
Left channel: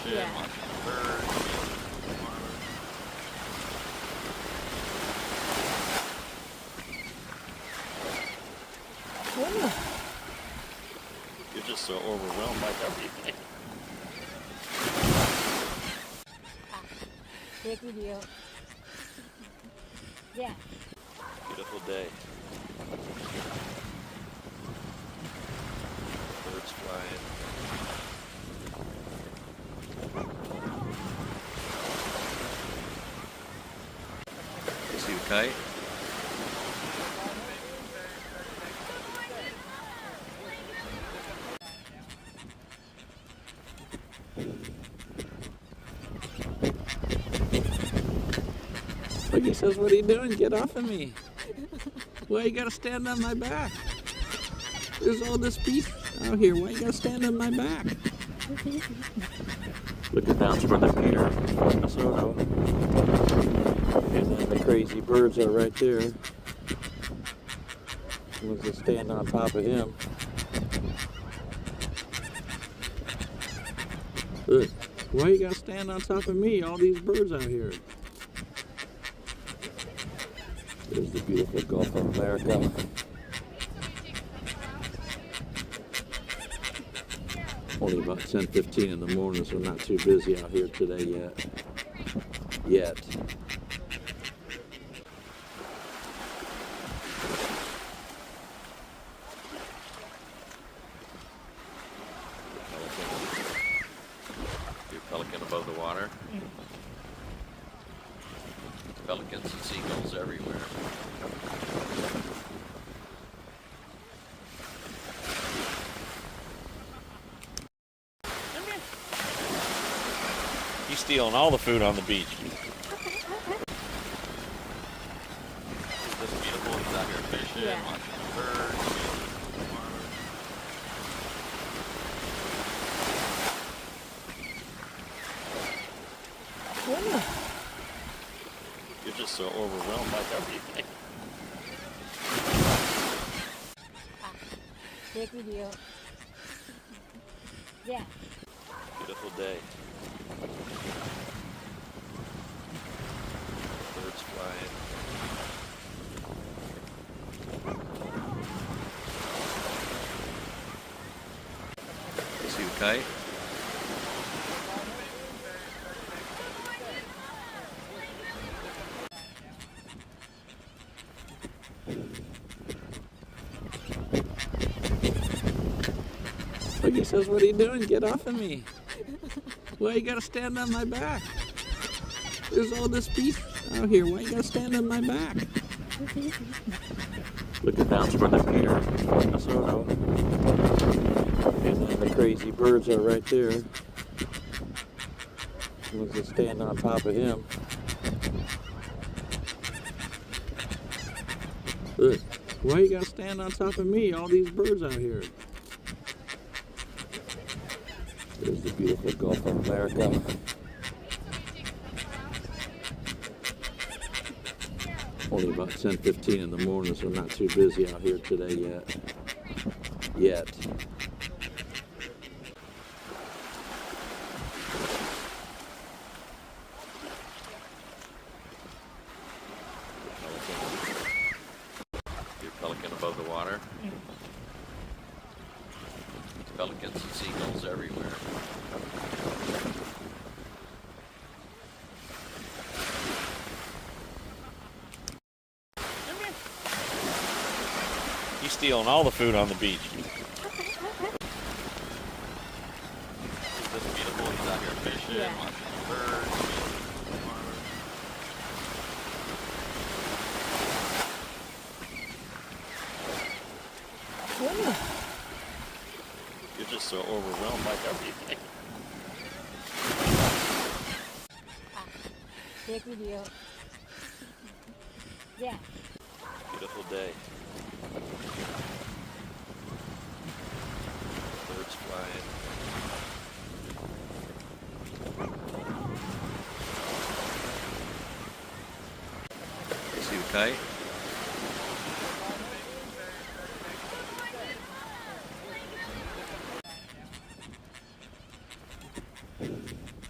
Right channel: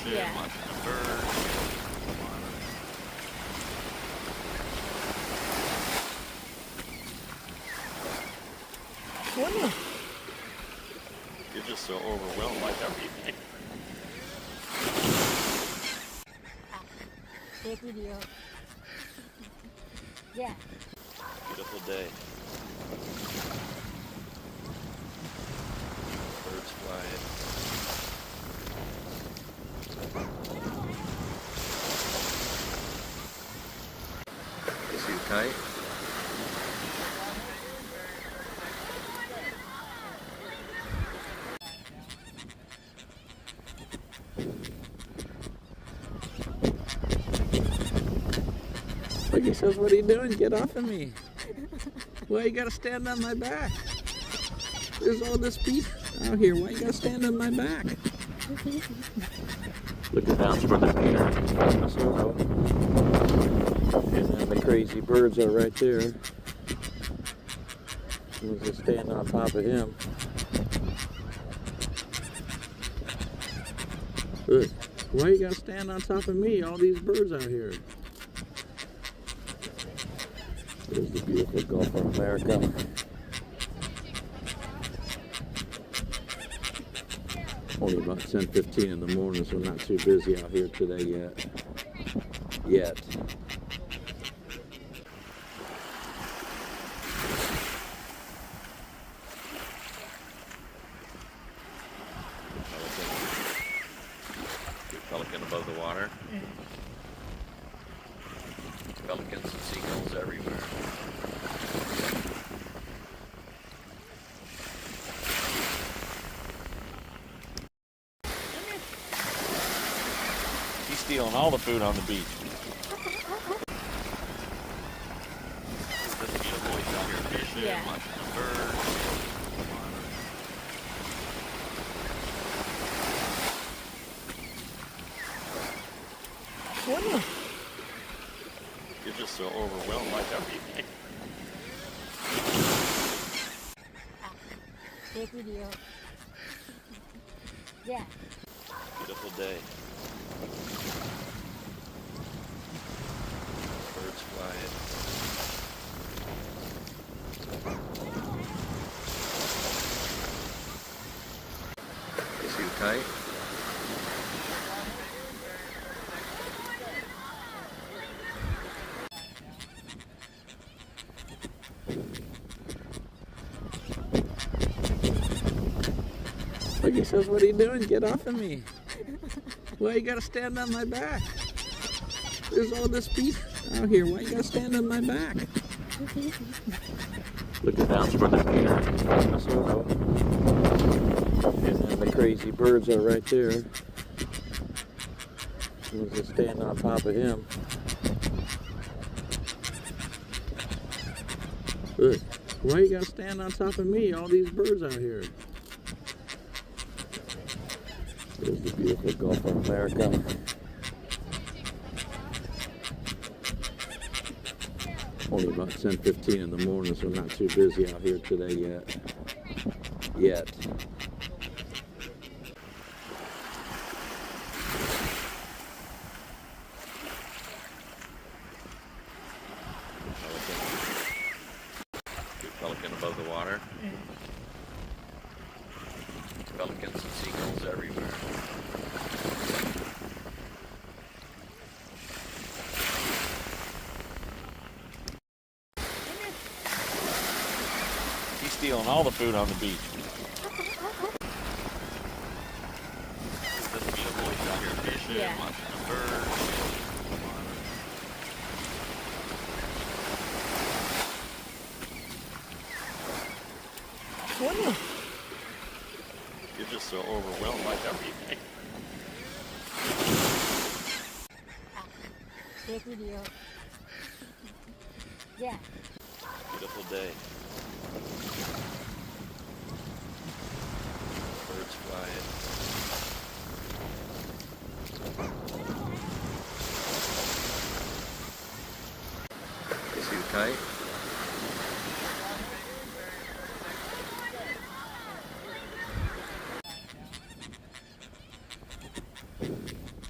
fish, Yeah. lots of birds. Whoa. You're just so overwhelmed by everything. Take video. Yeah. Beautiful day. Birds flying. Is he tight? Look, he says, what are you doing? Get off of me. Why you gotta stand on my back? There's all this beef out here. Why you gotta stand on my back? Look at down toward the pier, Minnesota. And then the crazy birds are right there. Someone's just standing on top of him. Look, why you gotta stand on top of me? All these birds out here. There's the beautiful Gulf of America. Only about 10:15 in the morning, so not too busy out here today yet. Your pelican above the water. Pelicans and seagulls everywhere. He's stealing all the food on the beach. This beautiful, he's out here fishing, Yeah. lots of birds. Whoa. You're just so overwhelmed by everything. Take video. Yeah. Beautiful day. Birds flying. Is he tight? Look, he says, what are you doing? Get off of me. Why you gotta stand on my back? There's all this beef out here. Why you gotta stand on my back? Look at down toward the pier, Minnesota. And then the crazy birds are right there. Someone's just standing on top of him. Look, why you gotta stand on top of me? All these birds out here. There's the beautiful Gulf of America. Only about 10:15 in the morning, so not too busy out here today yet. Your pelican above the water. Pelicans and seagulls everywhere. He's stealing all the food on the beach. This beautiful, he's out here fishing, Yeah. lots of birds. Whoa. You're just so overwhelmed by everything. Take video. Yeah. Beautiful day. Birds flying. Is he tight?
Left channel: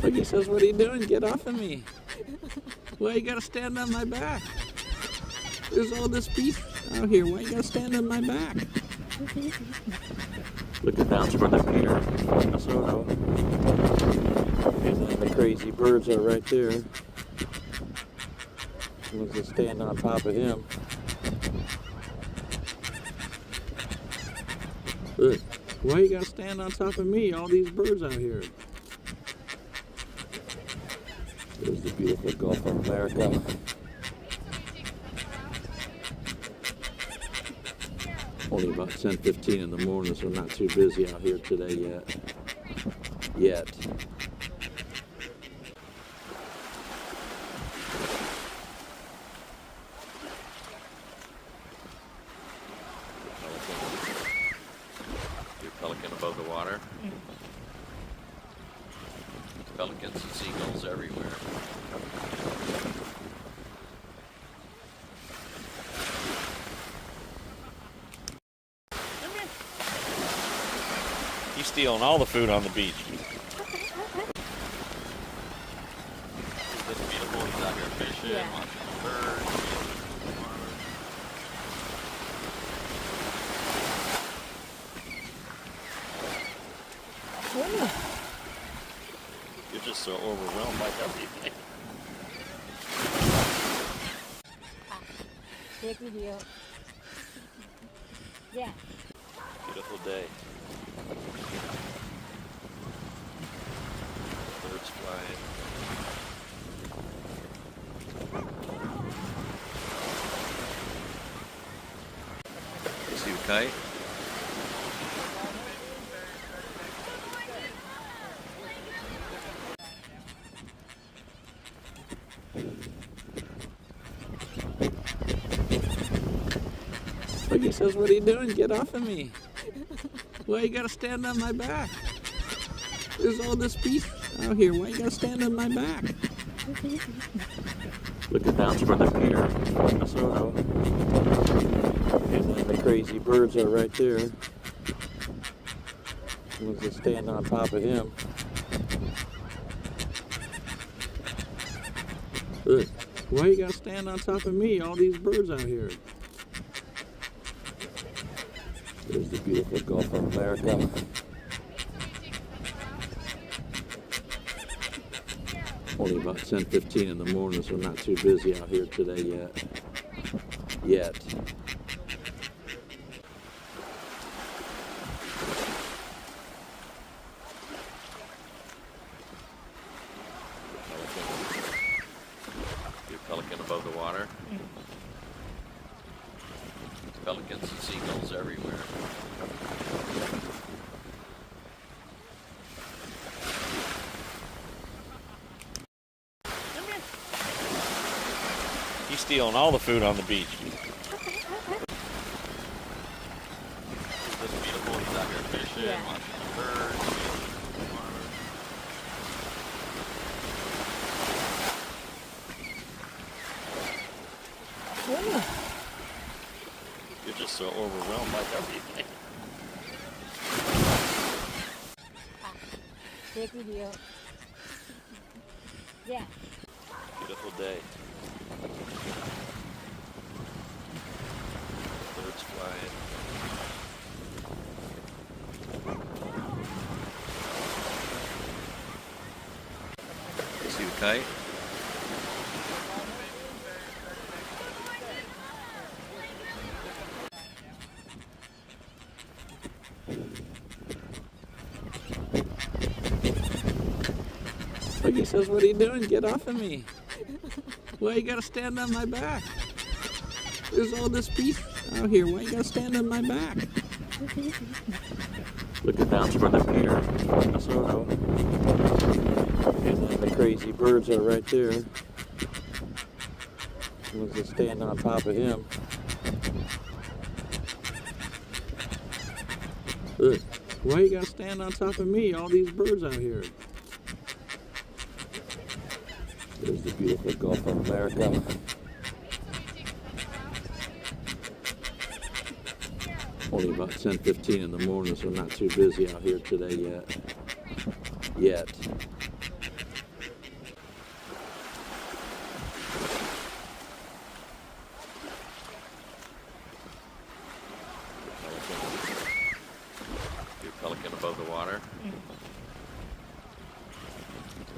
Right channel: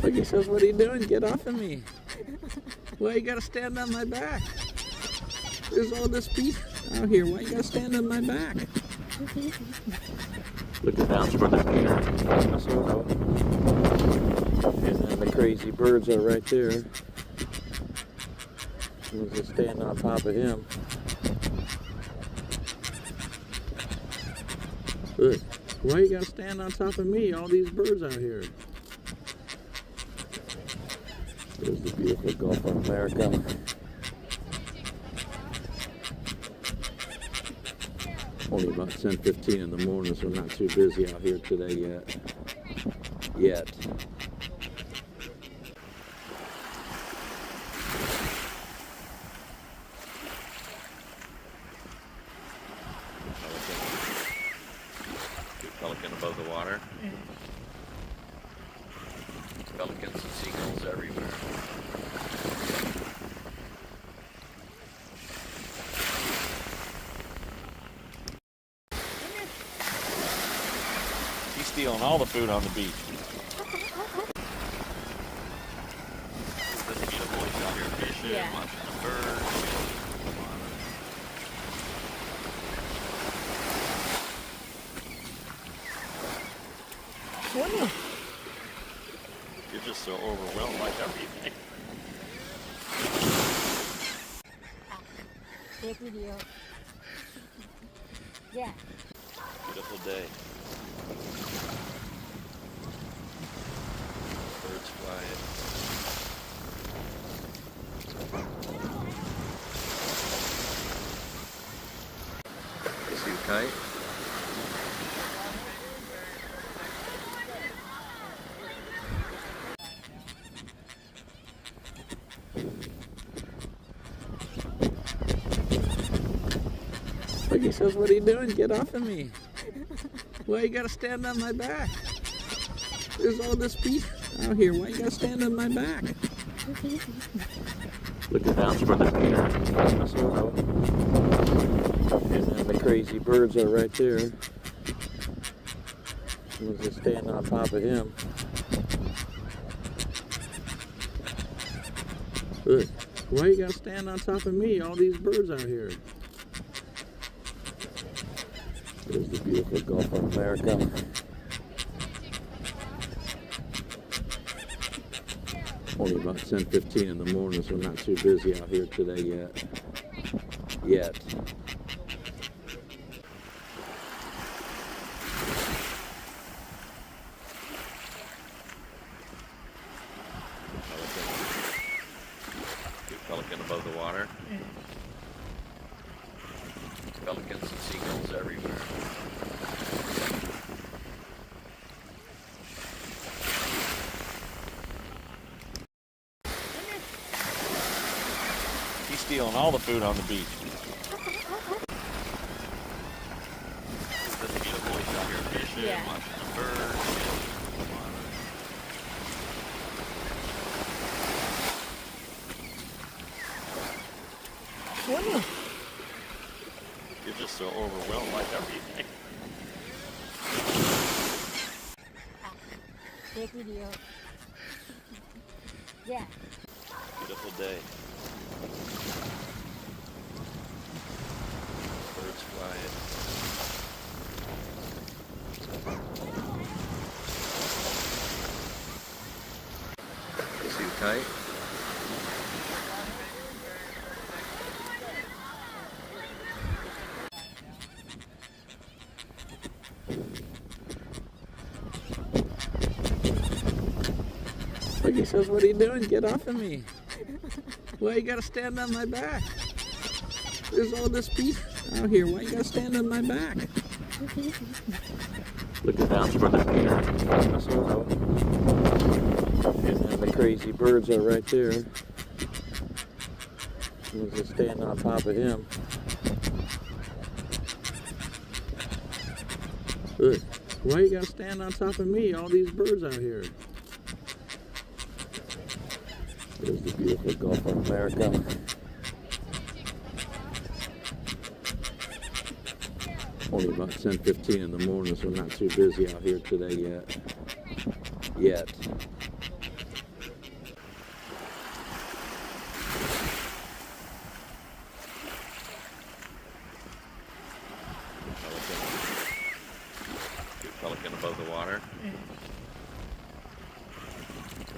Look, he says, what are you doing? Get off of me. Why you gotta stand on my back? There's all this beef out here. Why you gotta stand on my back? Looking down toward the pier. And then the crazy birds are right there. Someone's just standing on top of him. Look, why you gotta stand on top of me? All these birds out here. There's the beautiful Gulf of America. Only about 10:15 in the morning, so not too busy out here today yet. Pelican above the water. Pelicans and seagulls everywhere. He's stealing all the food on the beach. This beautiful, he's out here fishing, Yeah. watching birds. You're just so overwhelmed by everything. Take video. Yeah. Beautiful day. Birds flying. See you fight? Look, he says, what are you doing? Get off of me. Why you gotta stand on my back? There's all this beef out here. Why you gotta stand on my back? Looking down toward the pier. And then the crazy birds are right there. Someone's just standing on top of him. Look, why you gotta stand on top of me? All these birds out here. There's the beautiful Gulf of America. Only about 10:15 in the morning, so not too busy out here today yet. Pelican above the water. Pelicans and seagulls everywhere. He's stealing all the food on the beach. This beautiful, he's out here fishing, Yeah. watching birds. You're just so overwhelmed by everything. Take video. Yeah. Beautiful day. Birds flying. See you fight? Look, he says, what are you doing? Get off of me. Why you gotta stand on my back? There's all this beef out here. Why you gotta stand on my back? Looking down toward the pier. And then the crazy birds are right there. Someone's just standing on top of him. Look, why you gotta stand on top of me? All these birds out here. There's the beautiful Gulf of America. Only about 10:15 in the morning, so not too busy out here today yet.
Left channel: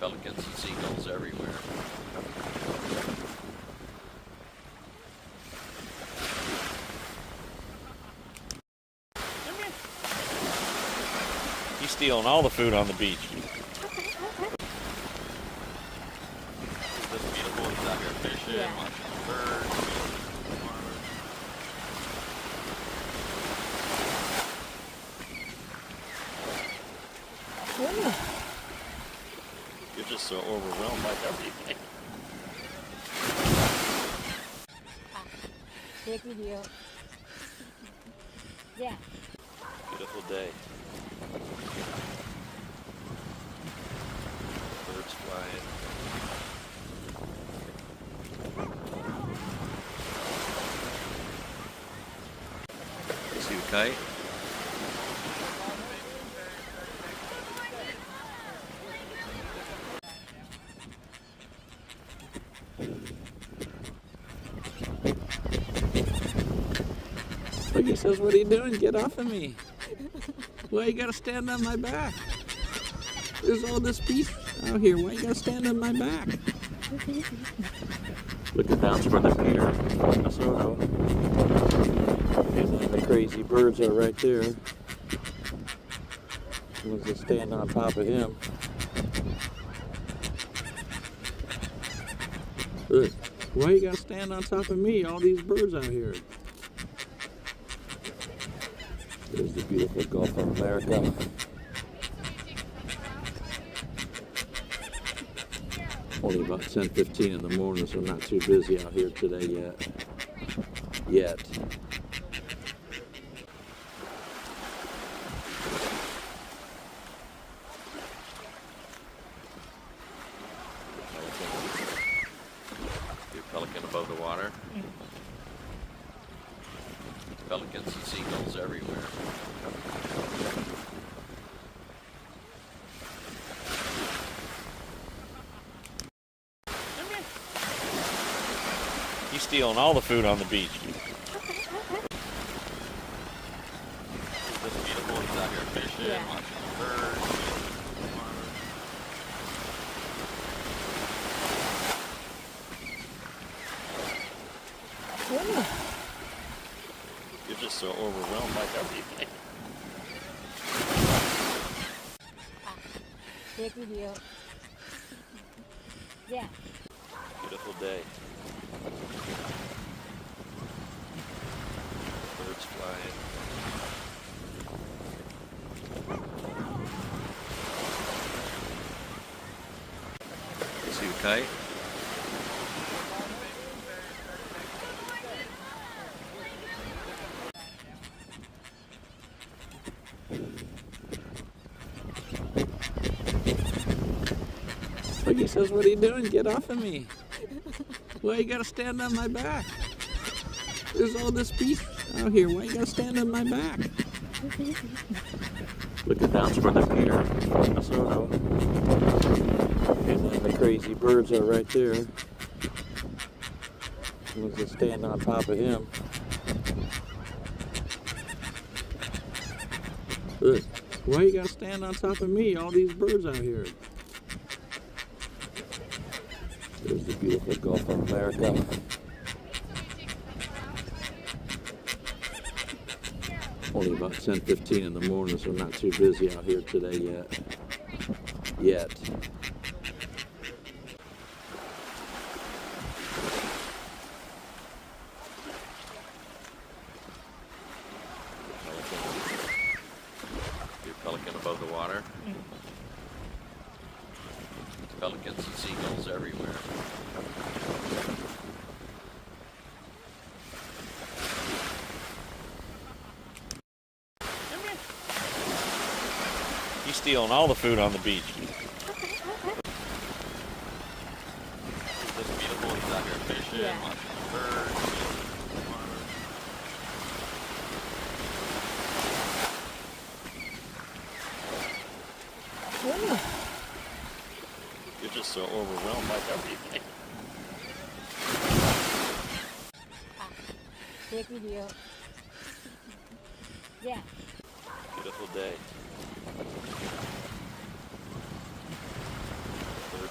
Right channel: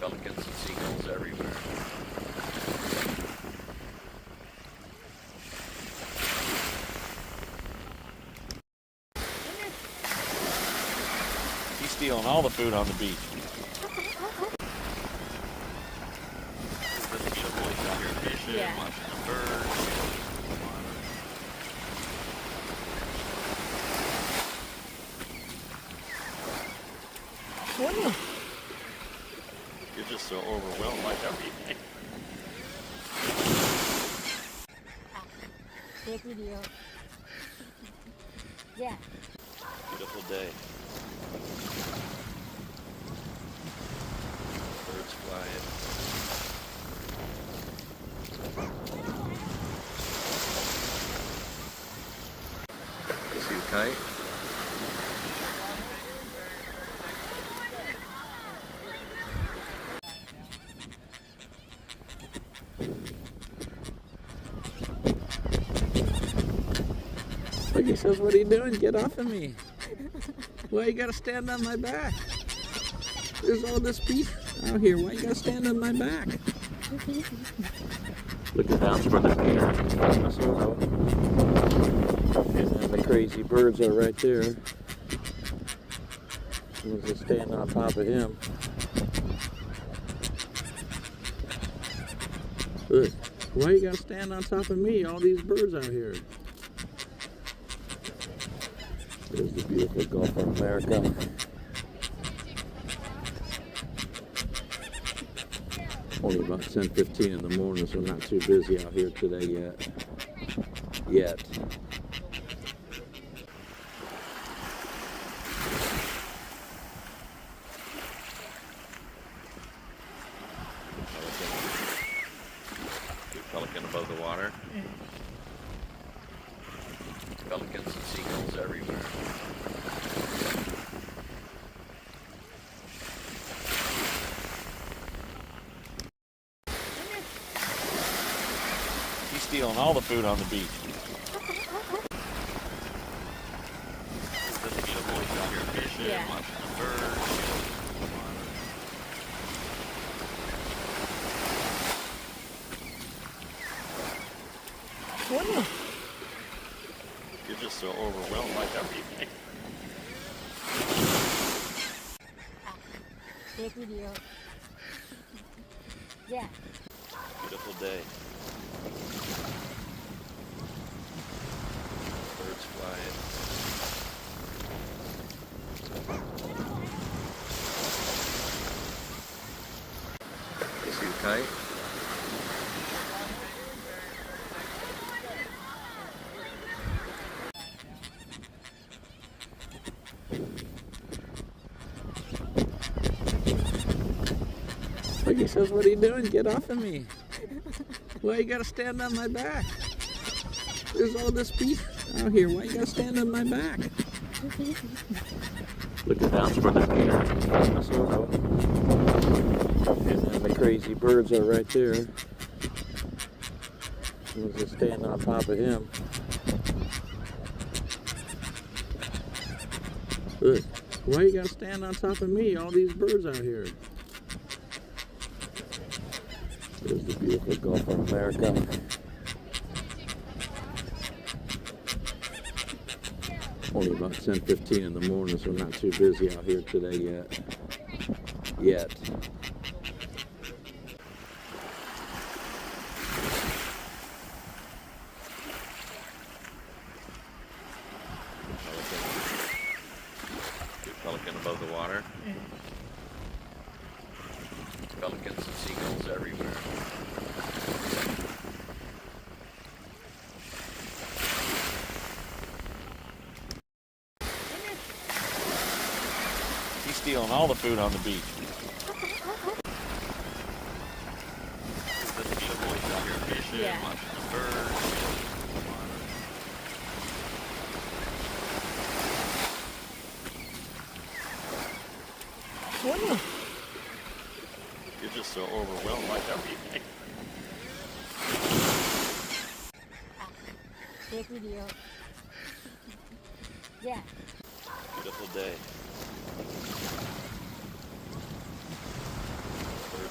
Pelicans and seagulls everywhere. He's stealing all the food on the beach. Isn't this beautiful? He's out here fishing, Yeah. watching birds. You're just so overwhelmed by everything. Take video. Yeah. Beautiful day. Birds flying. See fight? Look, he says, what are you doing? Get off of me. Why you gotta stand on my back? There's all this beef out here. Why you gotta stand on my back? Looking down toward the pier in Minnesota. And then the crazy birds are right there. Someone's just standing on top of him. Look, why you gotta stand on top of me? All these birds out here. There's the beautiful Gulf of America. Only about 10:15 in the morning, so not too busy out here today yet. Pelican above the water. Pelicans and seagulls everywhere. He's stealing all the food on the beach. Isn't this beautiful? He's out here fishing, Yeah. watching birds. You're just so overwhelmed by everything. Take video. Yeah. Beautiful day. Birds flying. See fight? Look, he says, what are you doing? Get off of me. Why you gotta stand on my back? There's all this beef out here. Why you gotta stand on my back? Looking down toward the pier in Minnesota. And then the crazy birds are right there. Someone's just standing on top of him. Look, why you gotta stand on top of me? All these birds out here. There's the beautiful Gulf of America. Only about 10:15 in the morning, so not too busy out here today yet. Pelican above the water. Pelicans and seagulls everywhere. He's stealing all the food on the beach. Isn't this beautiful? He's out here fishing, Yeah. watching birds. You're just so overwhelmed by everything. Take video. Yeah. Beautiful day.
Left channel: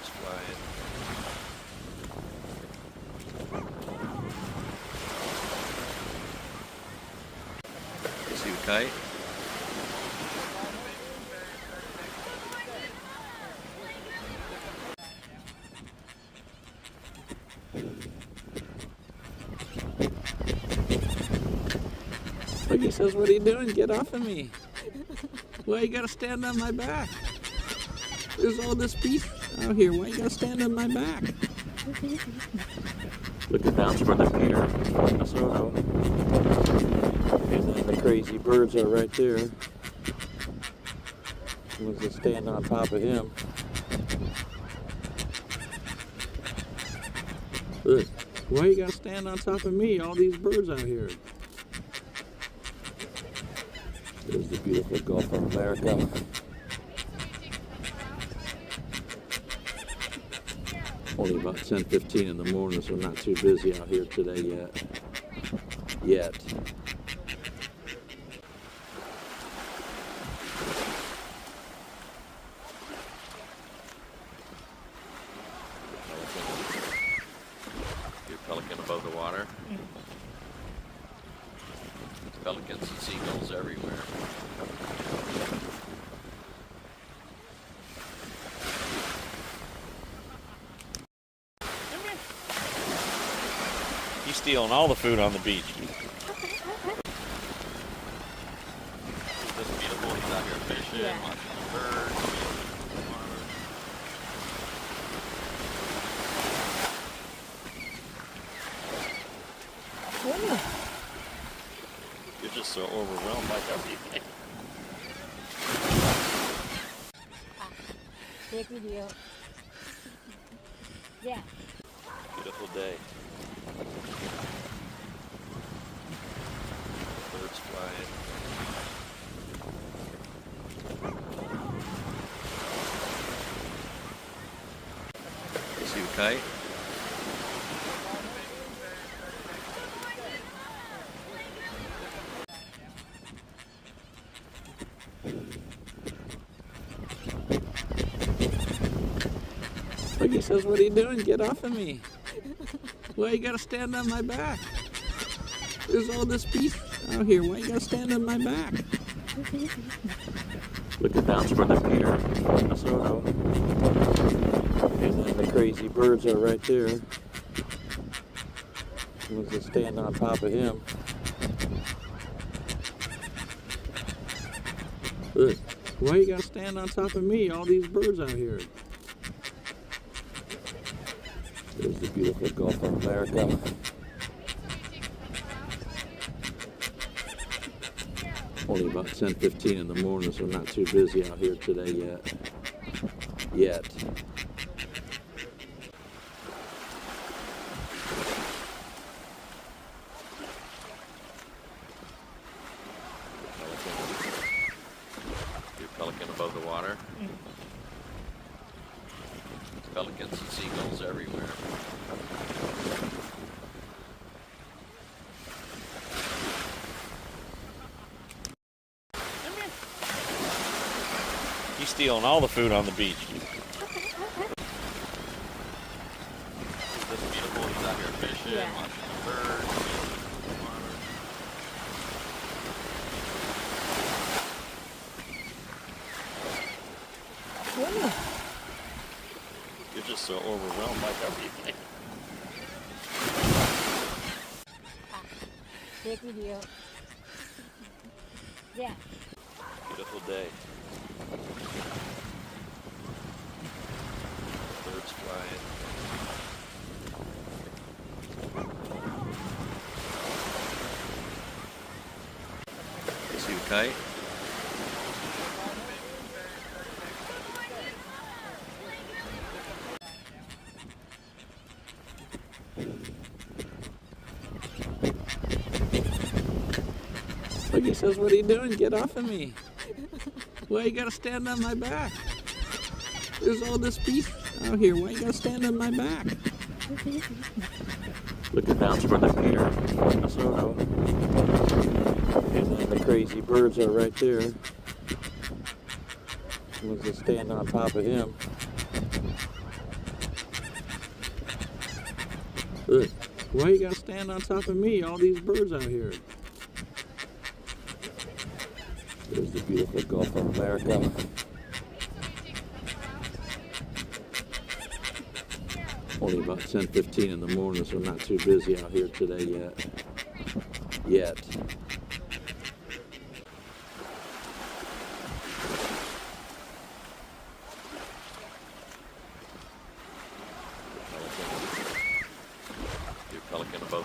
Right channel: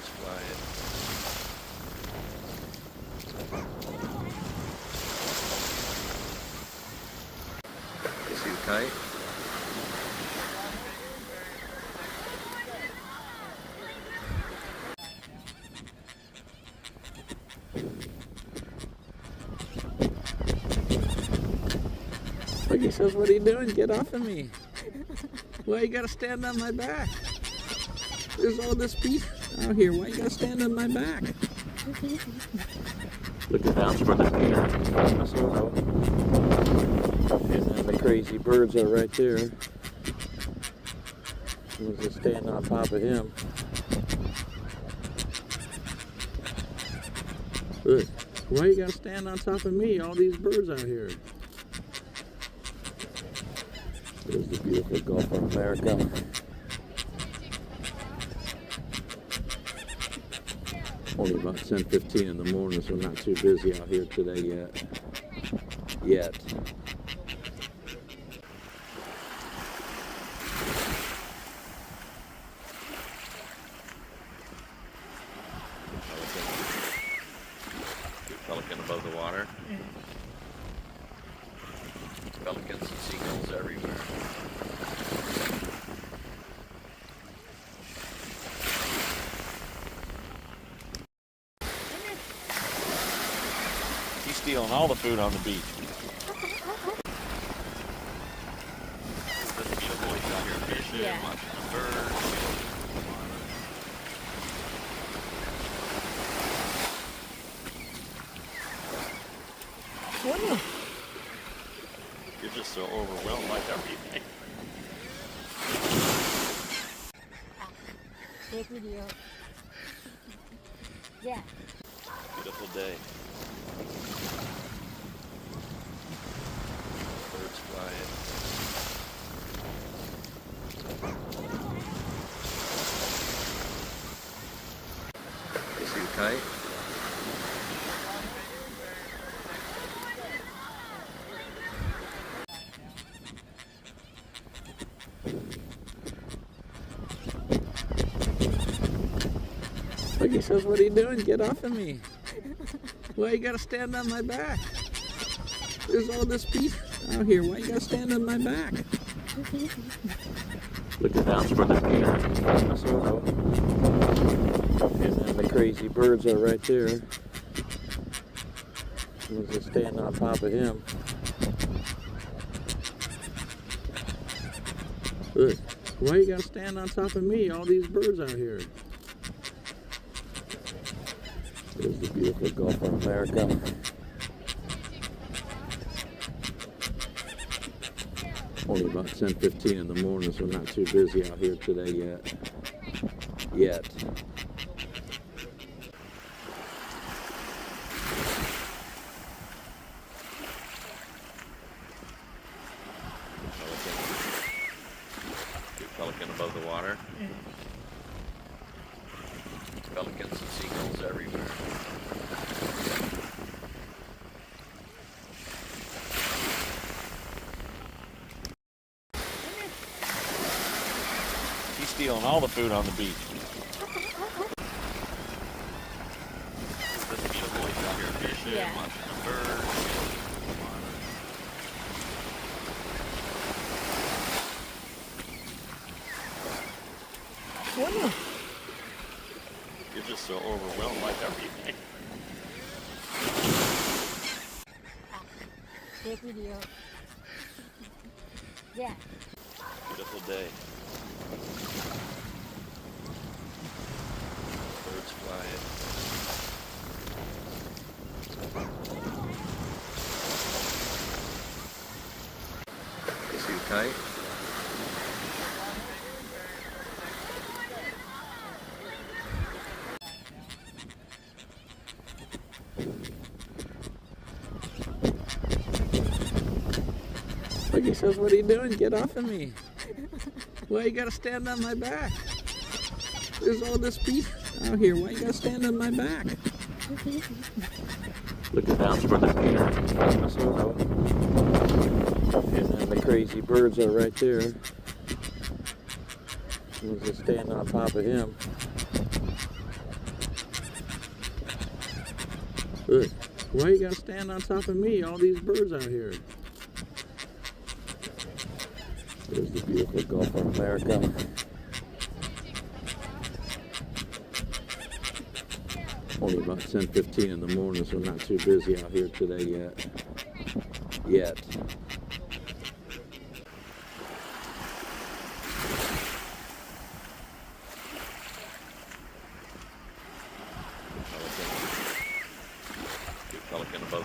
Look, he says, what are you doing? Get off of me. Why you gotta stand on my back? There's all this beef out here. Why you gotta stand on my back? Looking down toward the pier, Minnesota. And then the crazy birds are right there. Someone's just standing on top of him. Look, why you gotta stand on top of me? All these birds out here. There's the beautiful Gulf of America. Only about 10:15 in the morning, so not too busy out here today yet. Pelican above the water. Pelicans and seagulls everywhere. He's stealing all the food on the beach. It's just beautiful. He's out here fishing, Yeah. watching birds. You're just so overwhelmed by everything. Take video. Yeah. Beautiful day. Birds flying. Is he tight? Look, he says, what are you doing? Get off of me. Why you gotta stand on my back? There's all this beef out here. Why you gotta stand on my back? Looking down toward the pier, Minnesota. And then the crazy birds are right there. Someone's just standing on top of him. Look, why you gotta stand on top of me? All these birds out here. There's the beautiful Gulf of America. Only about 10:15 in the morning, so not too busy out here today yet. Pelican above the water. Pelicans and seagulls everywhere. He's stealing all the food on the beach. It's just beautiful. He's out here fishing, Yeah. watching birds. You're just so overwhelmed by everything. Take video. Yeah. Beautiful day. Birds flying. Is he tight? Look, he says, what are you doing? Get off of me. Why you gotta stand on my back? There's all this beef out here. Why you gotta stand on my back? Looking down toward the pier, Minnesota. And then the crazy birds are right there. Someone's just standing on top of him. Look, why you gotta stand on top of me? All these birds out here. There's the beautiful Gulf of America. Only about 10:15 in the morning, so not too busy out here today yet.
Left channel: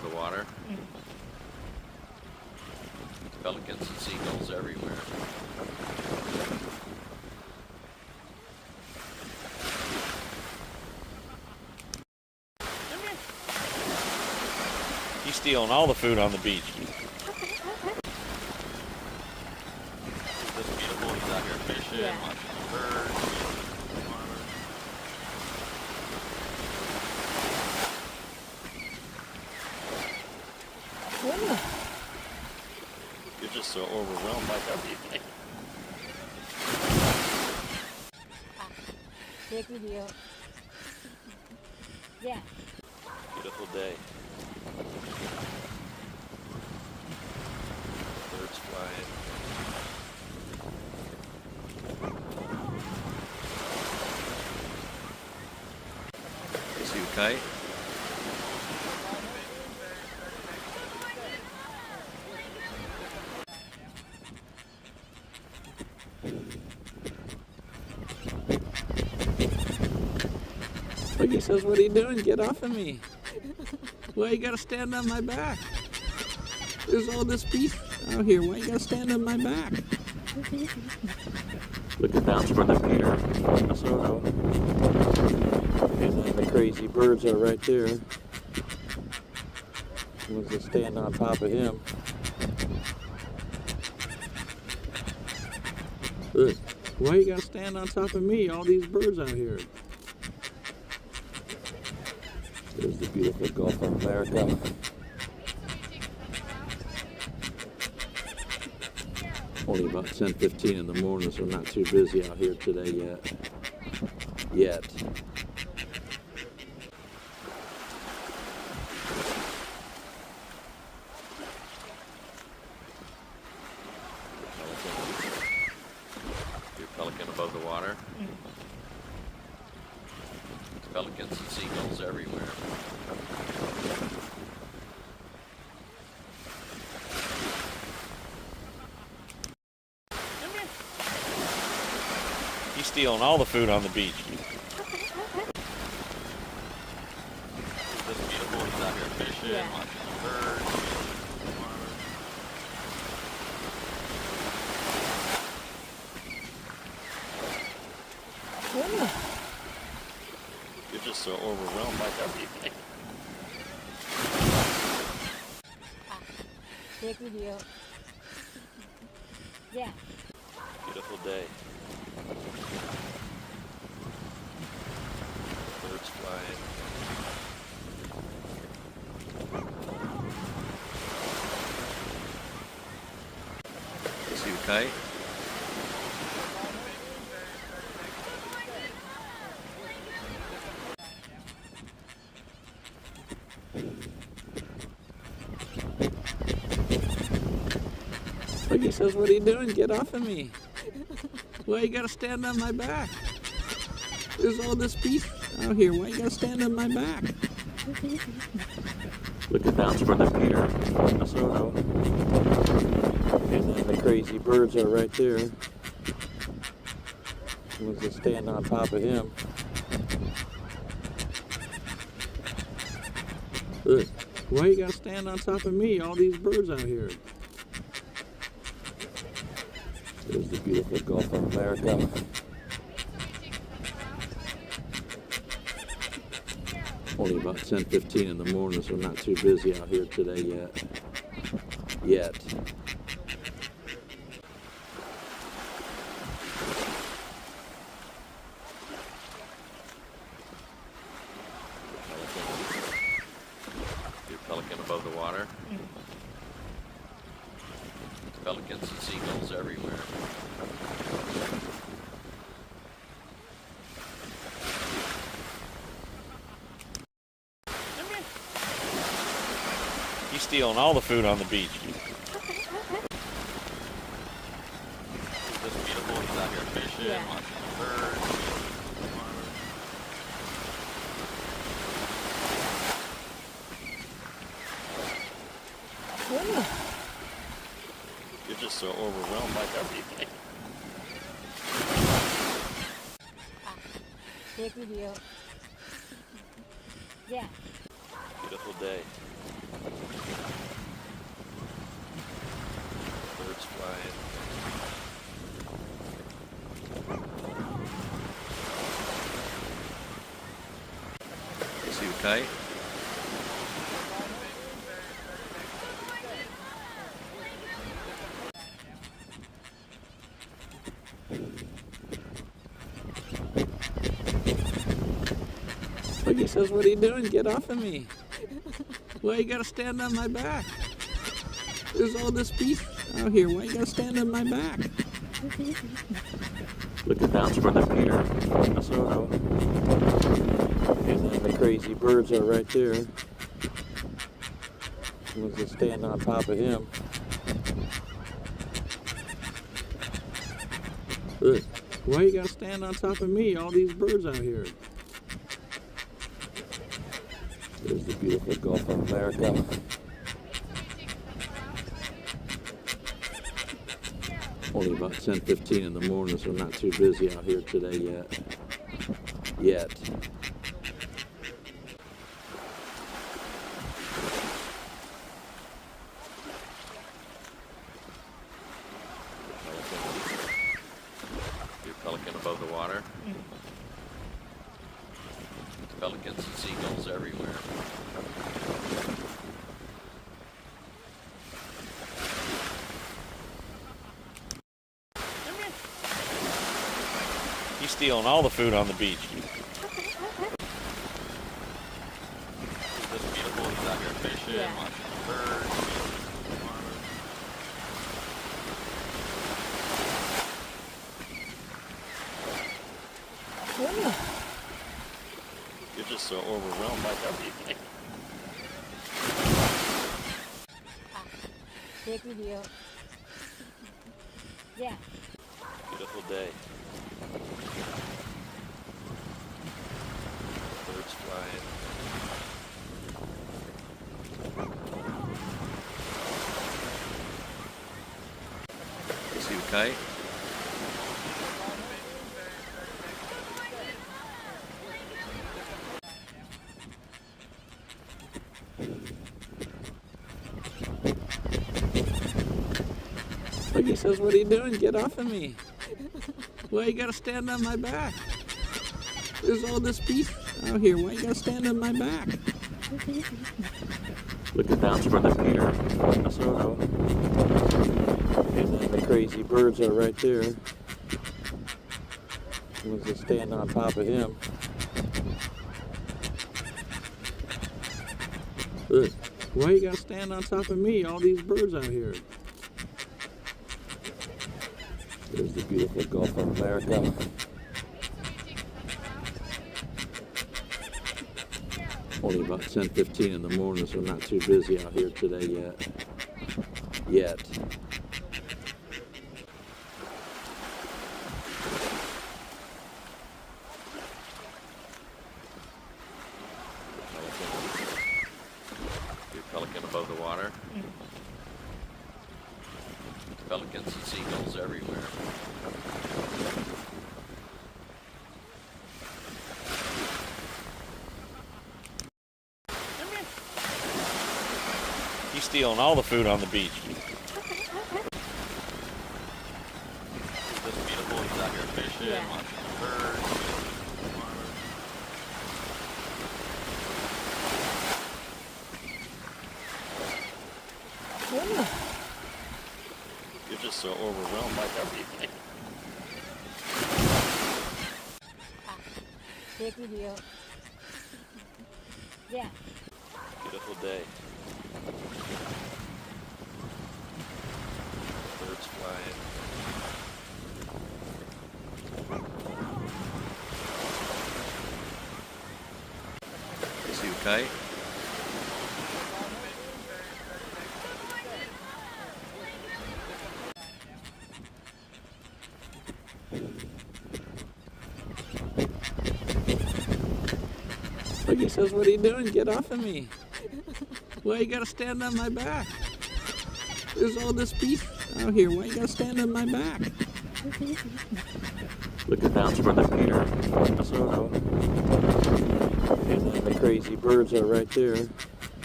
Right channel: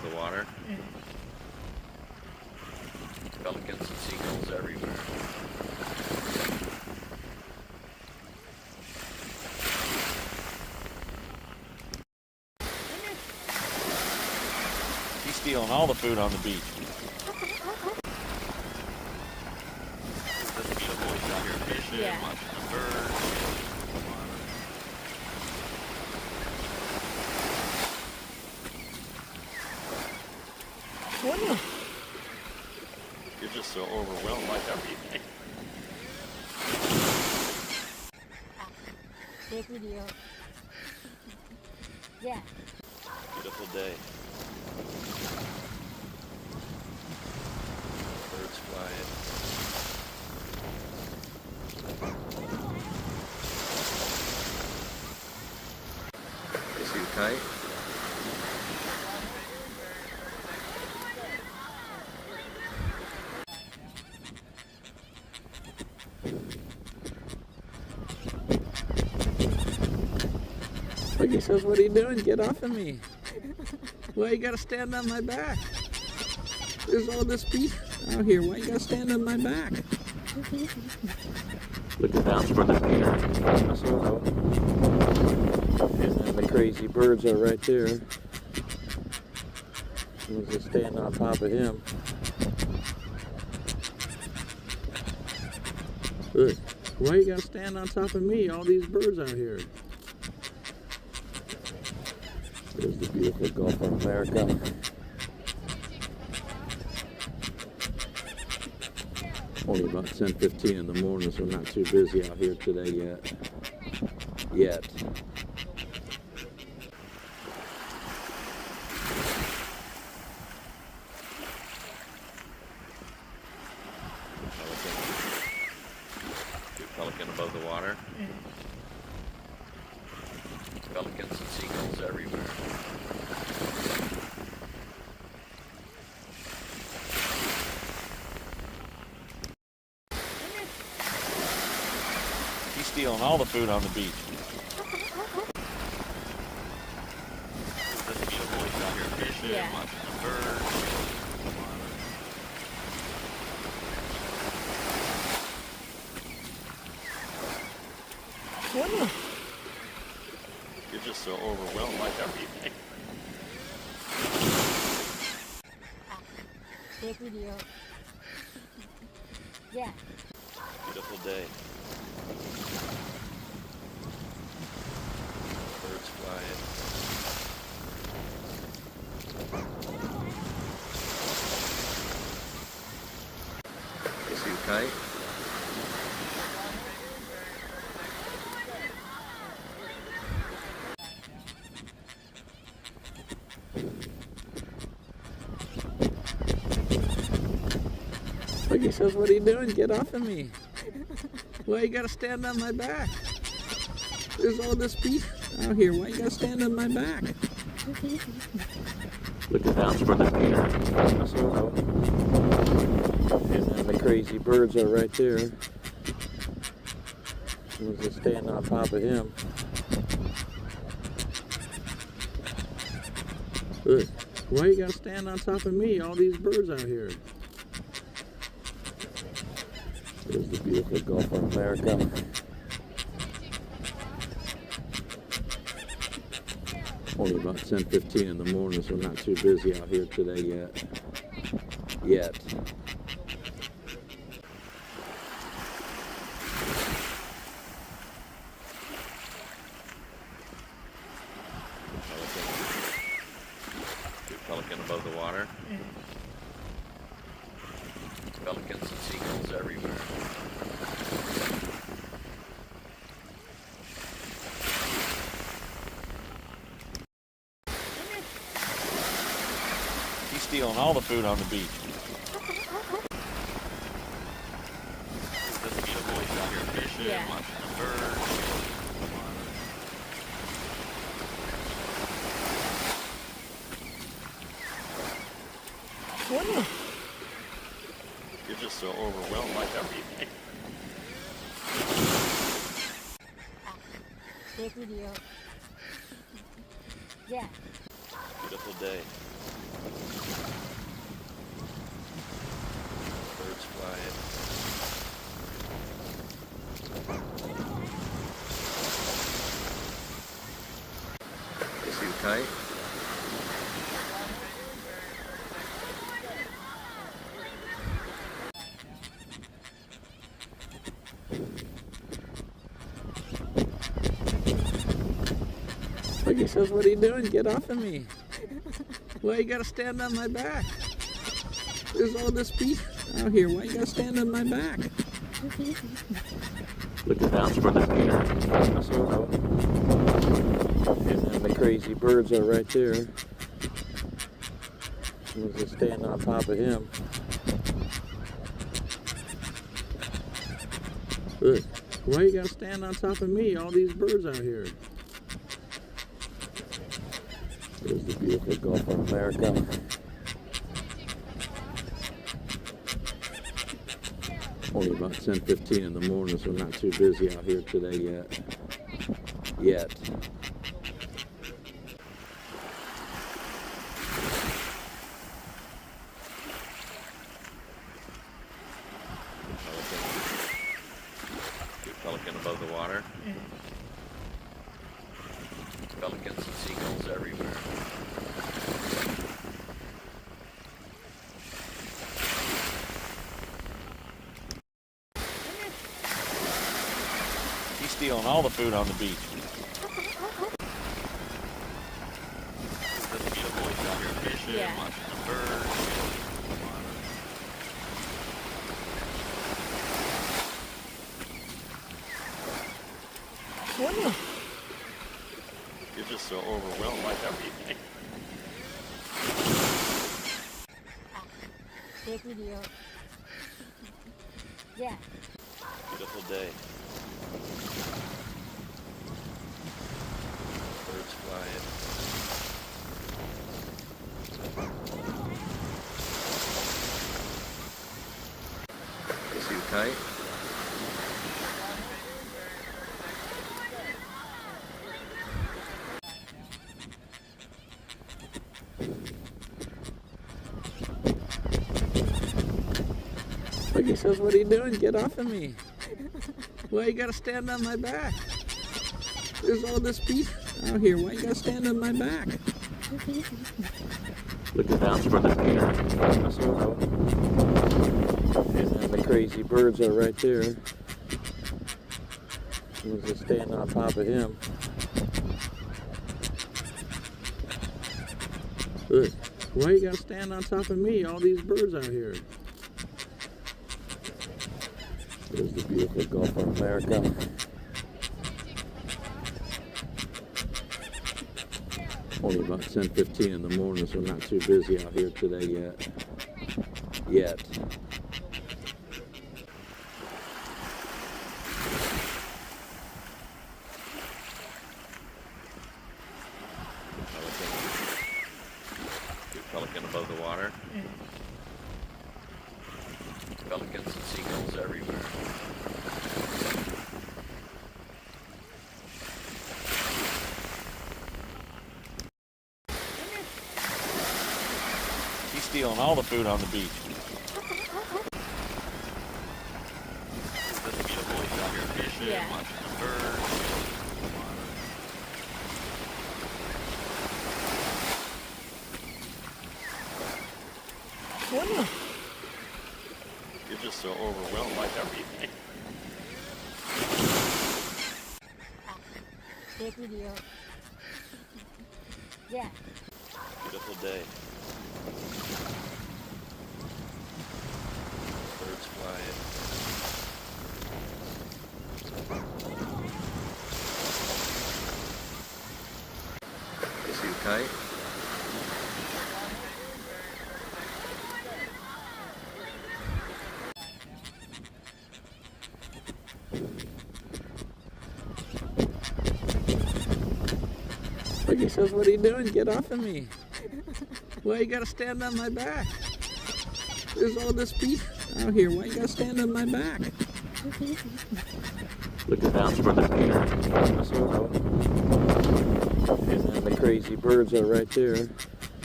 the water. Pelicans and seagulls everywhere. He's stealing all the food on the beach. This beautiful, he's out here fishing, Yeah. watching birds. You're just so overwhelmed by everything. Take video. Yeah. Beautiful day. Birds flying. See you fight. Look, he says, what are you doing? Get off of me. Why you gotta stand on my back? There's all this beef out here. Why you gotta stand on my back? Look at that's where the Peter. And then the crazy birds are right there. Was just standing on top of him. Look, why you gotta stand on top of me? All these birds out here. There's the beautiful Gulf of America. Only about 10:15 in the morning, so not too busy out here today yet. Pelican above the water. Pelicans and seagulls everywhere. He's stealing all the food on the beach. This beautiful, he's out here fishing, Yeah. watching birds. You're just so overwhelmed by everything. Take video. Yeah. Beautiful day. Birds flying. See you fight. Look, he says, what are you doing? Get off of me. Why you gotta stand on my back? There's all this beef out here. Why you gotta stand on my back? Look at that's where the Peter. And then the crazy birds are right there. Was just standing on top of him. Look, why you gotta stand on top of me? All these birds out here. There's the beautiful Gulf of America. Only about 10:15 in the morning, so not too busy out here today yet. Pelican above the water. Pelicans and seagulls everywhere. He's stealing all the food on the beach. This beautiful, he's out here fishing, Yeah. watching birds. You're just so overwhelmed by everything. Take video. Yeah. Beautiful day. Birds flying. See you fight. Look, he says, what are you doing? Get off of me. Why you gotta stand on my back? There's all this beef out here. Why you gotta stand on my back? Looking down for the pier. And then the crazy birds are right there. Someone's just standing on top of him. Look, why you gotta stand on top of me? All these birds out here. There's the beautiful Gulf of America. Only about 10:15 in the morning, so not too busy out here today yet. Pelican above the water. Pelicans and seagulls everywhere. He's stealing all the food on the beach. It's just beautiful. He's out here fishing, Yeah. watching birds. You're just so overwhelmed by everything. Take video. Yeah. Beautiful day. Birds flying. See you fight. Look, he says, what are you doing? Get off of me. Why you gotta stand on my back? There's all this beef out here. Why you gotta stand on my back? Looking down for the pier. And then the crazy birds are right there. Someone's just standing on top of him. Look, why you gotta stand on top of me? All these birds out here. There's the beautiful Gulf of America. Only about 10:15 in the morning, so not too busy out here today yet. Pelican above the water. Pelicans and seagulls everywhere. He's stealing all the food on the beach. It's just beautiful. He's out here fishing, Yeah. watching birds. You're just so overwhelmed by everything. Take video. Yeah. Beautiful day. Birds flying. See you fight. Look, he says, what are you doing? Get off of me. Why you gotta stand on my back? There's all this beef out here. Why you gotta stand on my back? Looking down for the pier. And then the crazy birds are right there.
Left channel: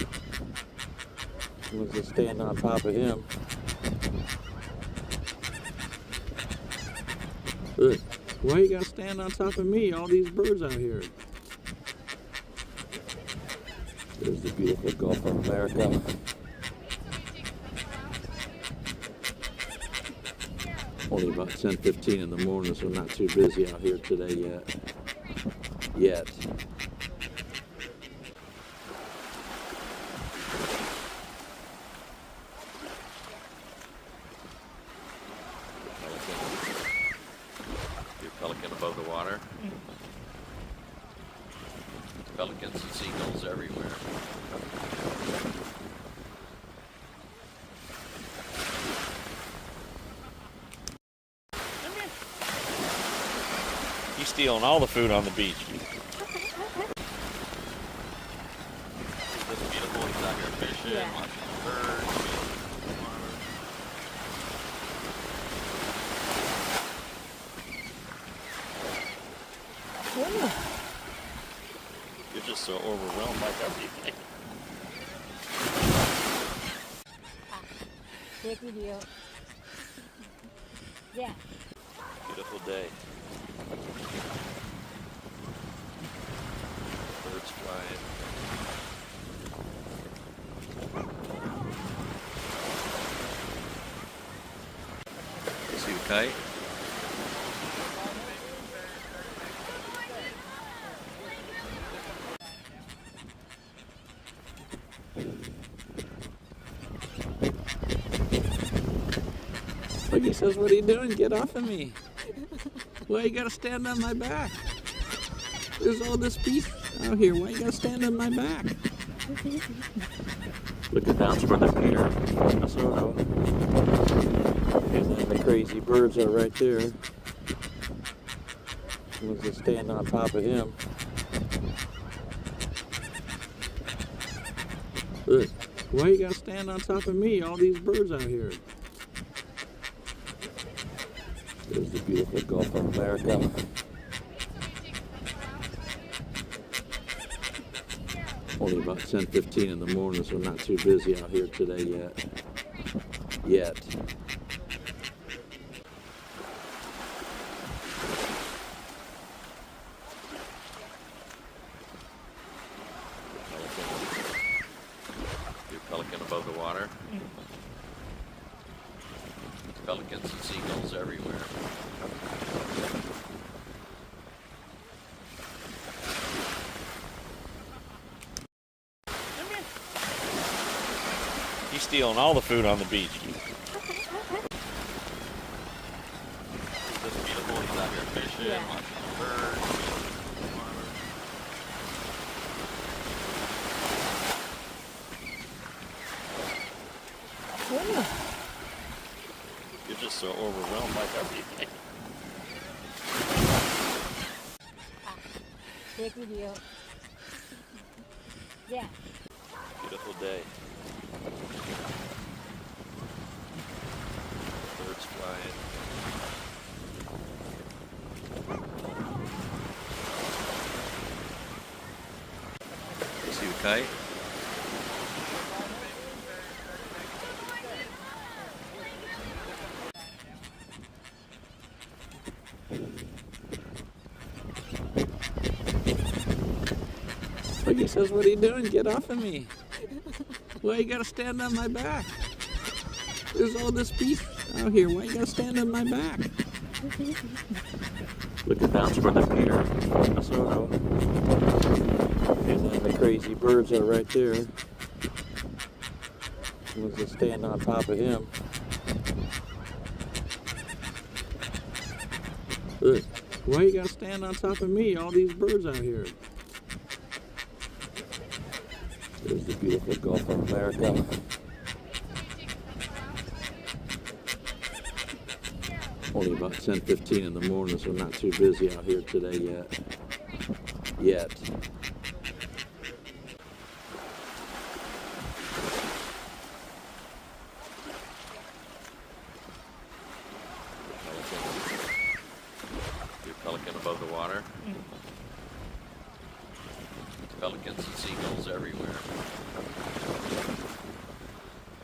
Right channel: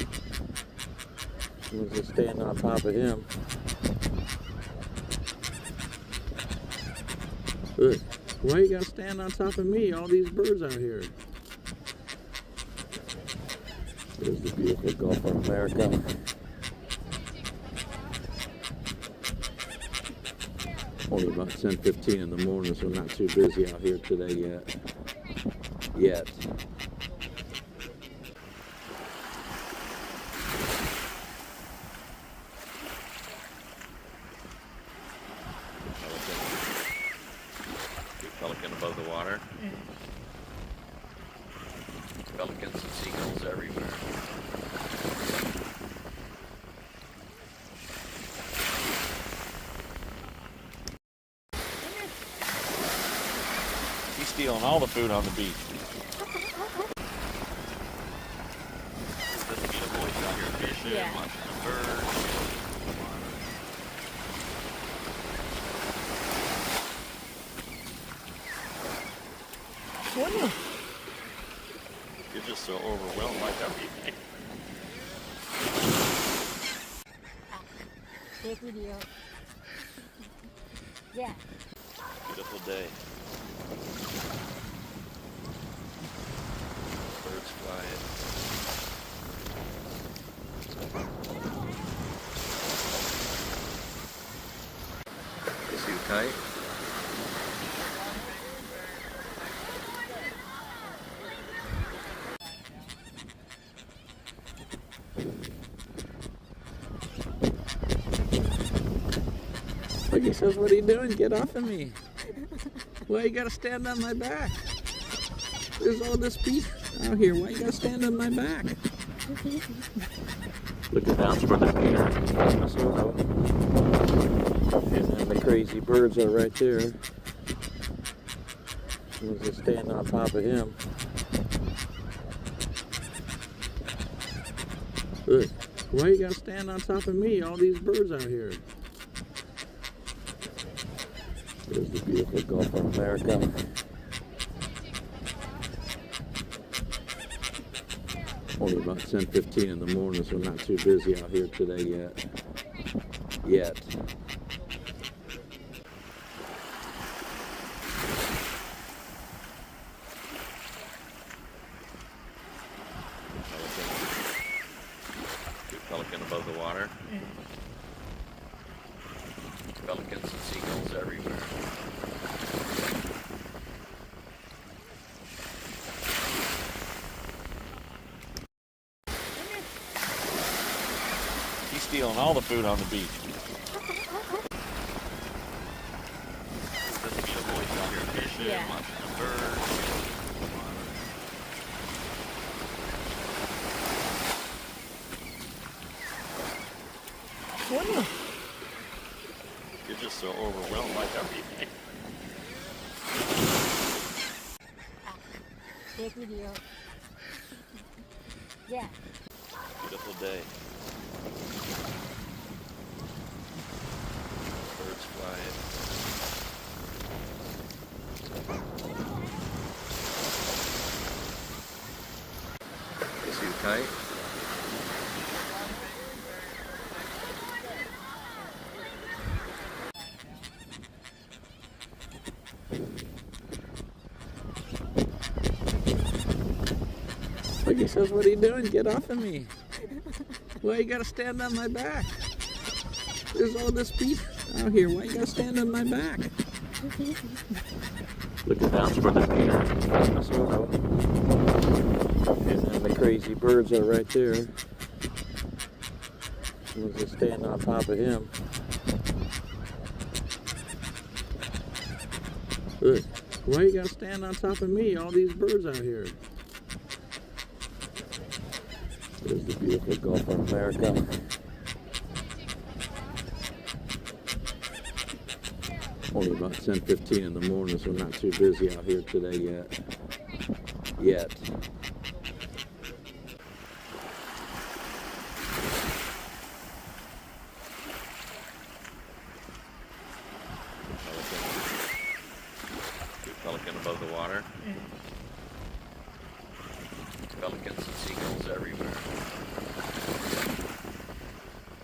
Someone's just standing on top of him. Look, why you gotta stand on top of me? All these birds out here. There's the beautiful Gulf of America. Only about 10:15 in the morning, so not too busy out here today yet. Pelican above the water. Pelicans and seagulls everywhere. He's stealing all the food on the beach. It's just beautiful. He's out here fishing, Yeah. watching the birds. You're just so overwhelmed by everything. Take video. Yeah. Beautiful day. Birds flying. Is he tight? Look, he says, what are you doing? Get off of me. Why you gotta stand on my back? There's all this beef out here. Why you gotta stand on my back? Looking down for the pier. And then the crazy birds are right there. Someone's just standing on top of him. Look, why you gotta stand on top of me? All these birds out here. There's the beautiful Gulf of America. Only about 10:15 in the morning, so not too busy out here today yet. Pelican above the water. Pelicans and seagulls everywhere. He's stealing all the food on the beach. It's just beautiful. He's out here fishing, Yeah. watching the birds. You're just so overwhelmed by everything. Take video. Yeah. Beautiful day. Birds flying. Is he tight? Look, he says, what are you doing? Get off of me. Why you gotta stand on my back? There's all this beef out here. Why you gotta stand on my back? Looking down for the pier. And then the crazy birds are right there. Someone's just standing on top of him. Look, why you gotta stand on top of me? All these birds out here. There's the beautiful Gulf of America. Only about 10:15 in the morning, so not too busy out here today yet. Pelican above the water. Pelicans and seagulls everywhere.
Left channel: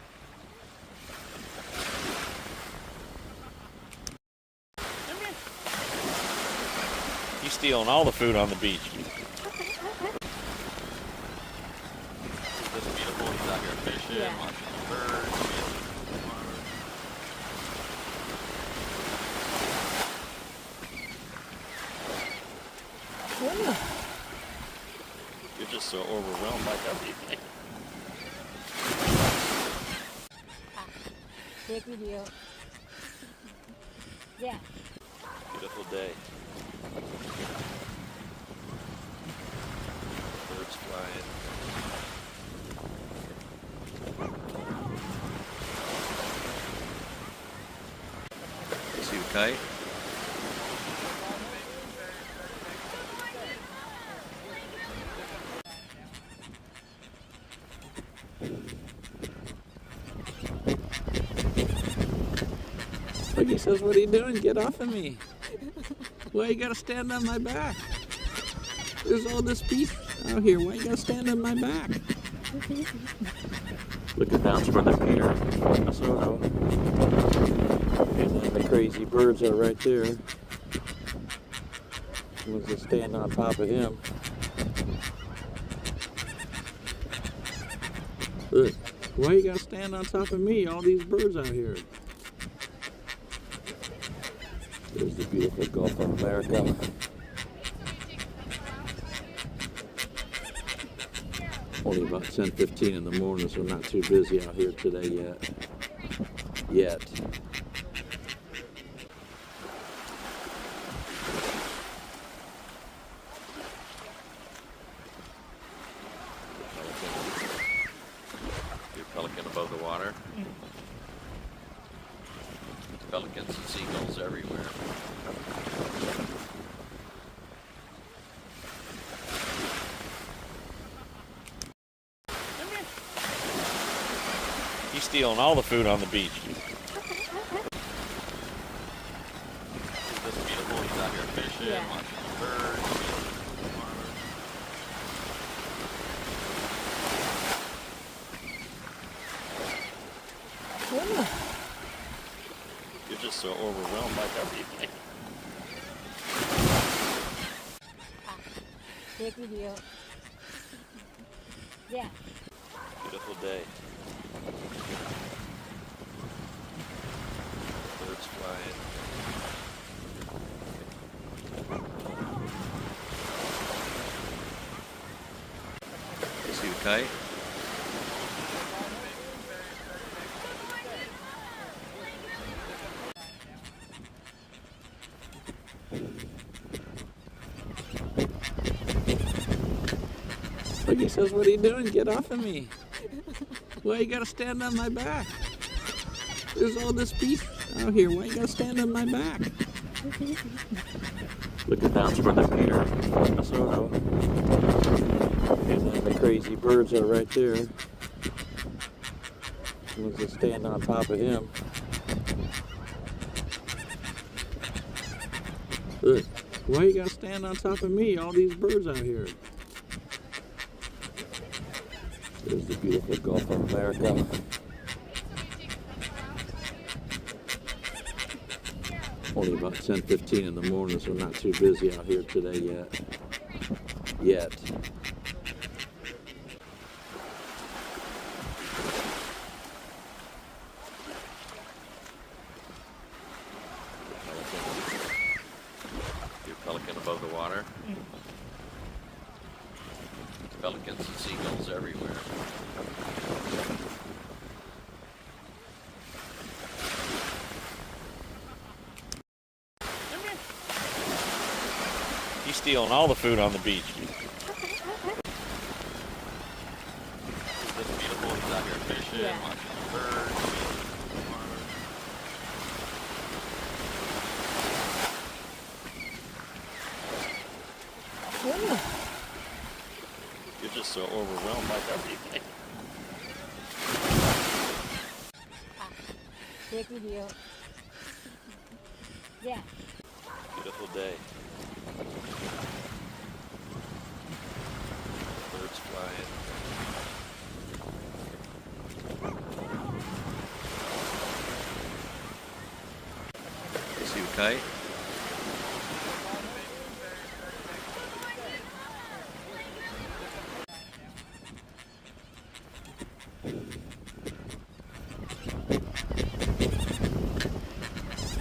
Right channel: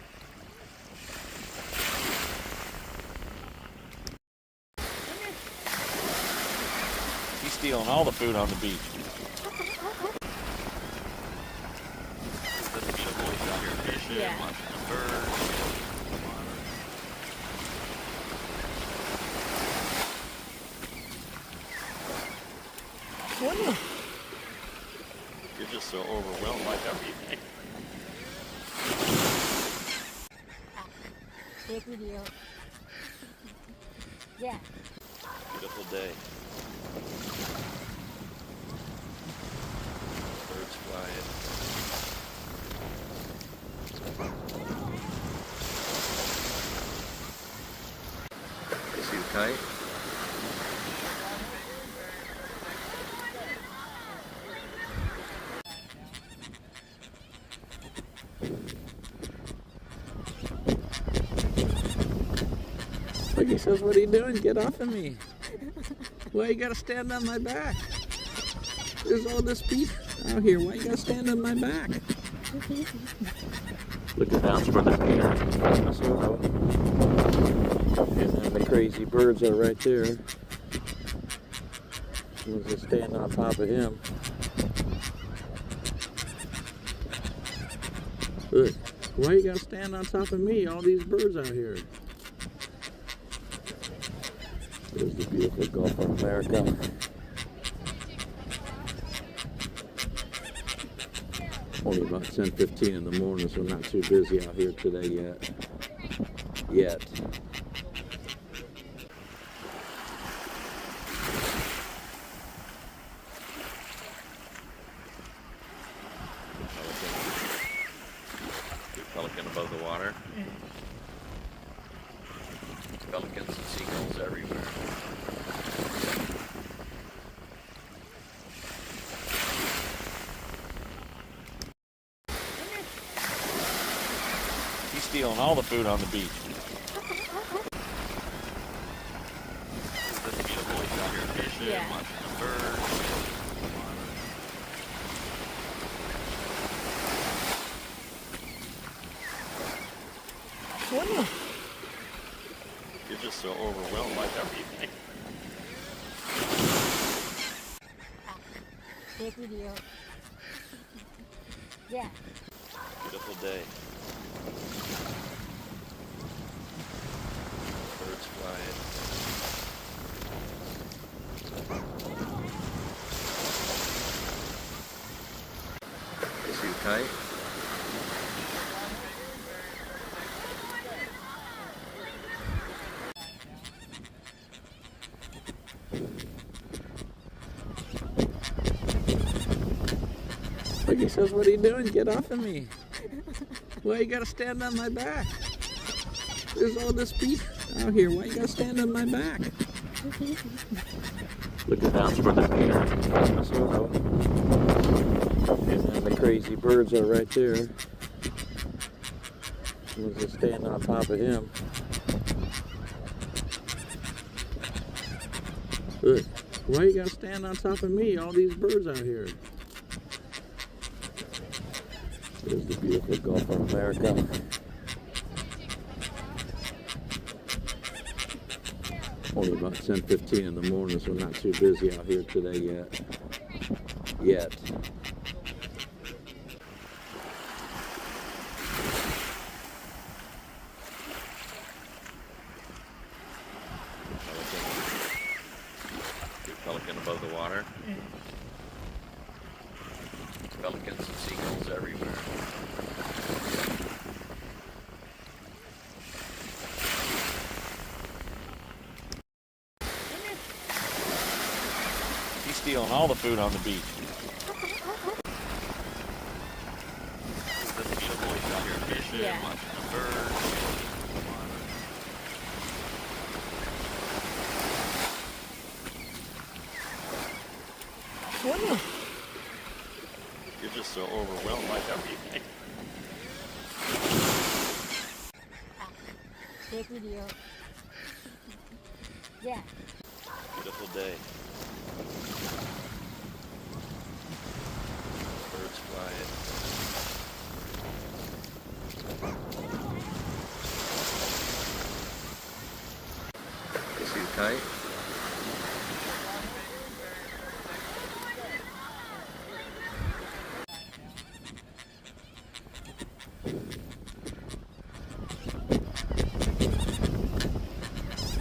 stealing all the food on the beach. Is this beautiful? He's out here fishing, Yeah. watching birds. Whoa. You're just so overwhelmed by everything. Take video. Yeah. Beautiful day. Birds flying. Is he tight? Look, he says, what are you doing? Get off of me. Why you gotta stand on my back? There's all this beef out here. Why you gotta stand on my back? Looking down from the pier, Minnesota. And then the crazy birds are right there. Was just standing on top of him. Look, why you gotta stand on top of me? All these birds out here. There's the beautiful Gulf of America. Only about 10:15 in the morning, so not too busy out here today yet. Your pelican above the water. Pelicans and seagulls everywhere. He's stealing all the food on the beach. Is this beautiful? He's out here fishing, Yeah. watching birds. Whoa. You're just so overwhelmed by everything. Take video. Yeah. Beautiful day. Birds flying. Is he tight? Look, he says, what are you doing? Get off of me. Why you gotta stand on my back? There's all this beef out here. Why you gotta stand on my back? Looking down from the pier, Minnesota. And then the crazy birds are right there. Was just standing on top of him. Look, why you gotta stand on top of me? All these birds out here. There's the beautiful Gulf of America. Only about 10:15 in the morning, so not too busy out here today yet. Your pelican above the water. Pelicans and seagulls everywhere. He's stealing all the food on the beach. Is this beautiful? He's out here fishing, Yeah. watching birds. Whoa. You're just so overwhelmed by everything. Take video. Yeah. Beautiful day. Birds flying. Is he tight?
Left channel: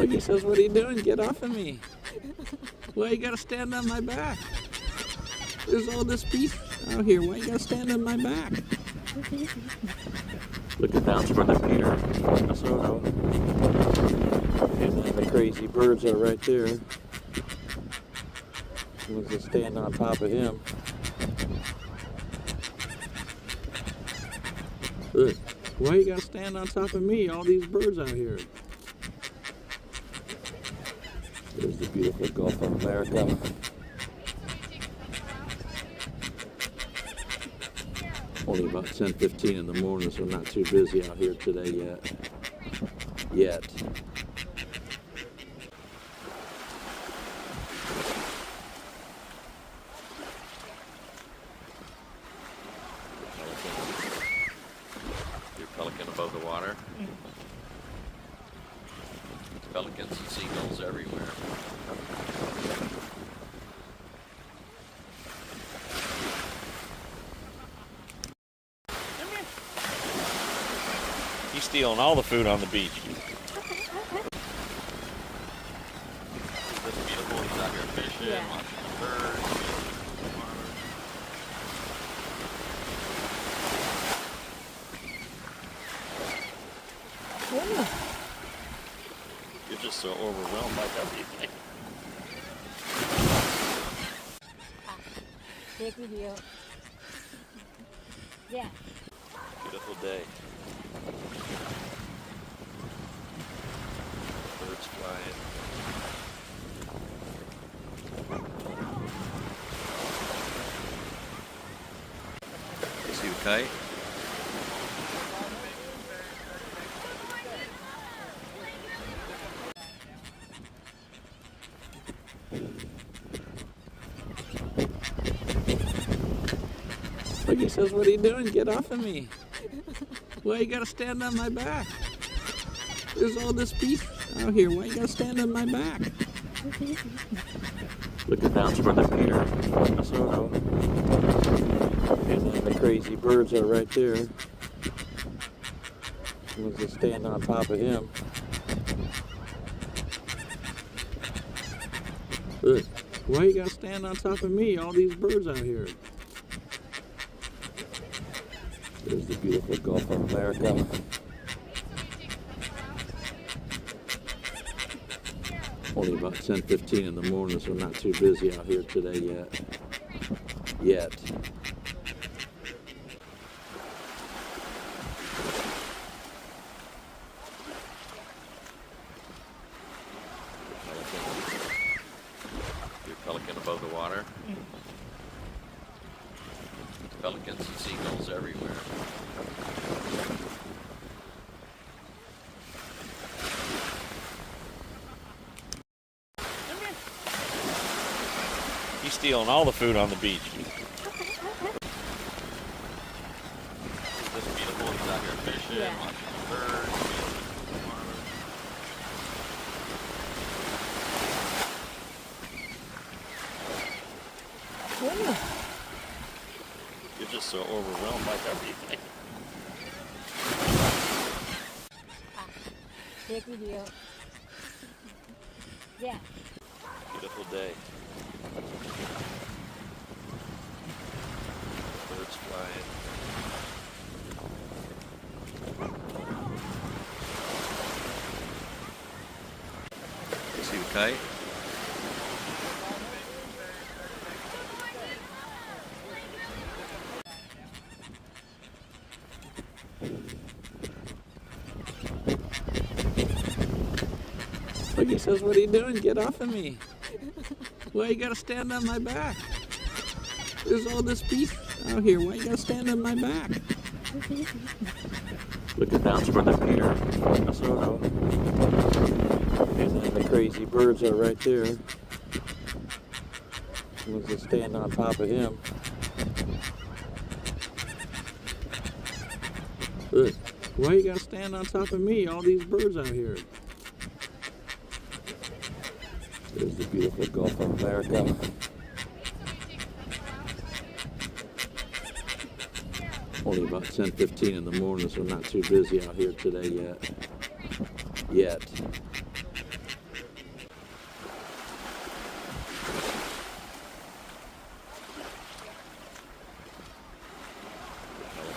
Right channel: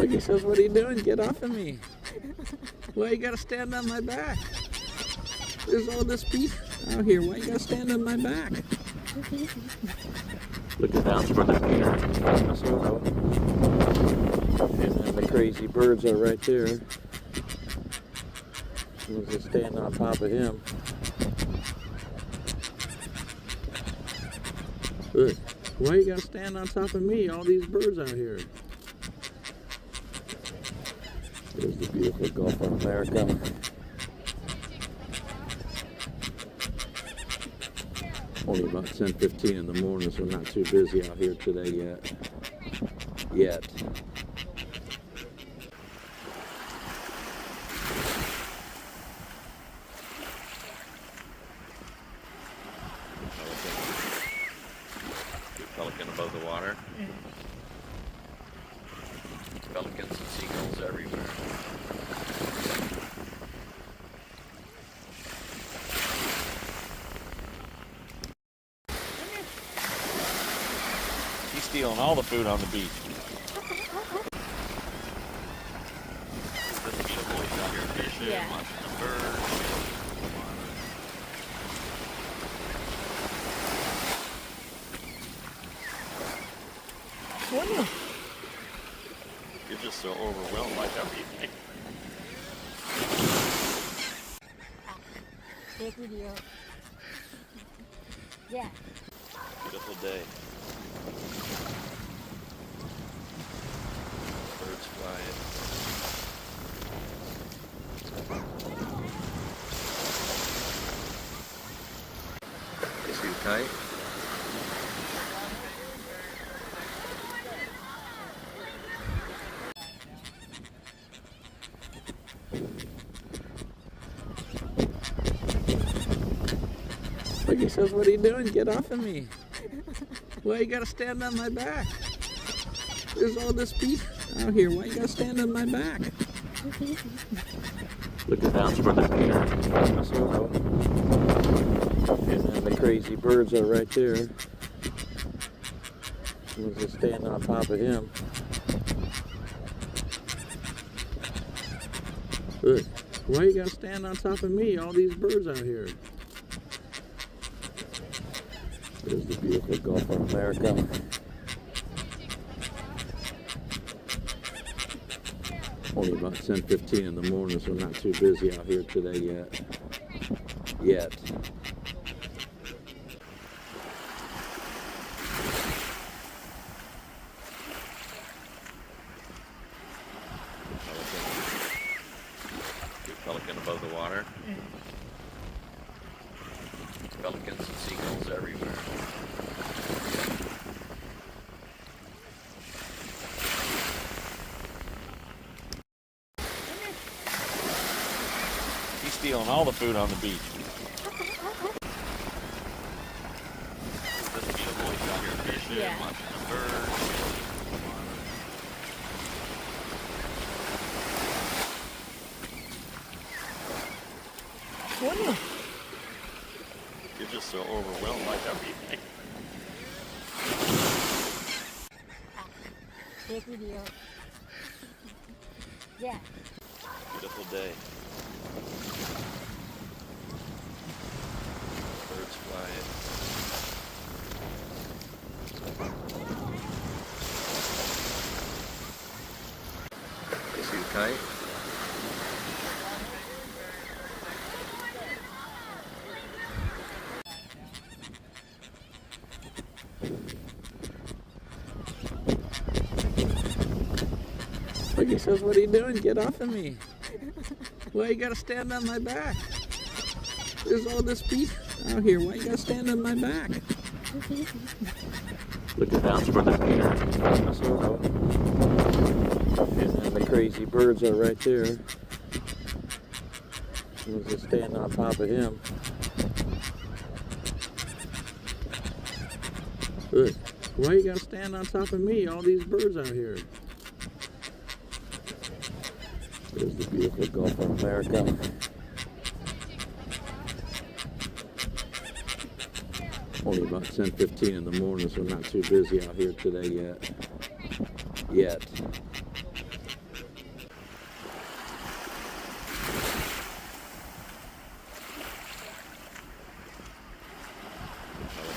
He says, what are you doing? Get off of me. Why you gotta stand on my back? There's all this beef out here. Why you gotta stand on my back? Look at that for the Peter. And then the crazy birds are right there. We'll just stand on top of him. Look, why you gotta stand on top of me? All these birds out here. There's the beautiful Gulf of America. Only about 10:15 in the morning, so not too busy out here today yet. Pelican above the water. Pelicans and seagulls everywhere. He's stealing all the food on the beach. It's just beautiful. He's out here fishing, Yeah. watching birds. You're just so overwhelmed by everything. Take video. Yeah. Beautiful day. Birds flying. Is he tight? He says, what are you doing? Get off of me. Why you gotta stand on my back? There's all this beef out here. Why you gotta stand on my back? Look at that for the Peter. And then the crazy birds are right there. We'll just stand on top of him. Look, why you gotta stand on top of me? All these birds out here. There's the beautiful Gulf of America. Only about 10:15 in the morning, so not too busy out here today yet. Pelican above the water. Pelicans and seagulls everywhere. He's stealing all the food on the beach. It's just beautiful. He's out here fishing, Yeah. watching birds. You're just so overwhelmed by everything. Take video. Yeah. Beautiful day. Birds flying. Is he tight? He says, what are you doing? Get off of me. Why you gotta stand on my back? There's all this beef out here. Why you gotta stand on my back? Look at that for the Peter. And then the crazy birds are right there. We'll just stand on top of him. Look, why you gotta stand on top of me? All these birds out here. There's the beautiful Gulf of America. Only about 10:15 in the morning, so not too busy out here today yet.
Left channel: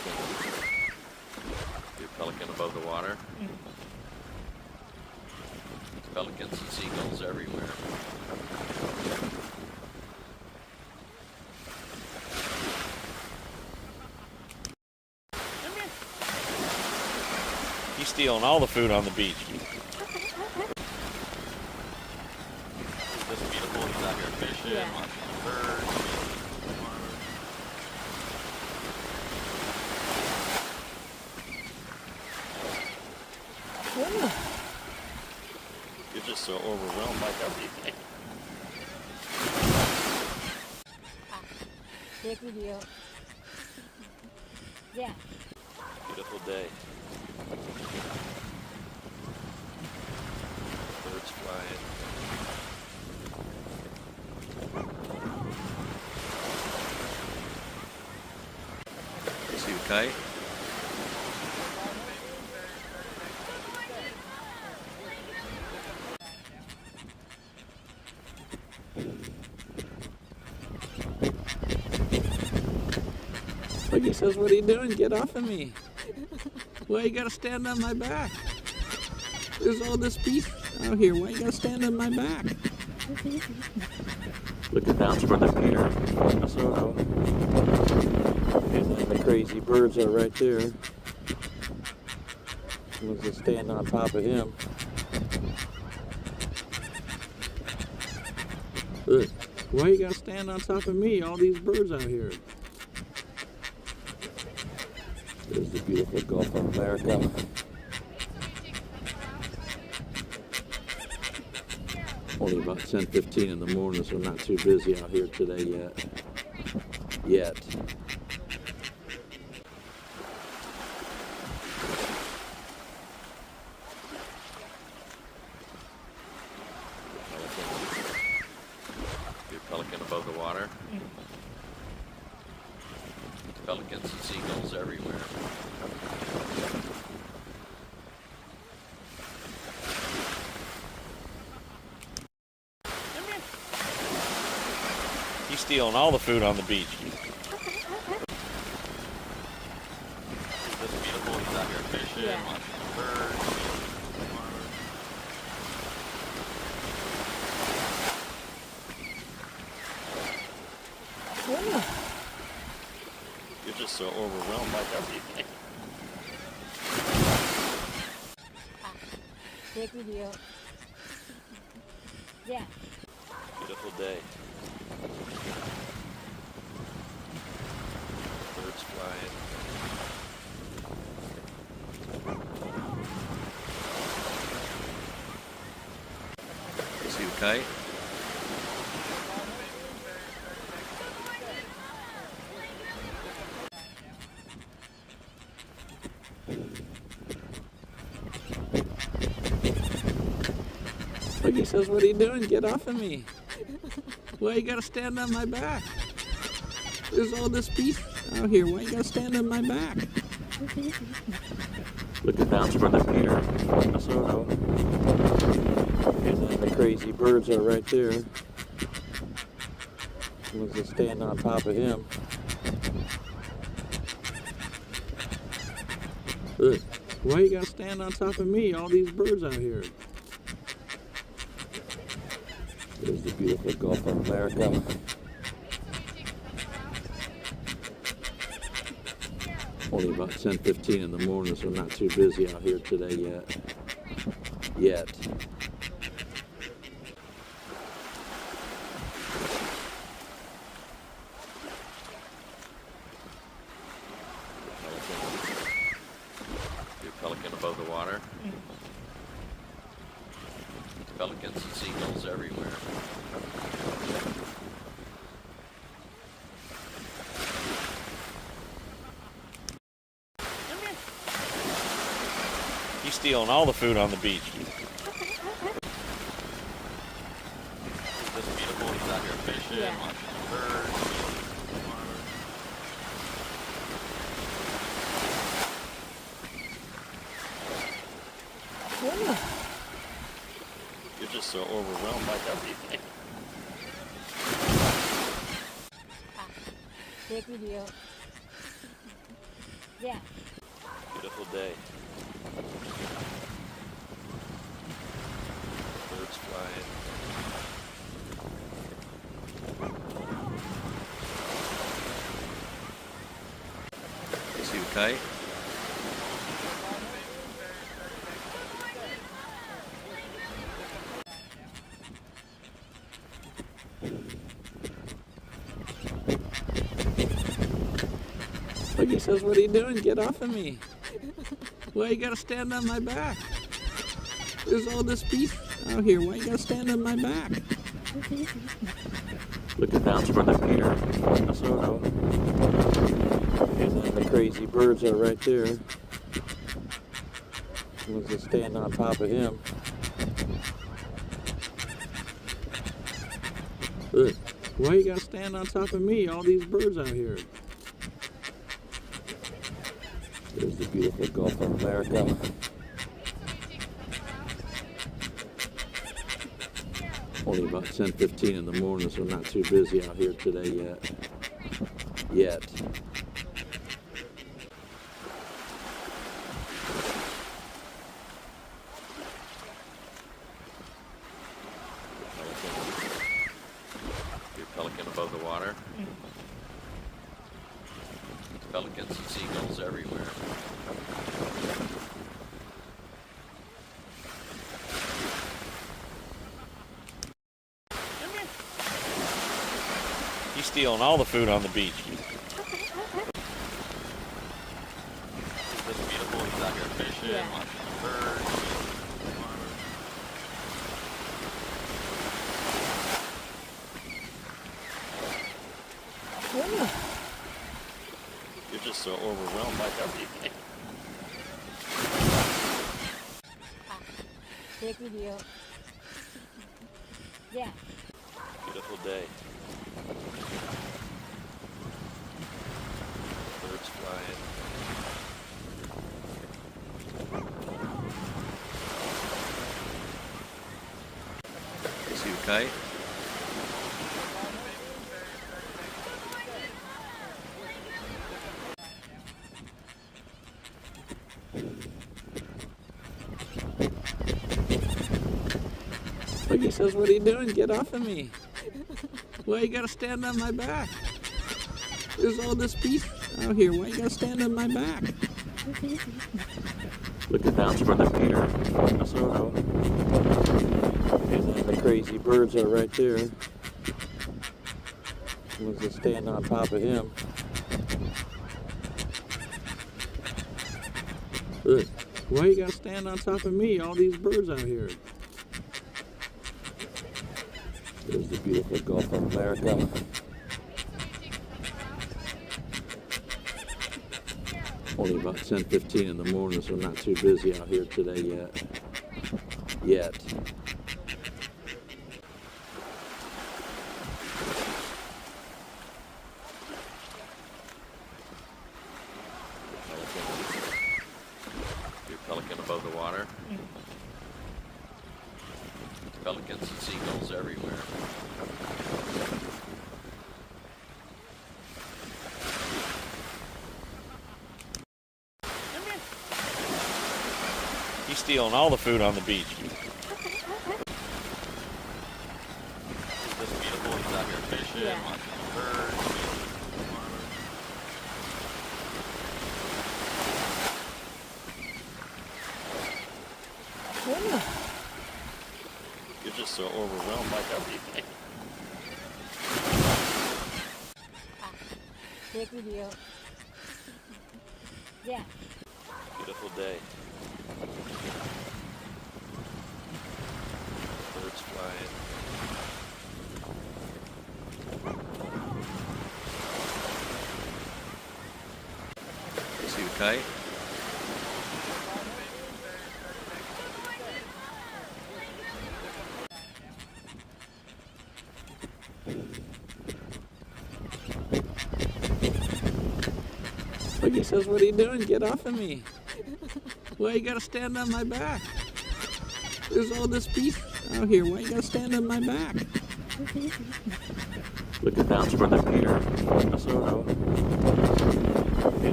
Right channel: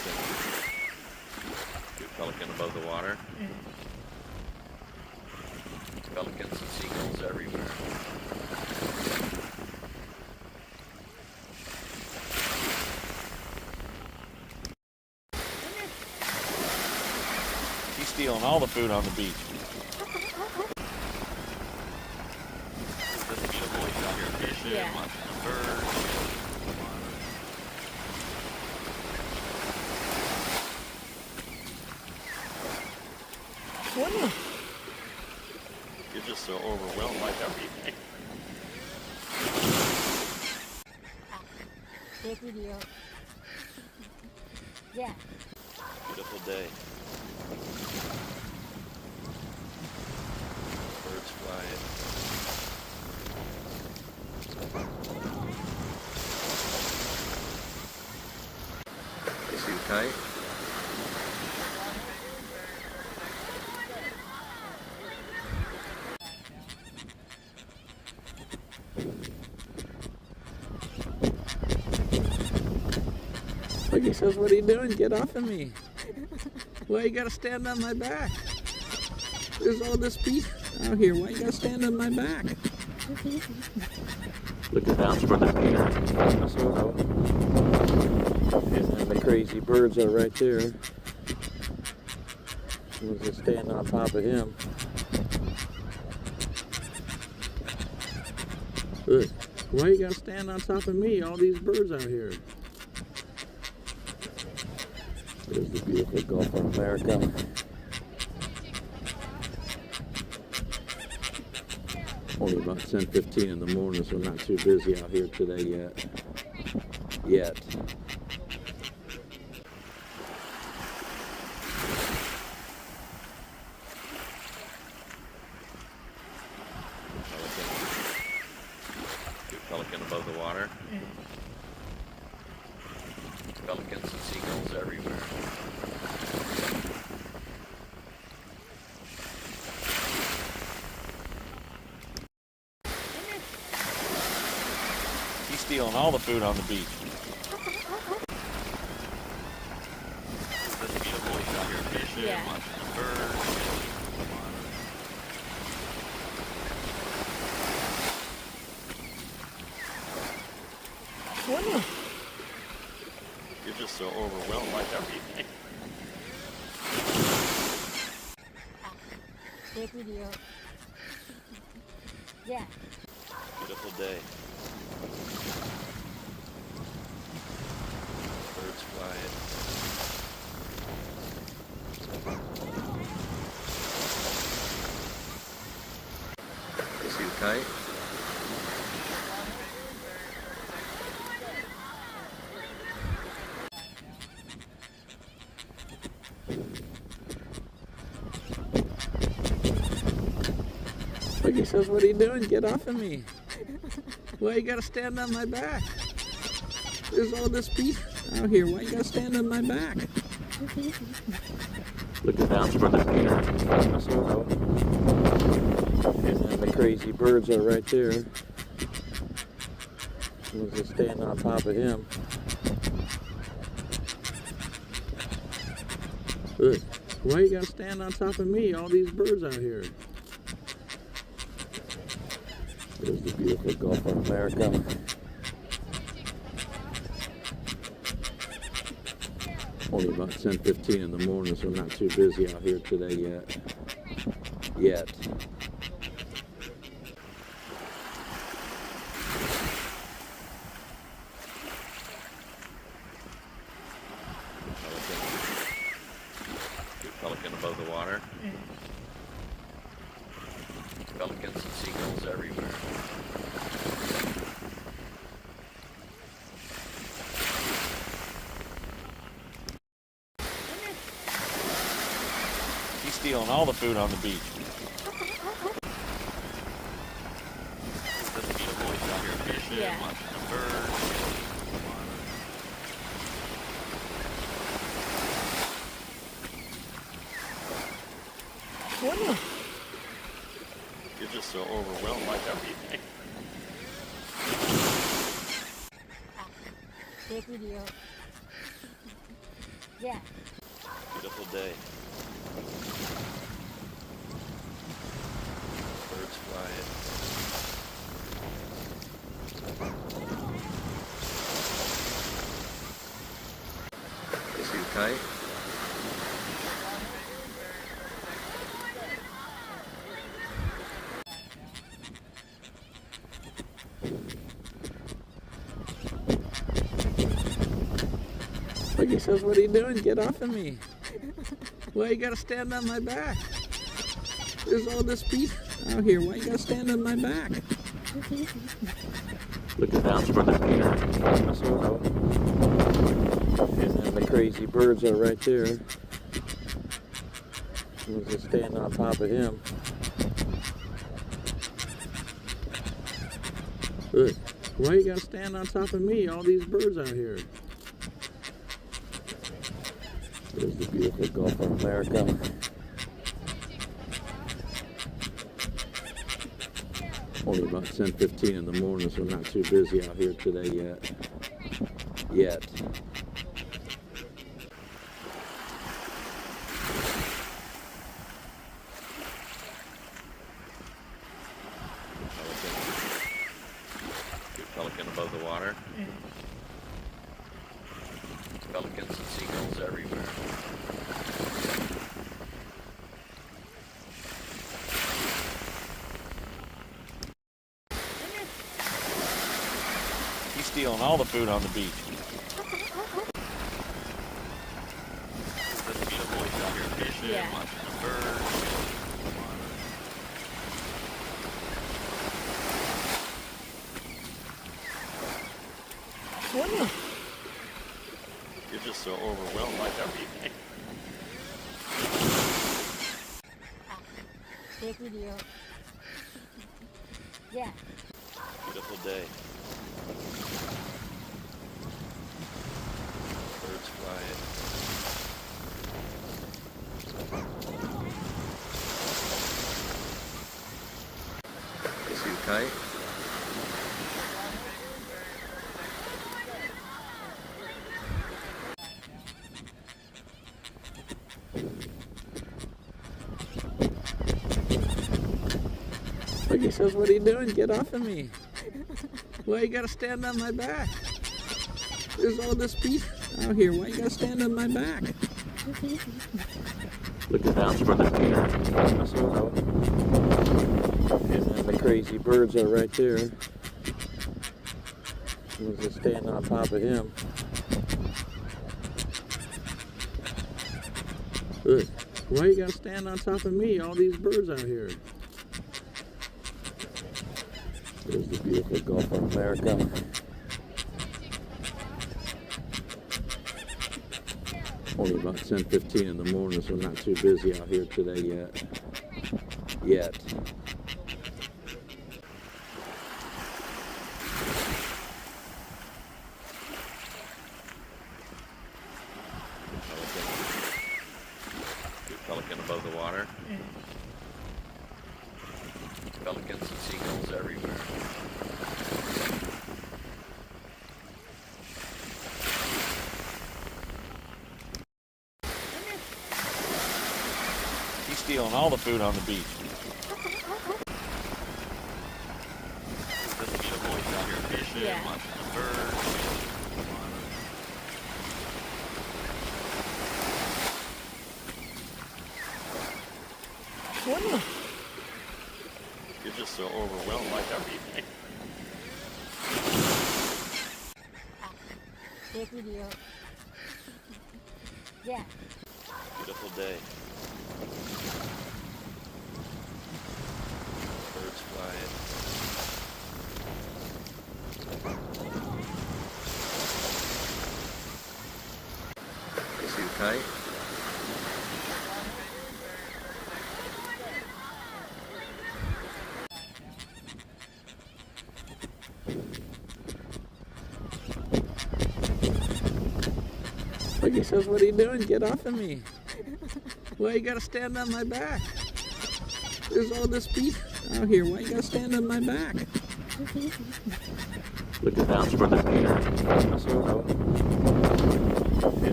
Pelican above the water. Pelicans and seagulls everywhere. He's stealing all the food on the beach. This beautiful, he's out here fishing, Yeah. watching birds. You're just so overwhelmed by everything. Take video. Yeah. Beautiful day. Birds flying. Is he tight? Look, he says, what are you doing? Get off of me. Why you gotta stand on my back? There's all this beef out here. Why you gotta stand on my back? Look at that for the Peter. And then the crazy birds are right there. Was just standing on top of him. Look, why you gotta stand on top of me? All these birds out here. There's the beautiful Gulf of America. Only about 10:15 in the morning, so not too busy out here today yet. Pelican above the water. Pelicans and seagulls everywhere. He's stealing all the food on the beach. This beautiful, he's out here fishing, Yeah. watching birds. You're just so overwhelmed by everything. Take video. Yeah. Beautiful day. Birds flying. Is he tight? Look, he says, what are you doing? Get off of me. Why you gotta stand on my back? There's all this beef out here. Why you gotta stand on my back? Look at that for the Peter. And then the crazy birds are right there. Was just standing on top of him. Look, why you gotta stand on top of me? All these birds out here. There's the beautiful Gulf of America. Only about 10:15 in the morning, so not too busy out here today yet. Pelican above the water. Pelicans and seagulls everywhere. He's stealing all the food on the beach. This beautiful, he's out here fishing, Yeah. watching birds. You're just so overwhelmed by everything. Take video. Yeah. Beautiful day. Birds flying. See you fight. Look, he says, what are you doing? Get off of me. Why you gotta stand on my back? There's all this beef out here. Why you gotta stand on my back? Looking down from the pier. And then the crazy birds are right there. Someone's just standing on top of him. Look, why you gotta stand on top of me? All these birds out here. There's the beautiful Gulf of America. Only about 10:15 in the morning, so not too busy out here today yet. Your pelican above the water. Pelicans and seagulls everywhere. He's stealing all the food on the beach. It's just beautiful. He's out here fishing, Yeah. watching the birds. You're just so overwhelmed by everything. Take video. Yeah. Beautiful day. Birds flying. See you fight. Look, he says, what are you doing? Get off of me. Why you gotta stand on my back? There's all this beef out here. Why you gotta stand on my back? Looking down from the pier. And then the crazy birds are right there. Someone's just standing on top of him. Look, why you gotta stand on top of me? All these birds out here. There's the beautiful Gulf of America. Only about 10:15 in the morning, so not too busy out here today yet. Your pelican above the water. Pelicans and seagulls everywhere. He's stealing all the food on the beach. It's just beautiful. He's out here fishing, Yeah. watching the birds. You're just so overwhelmed by everything. Take video. Yeah. Beautiful day. Birds flying. See you fight. Look, he says, what are you doing? Get off of me. Why you gotta stand on my back? There's all this beef out here. Why you gotta stand on my back? Looking down from the pier. And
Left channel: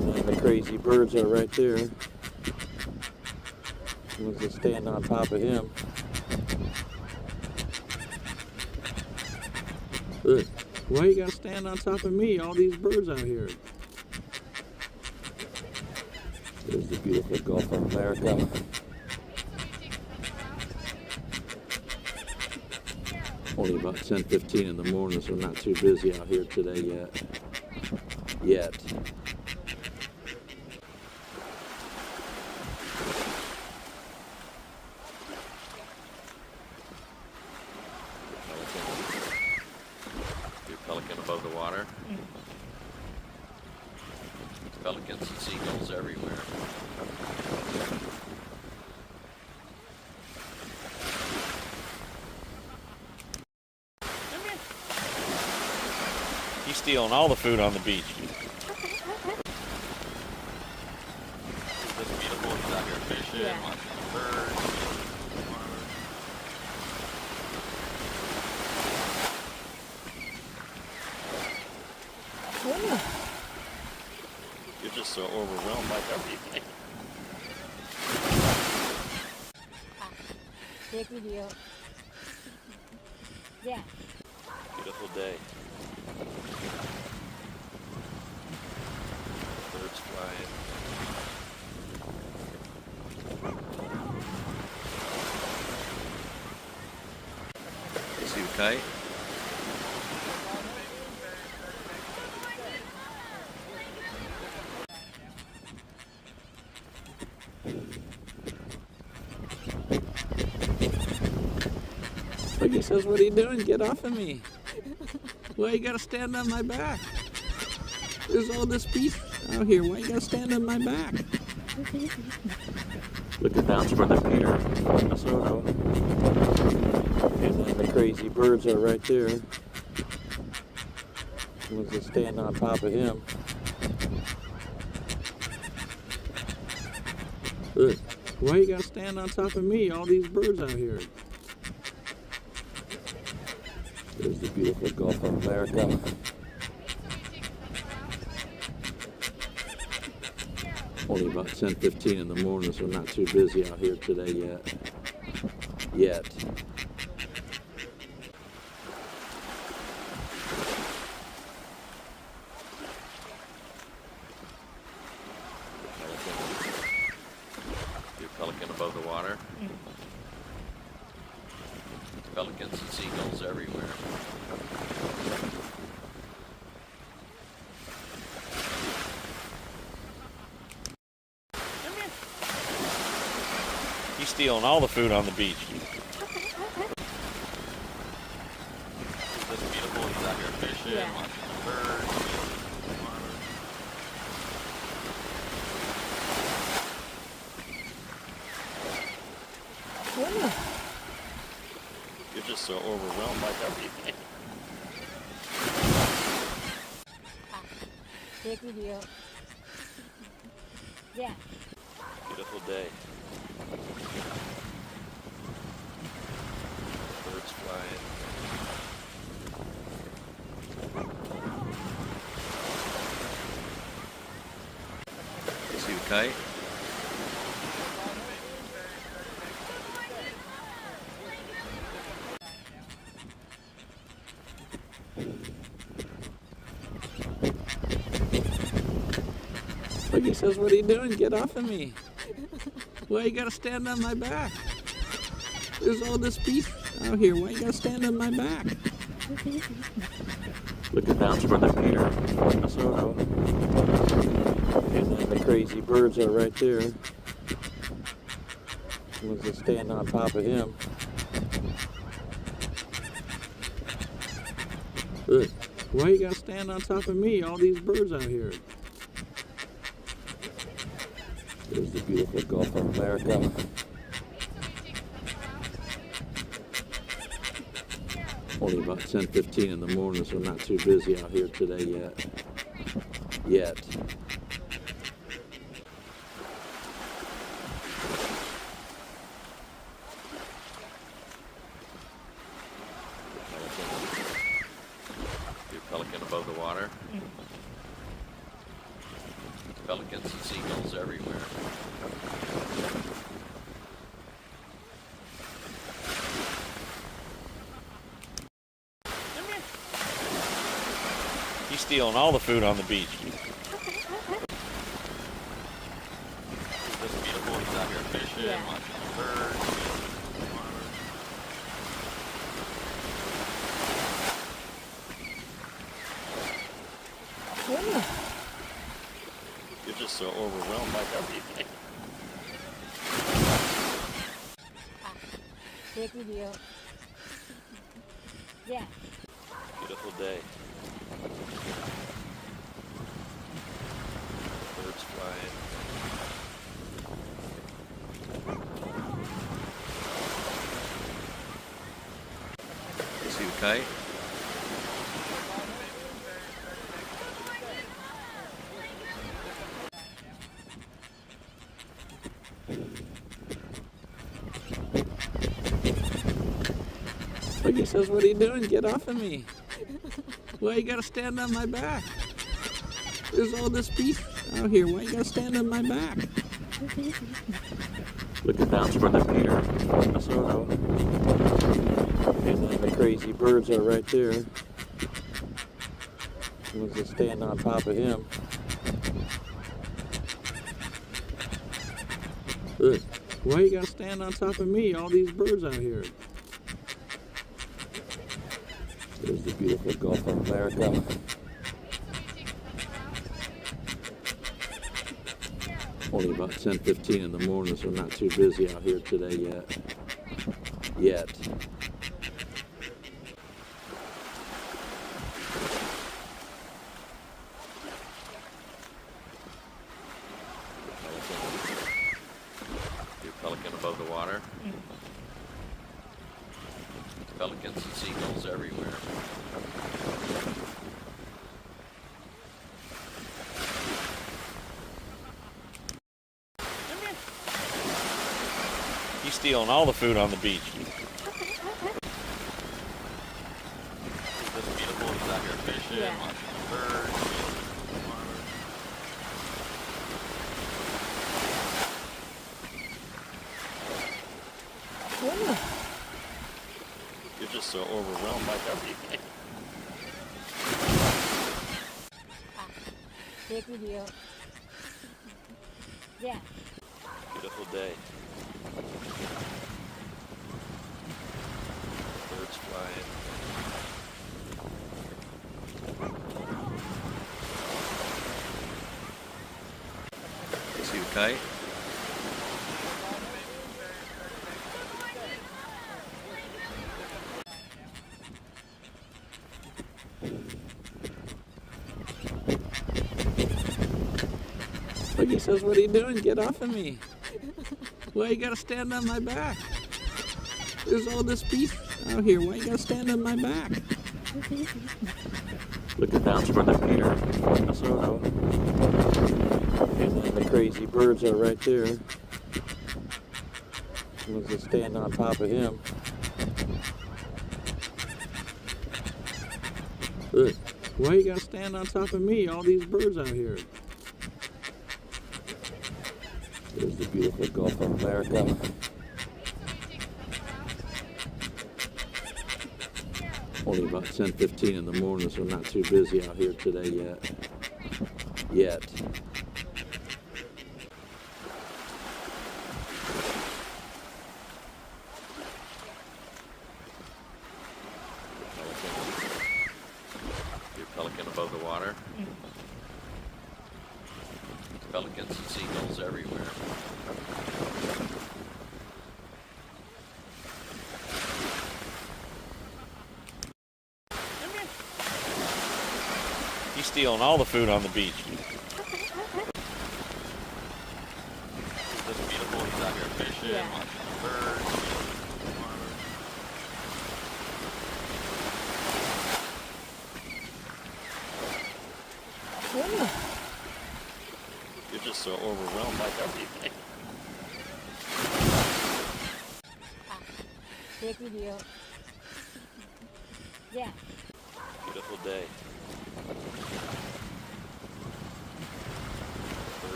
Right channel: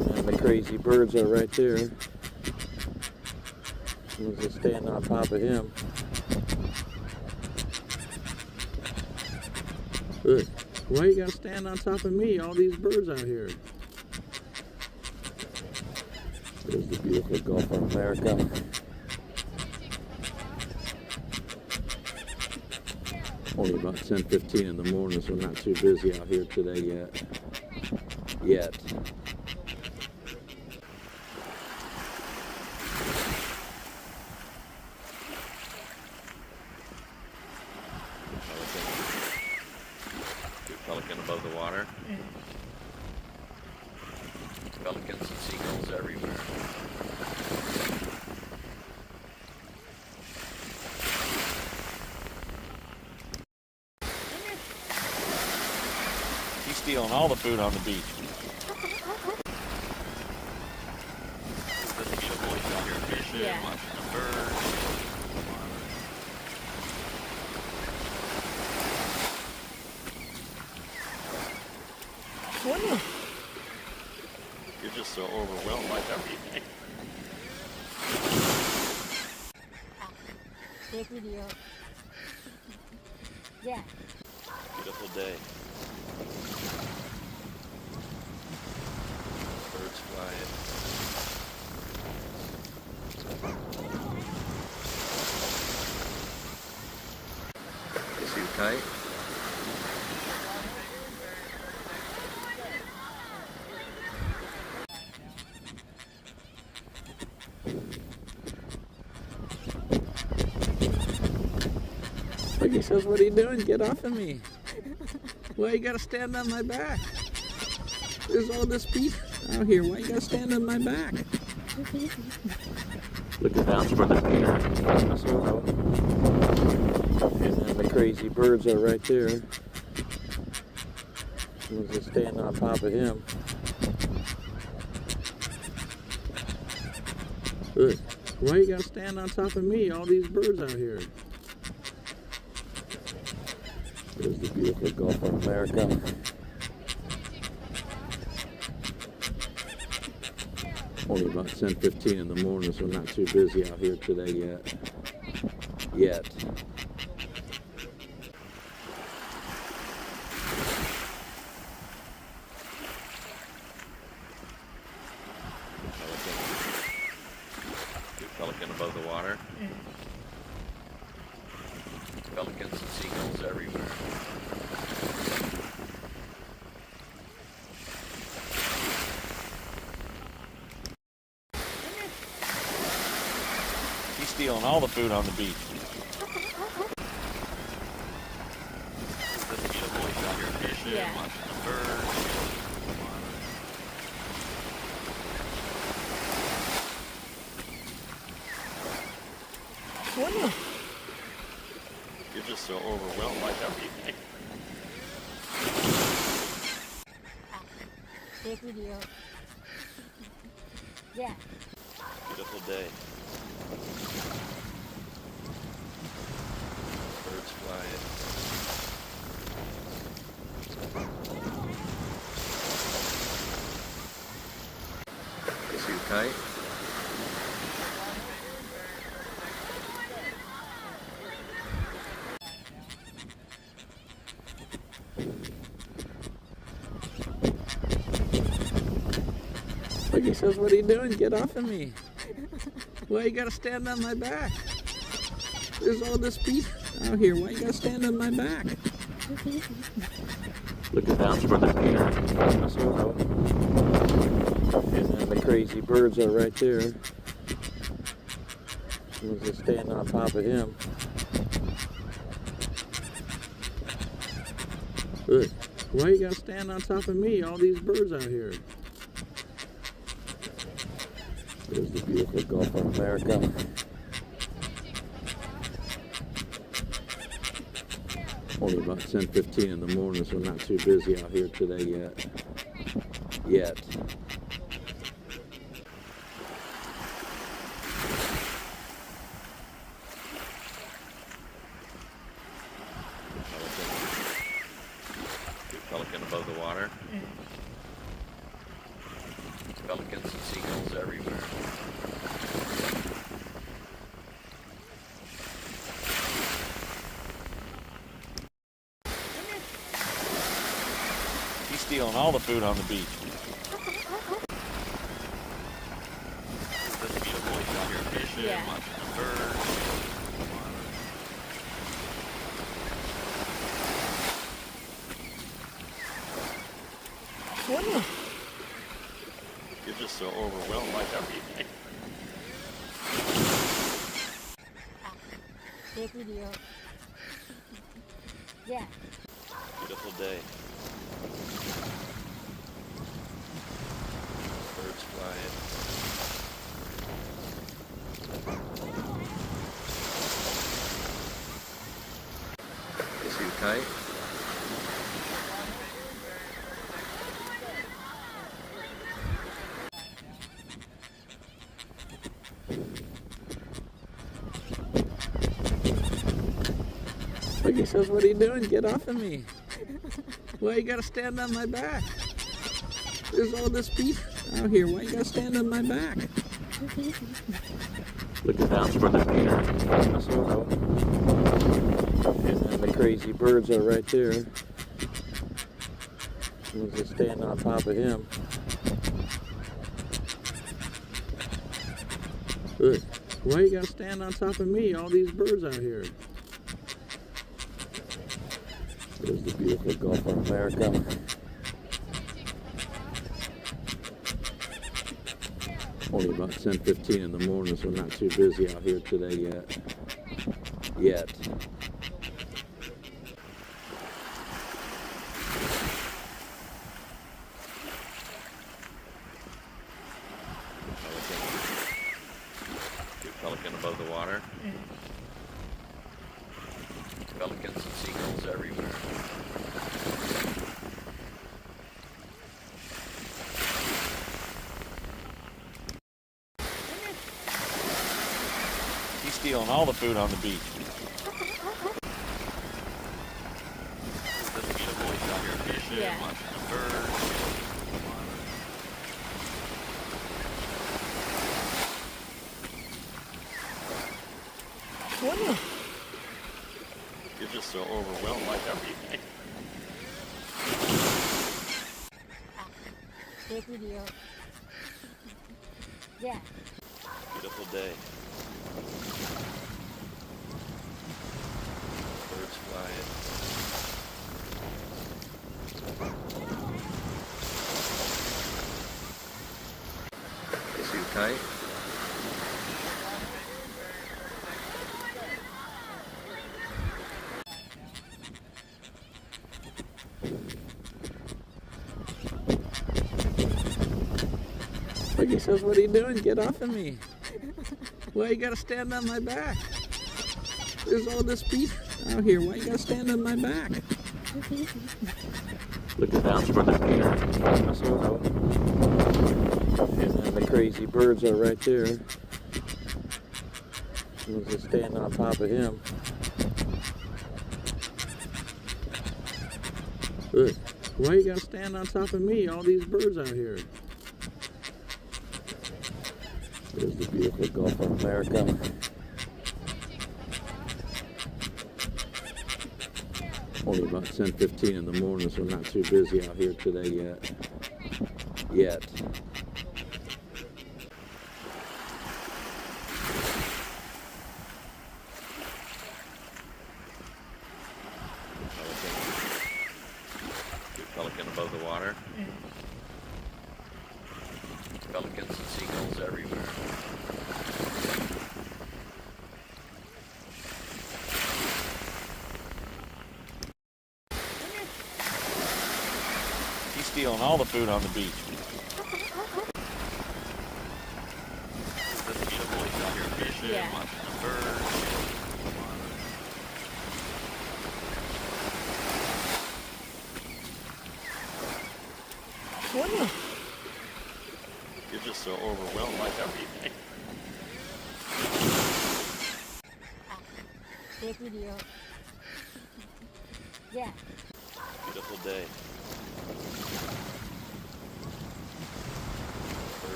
then the crazy birds are right there. We'll just stand on top of him. Look, why you gotta stand on top of me? All these birds out here. There's the beautiful Gulf of America. Only about 10:15 in the morning, so not too busy out here today yet. Pelican above the water. Pelicans and seagulls everywhere. He's stealing all the food on the beach. This beautiful. He's out here fishing, Yeah. watching birds. You're just so overwhelmed by everything. Take video. Yeah. Beautiful day. Birds flying. See fight? Look, he says, what are you doing? Get off of me. Why you gotta stand on my back? There's all this beef out here. Why you gotta stand on my back? Looking down toward the pier. And then the crazy birds are right there. We'll just stand on top of him. Look, why you gotta stand on top of me? All these birds out here. There's the beautiful Gulf of America. Only about 10:15 in the morning, so not too busy out here today yet. Pelican above the water. Pelicans and seagulls everywhere. He's stealing all the food on the beach. This beautiful. He's out here fishing, Yeah. watching birds. You're just so overwhelmed by everything. Take video. Yeah. Beautiful day. Birds flying. See fight? Look, he says, what are you doing? Get off of me. Why you gotta stand on my back? There's all this beef out here. Why you gotta stand on my back? Looking down toward the pier. And then the crazy birds are right there. We'll just stand on top of him. Look, why you gotta stand on top of me? All these birds out here. There's the beautiful Gulf of America. Only about 10:15 in the morning, so not too busy out here today yet. Pelican above the water. Pelicans and seagulls everywhere. He's stealing all the food on the beach. Isn't this beautiful? He's out here fishing, Yeah. watching birds. You're just so overwhelmed by everything. Take video. Yeah. Beautiful day. Birds flying. See you fight? Look, he says, what are you doing? Get off of me. Why you gotta stand on my back? There's all this beef out here. Why you gotta stand on my back? Look at that's where the Peter, Minnesota. And then the crazy birds are right there. Someone's just standing on top of him. Look, why you gotta stand on top of me? All these birds out here. There's the beautiful Gulf of America. Only about 10:15 in the morning, so not too busy out here today yet. Your pelican above the water. Pelicans and seagulls everywhere. He's stealing all the food on the beach. Isn't this beautiful? He's out here fishing, Yeah. watching birds. You're just so overwhelmed by everything. Take video. Yeah. Beautiful day. Birds flying. See you fight? Look, he says, what are you doing? Get off of me. Why you gotta stand on my back? There's all this beef out here. Why you gotta stand on my back? Look at that's where the Peter, Minnesota. And then the crazy birds are right there. Someone's just standing on top of him. Look, why you gotta stand on top of me? All these birds out here. There's the beautiful Gulf of America. Only about 10:15 in the morning, so not too busy out here today yet. Your pelican above the water. Pelicans and seagulls everywhere. He's stealing all the food on the beach. Isn't this beautiful? He's out here fishing, Yeah. watching birds. You're just so overwhelmed by everything. Take video. Yeah. Beautiful day.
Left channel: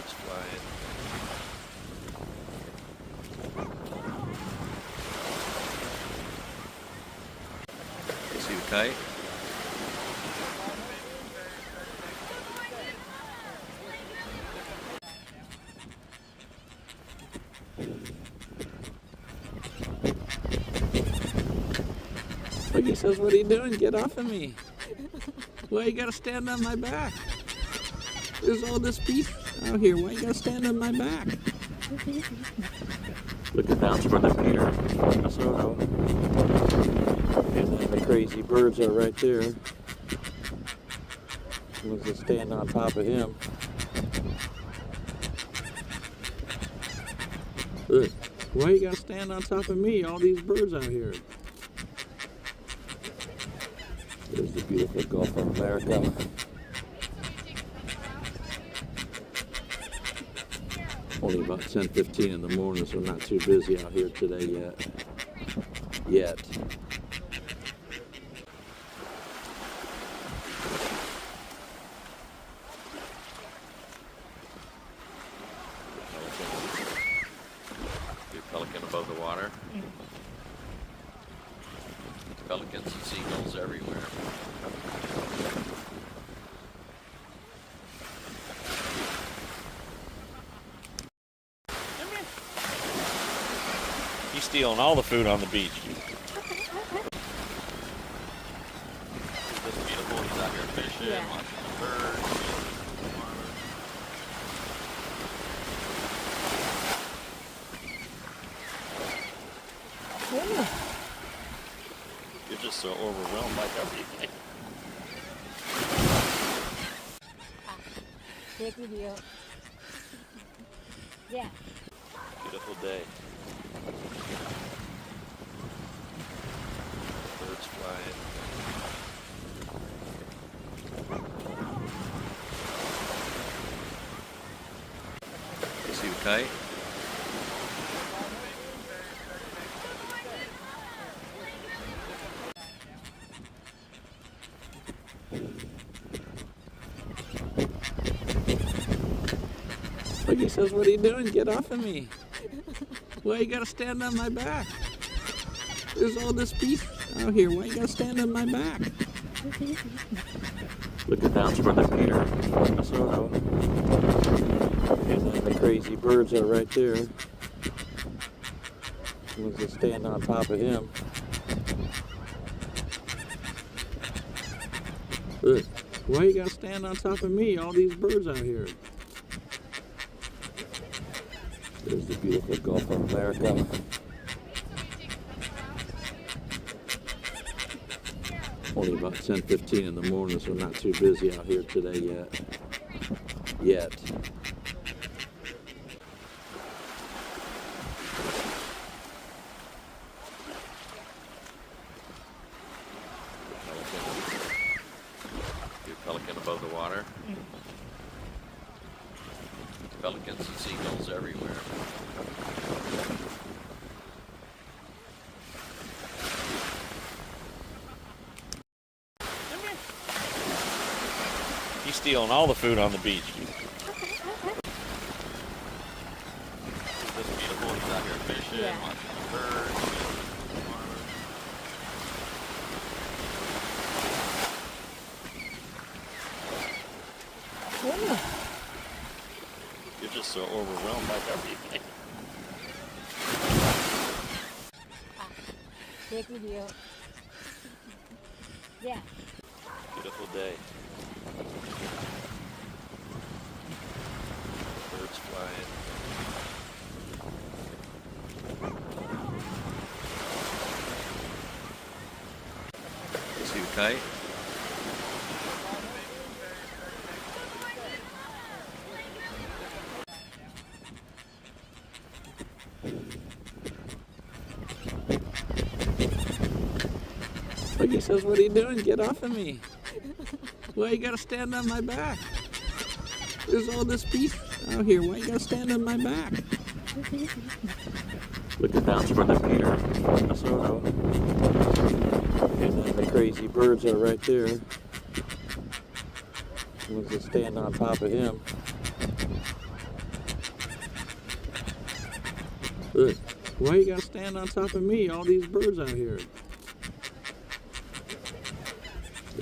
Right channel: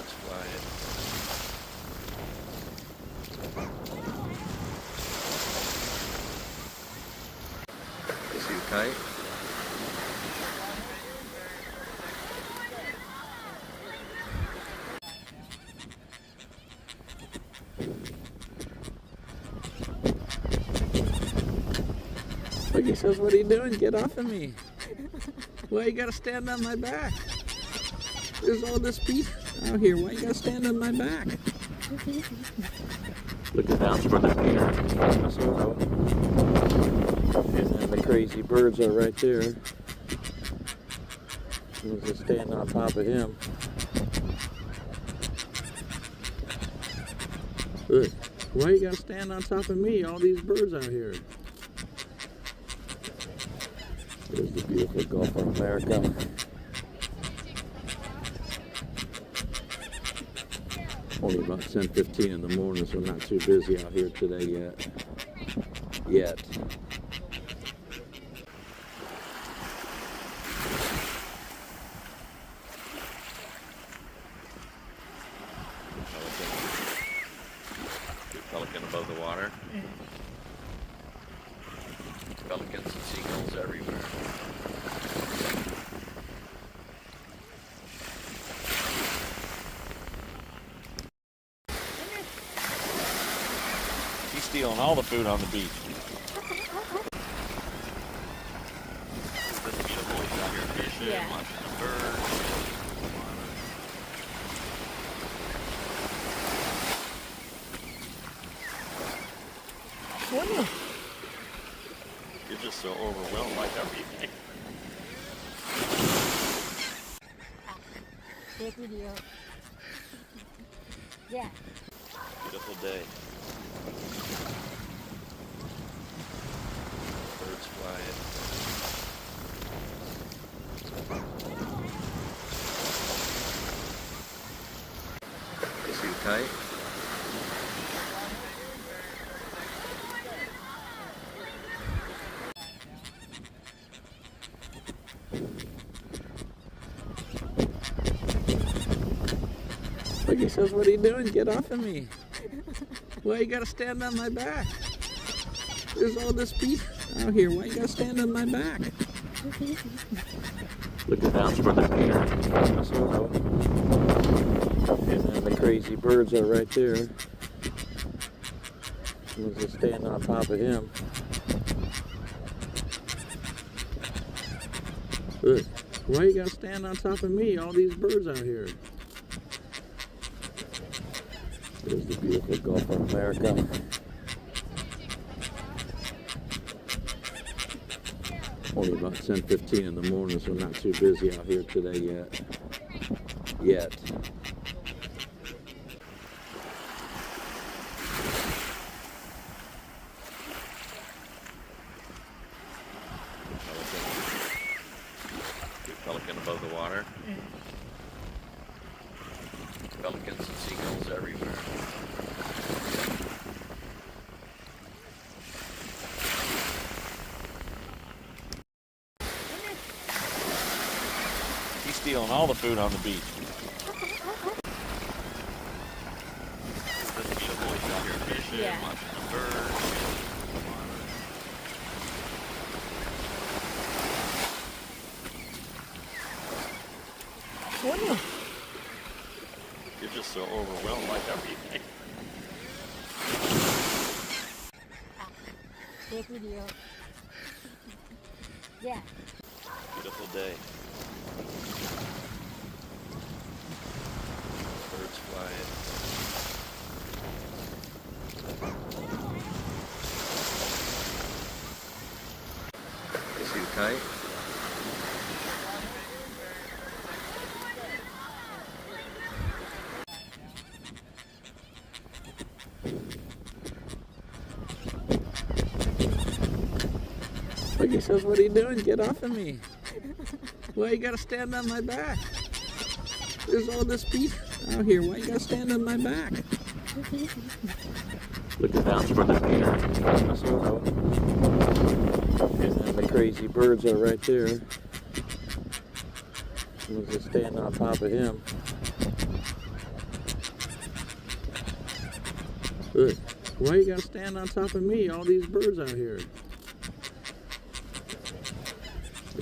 fight? Look, he says, what are you doing? Get off of me. Why you gotta stand on my back? There's all this beef out here. Why you gotta stand on my back? Looking down toward the pier. And then the crazy birds are right there. Someone's just standing on top of him. Look, why you gotta stand on top of me? All these birds out here. There's the beautiful Gulf of America. Only about 10:15 in the morning, so not too busy out here today yet. Pelican above the water. Pelicans and seagulls everywhere. He's stealing all the food on the beach. Isn't this beautiful? He's out here fishing, Yeah. watching birds, shooting the water. You're just so overwhelmed by everything. Take video. Yeah. Beautiful day. Birds flying. See you fight? Look, he says, what are you doing? Get off of me. Why you gotta stand on my back? There's all this beef out here. Why you gotta stand on my back? Looking down toward the pier. And then the crazy birds are right there. Someone's just standing on top of him. Look, why you gotta stand on top of me? All these birds out here. There's the beautiful Gulf of America. Only about 10:15 in the morning, so not too busy out here today yet. Pelican above the water. Pelicans and seagulls everywhere. He's stealing all the food on the beach. Isn't this beautiful? He's out here fishing, Yeah. watching birds, shooting the water. You're just so overwhelmed by everything. Take video. Yeah. Beautiful day. Birds flying. See you fight? Look, he says, what are you doing? Get off of me. Why you gotta stand on my back? There's all this beef out here. Why you gotta stand on my back? Looking down toward the pier. And then the crazy birds are right there. Someone's just standing on top of him. Look, why you gotta stand on top of me? All these birds out here.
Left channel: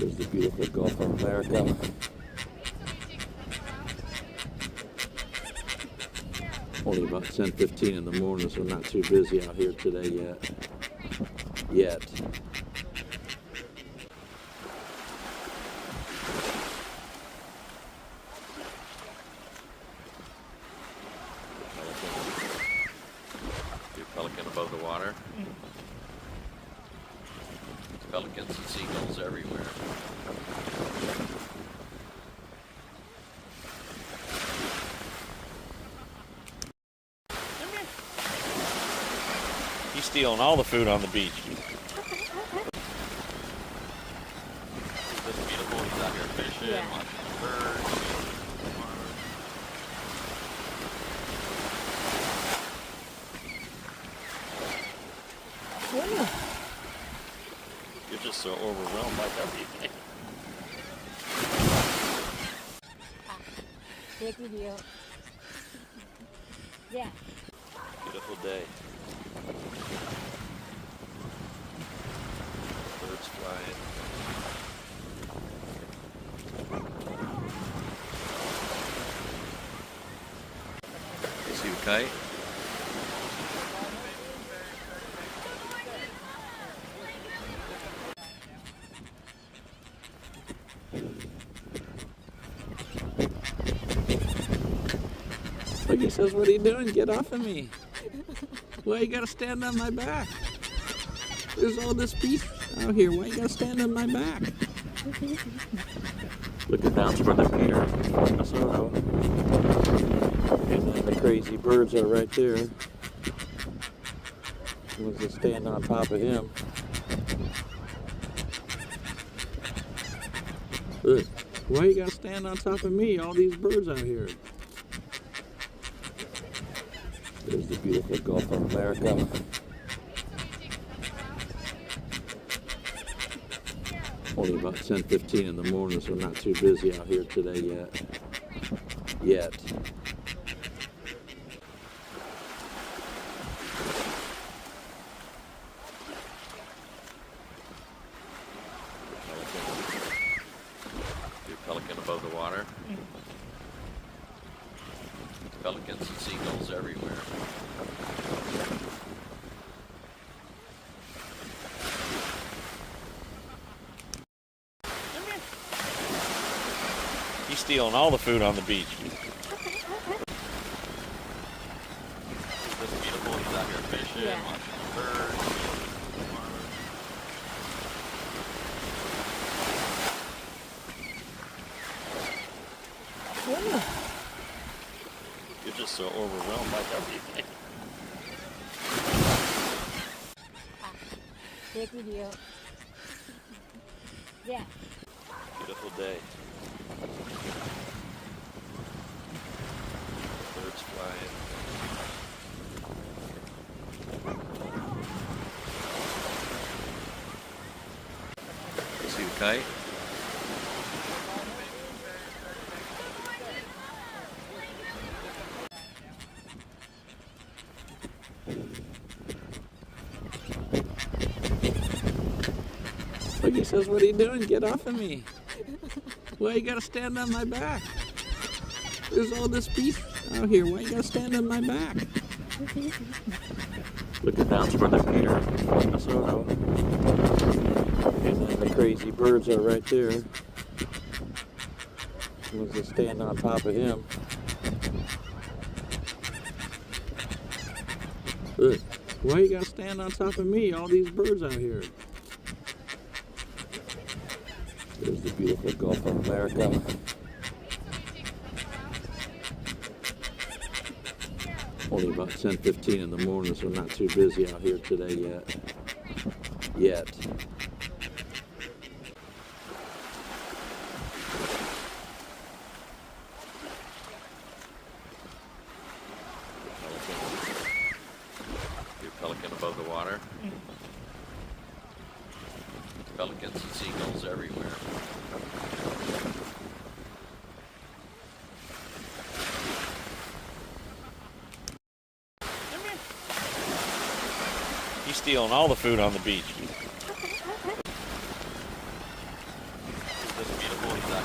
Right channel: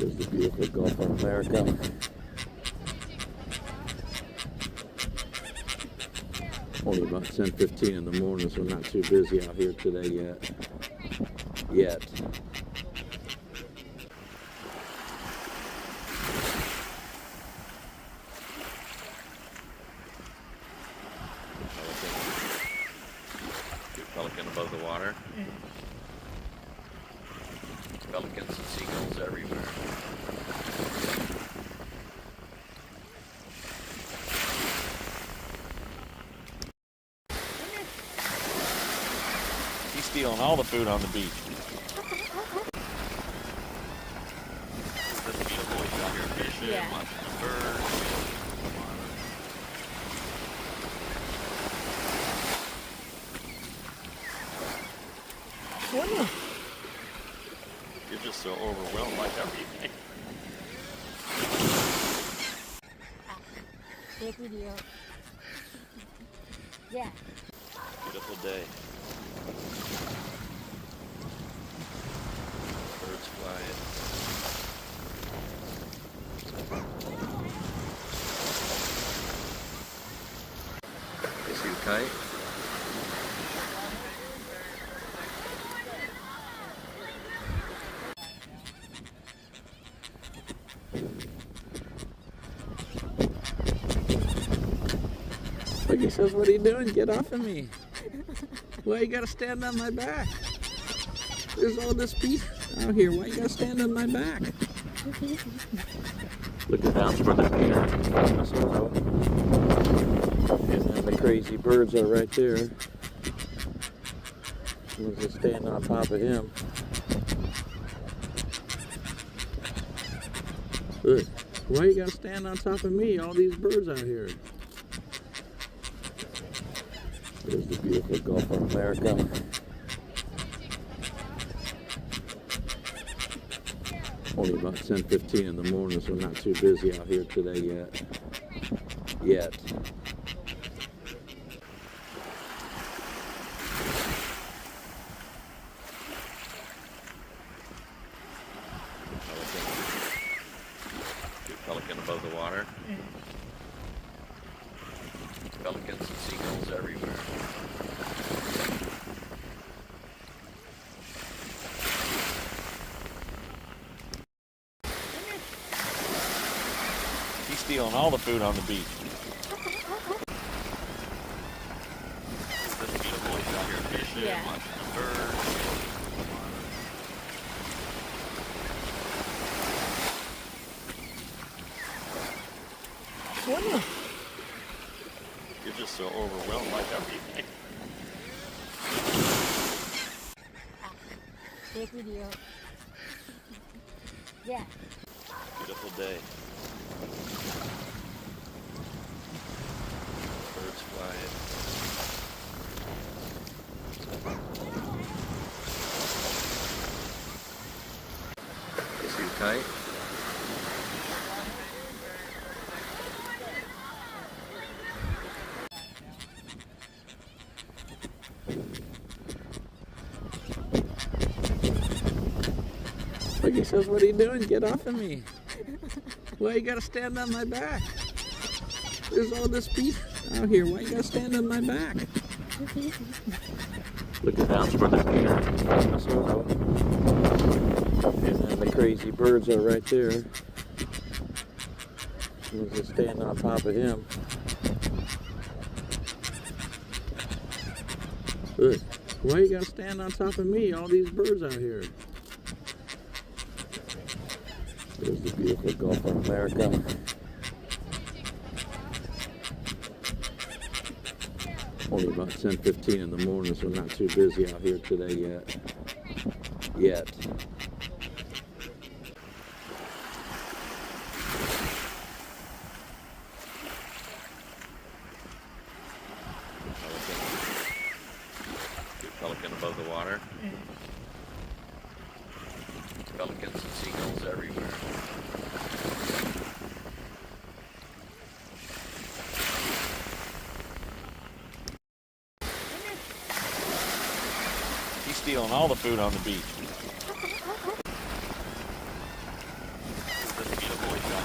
There's the beautiful Gulf of America. Only about 10:15 in the morning, so not too busy out here today yet. Pelican above the water. Pelicans and seagulls everywhere. He's stealing all the food on the beach. This beautiful, he's out here fishing, Yeah. watching birds. Yeah. You're just so overwhelmed by everything. Take video. Yeah. Beautiful day. Birds flying. See you fight? Look, he says, what are you doing? Get off of me. Why you gotta stand on my back? There's all this beef out here. Why you gotta stand on my back? Looking down toward the pier. Minnesota. And then the crazy birds are right there. Someone's just standing on top of him. Look, why you gotta stand on top of me? All these birds out here. There's the beautiful Gulf of America. Only about 10:15 in the morning, so not too busy out here today yet. Pelican above the water. Pelicans and seagulls everywhere. He's stealing all the food on the beach. This beautiful, he's out here fishing, Yeah. watching birds. Yeah. You're just so overwhelmed by everything. Take video. Yeah. Beautiful day. Birds flying. See you fight? Look, he says, what are you doing? Get off of me. Why you gotta stand on my back? There's all this beef out here. Why you gotta stand on my back? Looking down toward the pier. Minnesota. And then the crazy birds are right there. Someone's just standing on top of him. Look, why you gotta stand on top of me? All these birds out here. There's the beautiful Gulf of America. Only about 10:15 in the morning, so not too busy out here today yet. Pelican above the water. Pelicans and seagulls everywhere. He's stealing all the food on the beach.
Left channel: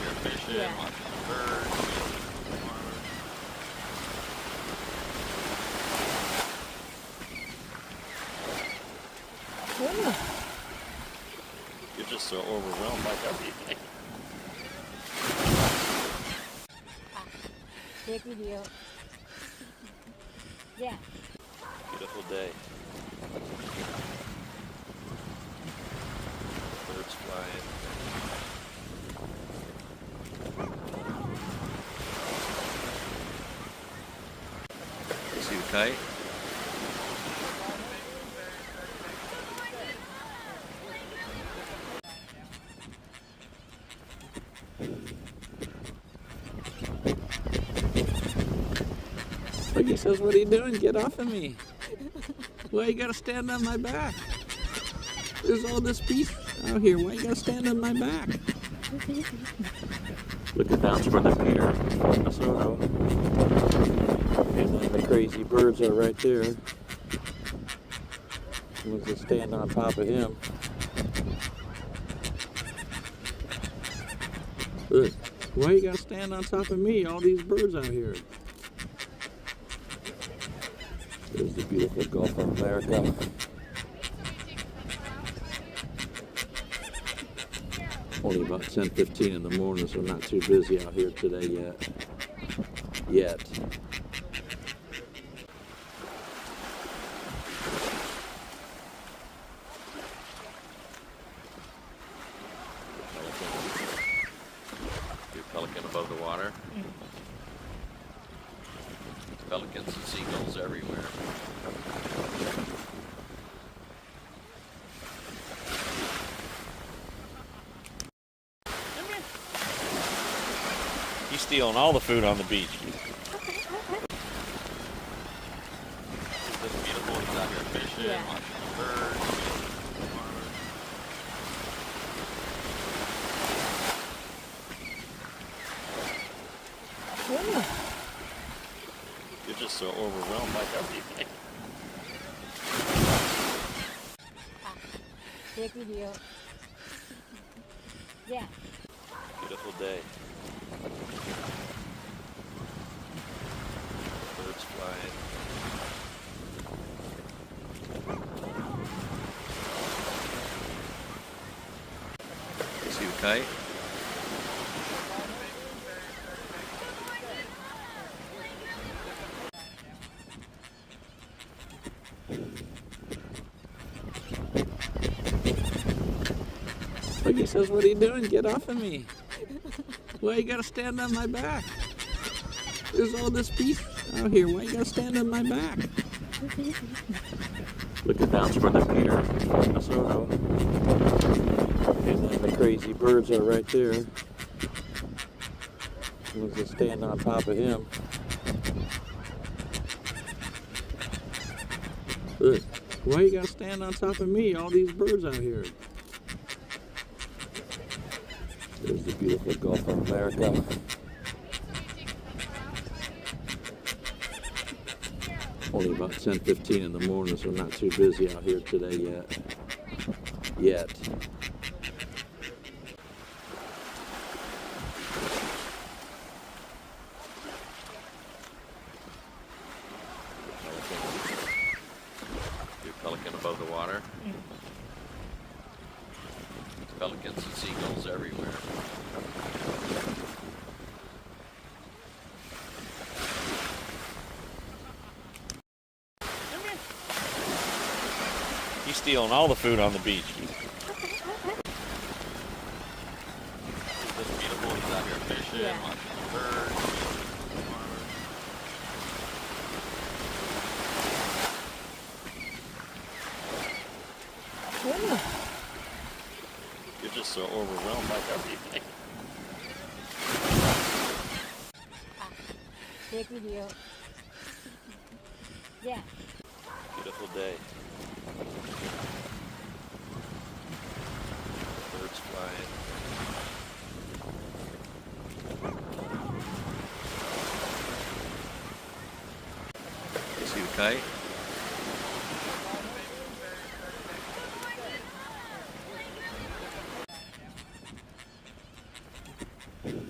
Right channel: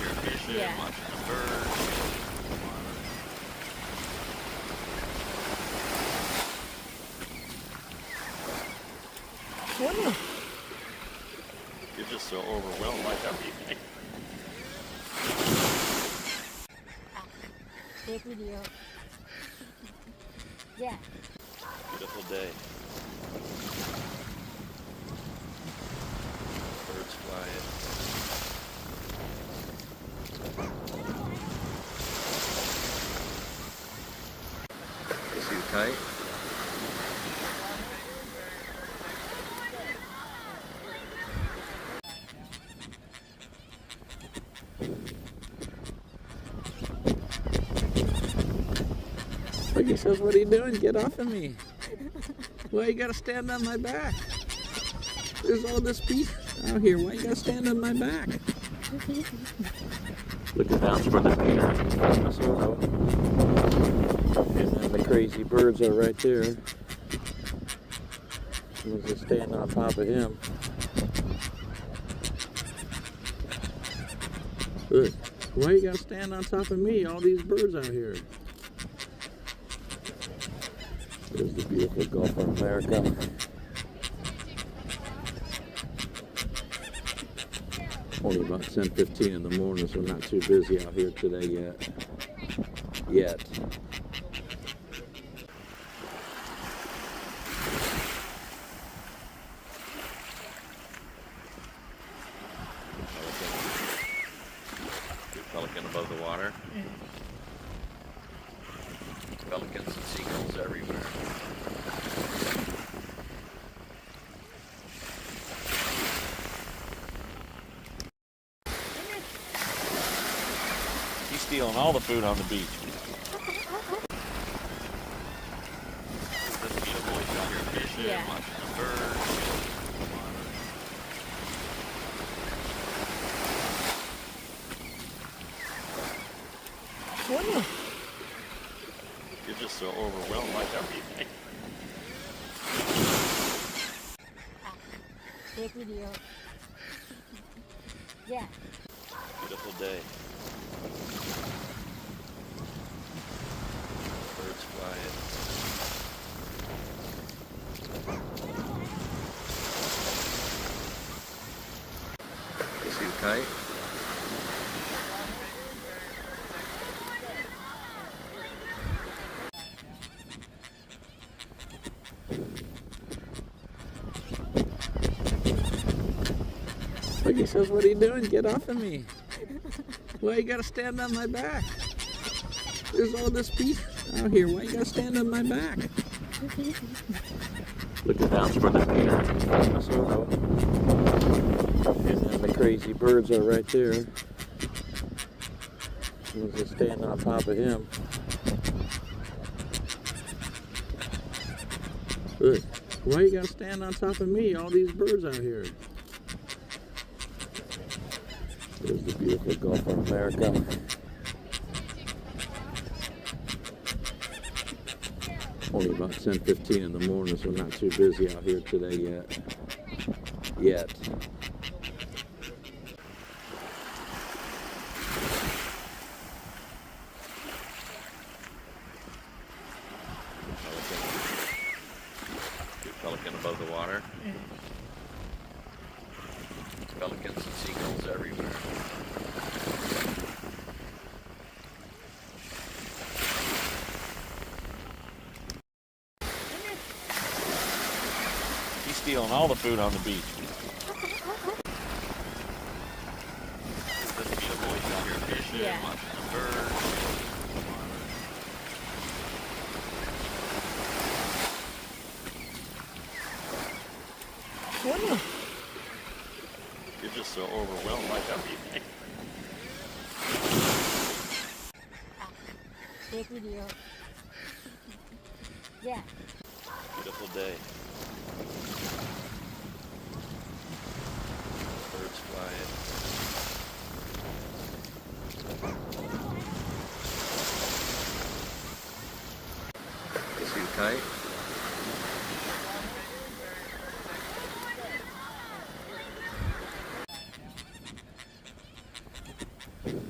here fishing, Yeah. watching the birds. You're just so overwhelmed by everything. Take video. Yeah. Beautiful day. Birds flying. Is he tight? Look, he says, what are you doing? Get off of me. Why you gotta stand on my back? There's all this beef out here. Why you gotta stand on my back? Look at that's where the Peter Minnesota. And then the crazy birds are right there. We'll just stand on top of him. Look, why you gotta stand on top of me? All these birds out here. There's the beautiful Gulf of America. Only about 10:15 in the morning, so not too busy out here today yet. Pelican above the water. Pelicans and seagulls everywhere. He's stealing all the food on the beach. It's just beautiful. He's out here fishing, Yeah. watching the birds. You're just so overwhelmed by everything. Take video. Yeah. Beautiful day. Birds flying. Is he tight? Look, he says, what are you doing? Get off of me. Why you gotta stand on my back? There's all this beef out here. Why you gotta stand on my back? Look at that's where the Peter Minnesota. And then the crazy birds are right there. We'll just stand on top of him. Look, why you gotta stand on top of me? All these birds out here. There's the beautiful Gulf of America. Only about 10:15 in the morning, so not too busy out here today yet. Pelican above the water. Pelicans and seagulls everywhere. He's stealing all the food on the beach. It's just beautiful. He's out here fishing, Yeah. watching the birds. You're just so overwhelmed by everything. Take video. Yeah. Beautiful day. Birds flying. Is he tight?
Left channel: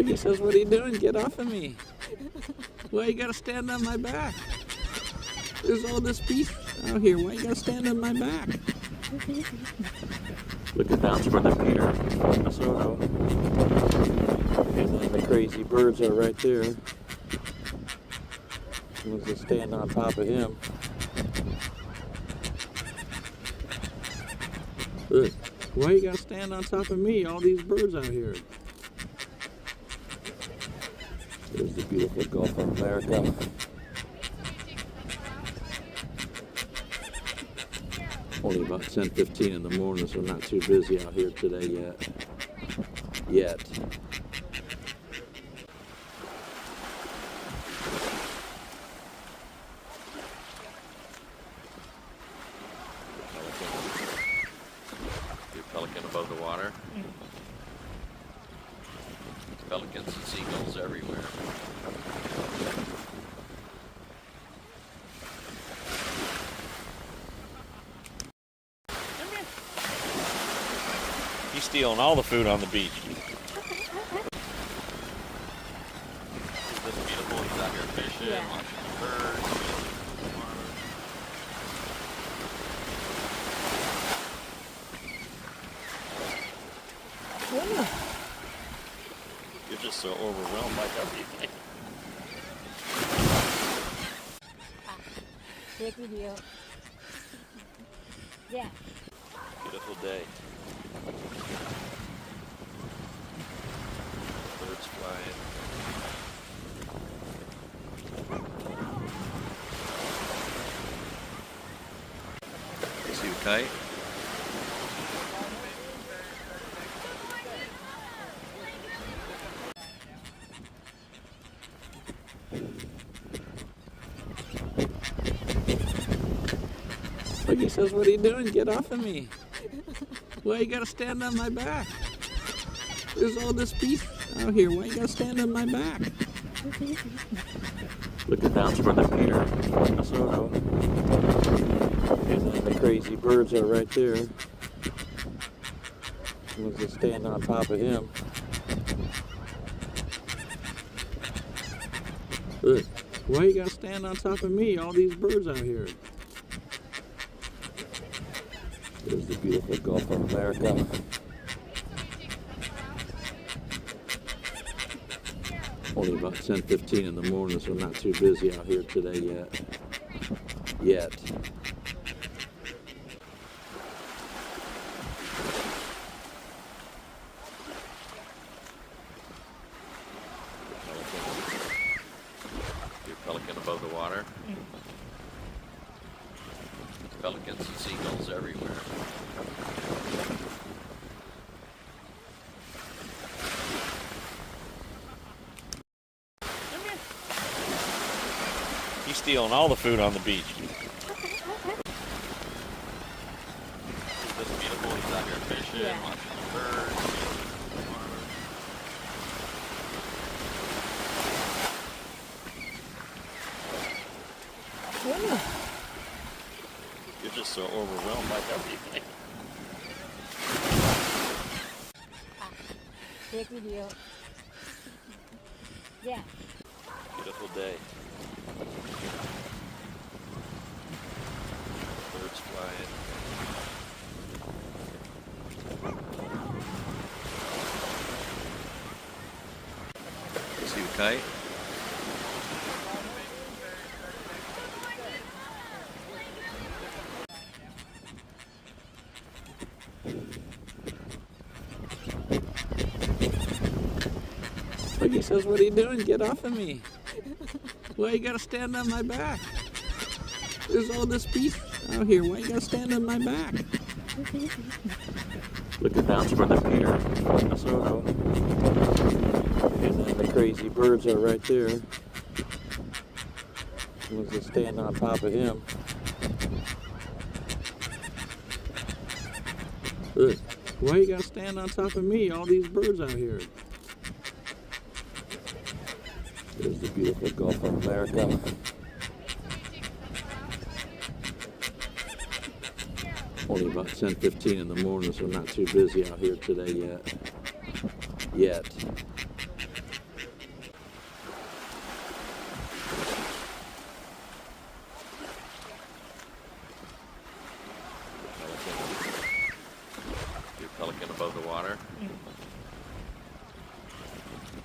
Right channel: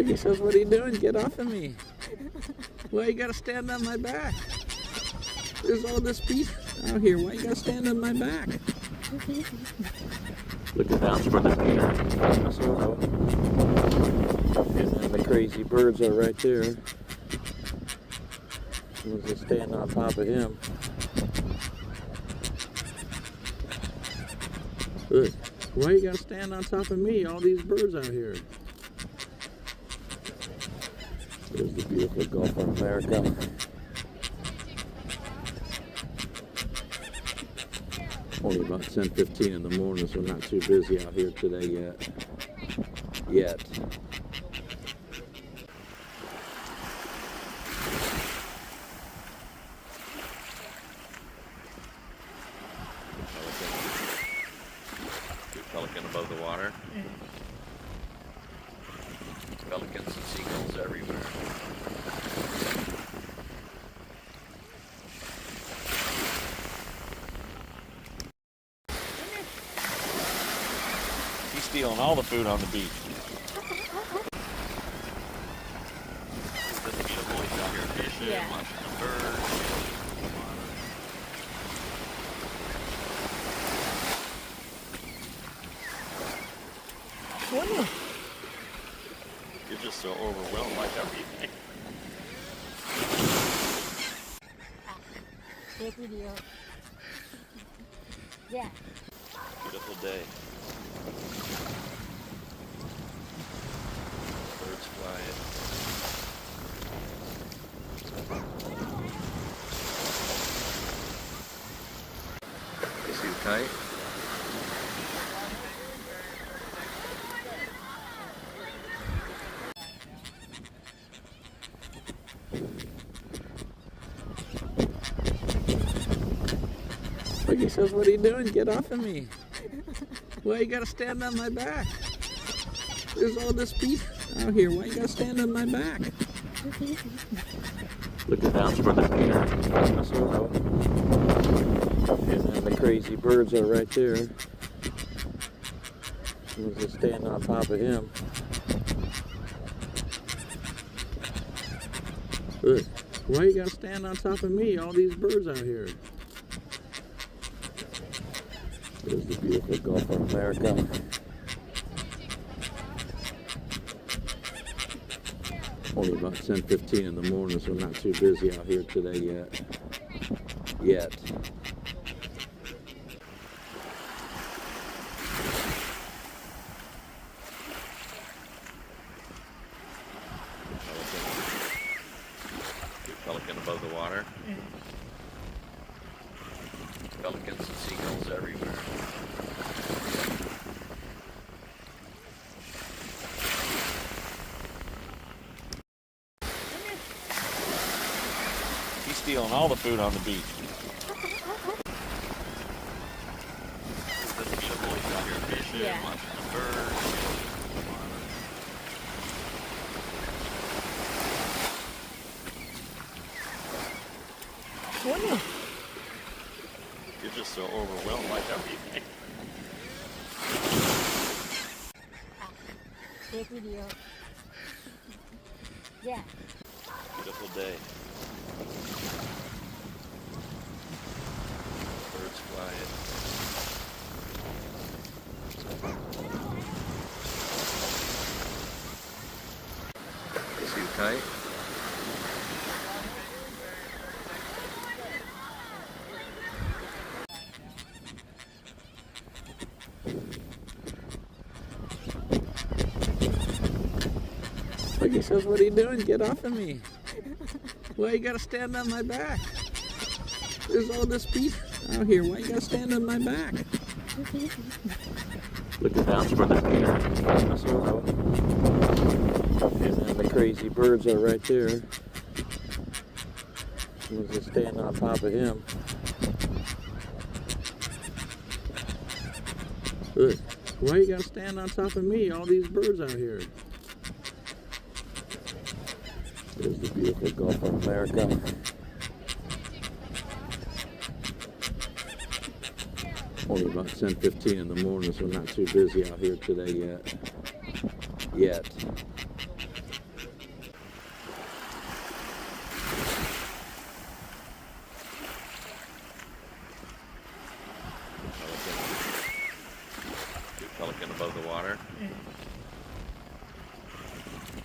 Like he says, what are you doing? Get off of me. Why you gotta stand on my back? There's all this beef out here. Why you gotta stand on my back? Looking down toward the pier, Minnesota. And then the crazy birds are right there. Someone's just standing on top of him. Look, why you gotta stand on top of me? All these birds out here. There's the beautiful Gulf of America. Only about 10:15 in the morning, so not too busy out here today yet. Pelican above the water. Pelicans and seagulls everywhere. He's stealing all the food on the beach. Isn't this beautiful? He's out here fishing, Yeah. watching birds. You're just so overwhelmed by everything. Take video. Yeah. Beautiful day. Birds flying. Suit fight. Like he says, what are you doing? Get off of me. Why you gotta stand on my back? There's all this beef out here. Why you gotta stand on my back? Looking down toward the pier, Minnesota. And then the crazy birds are right there. Someone's just standing on top of him. Look, why you gotta stand on top of me? All these birds out here. There's the beautiful Gulf of America. Only about 10:15 in the morning, so not too busy out here today yet. Pelican above the water. Pelicans and seagulls everywhere. He's stealing all the food on the beach. Isn't this beautiful? He's out here fishing, Yeah. watching birds. You're just so overwhelmed by everything. Take video. Yeah. Beautiful day. Birds flying. Suit fight. Like he says, what are you doing? Get off of me. Why you gotta stand on my back? There's all this beef out here. Why you gotta stand on my back? Looking down toward the pier, Minnesota. And then the crazy birds are right there. Someone's just standing on top of him. Look, why you gotta stand on top of me? All these birds out here. There's the beautiful Gulf of America. Only about 10:15 in the morning, so not too busy out here today yet.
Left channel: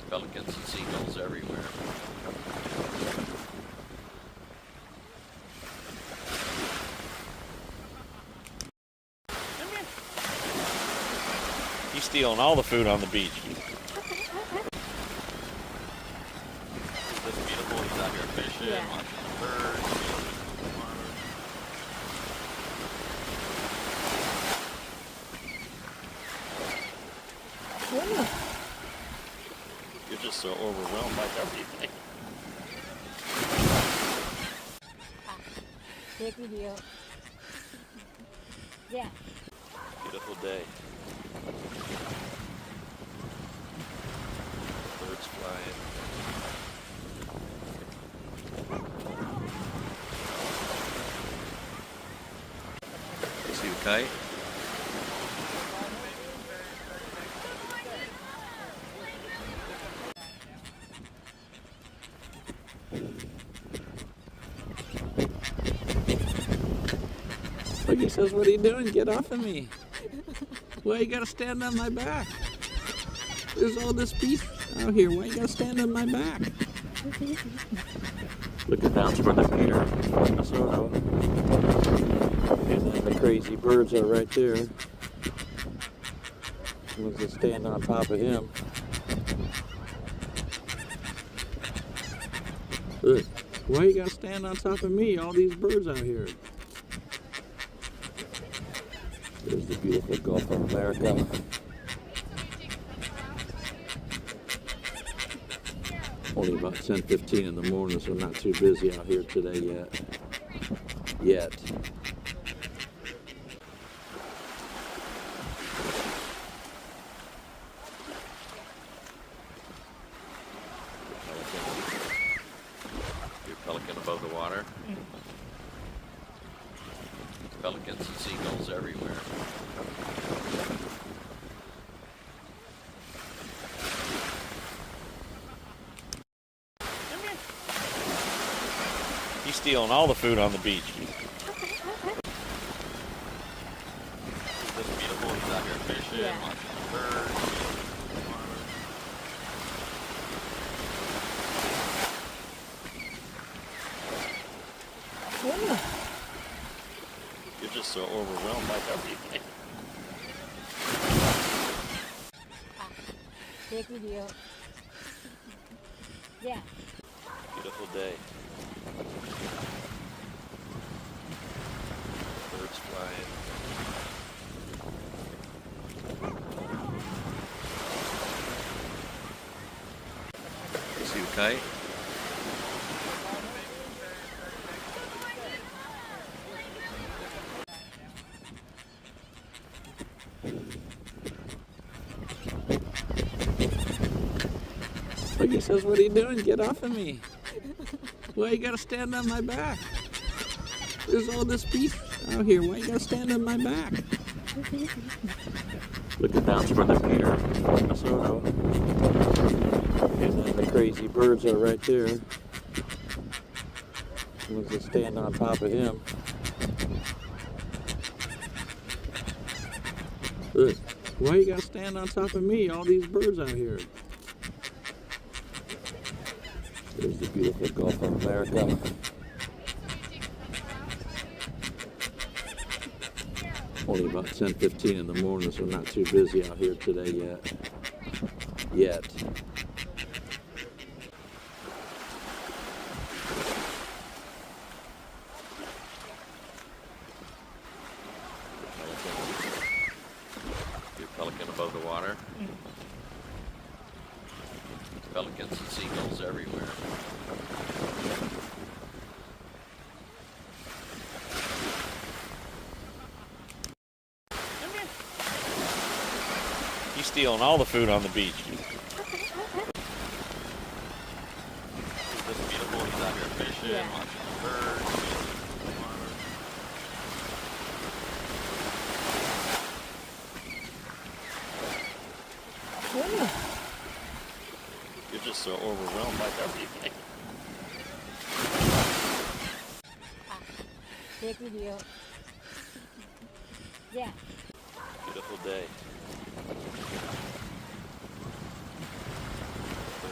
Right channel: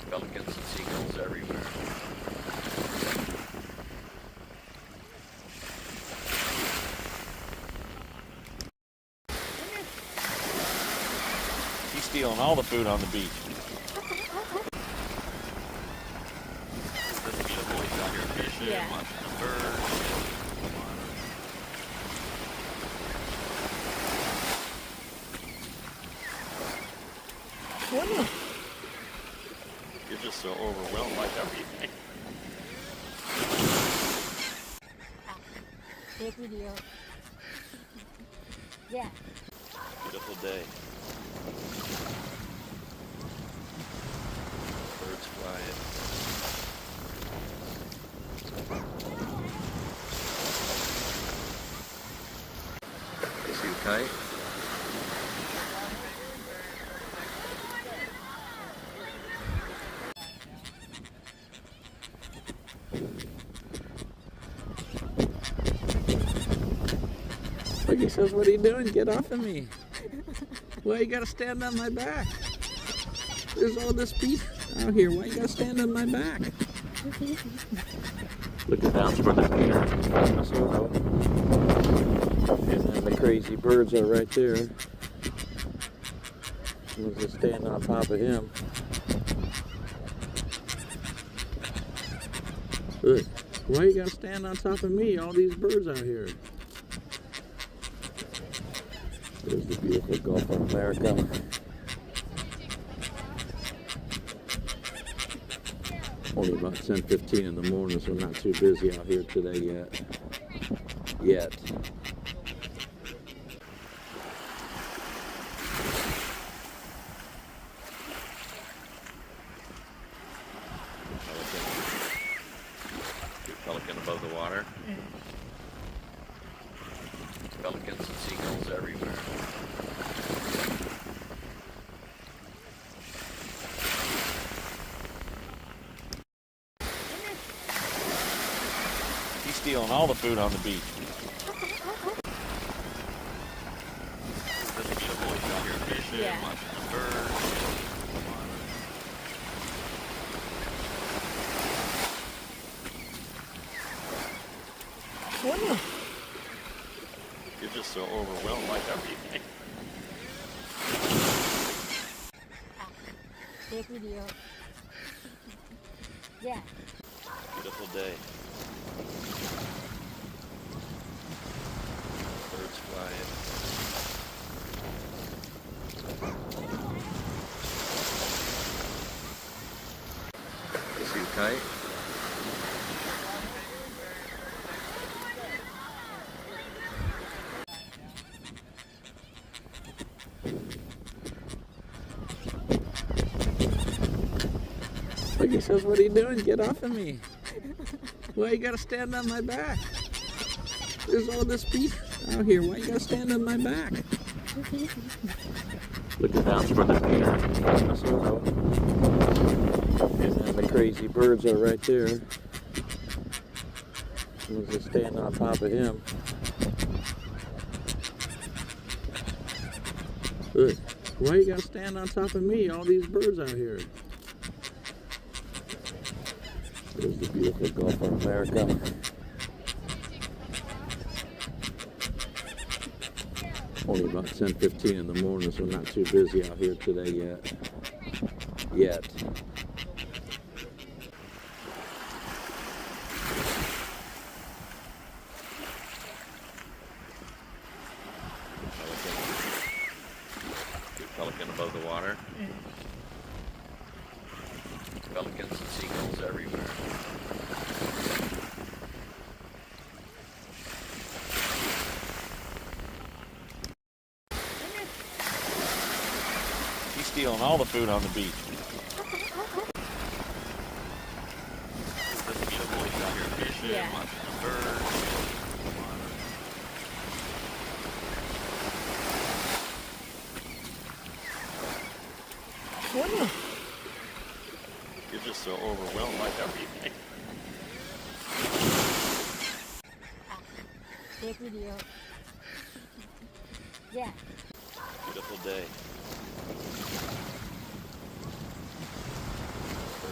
Pelicans and seagulls everywhere. He's stealing all the food on the beach. Isn't this beautiful? He's out here fishing, Yeah. watching birds. You're just so overwhelmed by everything. Take video. Yeah. Beautiful day. Birds flying. See you fight. Look, he says, what are you doing? Get off of me. Why you gotta stand on my back? There's all this beef out here. Why you gotta stand on my back? Looking down toward the pier. And then the crazy birds are right there. Someone's just standing on top of him. Look, why you gotta stand on top of me? All these birds out here. There's the beautiful Gulf of America. Only about 10:15 in the morning, so not too busy out here today yet. Your pelican above the water. Pelicans and seagulls everywhere. He's stealing all the food on the beach. Isn't this beautiful? He's out here fishing, Yeah. watching birds. You're just so overwhelmed by everything. Take video. Yeah. Beautiful day. Birds flying. See you fight. Look, he says, what are you doing? Get off of me. Why you gotta stand on my back? There's all this beef out here. Why you gotta stand on my back? Looking down toward the pier. And then the crazy birds are right there. Someone's just standing on top of him. Look, why you gotta stand on top of me? All these birds out here. There's the beautiful Gulf of America. Only about 10:15 in the morning, so not too busy out here today yet. Your pelican above the water. Pelicans and seagulls everywhere. He's stealing all the food on the beach. Isn't this beautiful? He's out here fishing, Yeah. watching birds. You're just so overwhelmed by everything. Take video. Yeah. Beautiful day.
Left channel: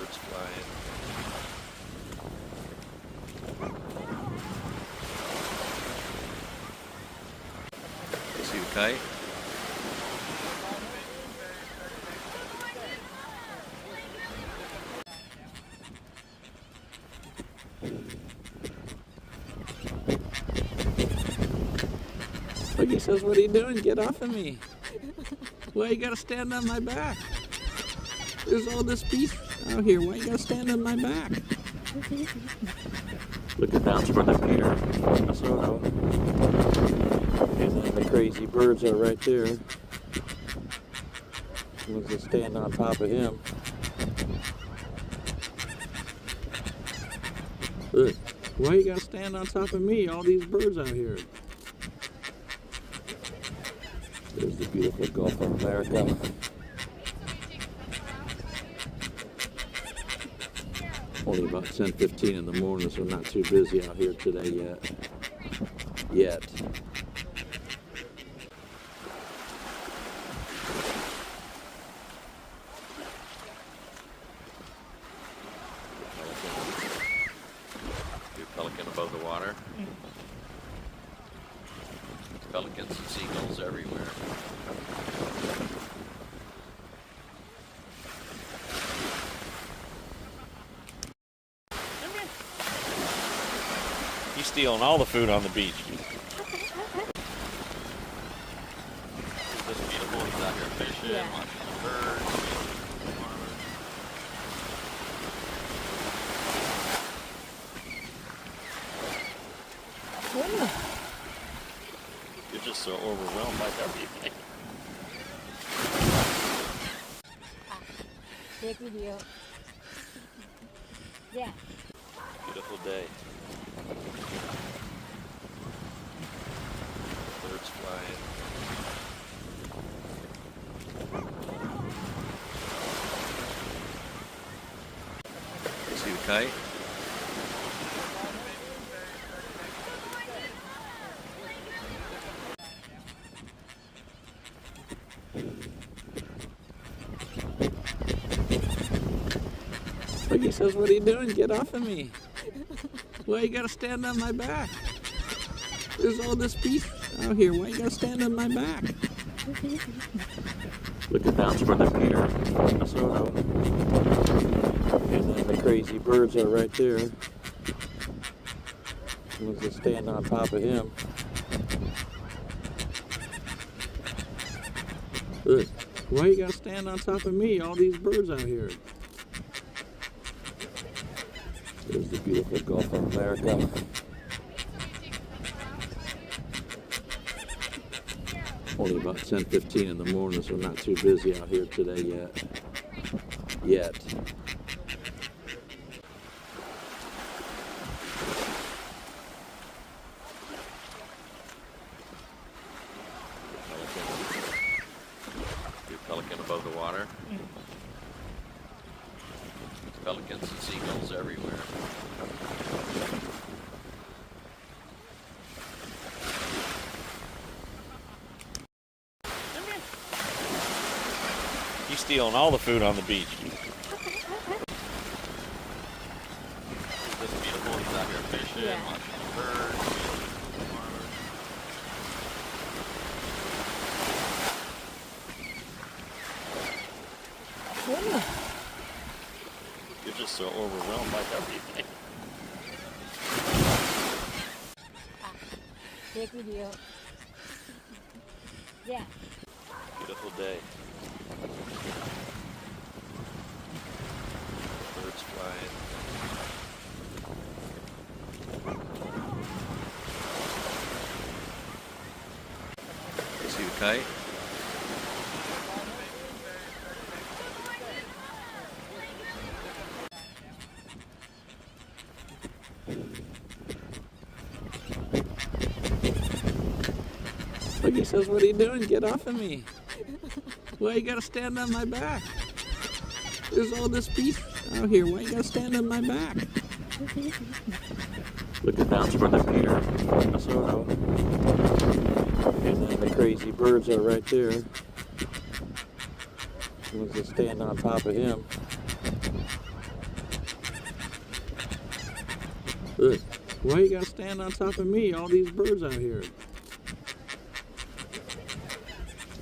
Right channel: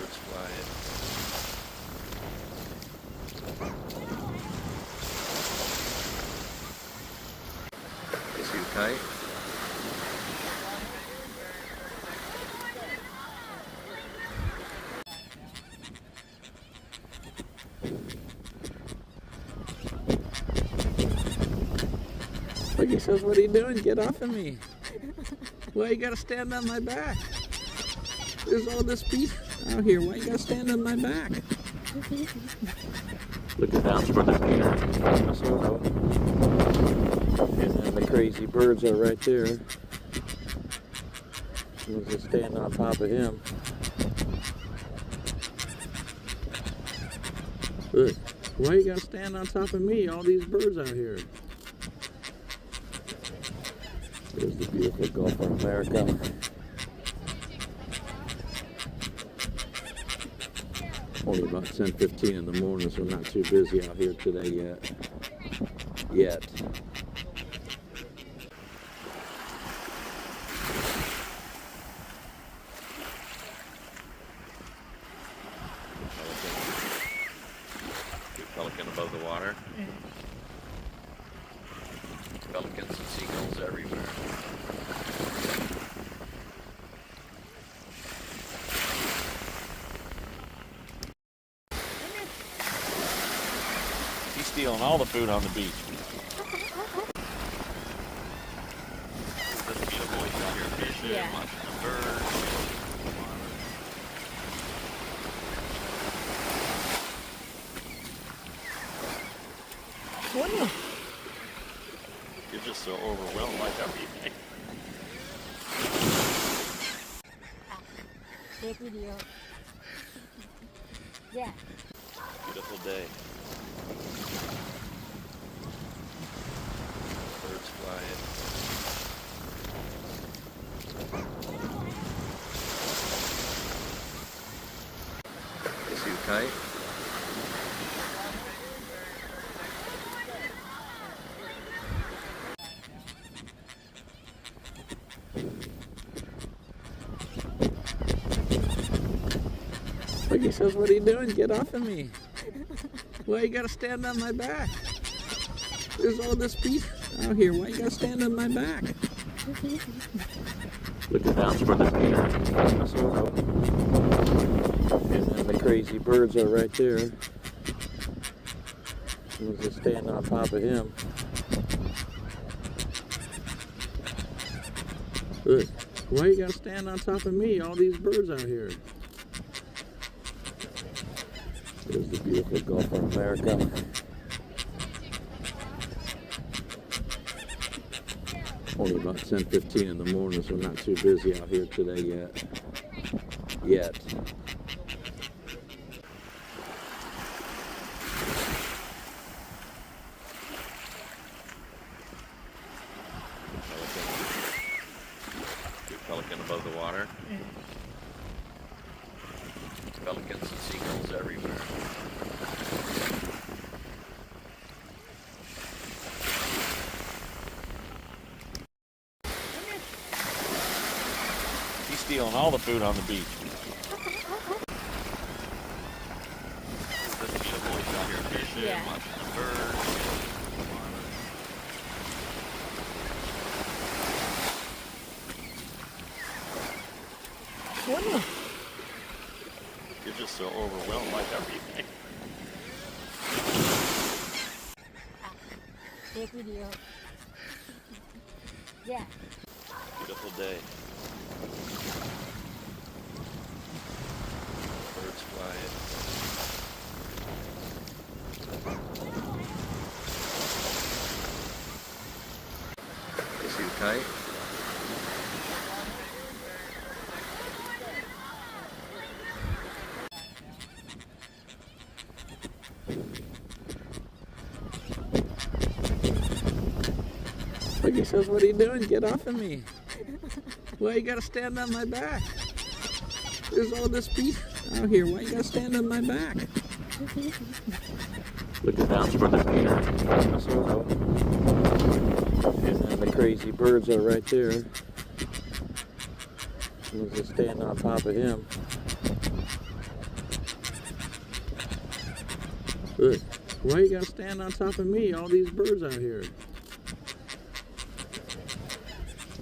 fight? Look, he says, what are you doing? Get off of me. Why you gotta stand on my back? There's all this beef out here. Why you gotta stand on my back? Looking down for the Peter. And then the crazy birds are right there. Someone's just standing on top of him. Look, why you gotta stand on top of me? All these birds out here. There's the beautiful Gulf of America. Only about 10:15 in the morning, so not too busy out here today yet. Pelican above the water. Pelicans and seagulls everywhere. He's stealing all the food on the beach. Isn't this beautiful? He's out here fishing, Yeah. watching the birds. You're just so overwhelmed by everything. Take video. Yeah. Beautiful day. Birds flying. See you fight? Look, he says, what are you doing? Get off of me. Why you gotta stand on my back? There's all this beef out here. Why you gotta stand on my back? Looking down for the Peter. And then the crazy birds are right there. Someone's just standing on top of him. Look, why you gotta stand on top of me? All these birds out here. There's the beautiful Gulf of America. Only about 10:15 in the morning, so not too busy out here today yet. Pelican above the water. Pelicans and seagulls everywhere. He's stealing all the food on the beach. Isn't this beautiful? He's out here fishing, Yeah. watching the birds. You're just so overwhelmed by everything. Take video. Yeah. Beautiful day. Birds flying. See you fight? Look, he says, what are you doing? Get off of me. Why you gotta stand on my back? There's all this beef out here. Why you gotta stand on my back? Looking down for the Peter. And then the crazy birds are right there. Someone's just standing on top of him. Look, why you gotta stand on top of me? All these birds out here.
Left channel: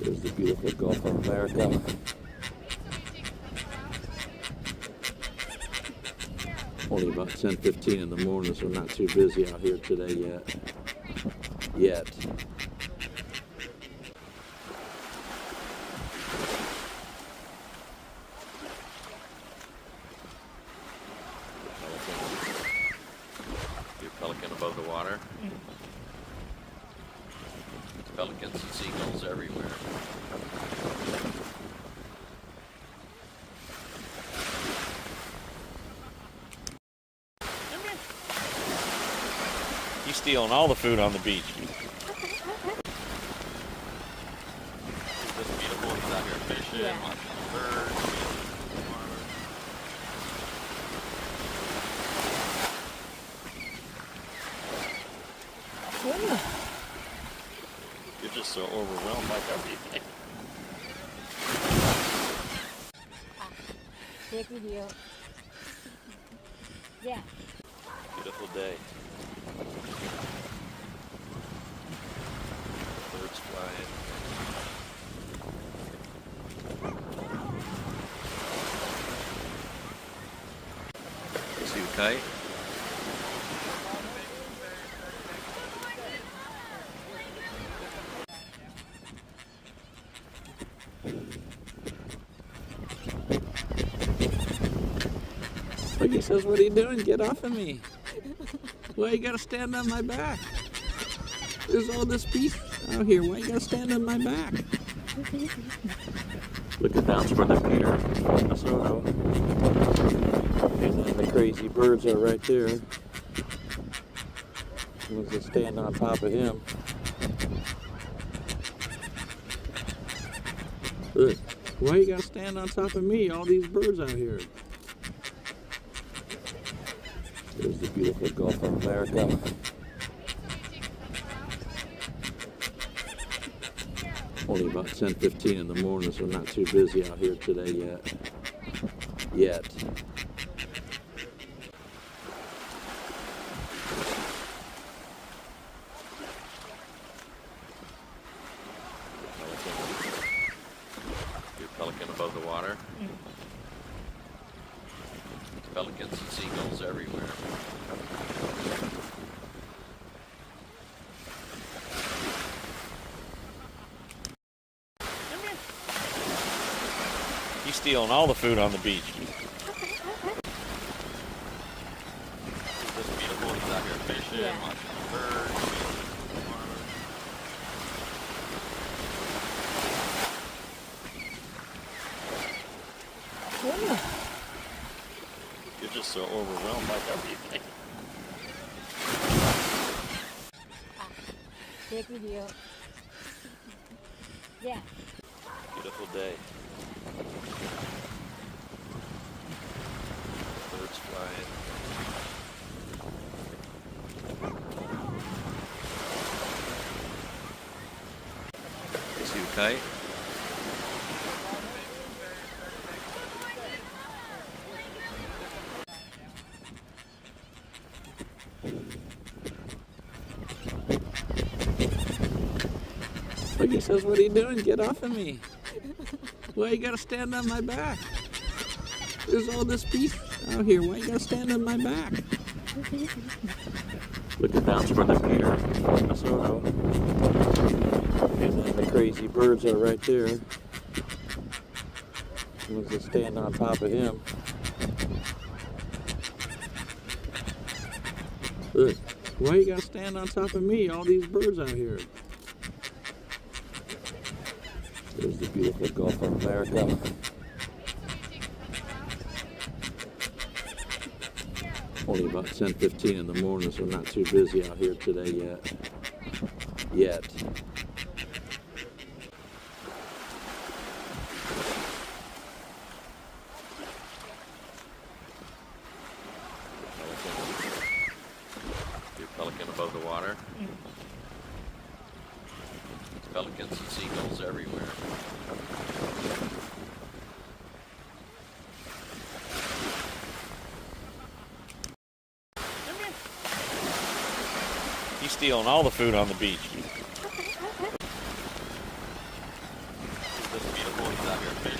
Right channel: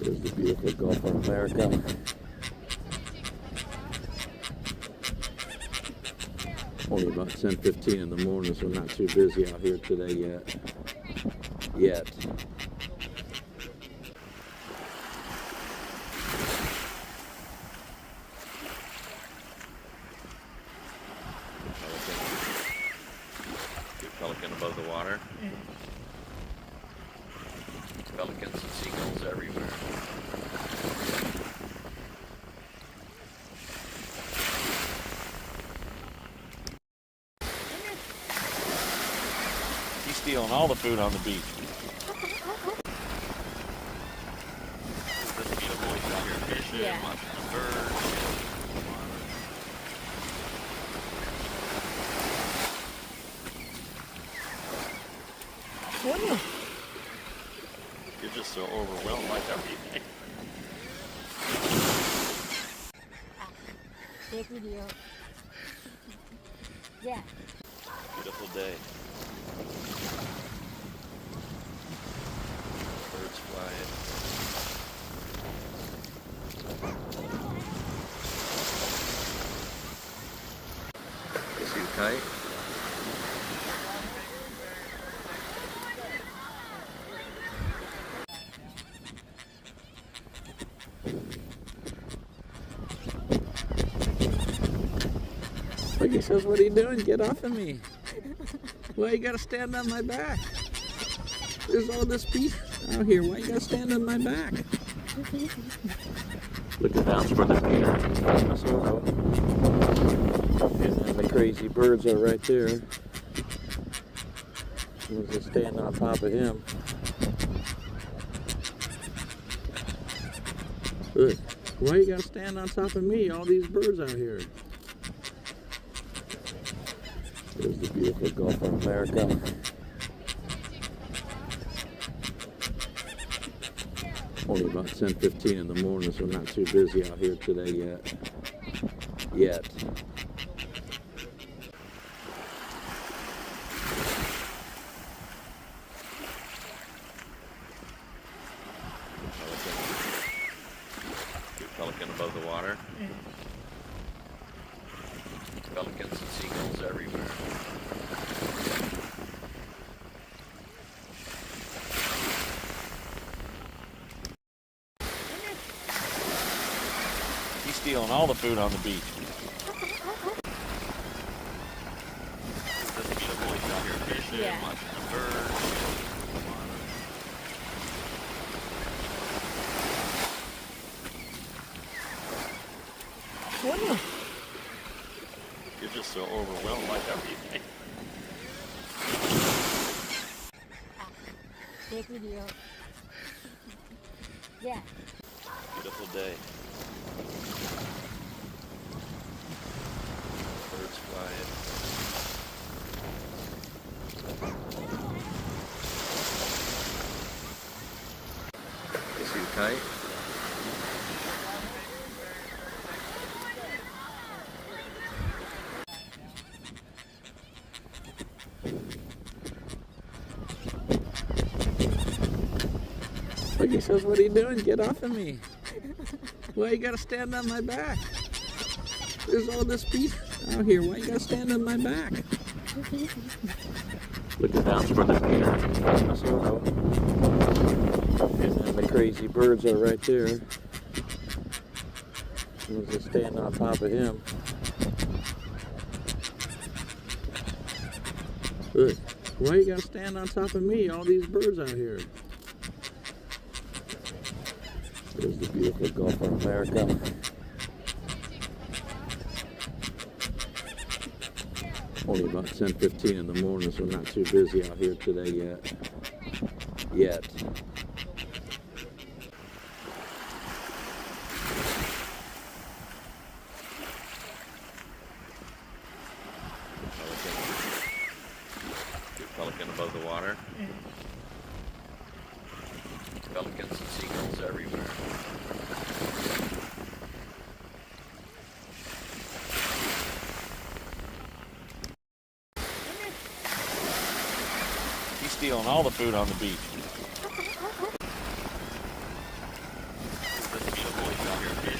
There's the beautiful Gulf of America. Only about 10:15 in the morning, so not too busy out here today yet. Pelican above the water. Pelicans and seagulls everywhere. He's stealing all the food on the beach. It's just beautiful. He's out here fishing, Yeah. watching the birds. You're just so overwhelmed by everything. Take video. Yeah. Beautiful day. Birds flying. Is he tight? Look, he says, what are you doing? Get off of me. Why you gotta stand on my back? There's all this beef out here. Why you gotta stand on my back? Looking down for the pier. And then the crazy birds are right there. We'll just stand on top of him. Look, why you gotta stand on top of me? All these birds out here. There's the beautiful Gulf of America. Only about 10:15 in the morning, so not too busy out here today yet. Pelican above the water. Pelicans and seagulls everywhere. He's stealing all the food on the beach. It's just beautiful. He's out here fishing, Yeah. watching the birds. You're just so overwhelmed by everything. Take video. Yeah. Beautiful day. Birds flying. Is he tight? Look, he says, what are you doing? Get off of me. Why you gotta stand on my back? There's all this beef out here. Why you gotta stand on my back? Looking down for the pier. And then the crazy birds are right there. We'll just stand on top of him. Look, why you gotta stand on top of me? All these birds out here. There's the beautiful Gulf of America. Only about 10:15 in the morning, so not too busy out here today yet. Pelican above the water. Pelicans and seagulls everywhere. He's stealing all the food on the beach.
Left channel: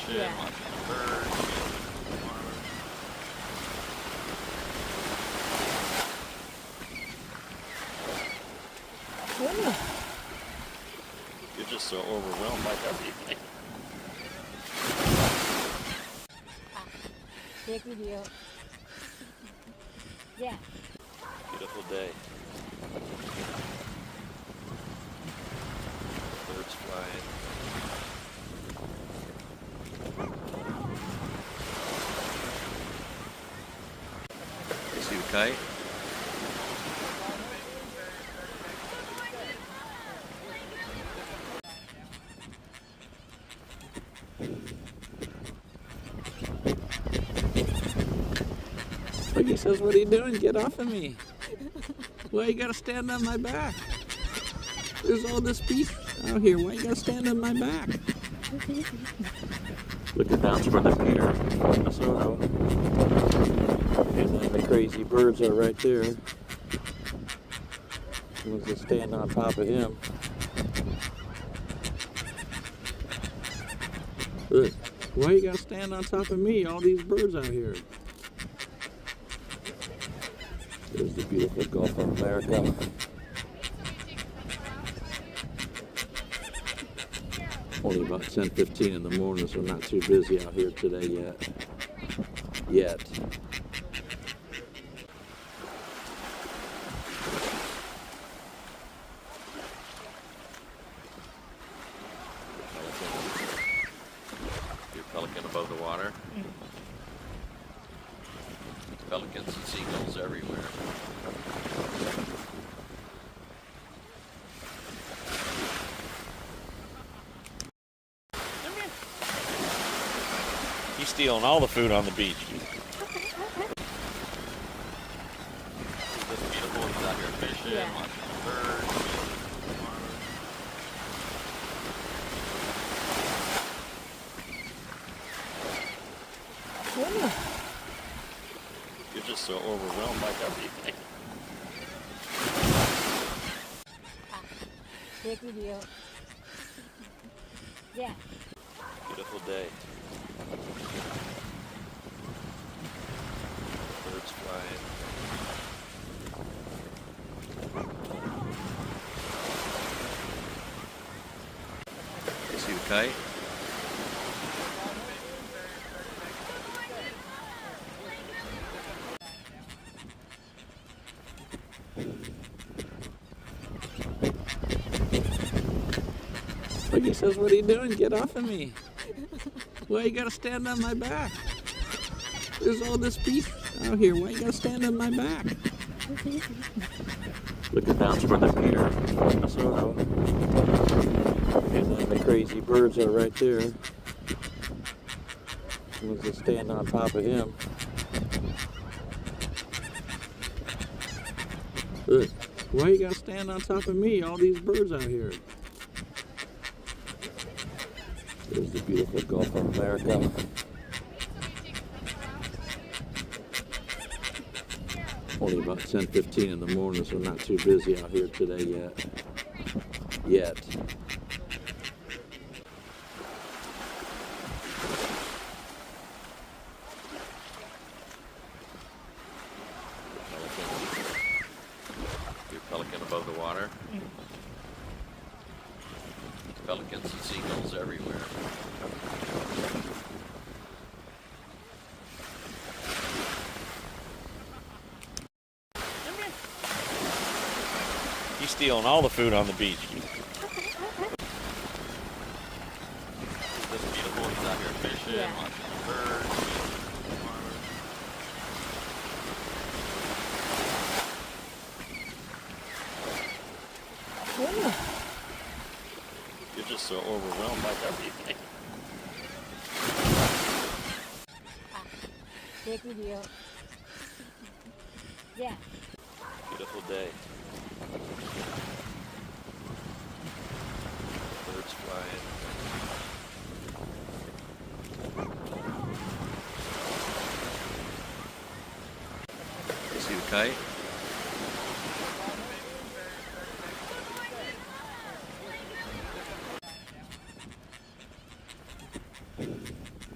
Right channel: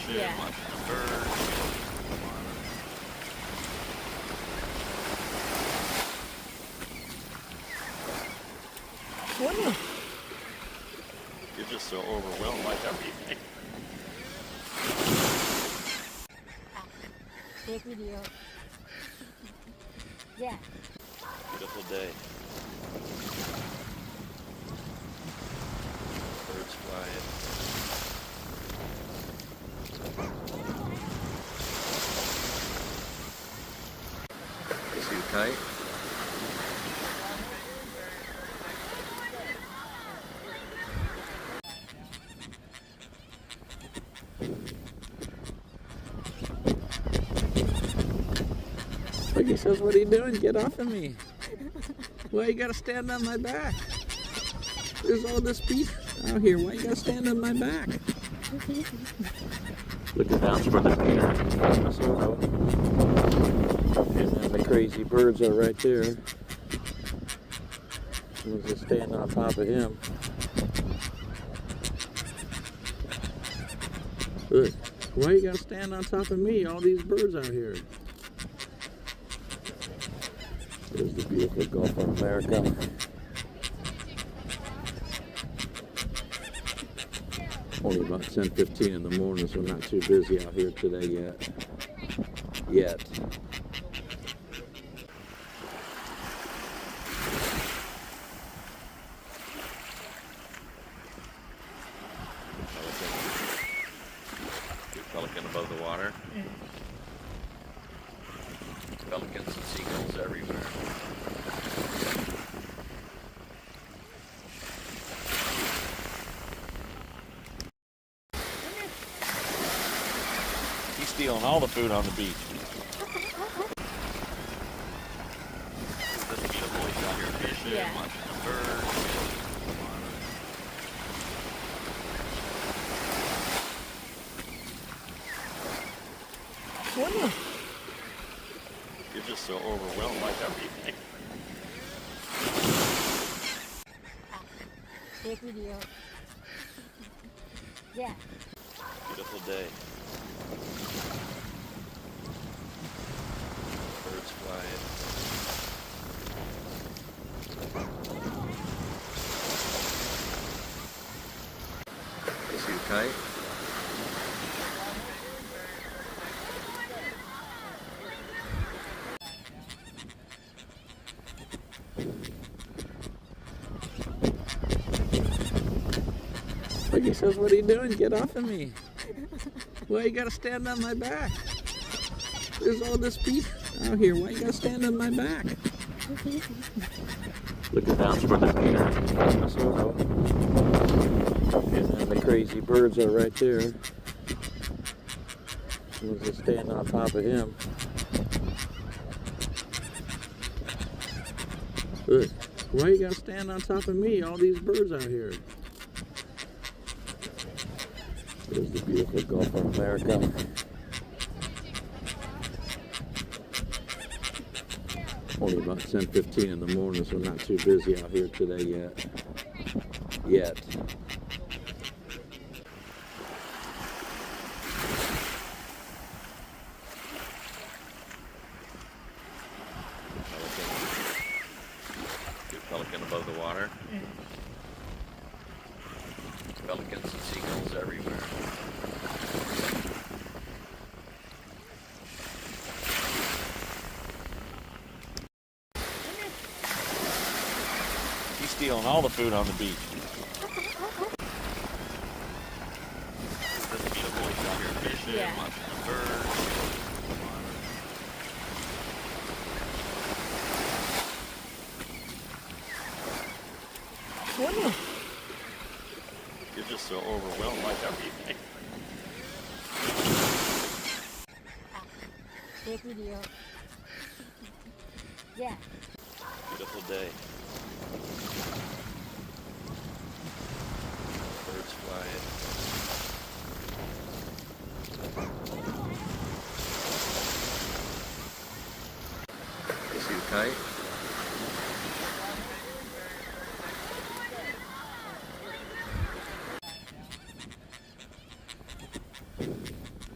fish, Yeah. lots of birds. You're just so overwhelmed by everything. Take video. Yeah. Beautiful day. Birds flying. Suit tight. Like he says, what are you doing? Get off of me. Why you gotta stand on my back? There's all this beef out here. Why you gotta stand on my back? Looking down toward the pier. And then the crazy birds are right there. Someone's just standing on top of him. Look, why you gotta stand on top of me? All these birds out here. There's the beautiful Gulf of America. Only about 10:15 in the morning, so not too busy out here today yet. Your pelican above the water. Pelicans and seagulls everywhere. He's stealing all the food on the beach. This beautiful is out here fishing, Yeah. lots of birds. You're just so overwhelmed by everything. Take video. Yeah. Beautiful day. Birds flying. Suit tight. Like he says, what are you doing? Get off of me. Why you gotta stand on my back? There's all this beef out here. Why you gotta stand on my back? Looking down toward the pier. And then the crazy birds are right there. Someone's just standing on top of him. Look, why you gotta stand on top of me? All these birds out here. There's the beautiful Gulf of America. Only about 10:15 in the morning, so not too busy out here today yet. Your pelican above the water. Pelicans and seagulls everywhere. He's stealing all the food on the beach. This beautiful is out here fishing, Yeah. lots of birds. You're just so overwhelmed by everything. Take video. Yeah. Beautiful day. Birds flying. Suit tight.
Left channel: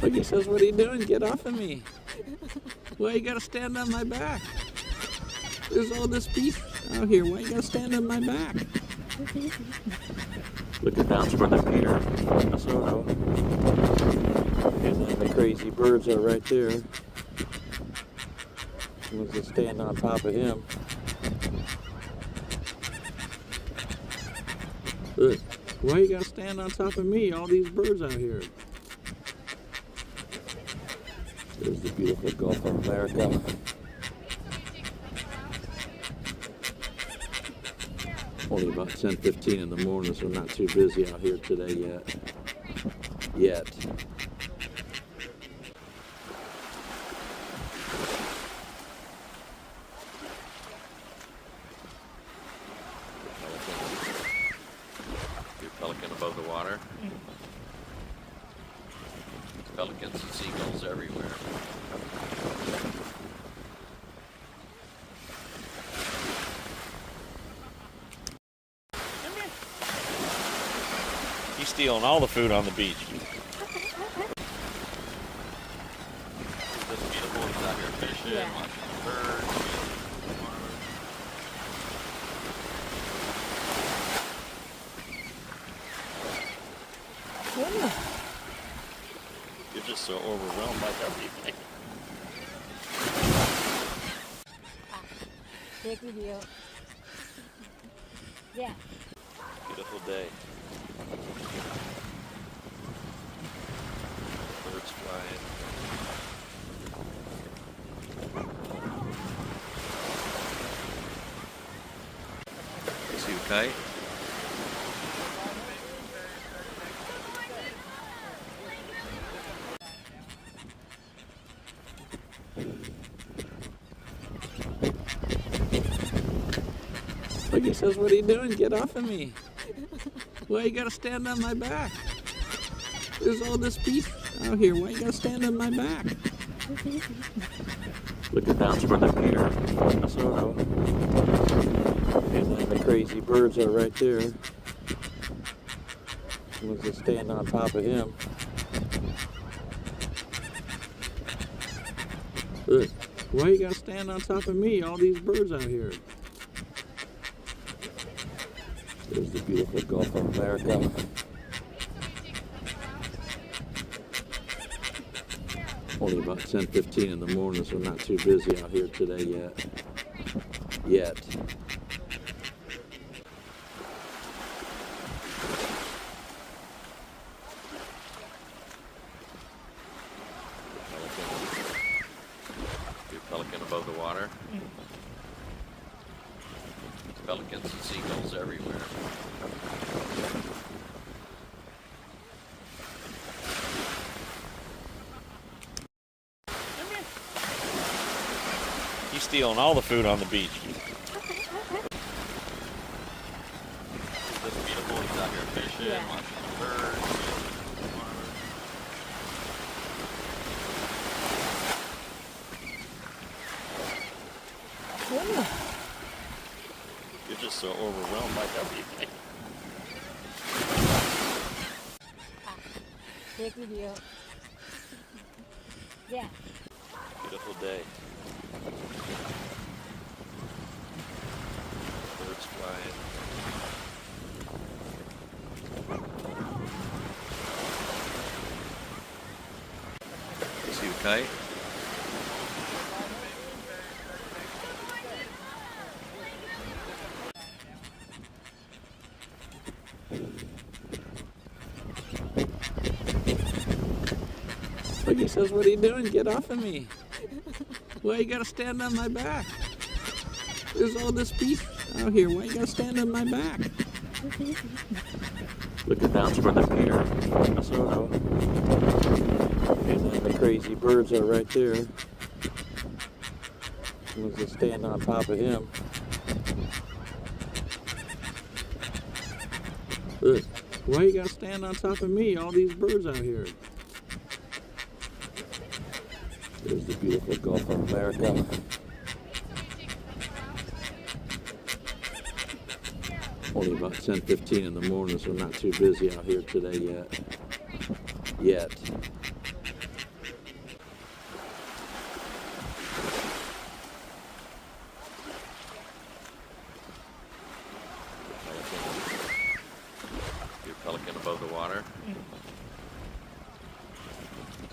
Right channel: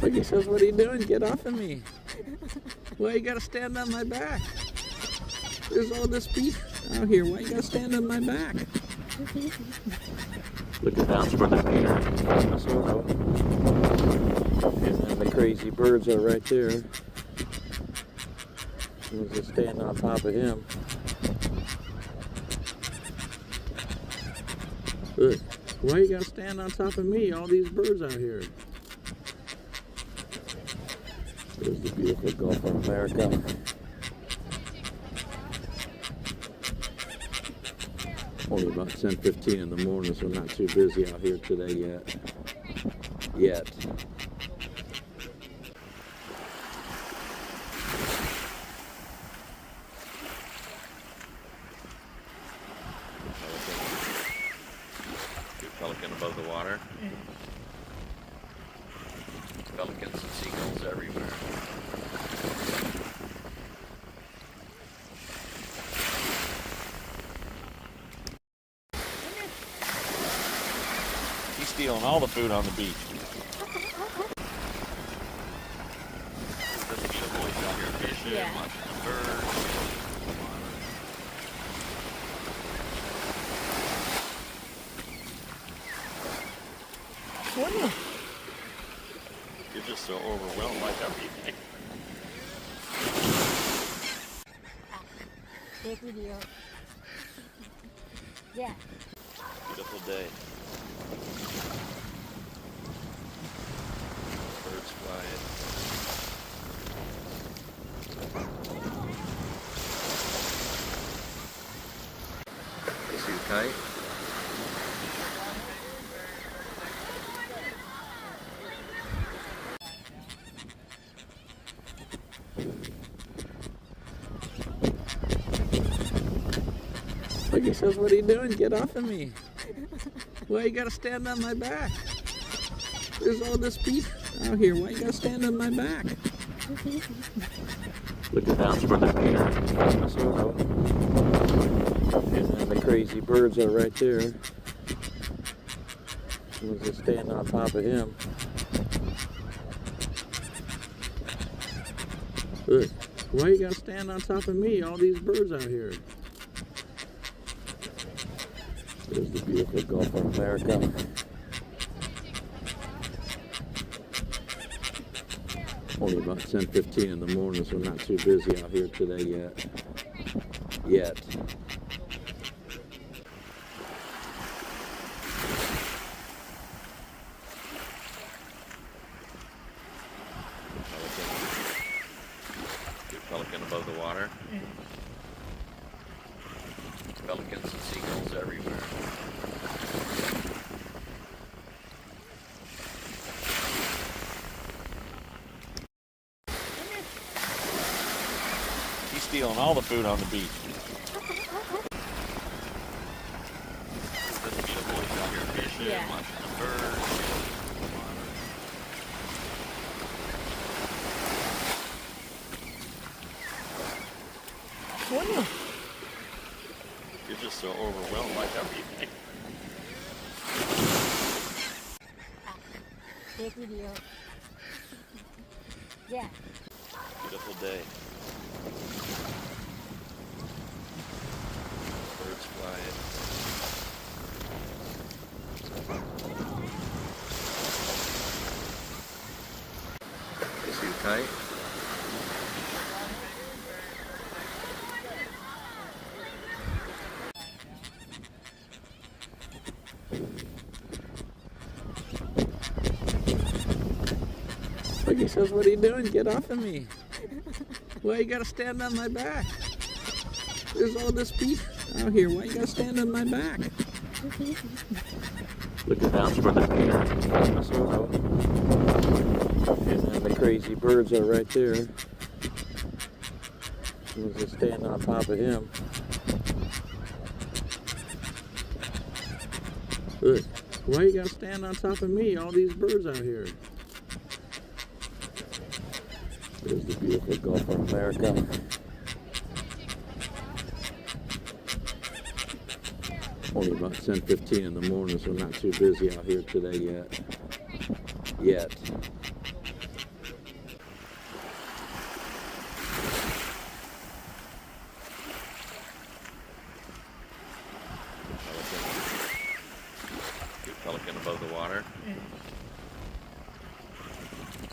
Look, he says, what are you doing? Get off of me. Why you gotta stand on my back? There's all this beef out here. Why you gotta stand on my back? Looking down toward the pier in Minnesota. And then the crazy birds are right there. We'll just stand on top of him. Look, why you gotta stand on top of me? All these birds out here. There's the beautiful Gulf of America. Only about 10:15 in the morning, so not too busy out here today yet. Pelican above the water. Pelicans and seagulls everywhere. He's stealing all the food on the beach. This beautiful, he's out here fishing, Yeah. watching birds. You're just so overwhelmed by everything. Take video. Yeah. Beautiful day. Birds flying. See you fight? Look, he says, what are you doing? Get off of me. Why you gotta stand on my back? There's all this beef out here. Why you gotta stand on my back? Looking down toward the pier in Minnesota. And then the crazy birds are right there. We'll just stand on top of him. Look, why you gotta stand on top of me? All these birds out here. There's the beautiful Gulf of America. Only about 10:15 in the morning, so not too busy out here today yet. Pelican above the water. Pelicans and seagulls everywhere. He's stealing all the food on the beach. This beautiful, he's out here fishing, Yeah. watching birds. You're just so overwhelmed by everything. Take video. Yeah. Beautiful day. Birds flying. See you fight? Look, he says, what are you doing? Get off of me. Why you gotta stand on my back? There's all this beef out here. Why you gotta stand on my back? Looking down toward the pier in Minnesota. And then the crazy birds are right there. We'll just stand on top of him. Look, why you gotta stand on top of me? All these birds out here. There's the beautiful Gulf of America. Only about 10:15 in the morning, so not too busy out here today yet.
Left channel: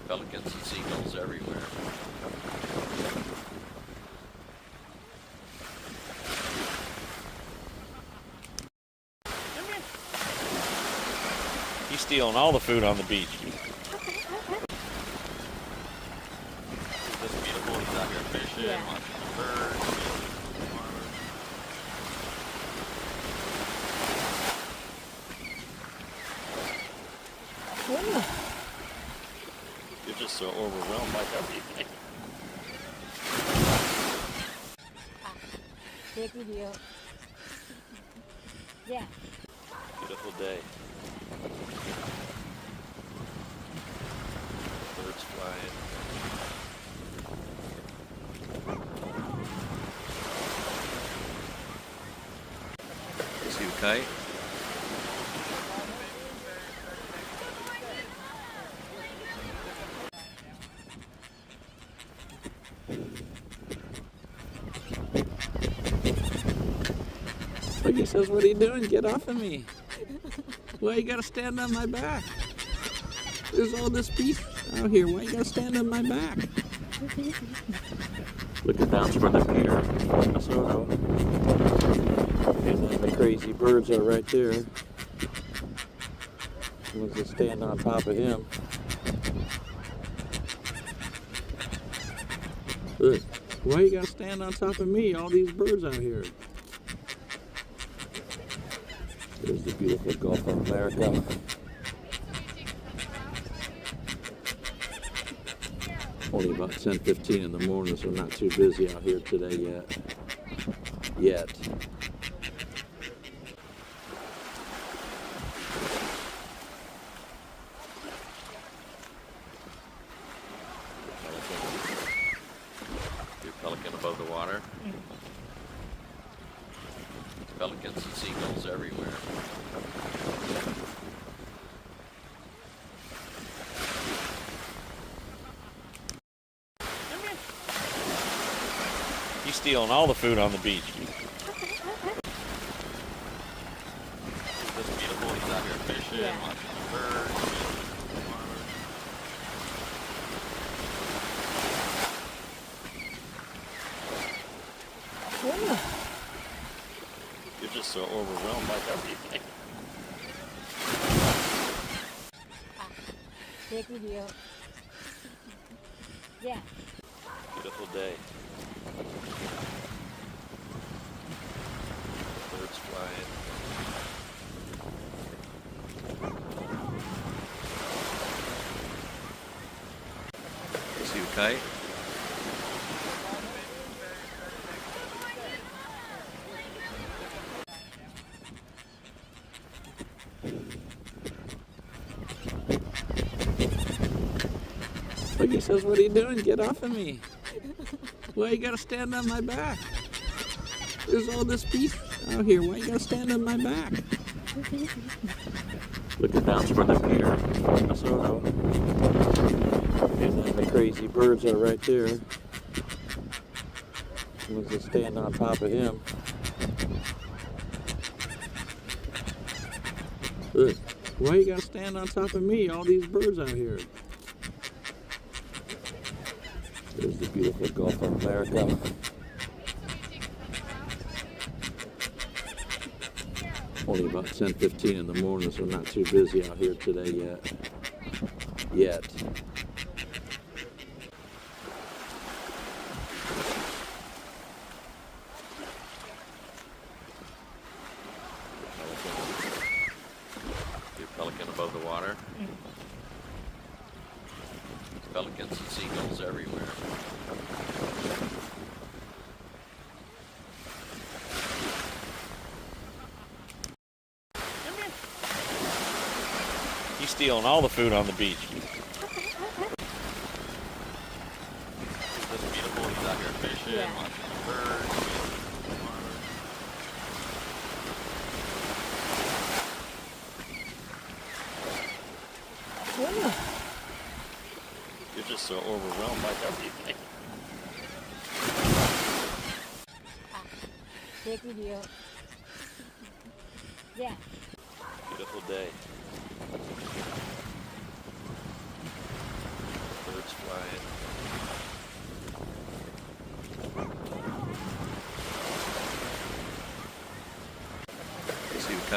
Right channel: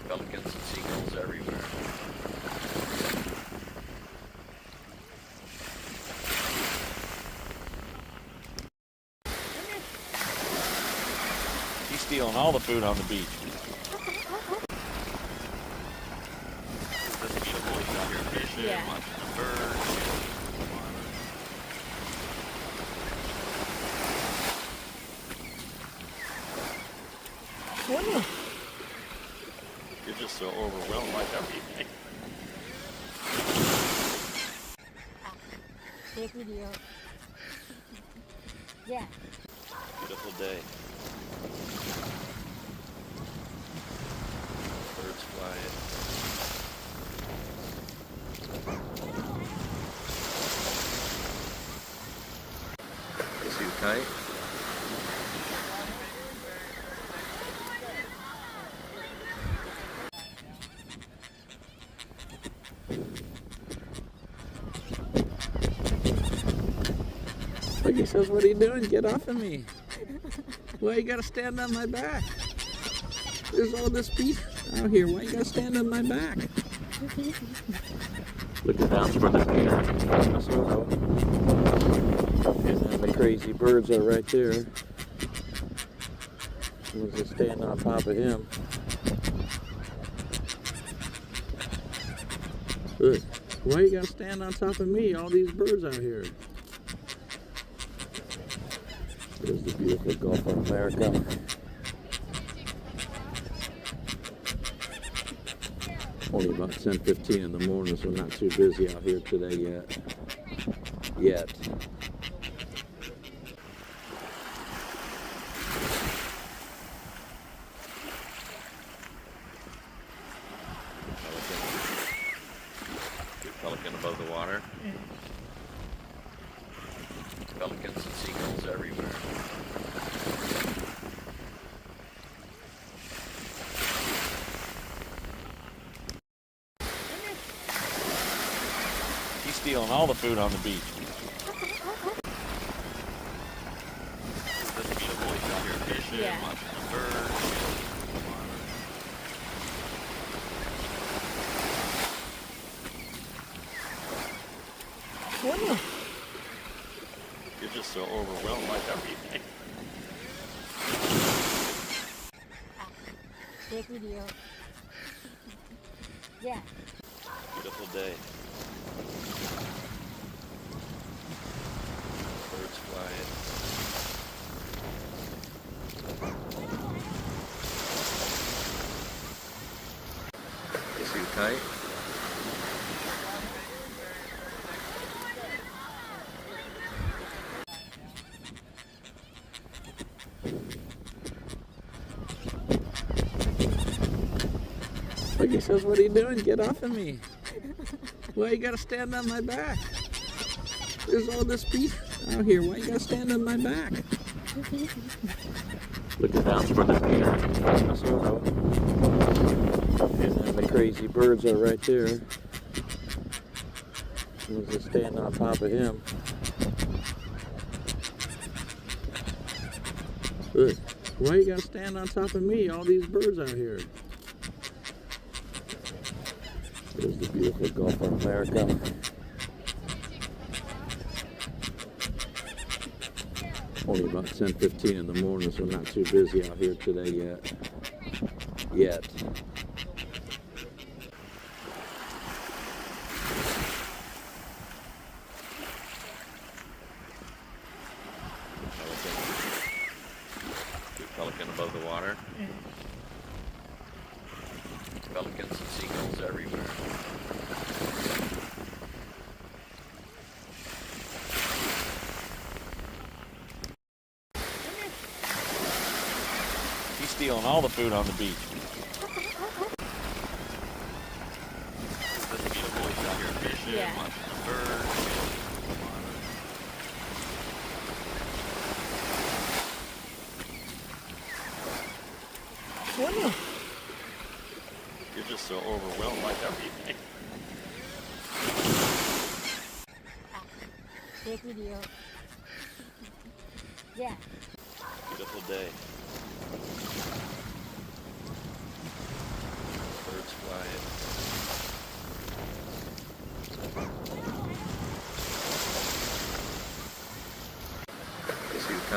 Pelicans and seagulls everywhere. He's stealing all the food on the beach. It's just beautiful. He's out here fishing, Yeah. watching birds, Whoa. You're just so overwhelmed by everything. Take video. Yeah. beautiful day. Birds flying. Too tight. Like he says, what are you doing? Get off of me. Why you gotta stand on my back? There's all this beef out here. Why you gotta stand on my back? Look at that's where the pier in Minnesota. And then the crazy birds are right there. Someone's just standing on top of him. Look, why you gotta stand on top of me? All these birds out here. There's the beautiful Gulf of America. Only about 10:15 in the morning, so not too busy out here today yet. Big pelican above the water. Pelicans and seagulls everywhere. He's stealing all the food on the beach. It's just beautiful. He's out here fishing, Yeah. watching birds. Whoa. You're just so overwhelmed by everything. Take video. Yeah. Beautiful day. Birds flying. Too tight. Like he says, what are you doing? Get off of me. Why you gotta stand on my back? There's all this beef out here. Why you gotta stand on my back? Look at that's where the pier in Minnesota. And then the crazy birds are right there. Someone's just standing on top of him. Look, why you gotta stand on top of me? All these birds out here. There's the beautiful Gulf of America. Only about 10:15 in the morning, so not too busy out here today yet. Big pelican above the water. Pelicans and seagulls everywhere. He's stealing all the food on the beach. It's just beautiful. He's out here fishing, Yeah. watching birds. Whoa. You're just so overwhelmed by everything. Take video. Yeah. Beautiful day.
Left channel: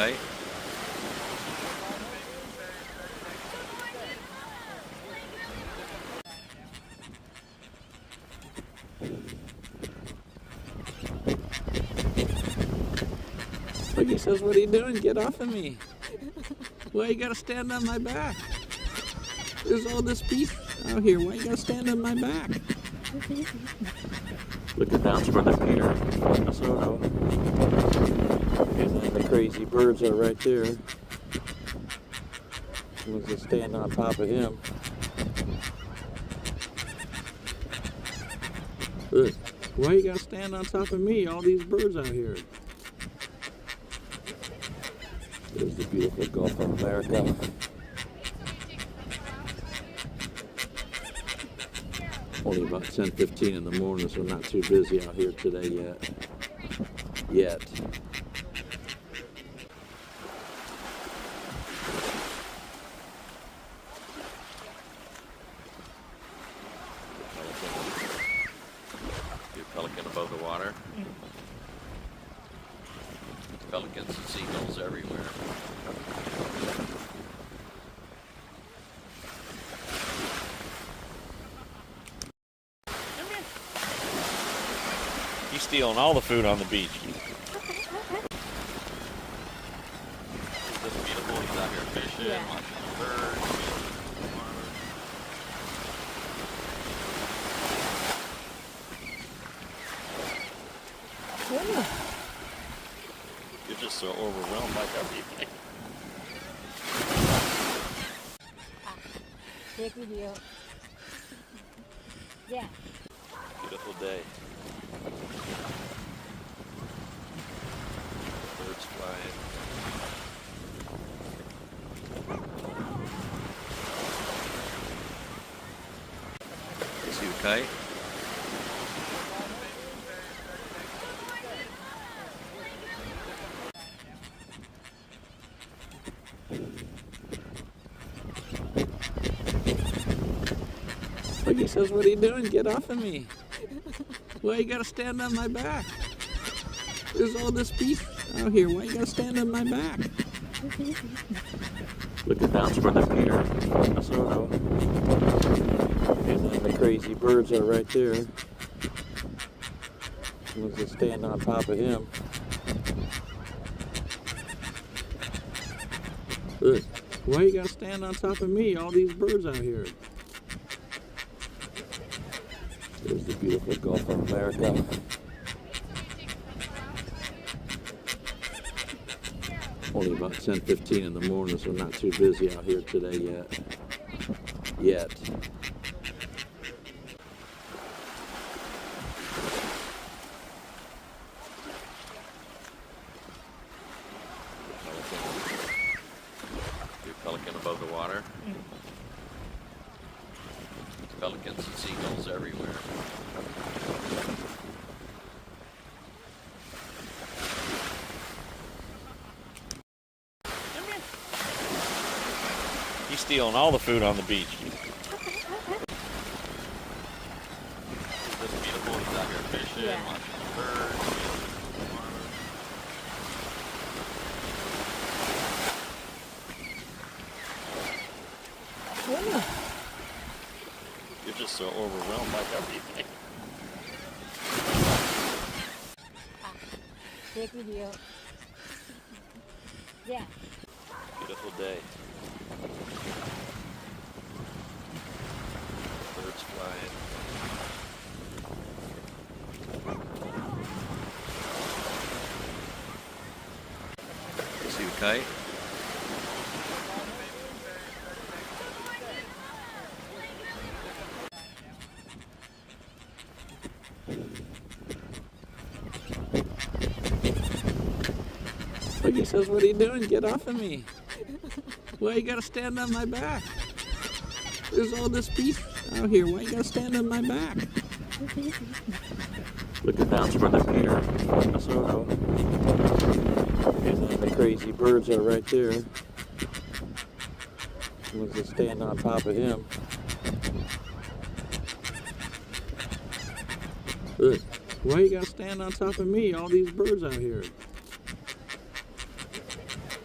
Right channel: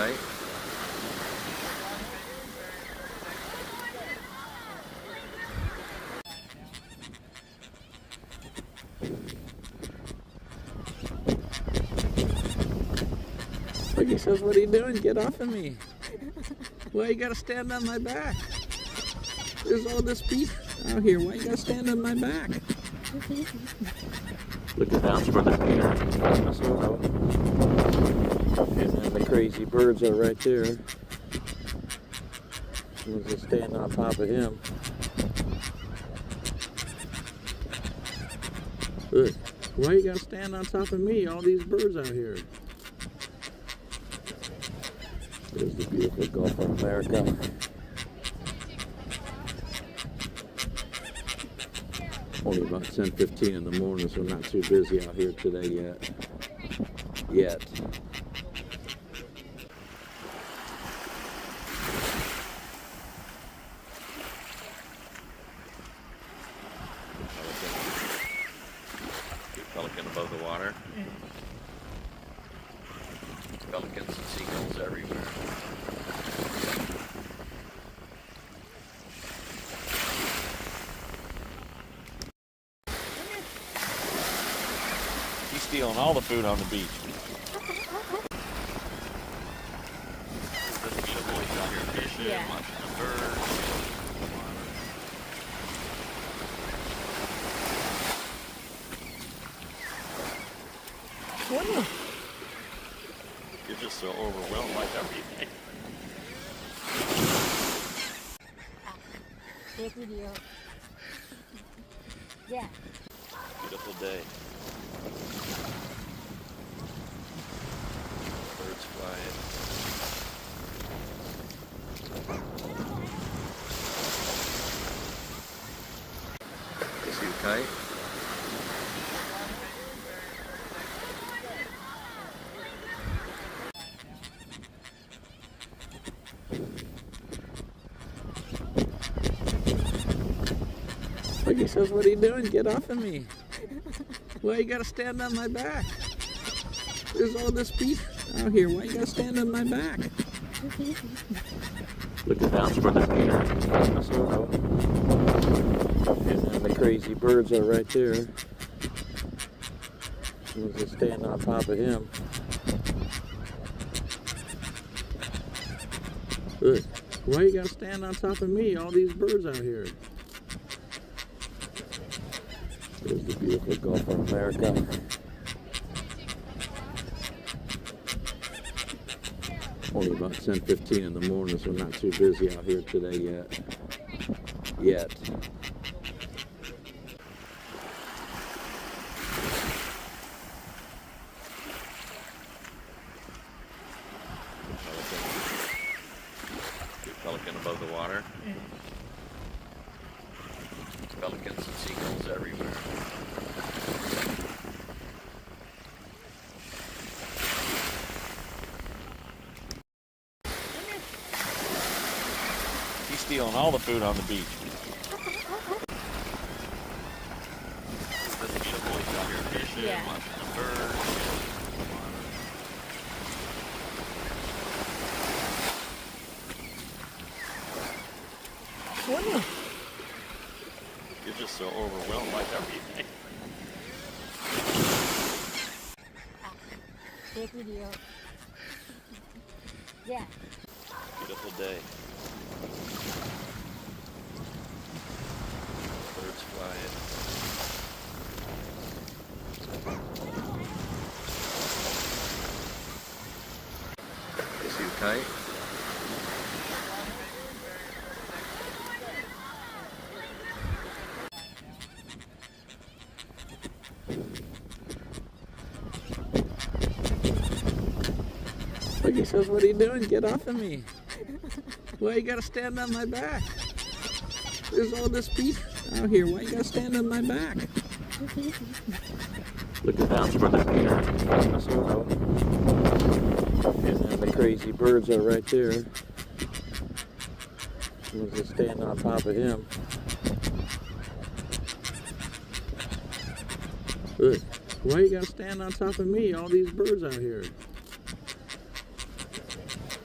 fight? Look, he says, what are you doing? Get off of me. Why you gotta stand on my back? There's all this beef out here. Why you gotta stand on my back? Look at that's Brother Peter. Minnesota. And then the crazy birds are right there. Someone's just standing on top of him. Look, why you gotta stand on top of me? All these birds out here. There's the beautiful Gulf of America. Only about 10:15 in the morning, so not too busy out here today yet. Your pelican above the water. Pelicans and seagulls everywhere. He's stealing all the food on the beach. Isn't this beautiful? He's out here fishing, Yeah. watching birds, Wow. You're just so overwhelmed by everything. Take video. Yeah. beautiful day. Birds flying. See you fight? Look, he says, what are you doing? Get off of me. Why you gotta stand on my back? There's all this beef out here. Why you gotta stand on my back? Look at that's Brother Peter. Minnesota. And then the crazy birds are right there. Someone's just standing on top of him. Look, why you gotta stand on top of me? All these birds out here. There's the beautiful Gulf of America. Only about 10:15 in the morning, so not too busy out here today yet. Your pelican above the water. Pelicans and seagulls everywhere. He's stealing all the food on the beach. Isn't this beautiful? He's out here fishing, Yeah. watching birds. Wow. You're just so overwhelmed by everything. Take video. Yeah. Beautiful day. Birds flying. See you fight? Look, he says, what are you doing? Get off of me. Why you gotta stand on my back? There's all this beef out here. Why you gotta stand on my back? Look at that's Brother Peter. Minnesota. And then the crazy birds are right there. Someone's just standing on top of him. Look, why you gotta stand on top of me? All these birds out here.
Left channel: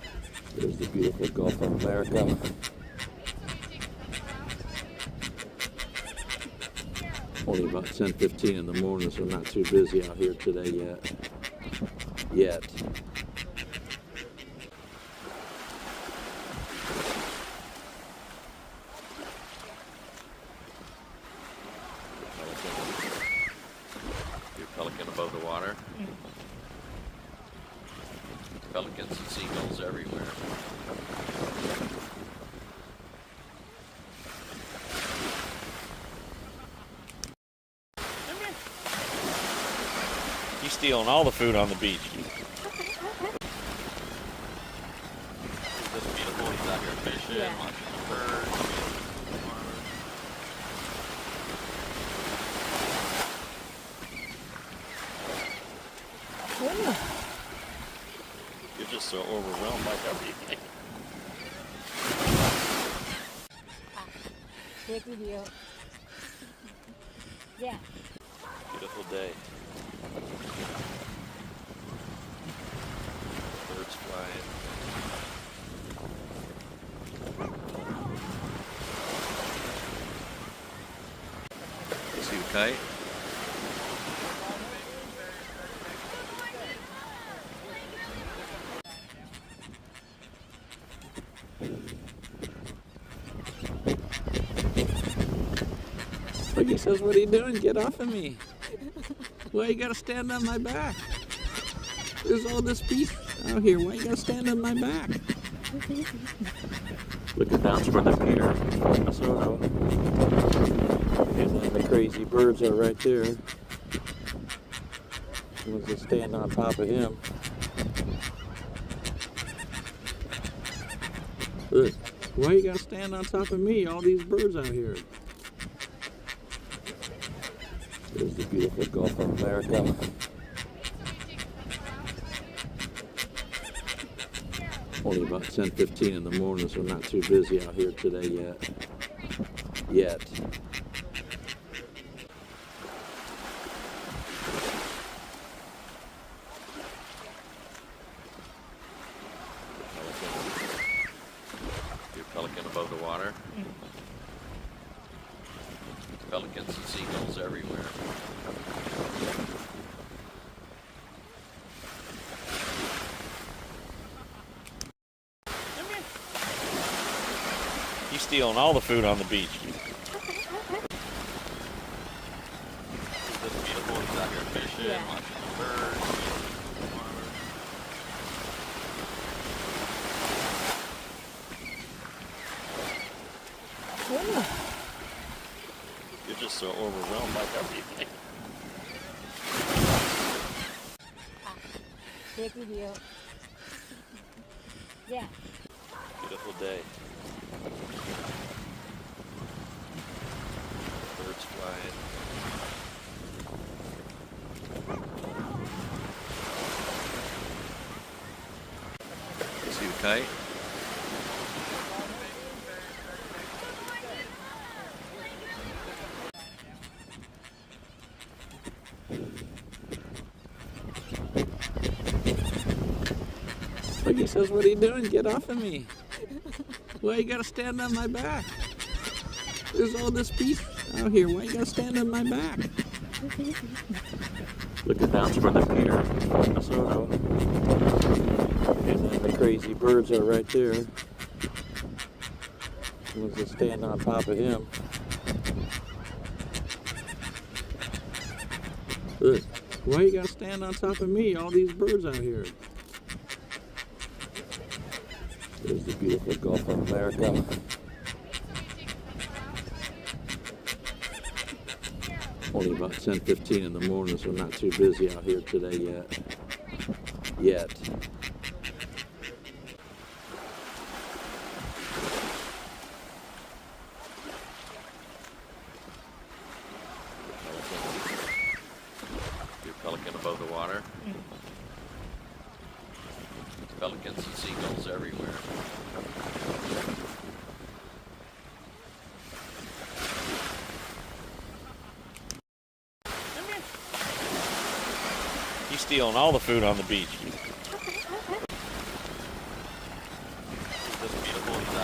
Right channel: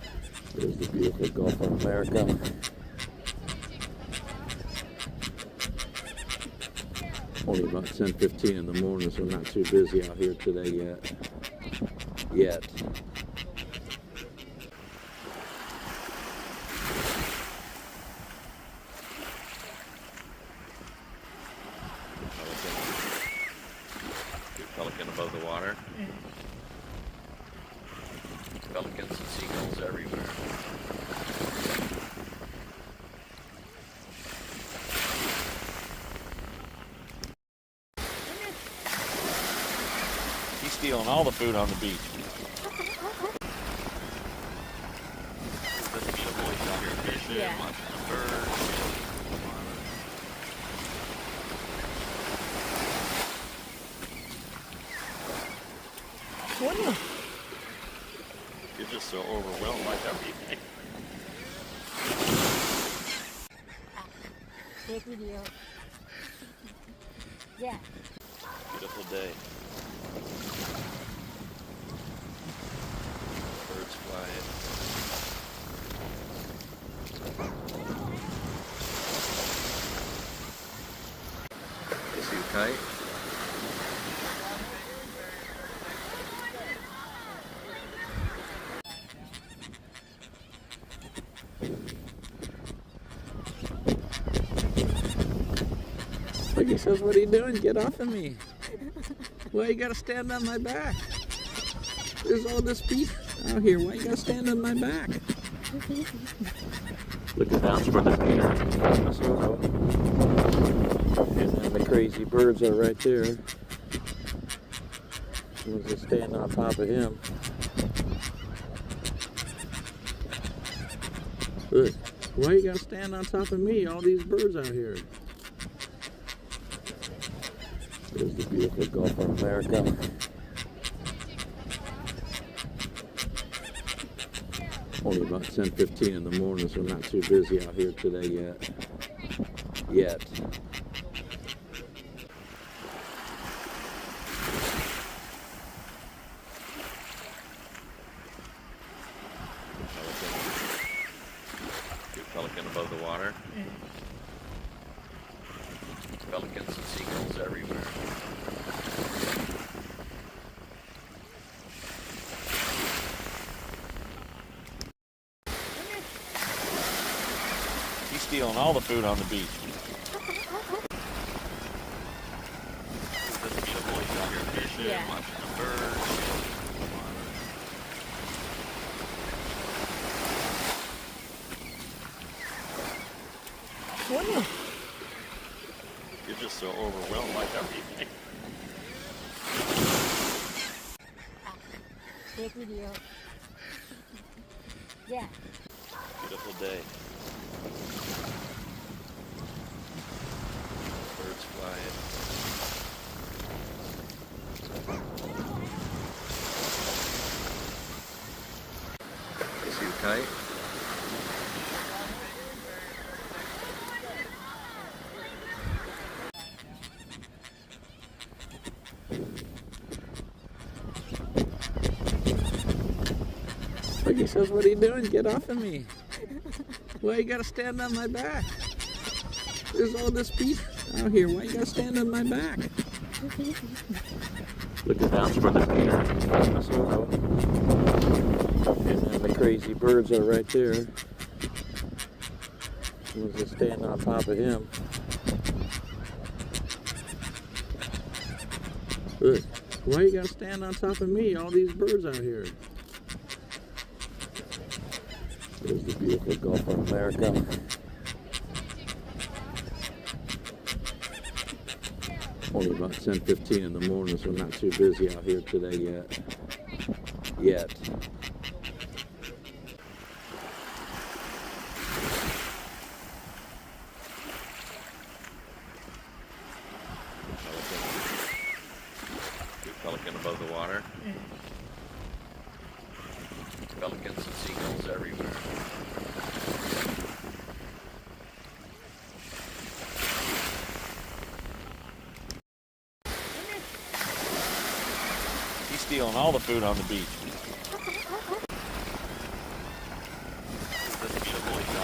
There's the beautiful Gulf of America. Only about 10:15 in the morning, so not too busy out here today yet. Your pelican above the water. Pelicans and seagulls everywhere. He's stealing all the food on the beach. Isn't this beautiful? He's out here fishing, Yeah. watching the birds. You're just so overwhelmed by everything. Take video. Yeah. Beautiful day. Birds flying. See you fight. Look, he says, what are you doing? Get off of me. Why you gotta stand on my back? There's all this beef out here. Why you gotta stand on my back? Looking down toward the pier. And then the crazy birds are right there. Someone's just standing on top of him. Look, why you gotta stand on top of me? All these birds out here. There's the beautiful Gulf of America. Only about 10:15 in the morning, so not too busy out here today yet. Your pelican above the water. Pelicans and seagulls everywhere. He's stealing all the food on the beach. Isn't this beautiful? He's out here fishing, Yeah. watching the birds. You're just so overwhelmed by everything. Take video. Yeah. Beautiful day. Birds flying. See you fight. Look, he says, what are you doing? Get off of me. Why you gotta stand on my back? There's all this beef out here. Why you gotta stand on my back? Looking down toward the pier. And then the crazy birds are right there. Someone's just standing on top of him. Look, why you gotta stand on top of me? All these birds out here. There's the beautiful Gulf of America. Only about 10:15 in the morning, so not too busy out here today yet. Your pelican above the water. Pelicans and seagulls everywhere. He's stealing all the food on the beach.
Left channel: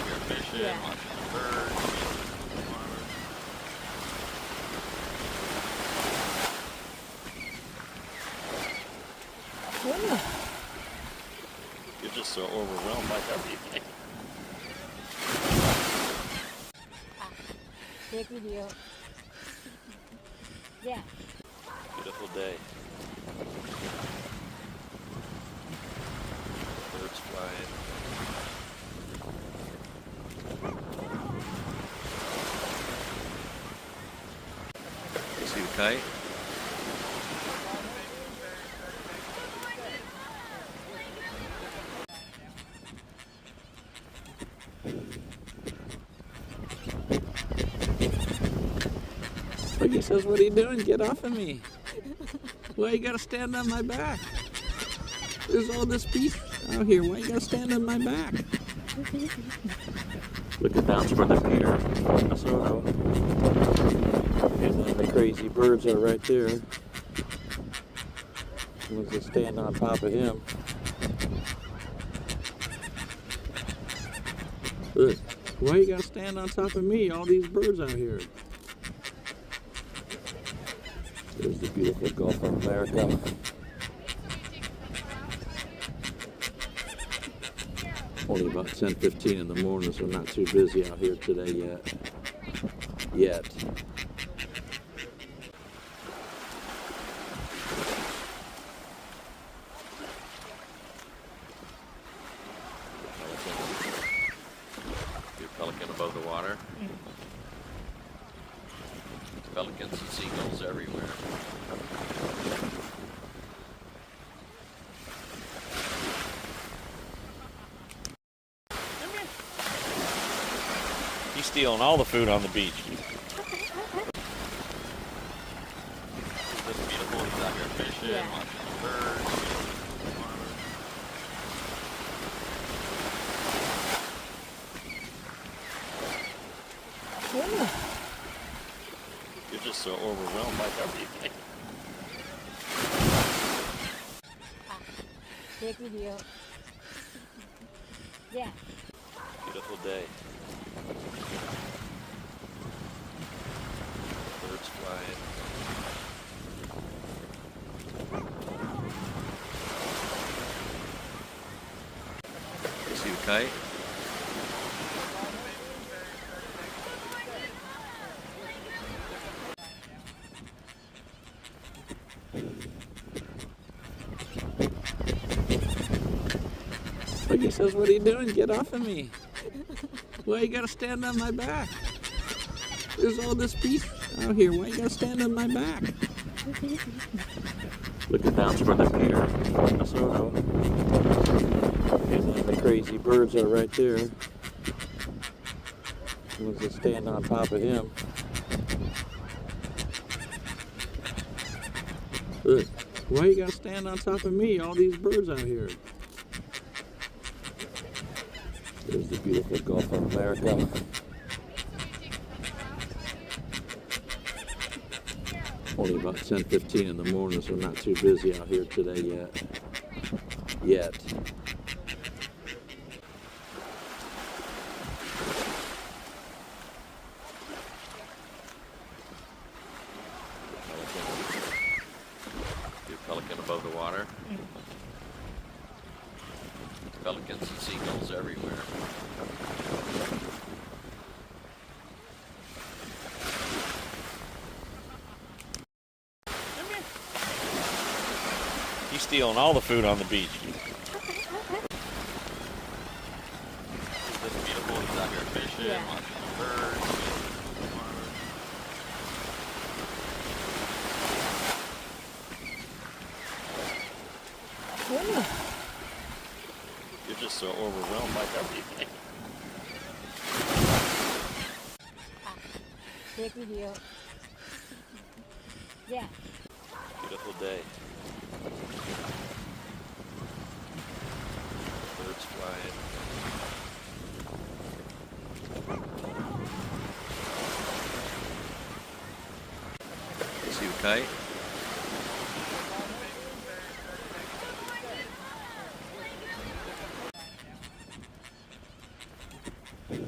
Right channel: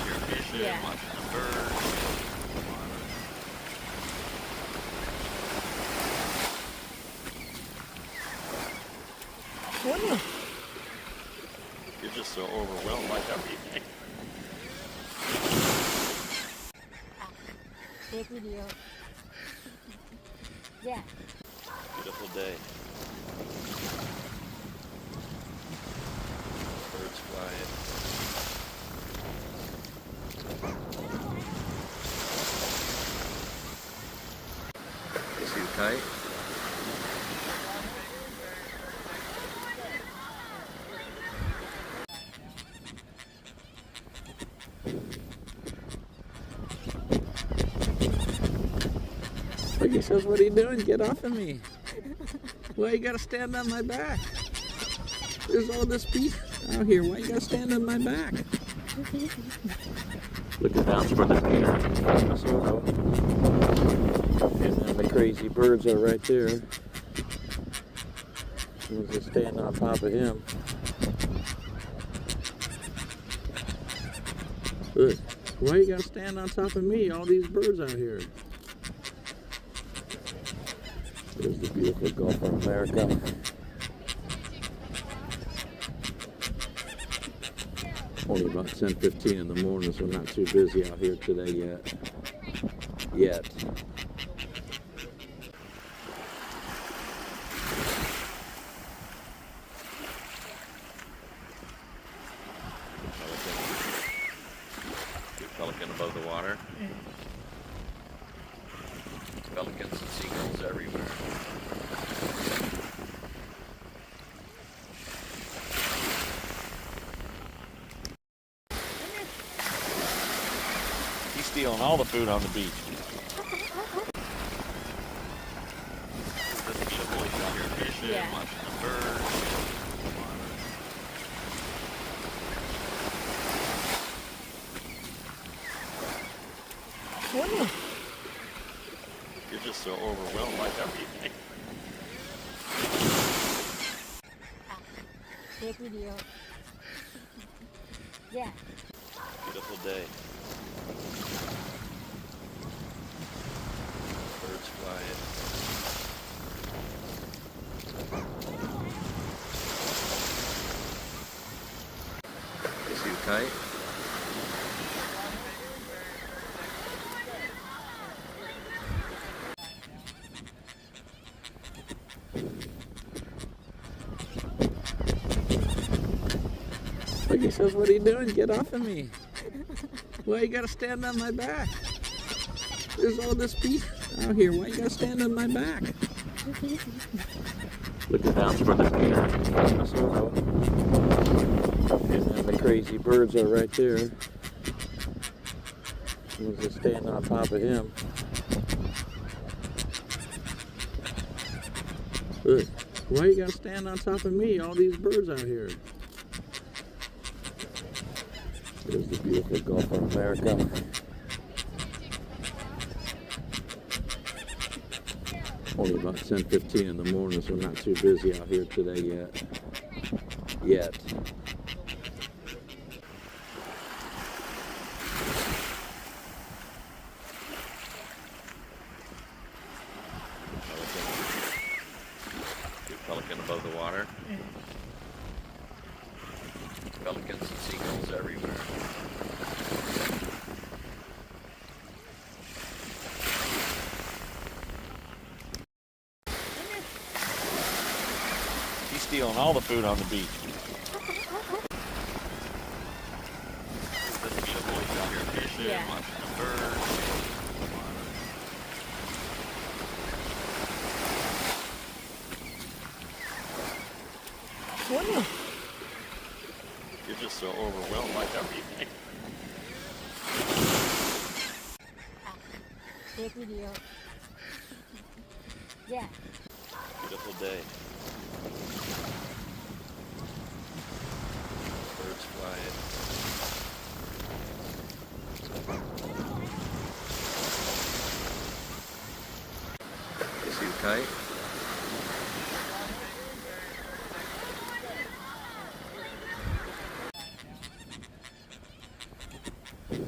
out here fishing, Yeah. watching birds. You're just so overwhelmed by everything. Take video. Yeah. Beautiful day. Birds flying. See you fight? Look, he says, what are you doing? Get off of me. Why you gotta stand on my back? There's all this beef out here. Why you gotta stand on my back? Looking down toward the pier, Minnesota. And then the crazy birds are right there. Someone's just standing on top of him. Look, why you gotta stand on top of me? All these birds out here. There's the beautiful Gulf of America. Only about 10:15 in the morning, so not too busy out here today yet. Your pelican above the water. Pelicans and seagulls everywhere. He's stealing all the food on the beach. This beautiful, he's out here fishing, Yeah. watching birds. You're just so overwhelmed by everything. Take video. Yeah. Beautiful day. Birds flying. See you fight? Look, he says, what are you doing? Get off of me. Why you gotta stand on my back? There's all this beef out here. Why you gotta stand on my back? Looking down toward the pier, Minnesota. And then the crazy birds are right there. Someone's just standing on top of him. Look, why you gotta stand on top of me? All these birds out here. There's the beautiful Gulf of America. Only about 10:15 in the morning, so not too busy out here today yet. Your pelican above the water. Pelicans and seagulls everywhere. He's stealing all the food on the beach. This beautiful, he's out here fishing, Yeah. watching birds. You're just so overwhelmed by everything. Take video. Yeah. Beautiful day. Birds flying. See you fight?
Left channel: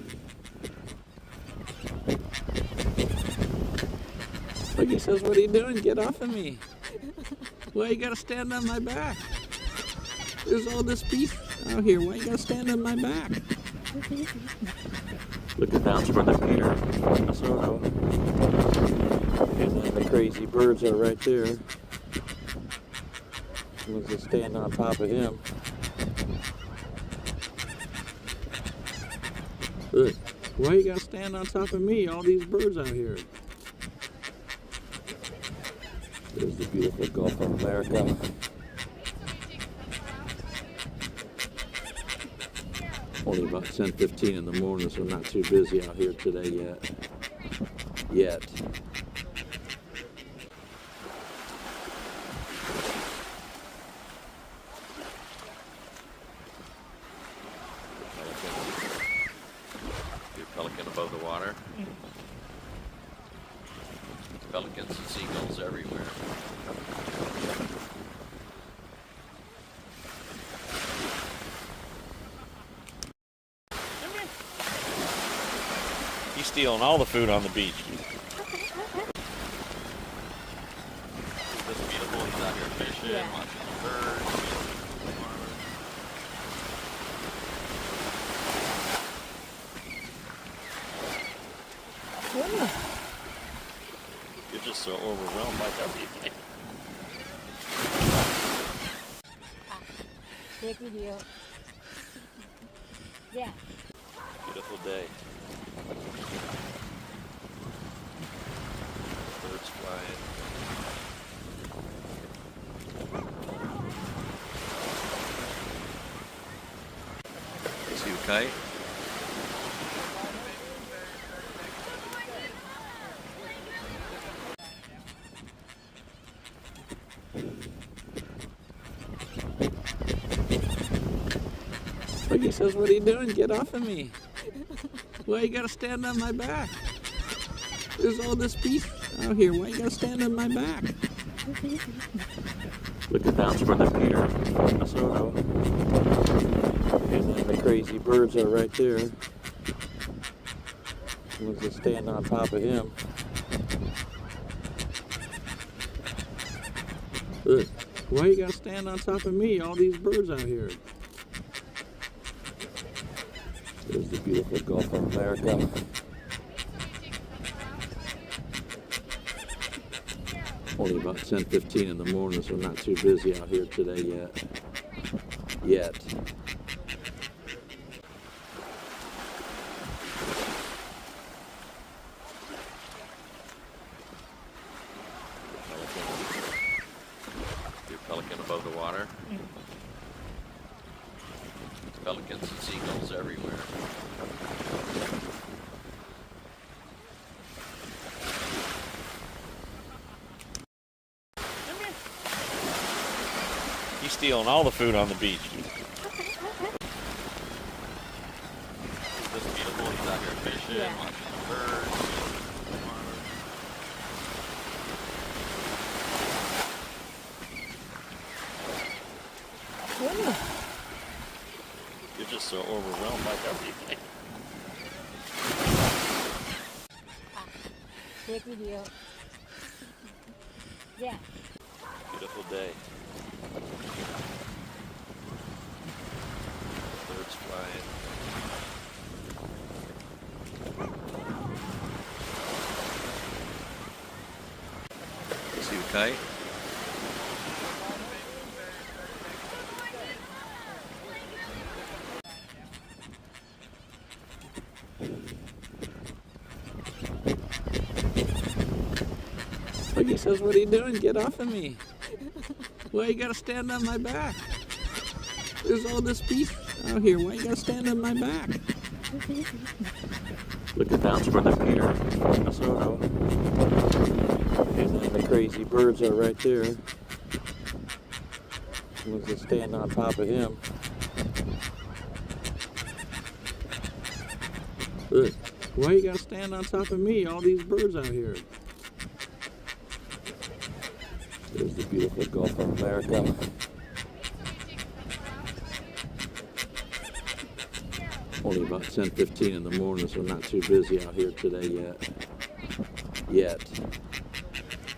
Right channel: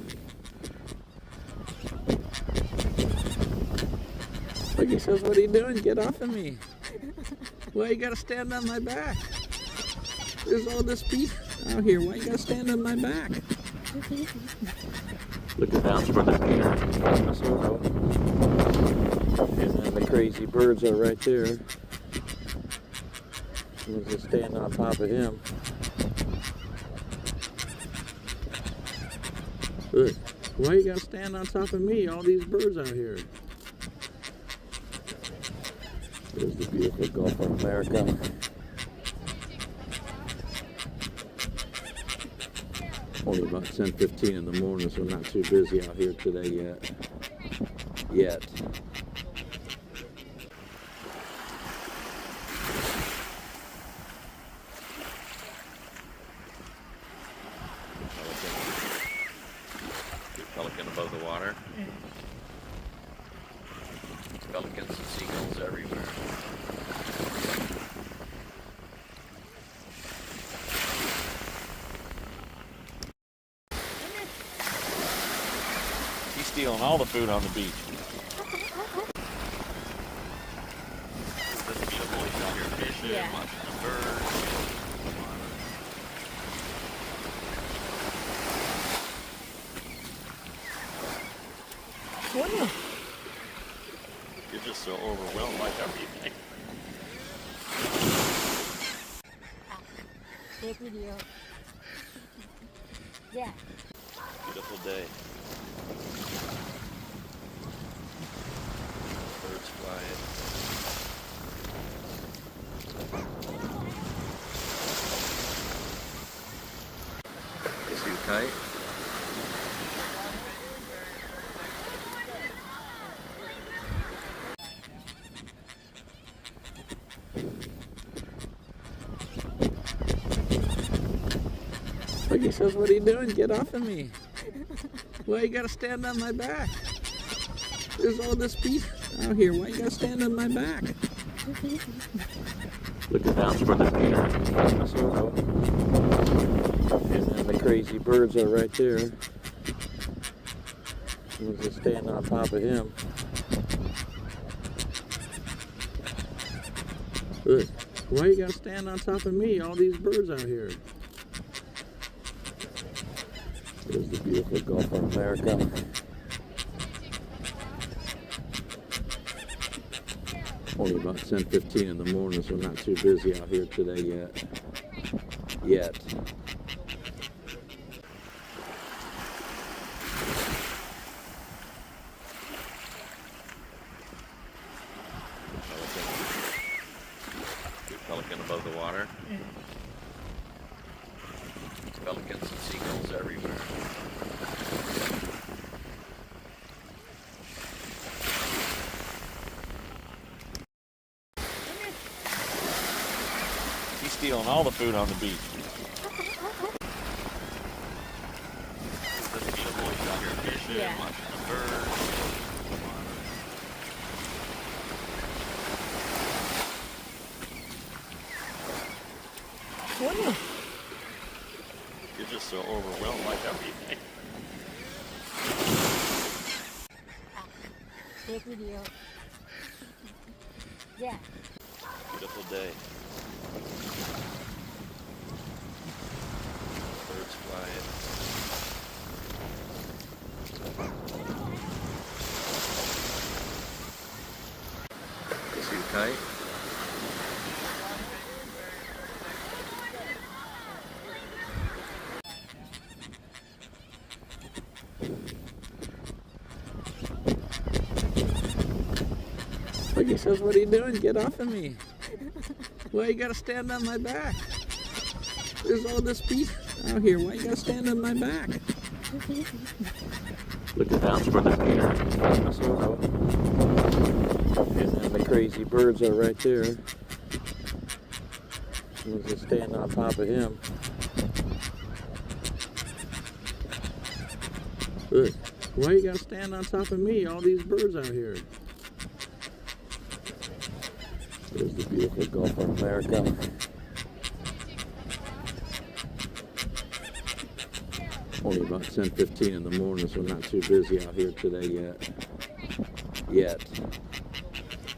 Like he says, what are you doing? Get off of me. Why you gotta stand on my back? There's all this beef out here. Why you gotta stand on my back? Looking down for the Peter. And then the crazy birds are right there. Was just standing on top of him. Look, why you gotta stand on top of me? All these birds out here. There's the beautiful Gulf of America. Only about 10:15 in the morning, so not too busy out here today yet. Pelican above the water. Pelicans and seagulls everywhere. He's stealing all the food on the beach. Isn't this beautiful? He's out here fishing, Yeah. watching birds. You're just so overwhelmed by everything. Take video. Yeah. Beautiful day. Birds flying. See you fight? Like he says, what are you doing? Get off of me. Why you gotta stand on my back? There's all this beef out here. Why you gotta stand on my back? Looking down for the Peter. And then the crazy birds are right there. Was just standing on top of him. Look, why you gotta stand on top of me? All these birds out here. There's the beautiful Gulf of America. Only about 10:15 in the morning, so not too busy out here today yet. Pelican above the water. Pelicans and seagulls everywhere. He's stealing all the food on the beach. Isn't this beautiful? He's out here fishing, Yeah. watching birds. You're just so overwhelmed by everything. Take video. Yeah. Beautiful day. Birds flying. See you fight? Like he says, what are you doing? Get off of me. Why you gotta stand on my back? There's all this beef out here. Why you gotta stand on my back? Looking down for the Peter. And then the crazy birds are right there. Was just standing on top of him. Look, why you gotta stand on top of me? All these birds out here. There's the beautiful Gulf of America. Only about 10:15 in the morning, so not too busy out here today yet.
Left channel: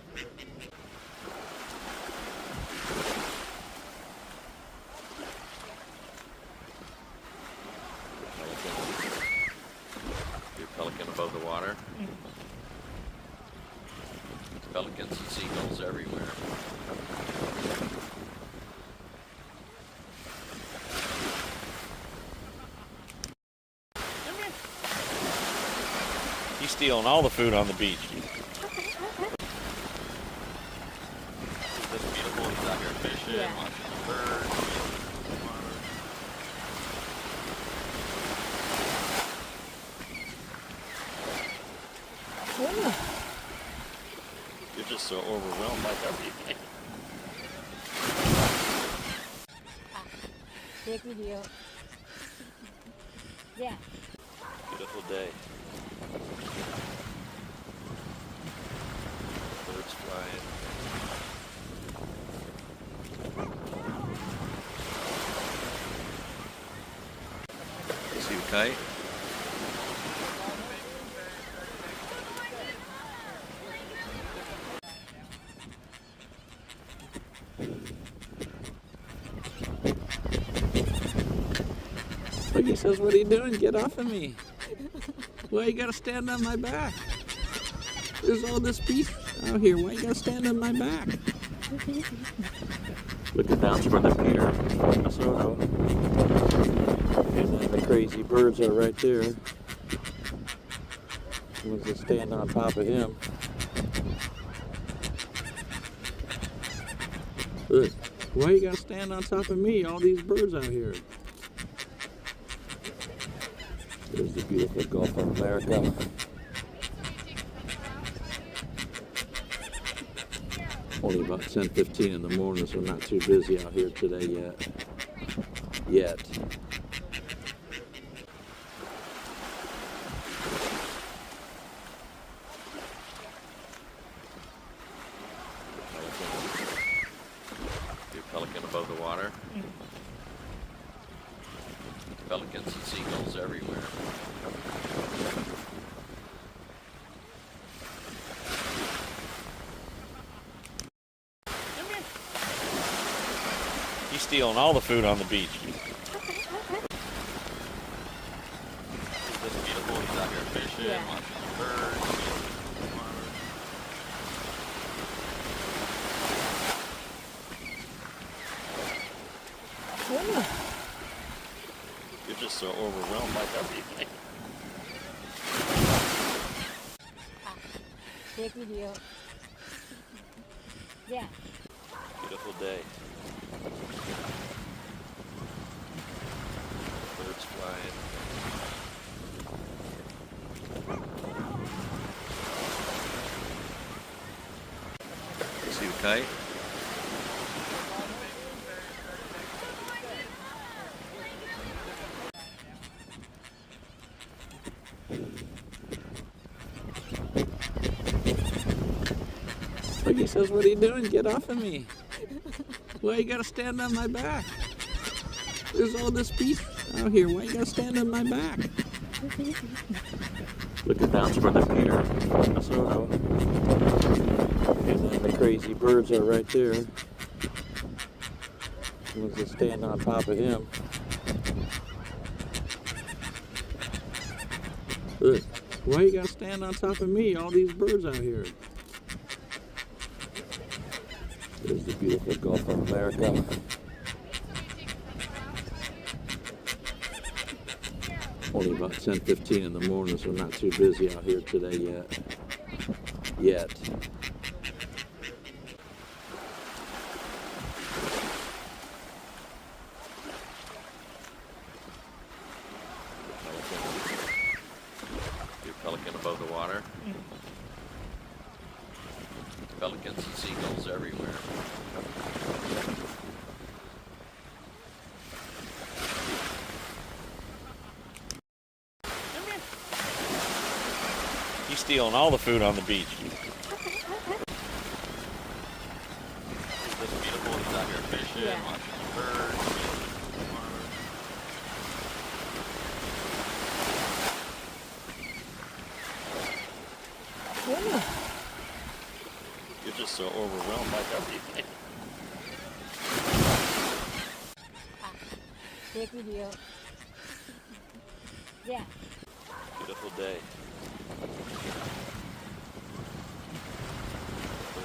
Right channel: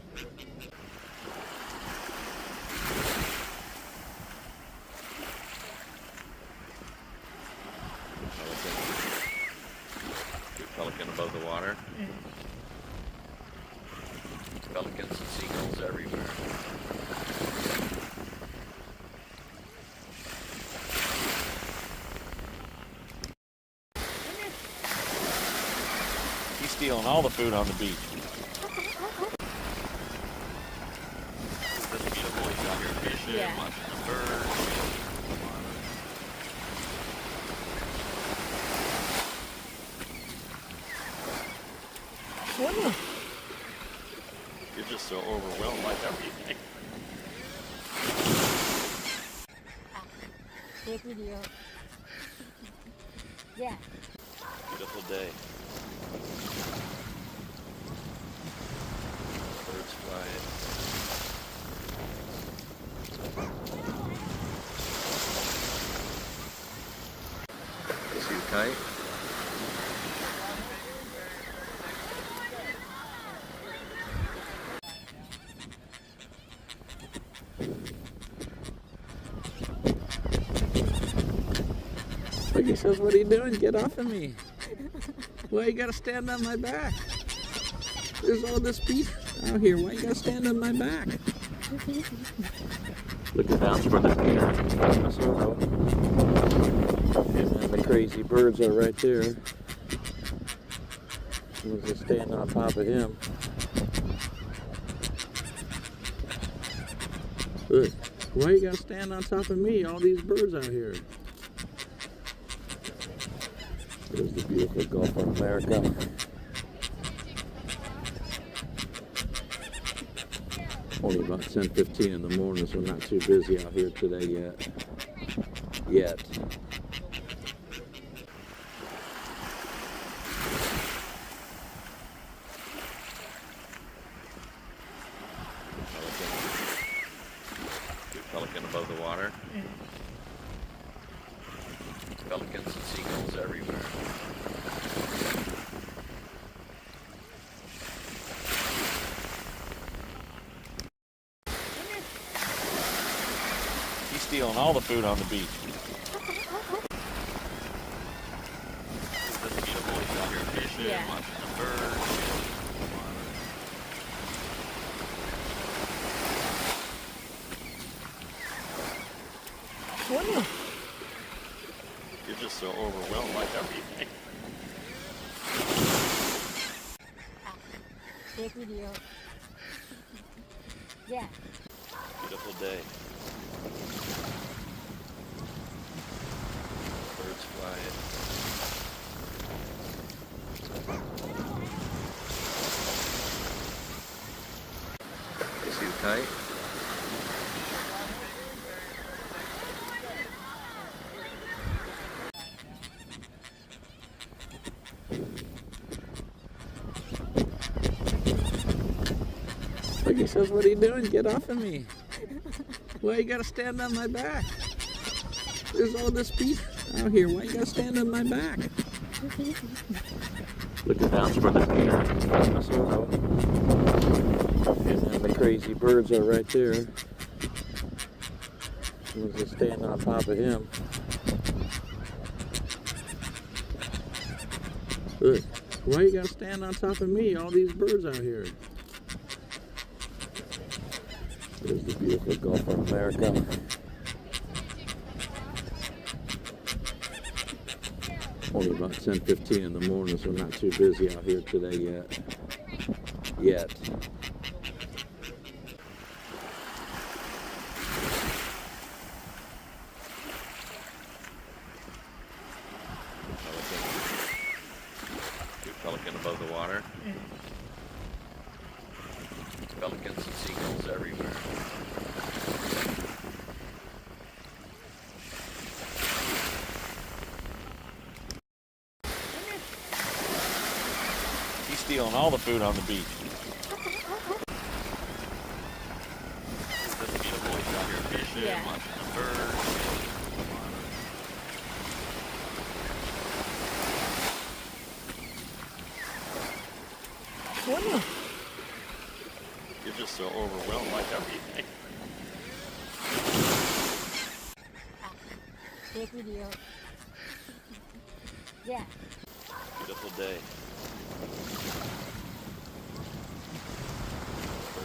Pelicans and seagulls everywhere. He's stealing all the food on the beach. It's just beautiful. He's out here fishing, Yeah. watching birds. You're just so overwhelmed by everything. Take video. Yeah. Beautiful day. Birds flying. See you tight. Look, he says, what are you doing? Get off of me. Why you gotta stand on my back? There's all this beef out here. Why you gotta stand on my back? Looking down from the pier, Minnesota. And then the crazy birds are right there. Was just staying on top of him. Look, why you gotta stand on top of me? All these birds out here. There's the beautiful Gulf of America. Only about 10:15 in the morning, so not too busy out here today yet. Big pelican above the water. Pelicans and seagulls everywhere. He's stealing all the food on the beach. It's just beautiful. He's out here fishing, Yeah. watching birds. You're just so overwhelmed by everything. Take video. Yeah. Beautiful day. Birds flying. See you tight. Look, he says, what are you doing? Get off of me. Why you gotta stand on my back? There's all this beef out here. Why you gotta stand on my back? Looking down from the pier, Minnesota. And then the crazy birds are right there. Was just staying on top of him. Look, why you gotta stand on top of me? All these birds out here. There's the beautiful Gulf of America. Only about 10:15 in the morning, so not too busy out here today yet. Big pelican above the water. Pelicans and seagulls everywhere. He's stealing all the food on the beach. It's just beautiful. He's out here fishing, Yeah. watching birds. You're just so overwhelmed by everything. Take video. Yeah. Beautiful day.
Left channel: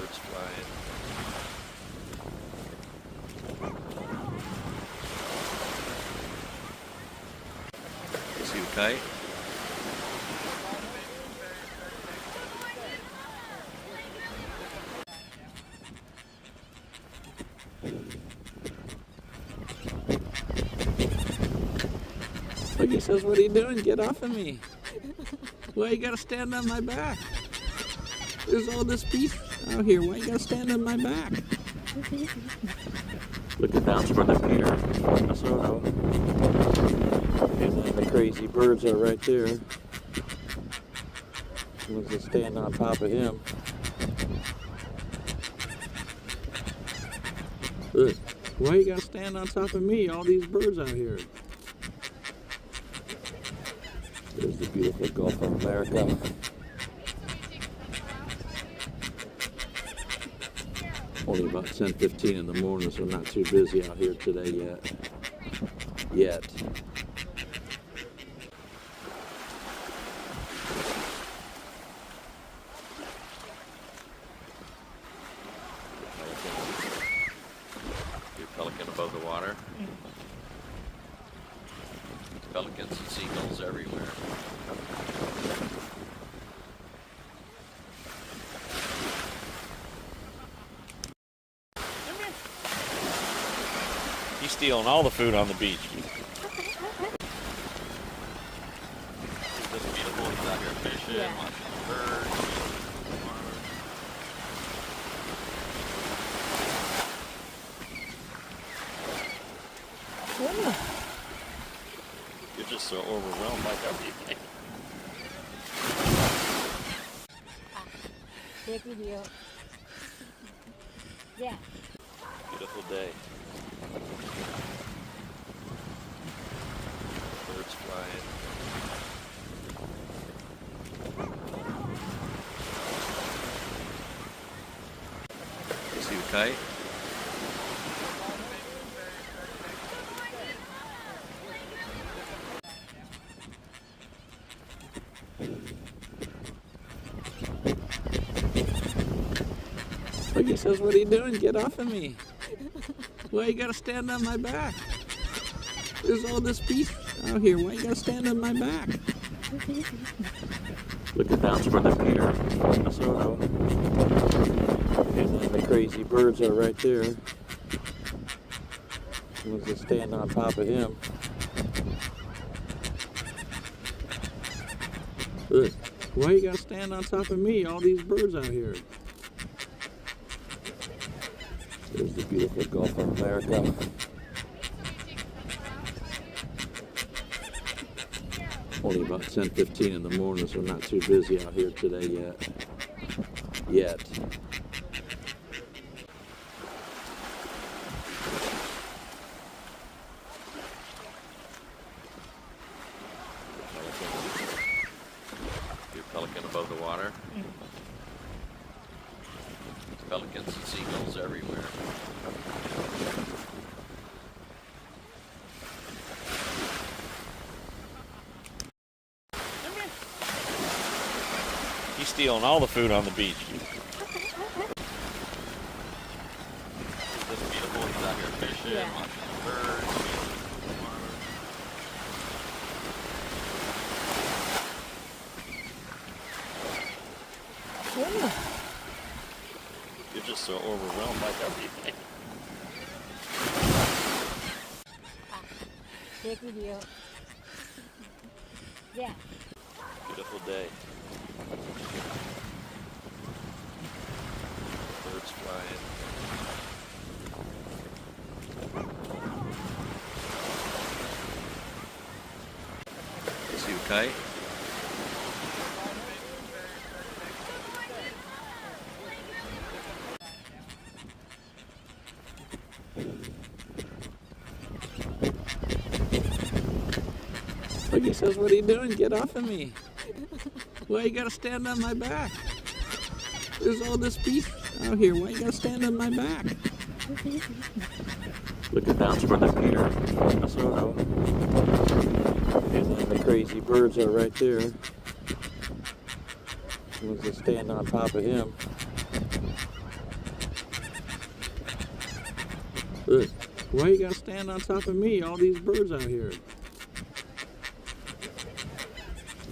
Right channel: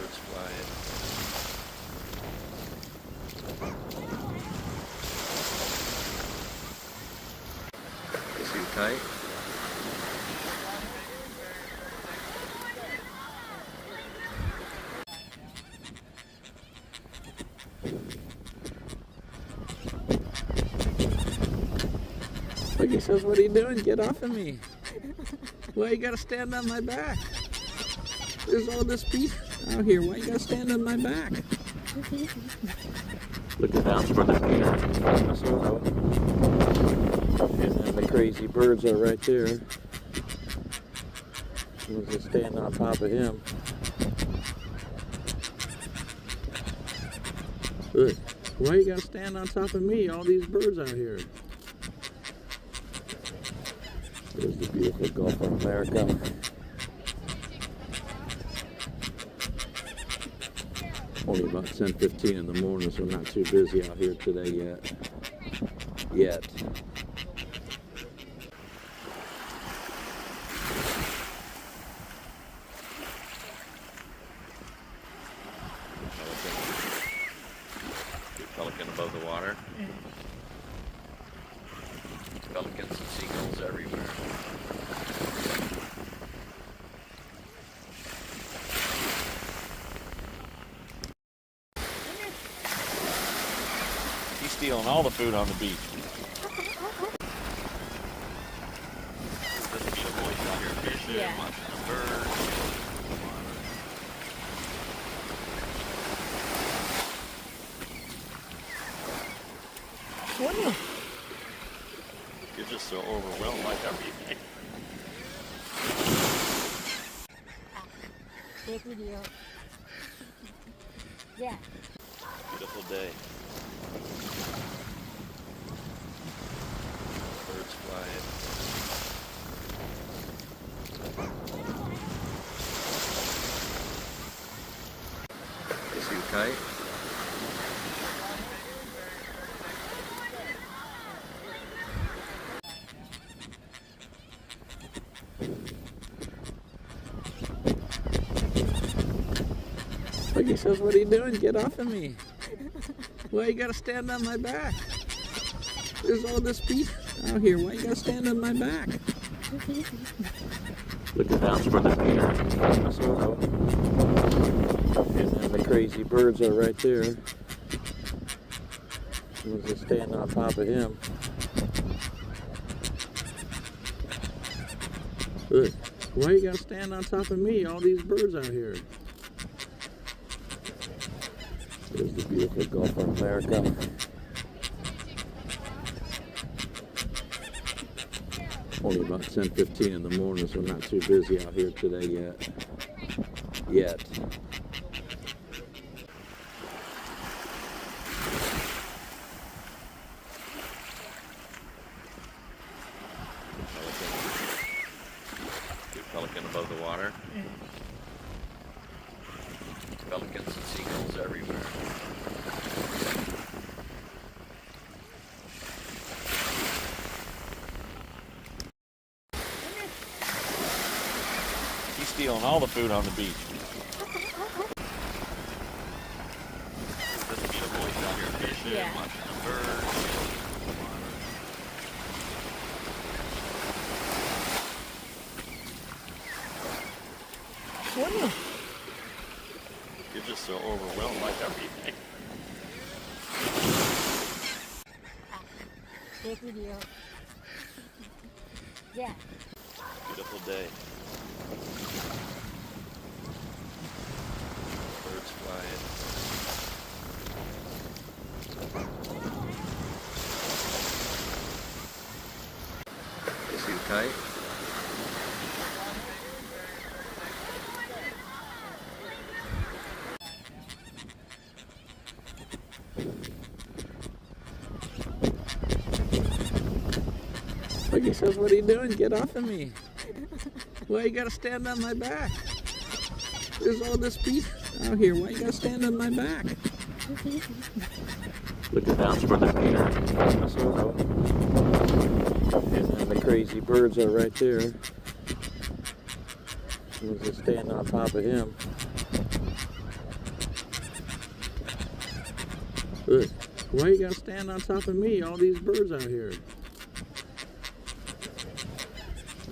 fight? Look, he says, what are you doing? Get off of me. Why you gotta stand on my back? There's all this beef out here. Why you gotta stand on my back? Looking down for the deer. And then the crazy birds are right there. We'll just stand on top of him. Look, why you gotta stand on top of me? All these birds out here. There's the beautiful Gulf of America. Only about 10:15 in the morning, so not too busy out here today yet. Pelican above the water. Pelicans and seagulls everywhere. He's stealing all the food on the beach. It's just beautiful. He's out here fishing, Yeah. watching birds. You're just so overwhelmed by everything. Take video. Yeah. Beautiful day. Birds flying. See you fight? Look, he says, what are you doing? Get off of me. Why you gotta stand on my back? There's all this beef out here. Why you gotta stand on my back? Looking down for the deer. And then the crazy birds are right there. We'll just stand on top of him. Look, why you gotta stand on top of me? All these birds out here. There's the beautiful Gulf of America. Only about 10:15 in the morning, so not too busy out here today yet. Pelican above the water. Pelicans and seagulls everywhere. He's stealing all the food on the beach. It's just beautiful. He's out here fishing, Yeah. watching birds. You're just so overwhelmed by everything. Take video. Yeah. Beautiful day. Birds flying. See you fight? Look, he says, what are you doing? Get off of me. Why you gotta stand on my back? There's all this beef out here. Why you gotta stand on my back? Looking down for the deer. And then the crazy birds are right there. We'll just stand on top of him. Look, why you gotta stand on top of me? All these birds out here.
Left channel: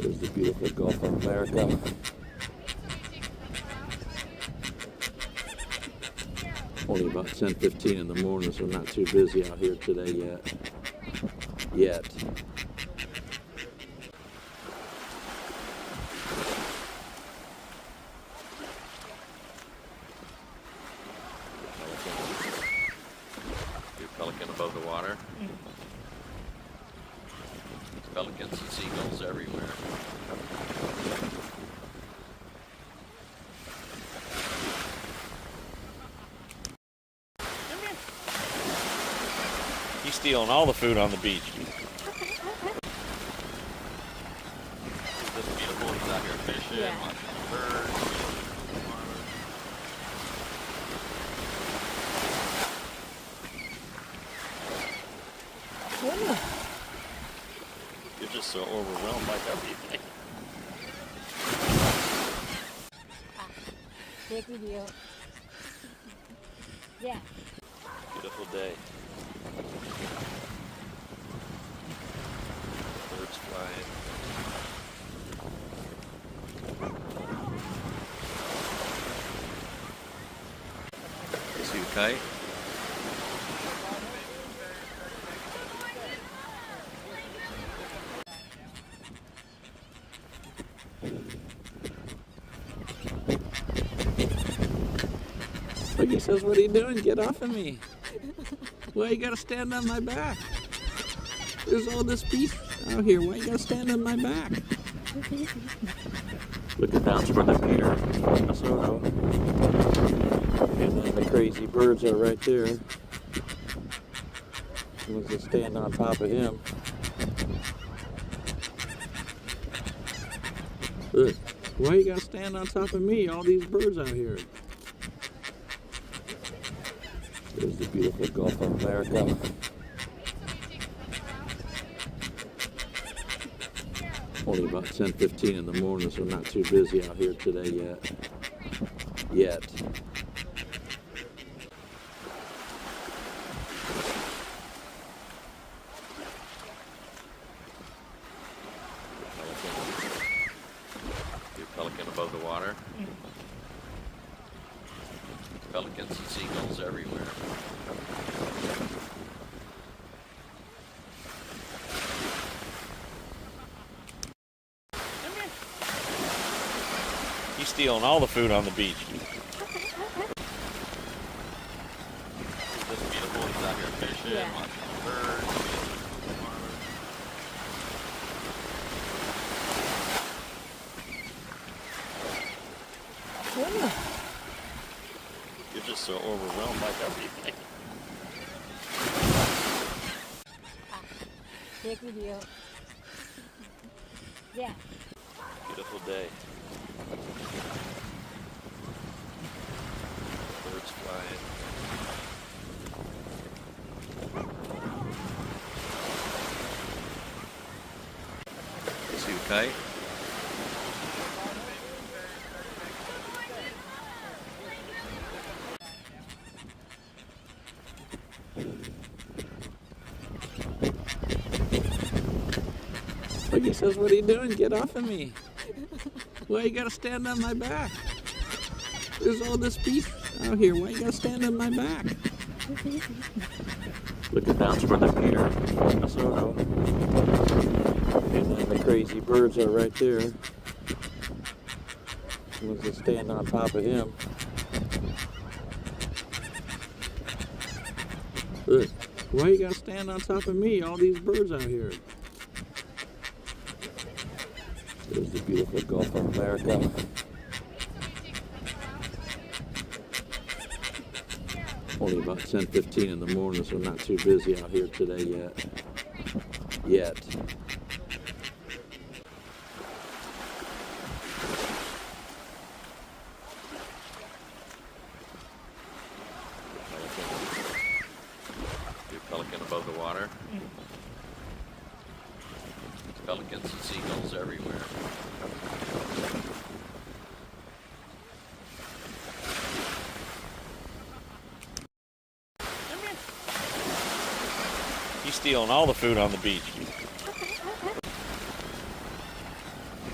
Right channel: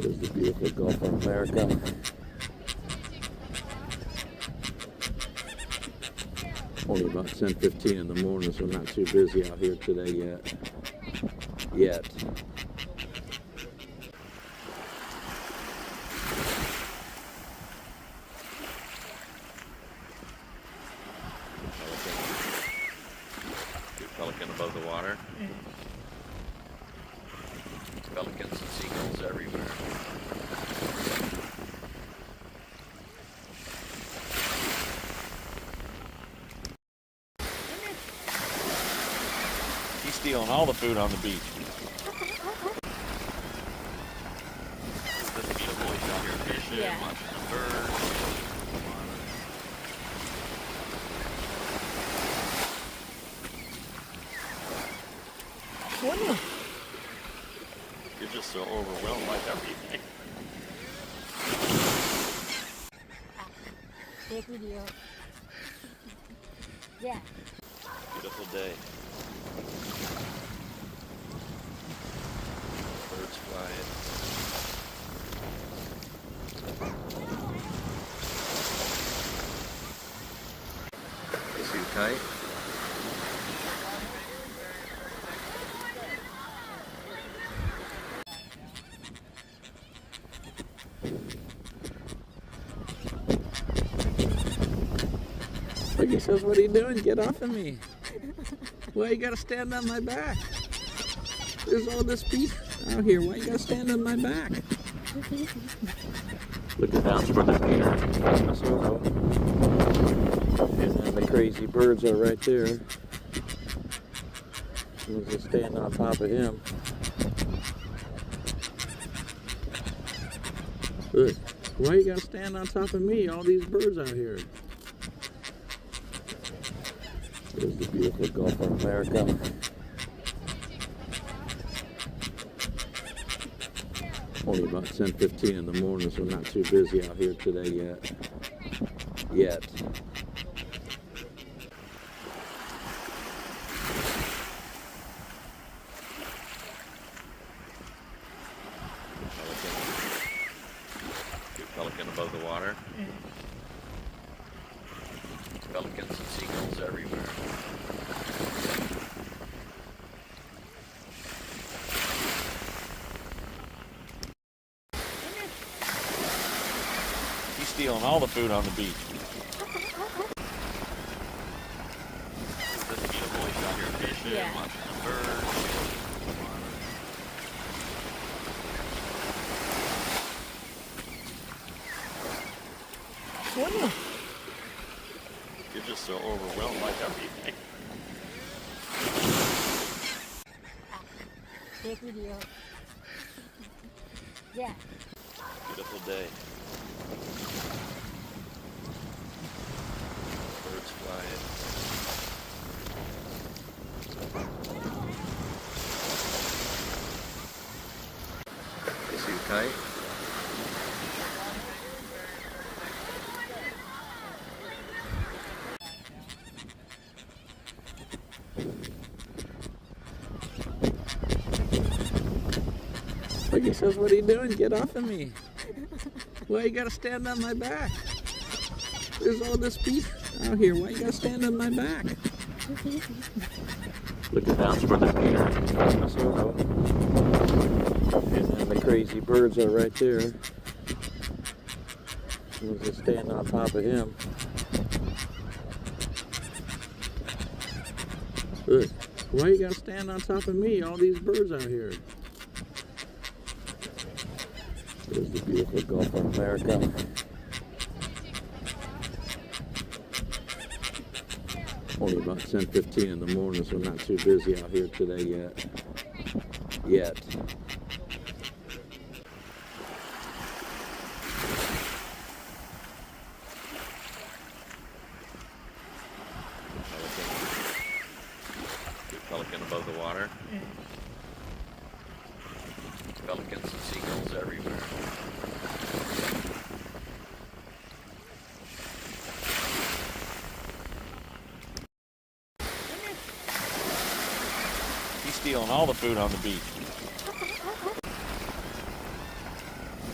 There's the beautiful Gulf of America. Only about 10:15 in the morning, so not too busy out here today yet. Pelican above the water. Pelicans and seagulls everywhere. He's stealing all the food on the beach. It's just beautiful. He's out here fishing, Yeah. watching birds. You're just so overwhelmed by everything. Take video. Yeah. Beautiful day. Birds flying. Is he tight? Look, he says, what are you doing? Get off of me. Why you gotta stand on my back? There's all this beef out here. Why you gotta stand on my back? Look at that's where the Peter, Minnesota. And then the crazy birds are right there. Someone's just standing on top of him. Look, why you gotta stand on top of me? All these birds out here. There's the beautiful Gulf of America. Only about 10:15 in the morning, so not too busy out here today yet. Pelican above the water. Pelicans and seagulls everywhere. He's stealing all the food on the beach. It's just beautiful. He's out here fishing, Yeah. watching birds. You're just so overwhelmed by everything. Take video. Yeah. Beautiful day. Birds flying. Is he tight? Look, he says, what are you doing? Get off of me. Why you gotta stand on my back? There's all this beef out here. Why you gotta stand on my back? Look at that's where the Peter, Minnesota. And then the crazy birds are right there. Someone's just standing on top of him. Look, why you gotta stand on top of me? All these birds out here. There's the beautiful Gulf of America. Only about 10:15 in the morning, so not too busy out here today yet. Pelican above the water. Pelicans and seagulls everywhere. He's stealing all the food on the beach.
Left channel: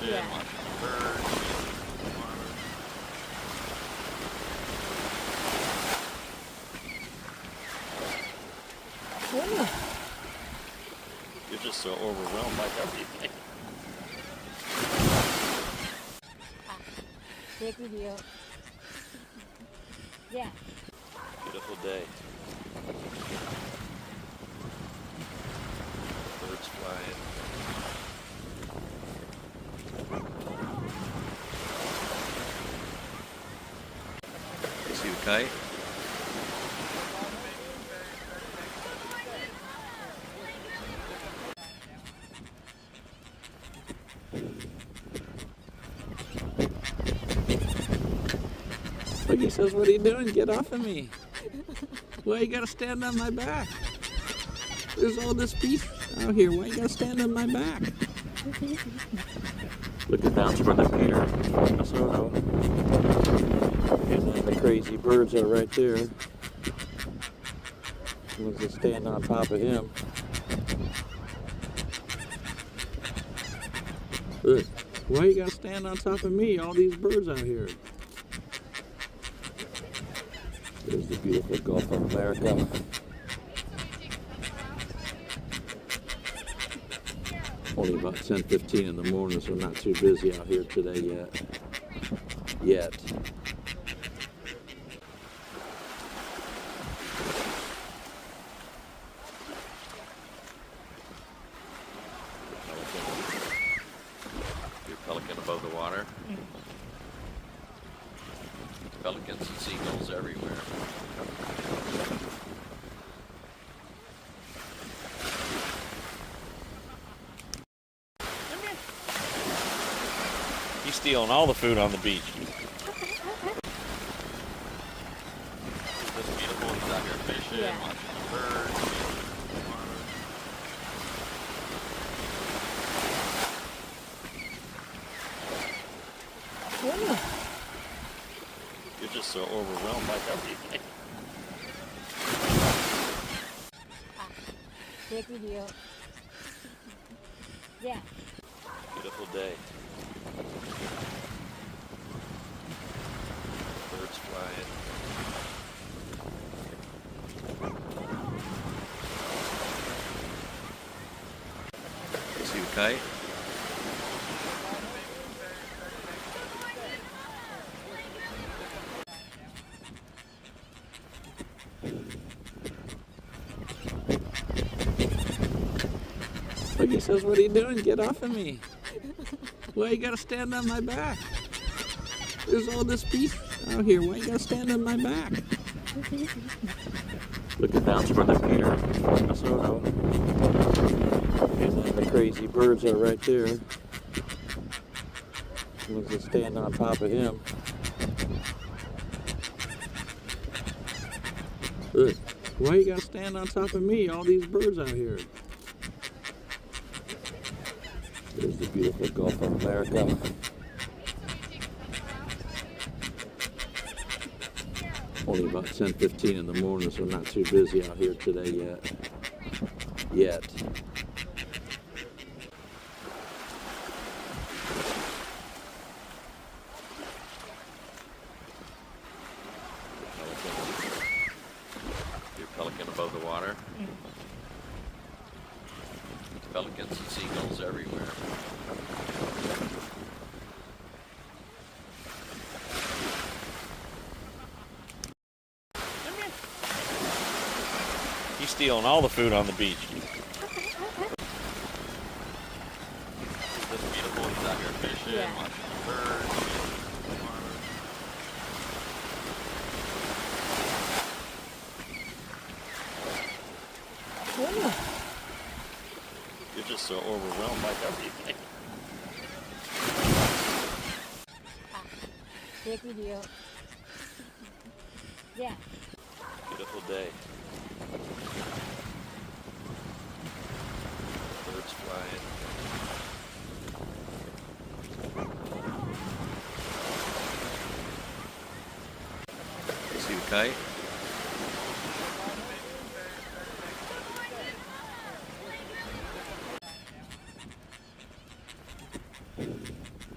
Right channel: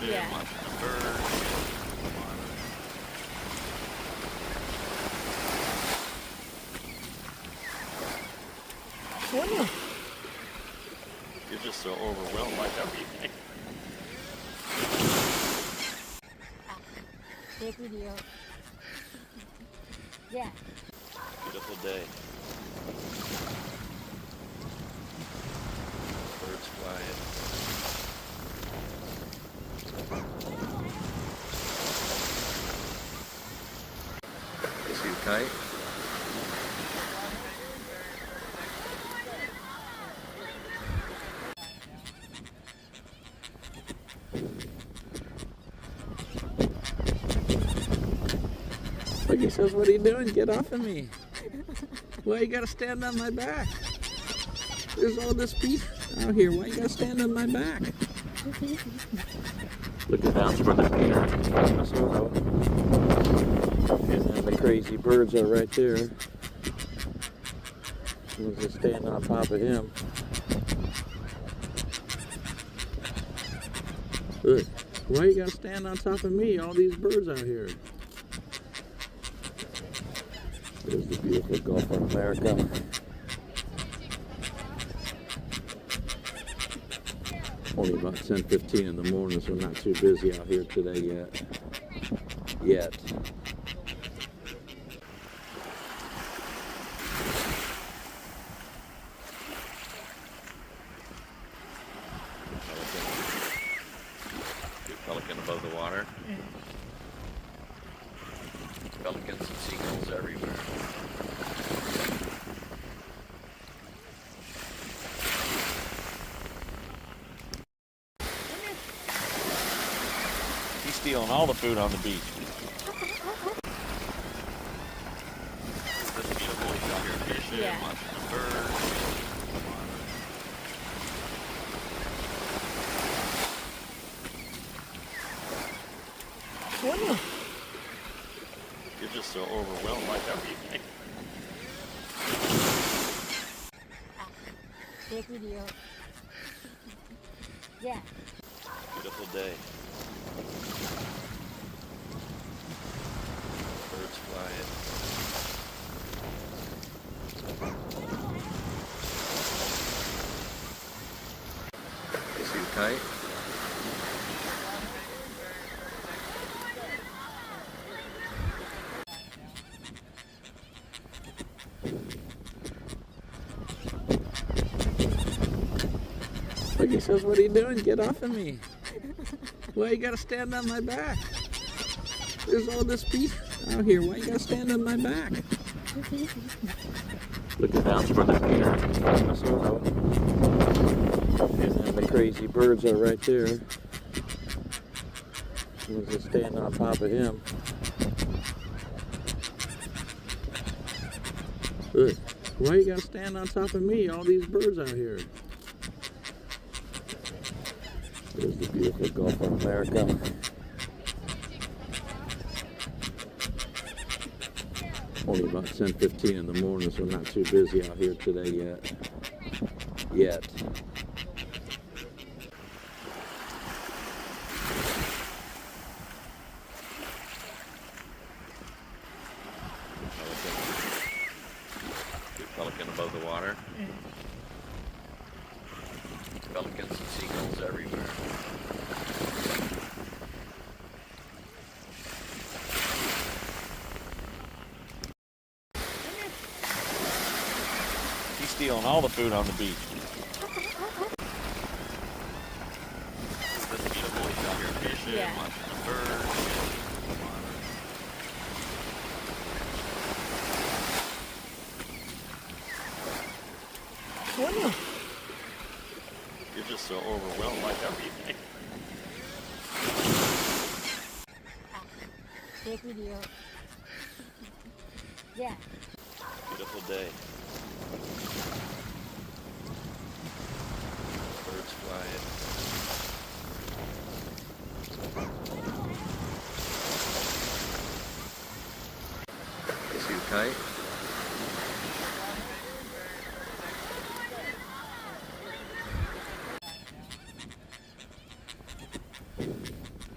fish, Yeah. lots of birds. Whoa. You're just so overwhelmed by everything. Take video. Yeah. Beautiful day. Birds flying. See you fight? Look, he says, what are you doing? Get off of me. Why you gotta stand on my back? There's all this beef out here. Why you gotta stand on my back? Look at that's where the Peter, Minnesota. And then the crazy birds are right there. We'll just stand on top of him. Look, why you gotta stand on top of me? All these birds out here. There's the beautiful Gulf of America. Only about 10:15 in the morning, so not too busy out here today yet. Your pelican above the water. Pelicans and seagulls everywhere. He's stealing all the food on the beach. This beautiful, he's out here fishing, Yeah. lots of birds. Whoa. You're just so overwhelmed by everything. Take video. Yeah. Beautiful day. Birds flying. See you fight? Look, he says, what are you doing? Get off of me. Why you gotta stand on my back? There's all this beef out here. Why you gotta stand on my back? Look at that's where the Peter, Minnesota. And then the crazy birds are right there. We'll just stand on top of him. Look, why you gotta stand on top of me? All these birds out here. There's the beautiful Gulf of America. Only about 10:15 in the morning, so not too busy out here today yet. Your pelican above the water. Pelicans and seagulls everywhere. He's stealing all the food on the beach. This beautiful, he's out here fishing, Yeah. lots of birds. Whoa. You're just so overwhelmed by everything. Take video. Yeah. Beautiful day. Birds flying. See you fight?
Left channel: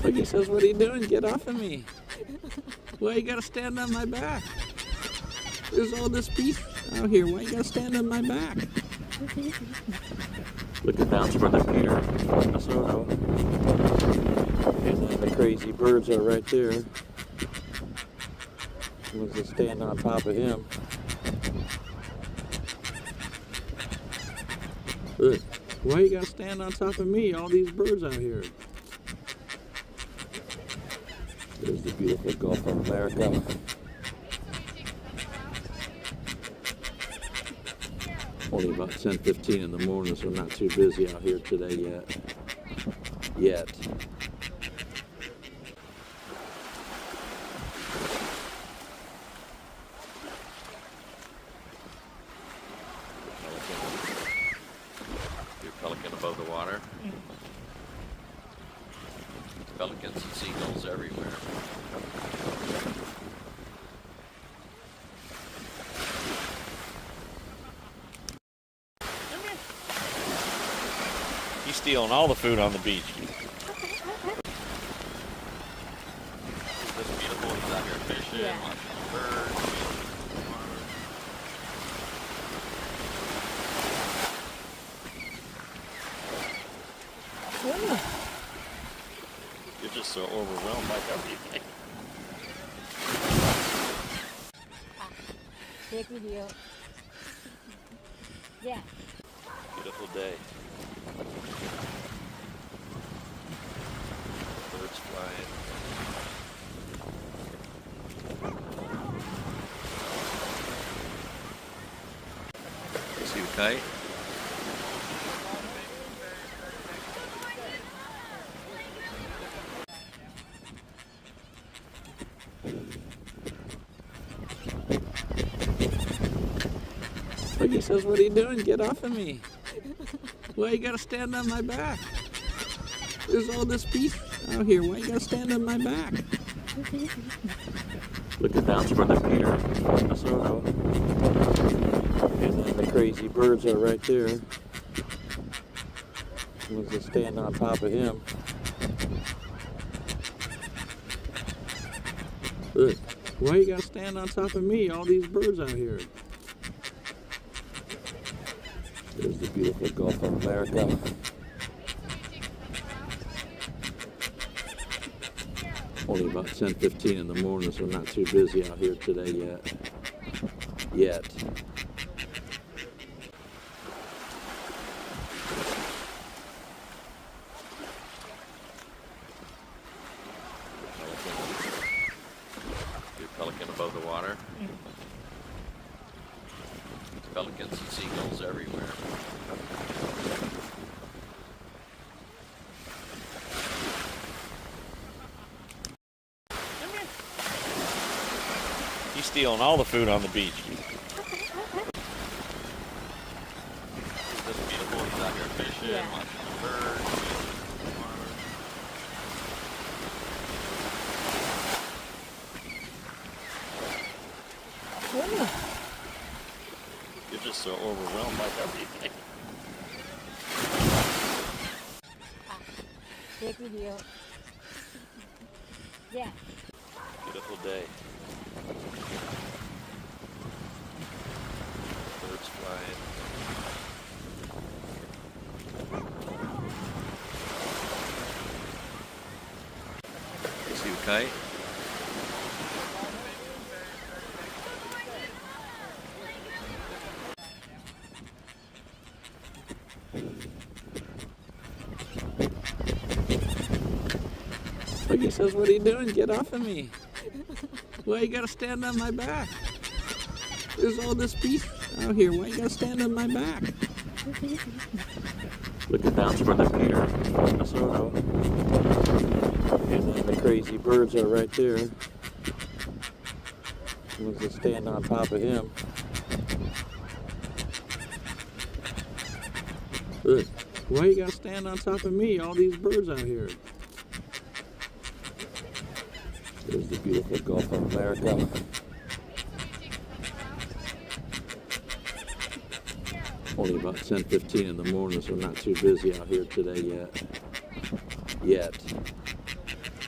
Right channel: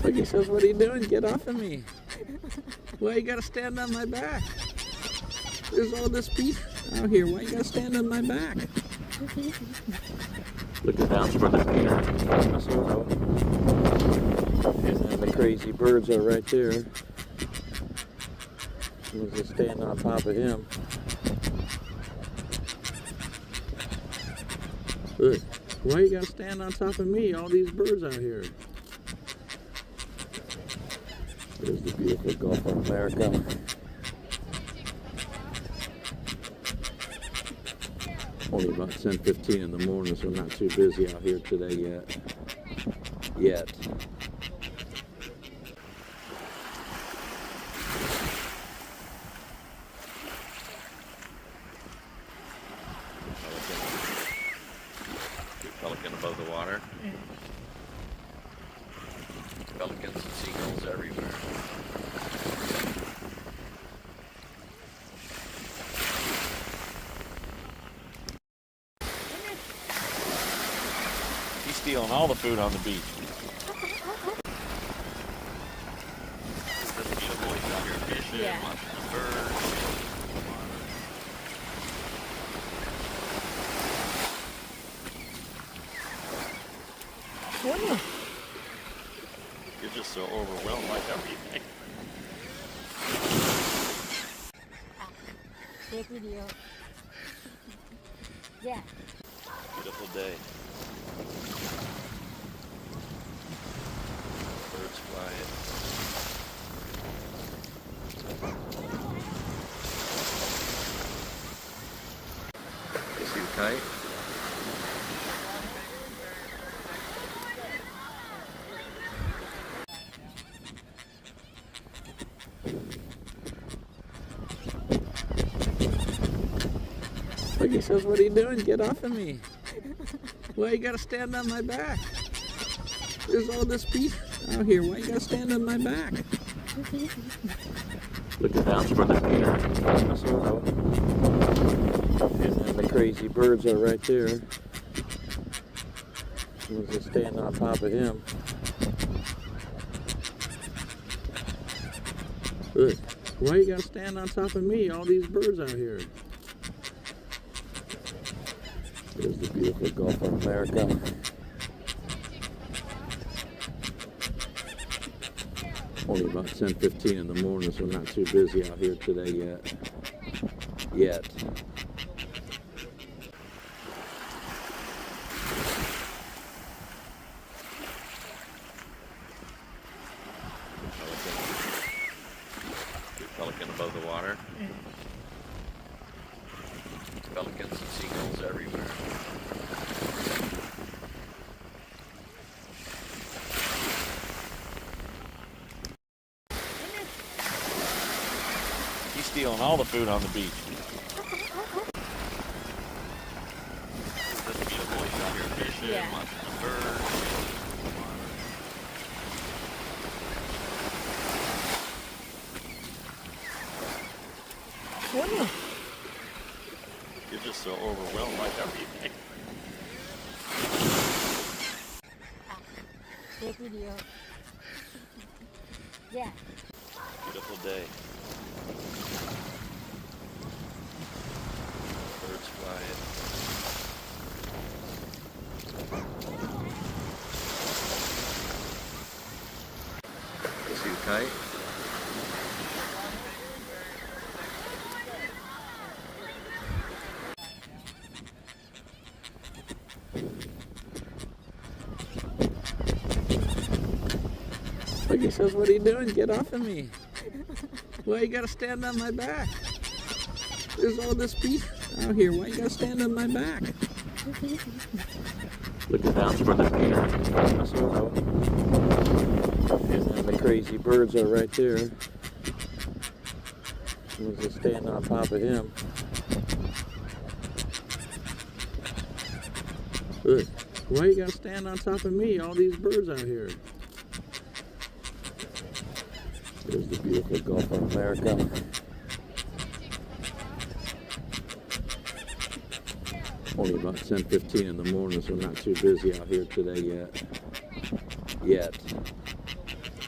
Look, he says, what are you doing? Get off of me. Why you gotta stand on my back? There's all this beef out here. Why you gotta stand on my back? Looking down toward the pier. And then the crazy birds are right there. Someone's just standing on top of him. Look, why you gotta stand on top of me? All these birds out here. There's the beautiful Gulf of America. Only about 10:15 in the morning, so not too busy out here today yet. Pelican above the water. Pelicans and seagulls everywhere. He's stealing all the food on the beach. It's just beautiful. He's out here fishing, Yeah. watching birds. You're just so overwhelmed by everything. Take video. Yeah. Beautiful day. Birds flying. See you fight. Look, he says, what are you doing? Get off of me. Why you gotta stand on my back? There's all this beef out here. Why you gotta stand on my back? Looking down toward the pier. And then the crazy birds are right there. Someone's just standing on top of him. Look, why you gotta stand on top of me? All these birds out here. There's the beautiful Gulf of America. Only about 10:15 in the morning, so not too busy out here today yet. Pelican above the water. Pelicans and seagulls everywhere. He's stealing all the food on the beach. It's just beautiful. He's out here fishing, Yeah. watching birds. You're just so overwhelmed by everything. Take video. Yeah. Beautiful day. Birds flying. See you fight. Look, he says, what are you doing? Get off of me. Why you gotta stand on my back? There's all this beef out here. Why you gotta stand on my back? Looking down toward the pier. And then the crazy birds are right there. Someone's just standing on top of him. Look, why you gotta stand on top of me? All these birds out here. There's the beautiful Gulf of America. Only about 10:15 in the morning, so not too busy out here today yet.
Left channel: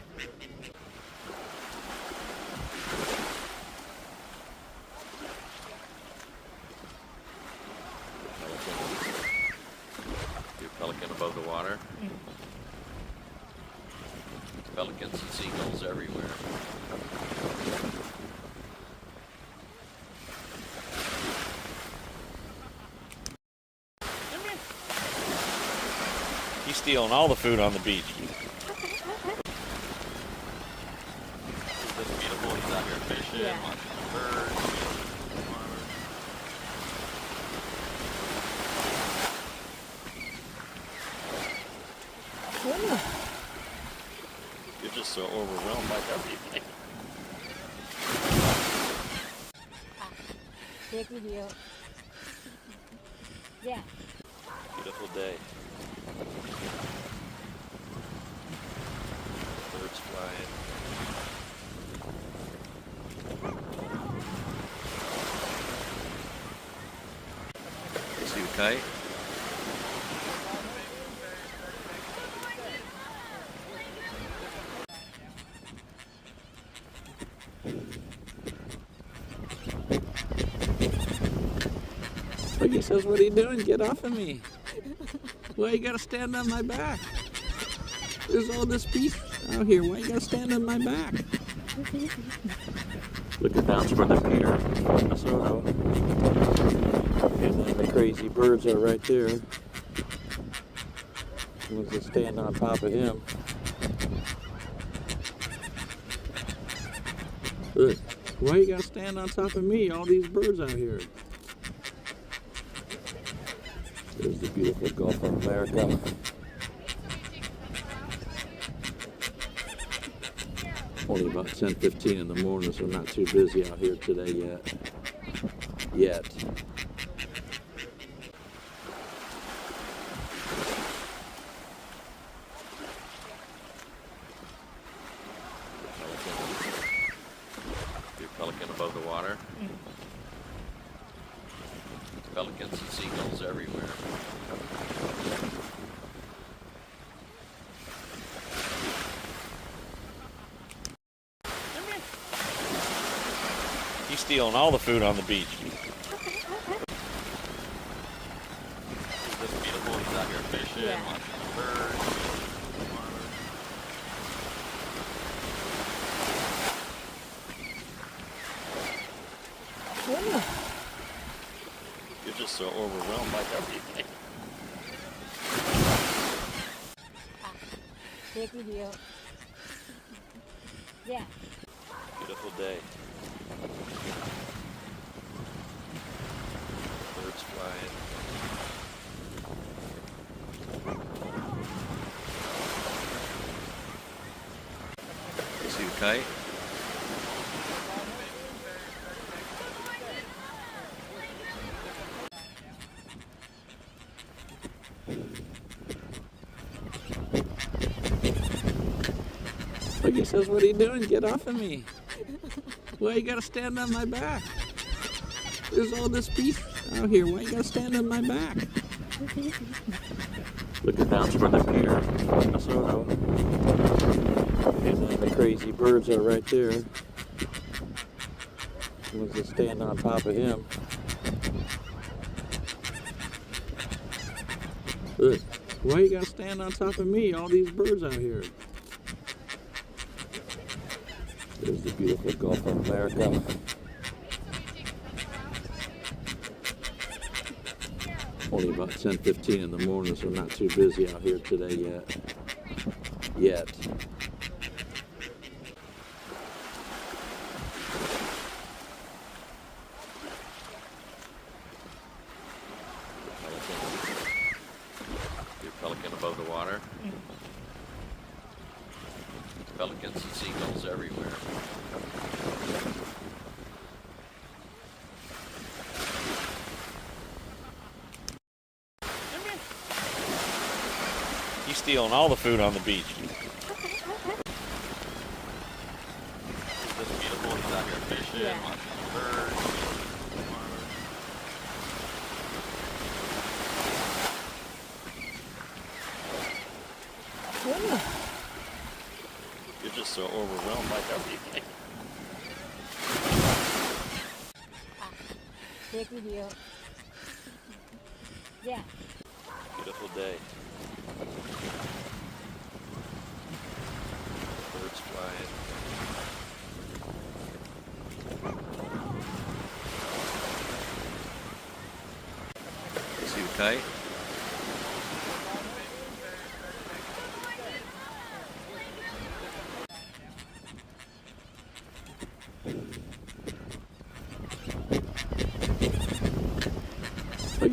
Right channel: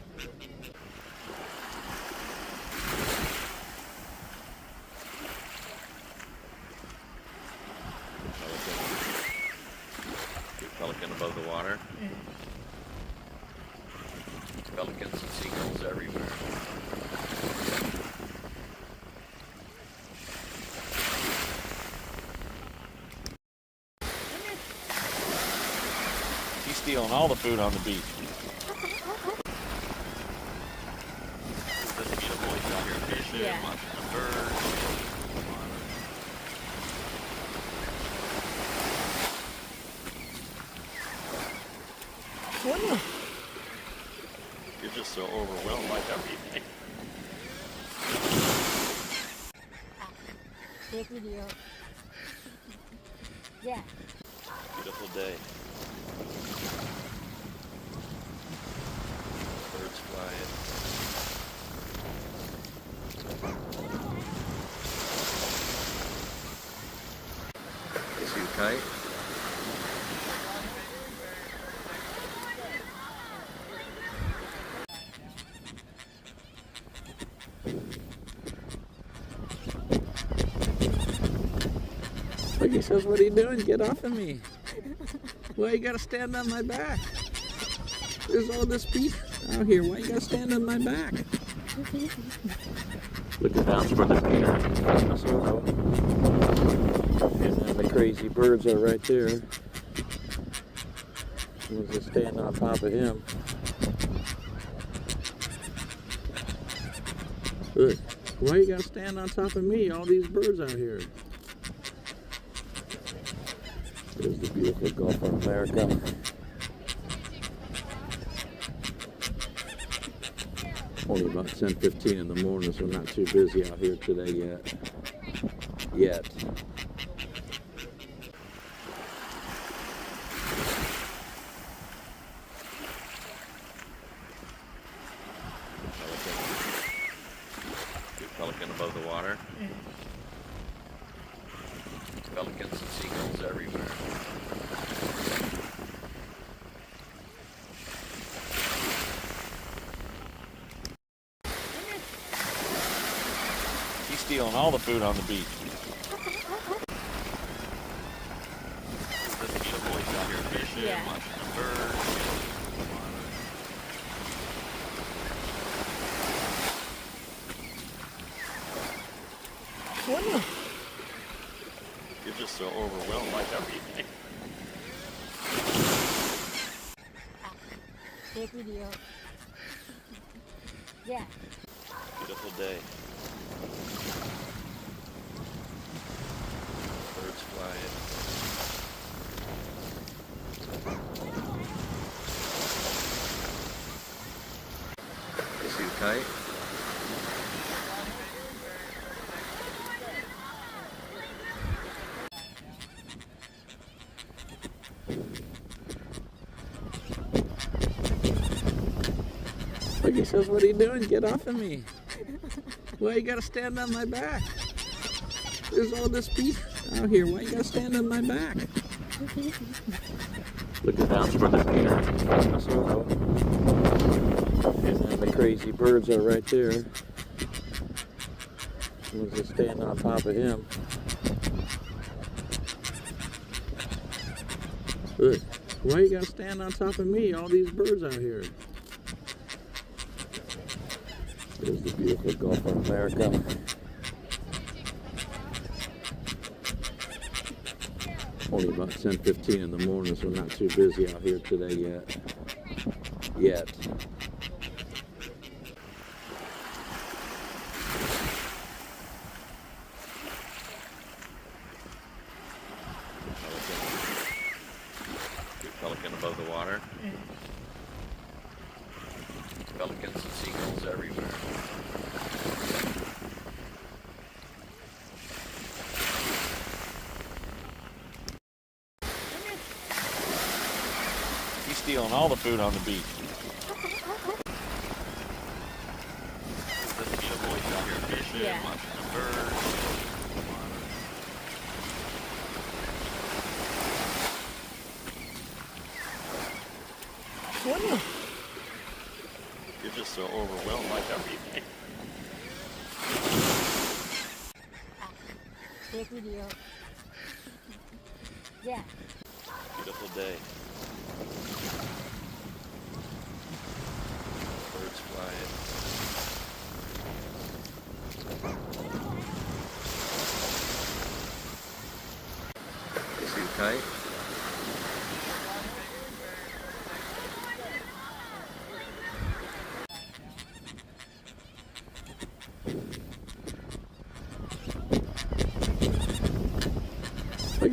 above the water. Pelicans and seagulls everywhere. He's stealing all the food on the beach. It's just beautiful. He's out here fishing, Yeah. watching the birds. You're just so overwhelmed by everything. Take video. Yeah. Beautiful day. Birds flying. See you fight? Look, he says, what are you doing? Get off of me. Why you gotta stand on my back? There's all this beef out here. Why you gotta stand on my back? Looking down toward the pier in Minnesota. And then the crazy birds are right there. Someone's just standing on top of him. Look, why you gotta stand on top of me? All these birds out here. There's the beautiful Gulf of America. Only about 10:15 in the morning, so not too busy out here today yet. Big pelican above the water. Pelicans and seagulls everywhere. He's stealing all the food on the beach. It's just beautiful. He's out here fishing, Yeah. watching the birds. You're just so overwhelmed by everything. Take video. Yeah. Beautiful day. Birds flying. See you fight? Look, he says, what are you doing? Get off of me. Why you gotta stand on my back? There's all this beef out here. Why you gotta stand on my back? Looking down toward the pier in Minnesota. And then the crazy birds are right there. Someone's just standing on top of him. Look, why you gotta stand on top of me? All these birds out here. There's the beautiful Gulf of America. Only about 10:15 in the morning, so not too busy out here today yet. Big pelican above the water. Pelicans and seagulls everywhere. He's stealing all the food on the beach. It's just beautiful. He's out here fishing, Yeah. watching the birds. You're just so overwhelmed by everything. Take video. Yeah. Beautiful day.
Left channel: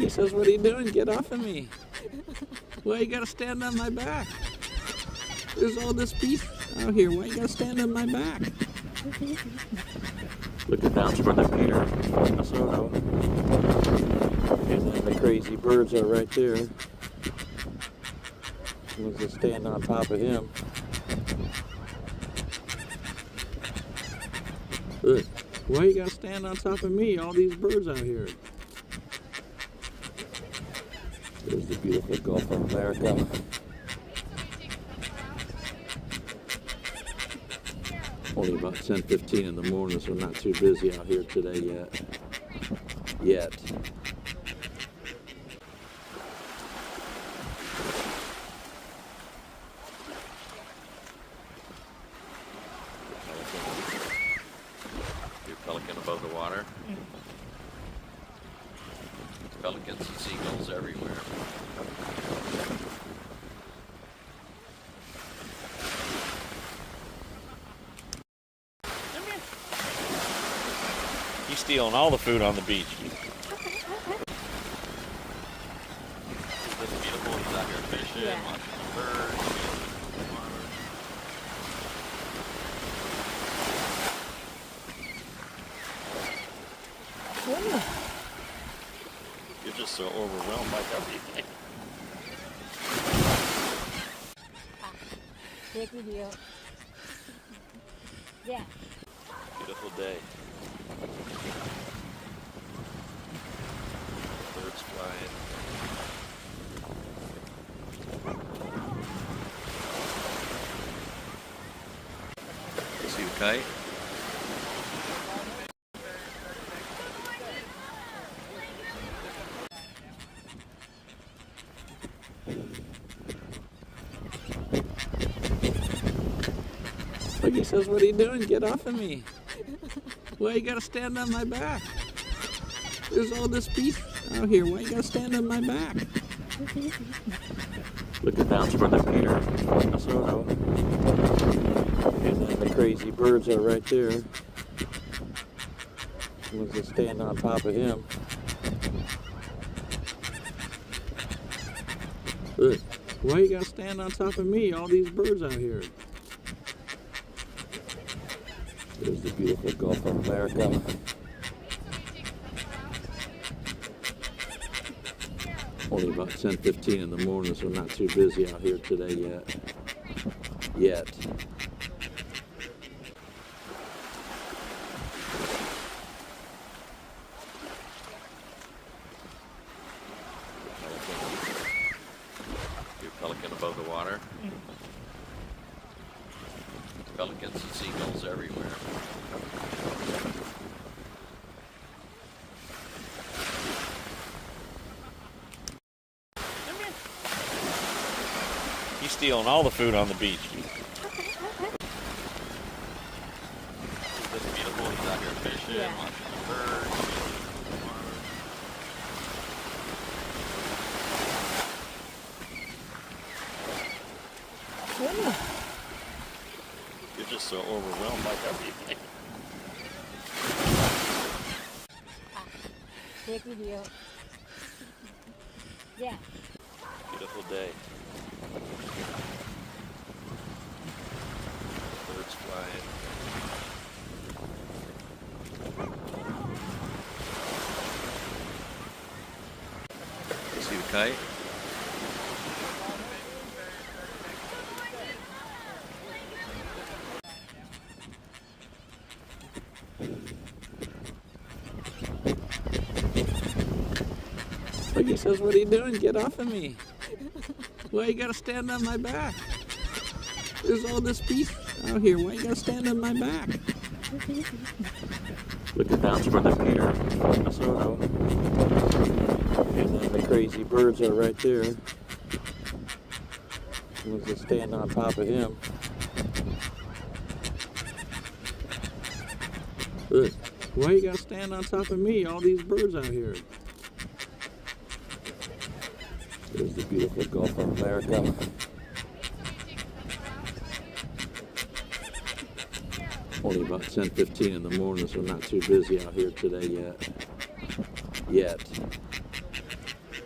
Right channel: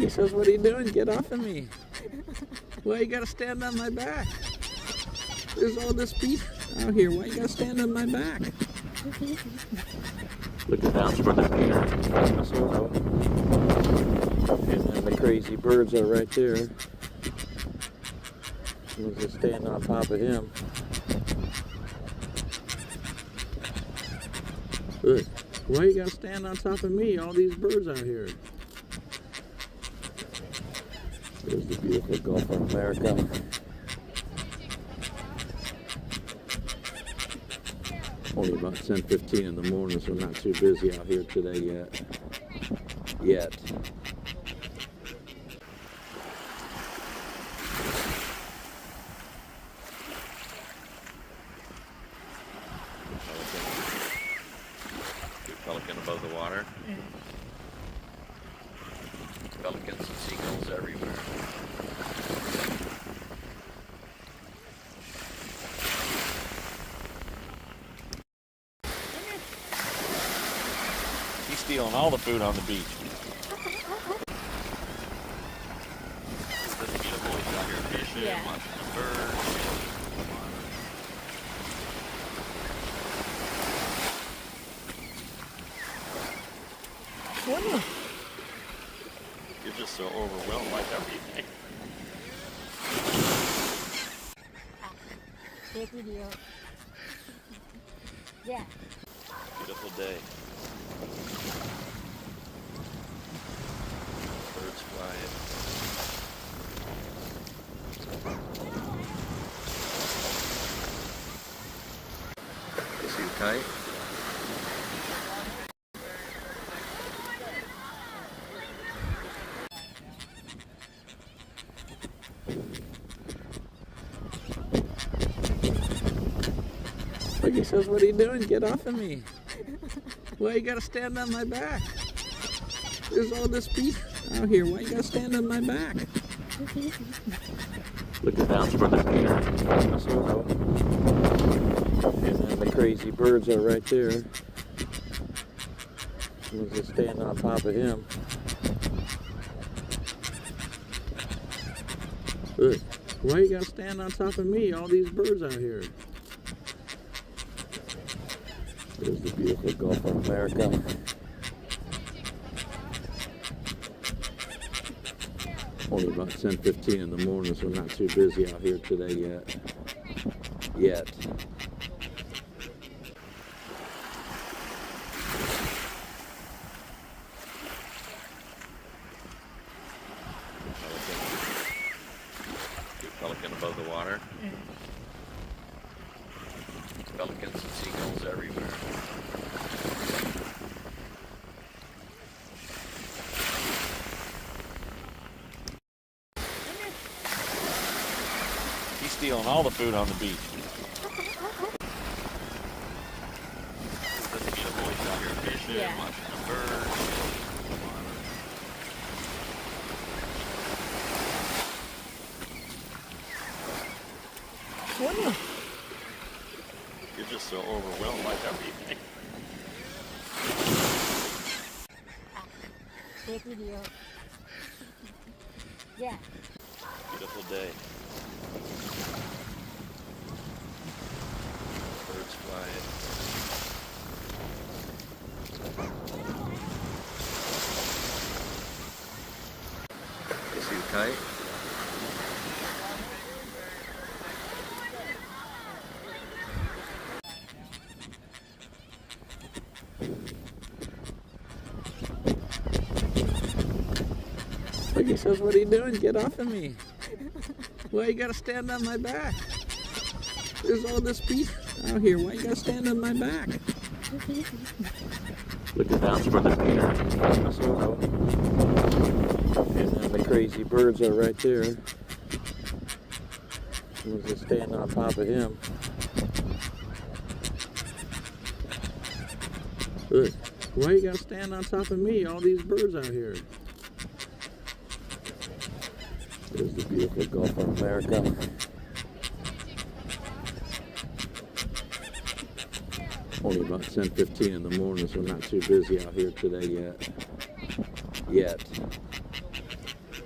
says, what are you doing? Get off of me. Why you gotta stand on my back? There's all this beef out here. Why you gotta stand on my back? Looking down toward the pier, Minnesota. And then the crazy birds are right there. We'll just stand on top of him. Look, why you gotta stand on top of me? All these birds out here. There's the beautiful Gulf of America. Only about 10:15 in the morning, so not too busy out here today yet. Pelican above the water. Pelicans and seagulls everywhere. He's stealing all the food on the beach. This beautiful, he's out here fishing, Yeah. watching birds. You're just so overwhelmed by everything. Take video. Yeah. Beautiful day. Birds flying. See you fight. Like he says, what are you doing? Get off of me. Why you gotta stand on my back? There's all this beef out here. Why you gotta stand on my back? Looking down toward the pier, Minnesota. And then the crazy birds are right there. We'll just stand on top of him. Look, why you gotta stand on top of me? All these birds out here. There's the beautiful Gulf of America. Only about 10:15 in the morning, so not too busy out here today yet. Pelican above the water. Pelicans and seagulls everywhere. He's stealing all the food on the beach. This beautiful, he's out here fishing, Yeah. watching birds. You're just so overwhelmed by everything. Take video. Yeah. Beautiful day. Birds flying. See you fight. Like he says, what are you doing? Get off of me. Why you gotta stand on my back? There's all this beef out here. Why you gotta stand on my back? Looking down toward the pier, Minnesota. And then the crazy birds are right there. We'll just stand on top of him. Look, why you gotta stand on top of me? All these birds out here. There's the beautiful Gulf of America. Only about 10:15 in the morning, so not too busy out here today yet.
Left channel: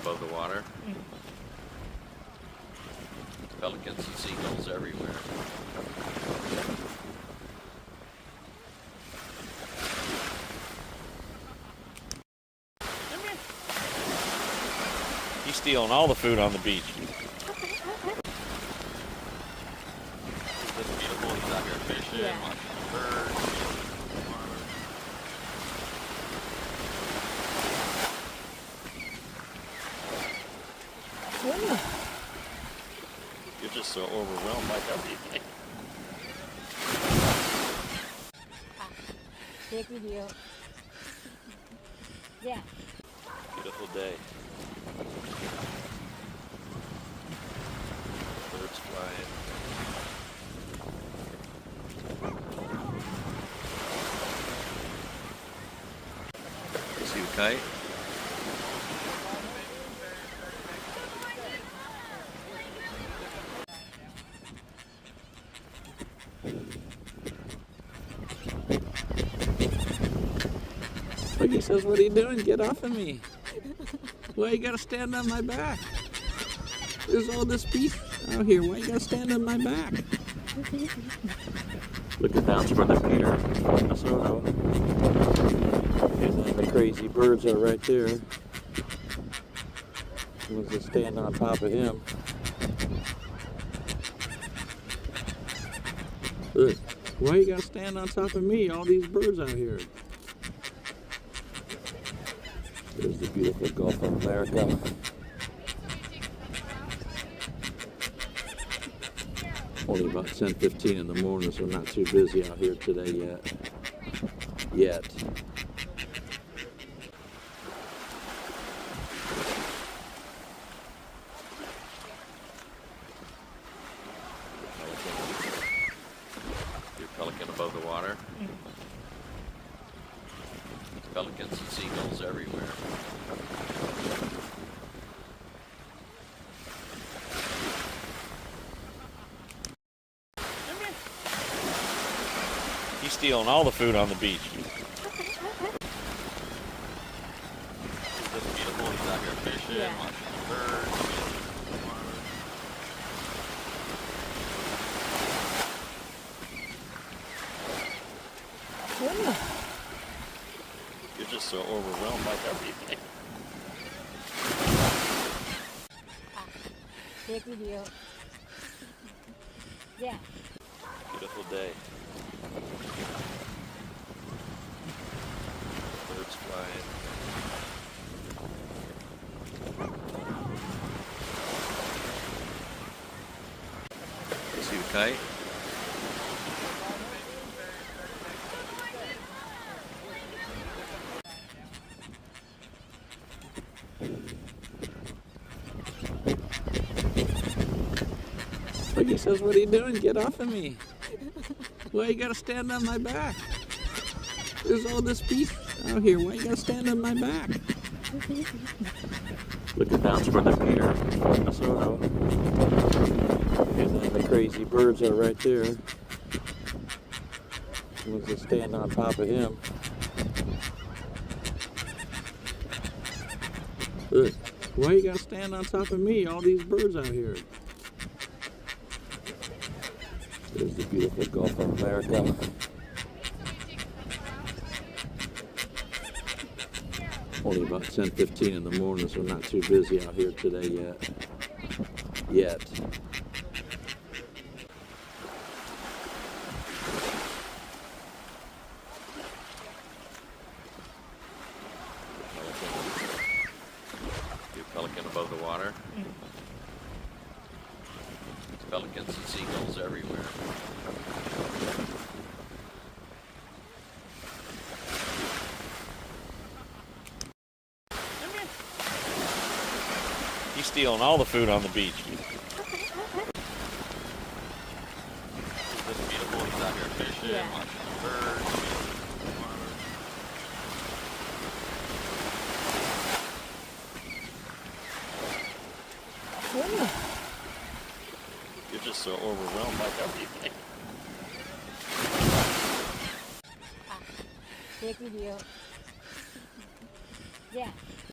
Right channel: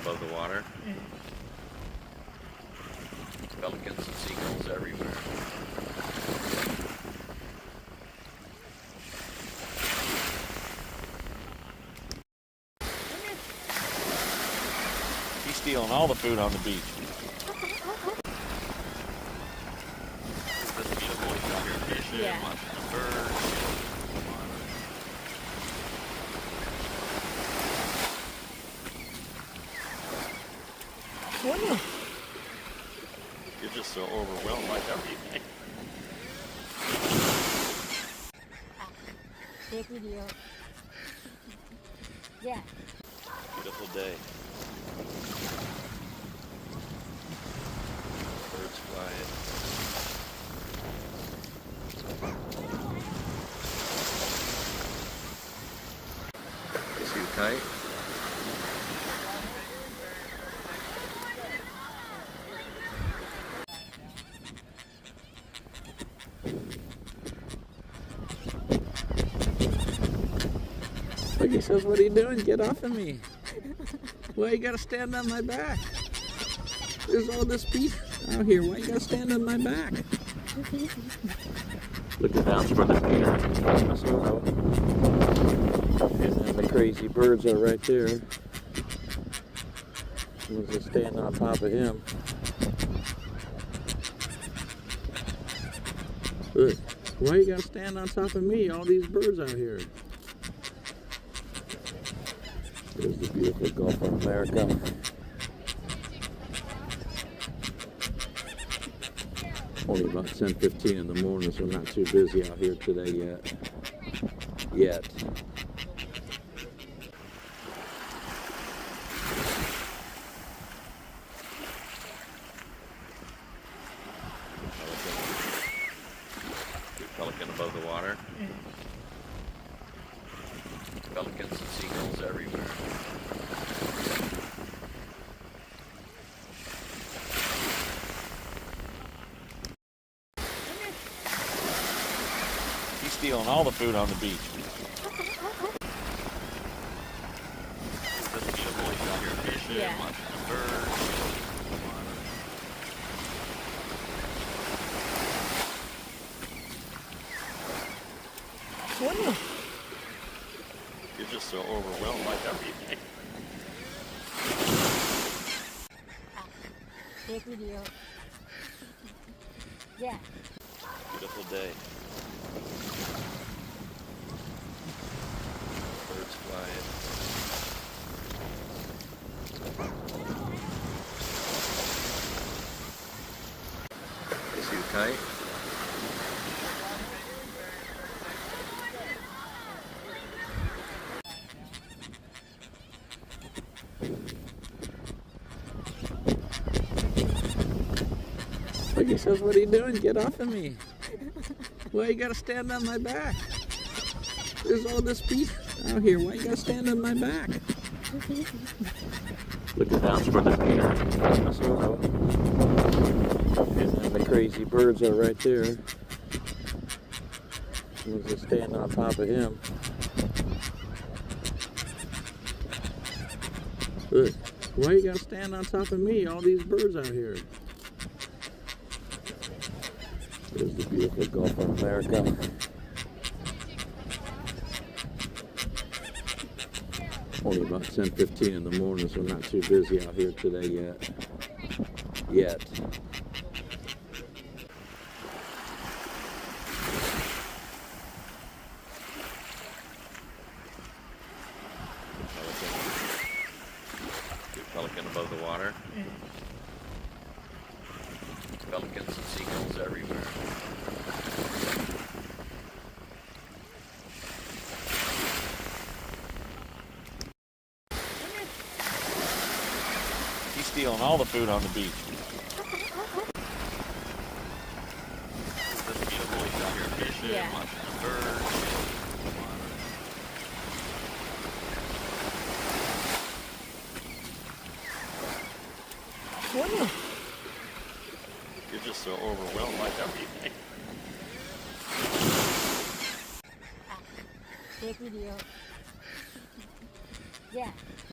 above the water. Pelicans and seagulls everywhere. He's stealing all the food on the beach. This beautiful, he's out here fishing, Yeah. watching birds. You're just so overwhelmed by everything. Take video. Yeah. Beautiful day. Birds flying. See you fight? Look, he says, what are you doing? Get off of me. Why you gotta stand on my back? There's all this beef out here. Why you gotta stand on my back? Look at that's where the Peter, Minnesota. And then the crazy birds are right there. Was just standing on top of him. Look, why you gotta stand on top of me? All these birds out here. There's the beautiful Gulf of America. Only about 10:15 in the morning, so not too busy out here today yet. Pelican above the water. Pelicans and seagulls everywhere. He's stealing all the food on the beach. This beautiful, he's out here fishing, Yeah. watching birds. You're just so overwhelmed by everything. Take video. Yeah. Beautiful day. Birds flying. See you fight? Look, he says, what are you doing? Get off of me. Why you gotta stand on my back? There's all this beef out here. Why you gotta stand on my back? Look at that's where the Peter, Minnesota. And then the crazy birds are right there. Was just standing on top of him. Look, why you gotta stand on top of me? All these birds out here. There's the beautiful Gulf of America. Only about 10:15 in the morning, so not too busy out here today yet. Pelican above the water. Pelicans and seagulls everywhere. He's stealing all the food on the beach. This beautiful, he's out here fishing, Yeah. watching birds. You're just so overwhelmed by everything. Take video. Yeah.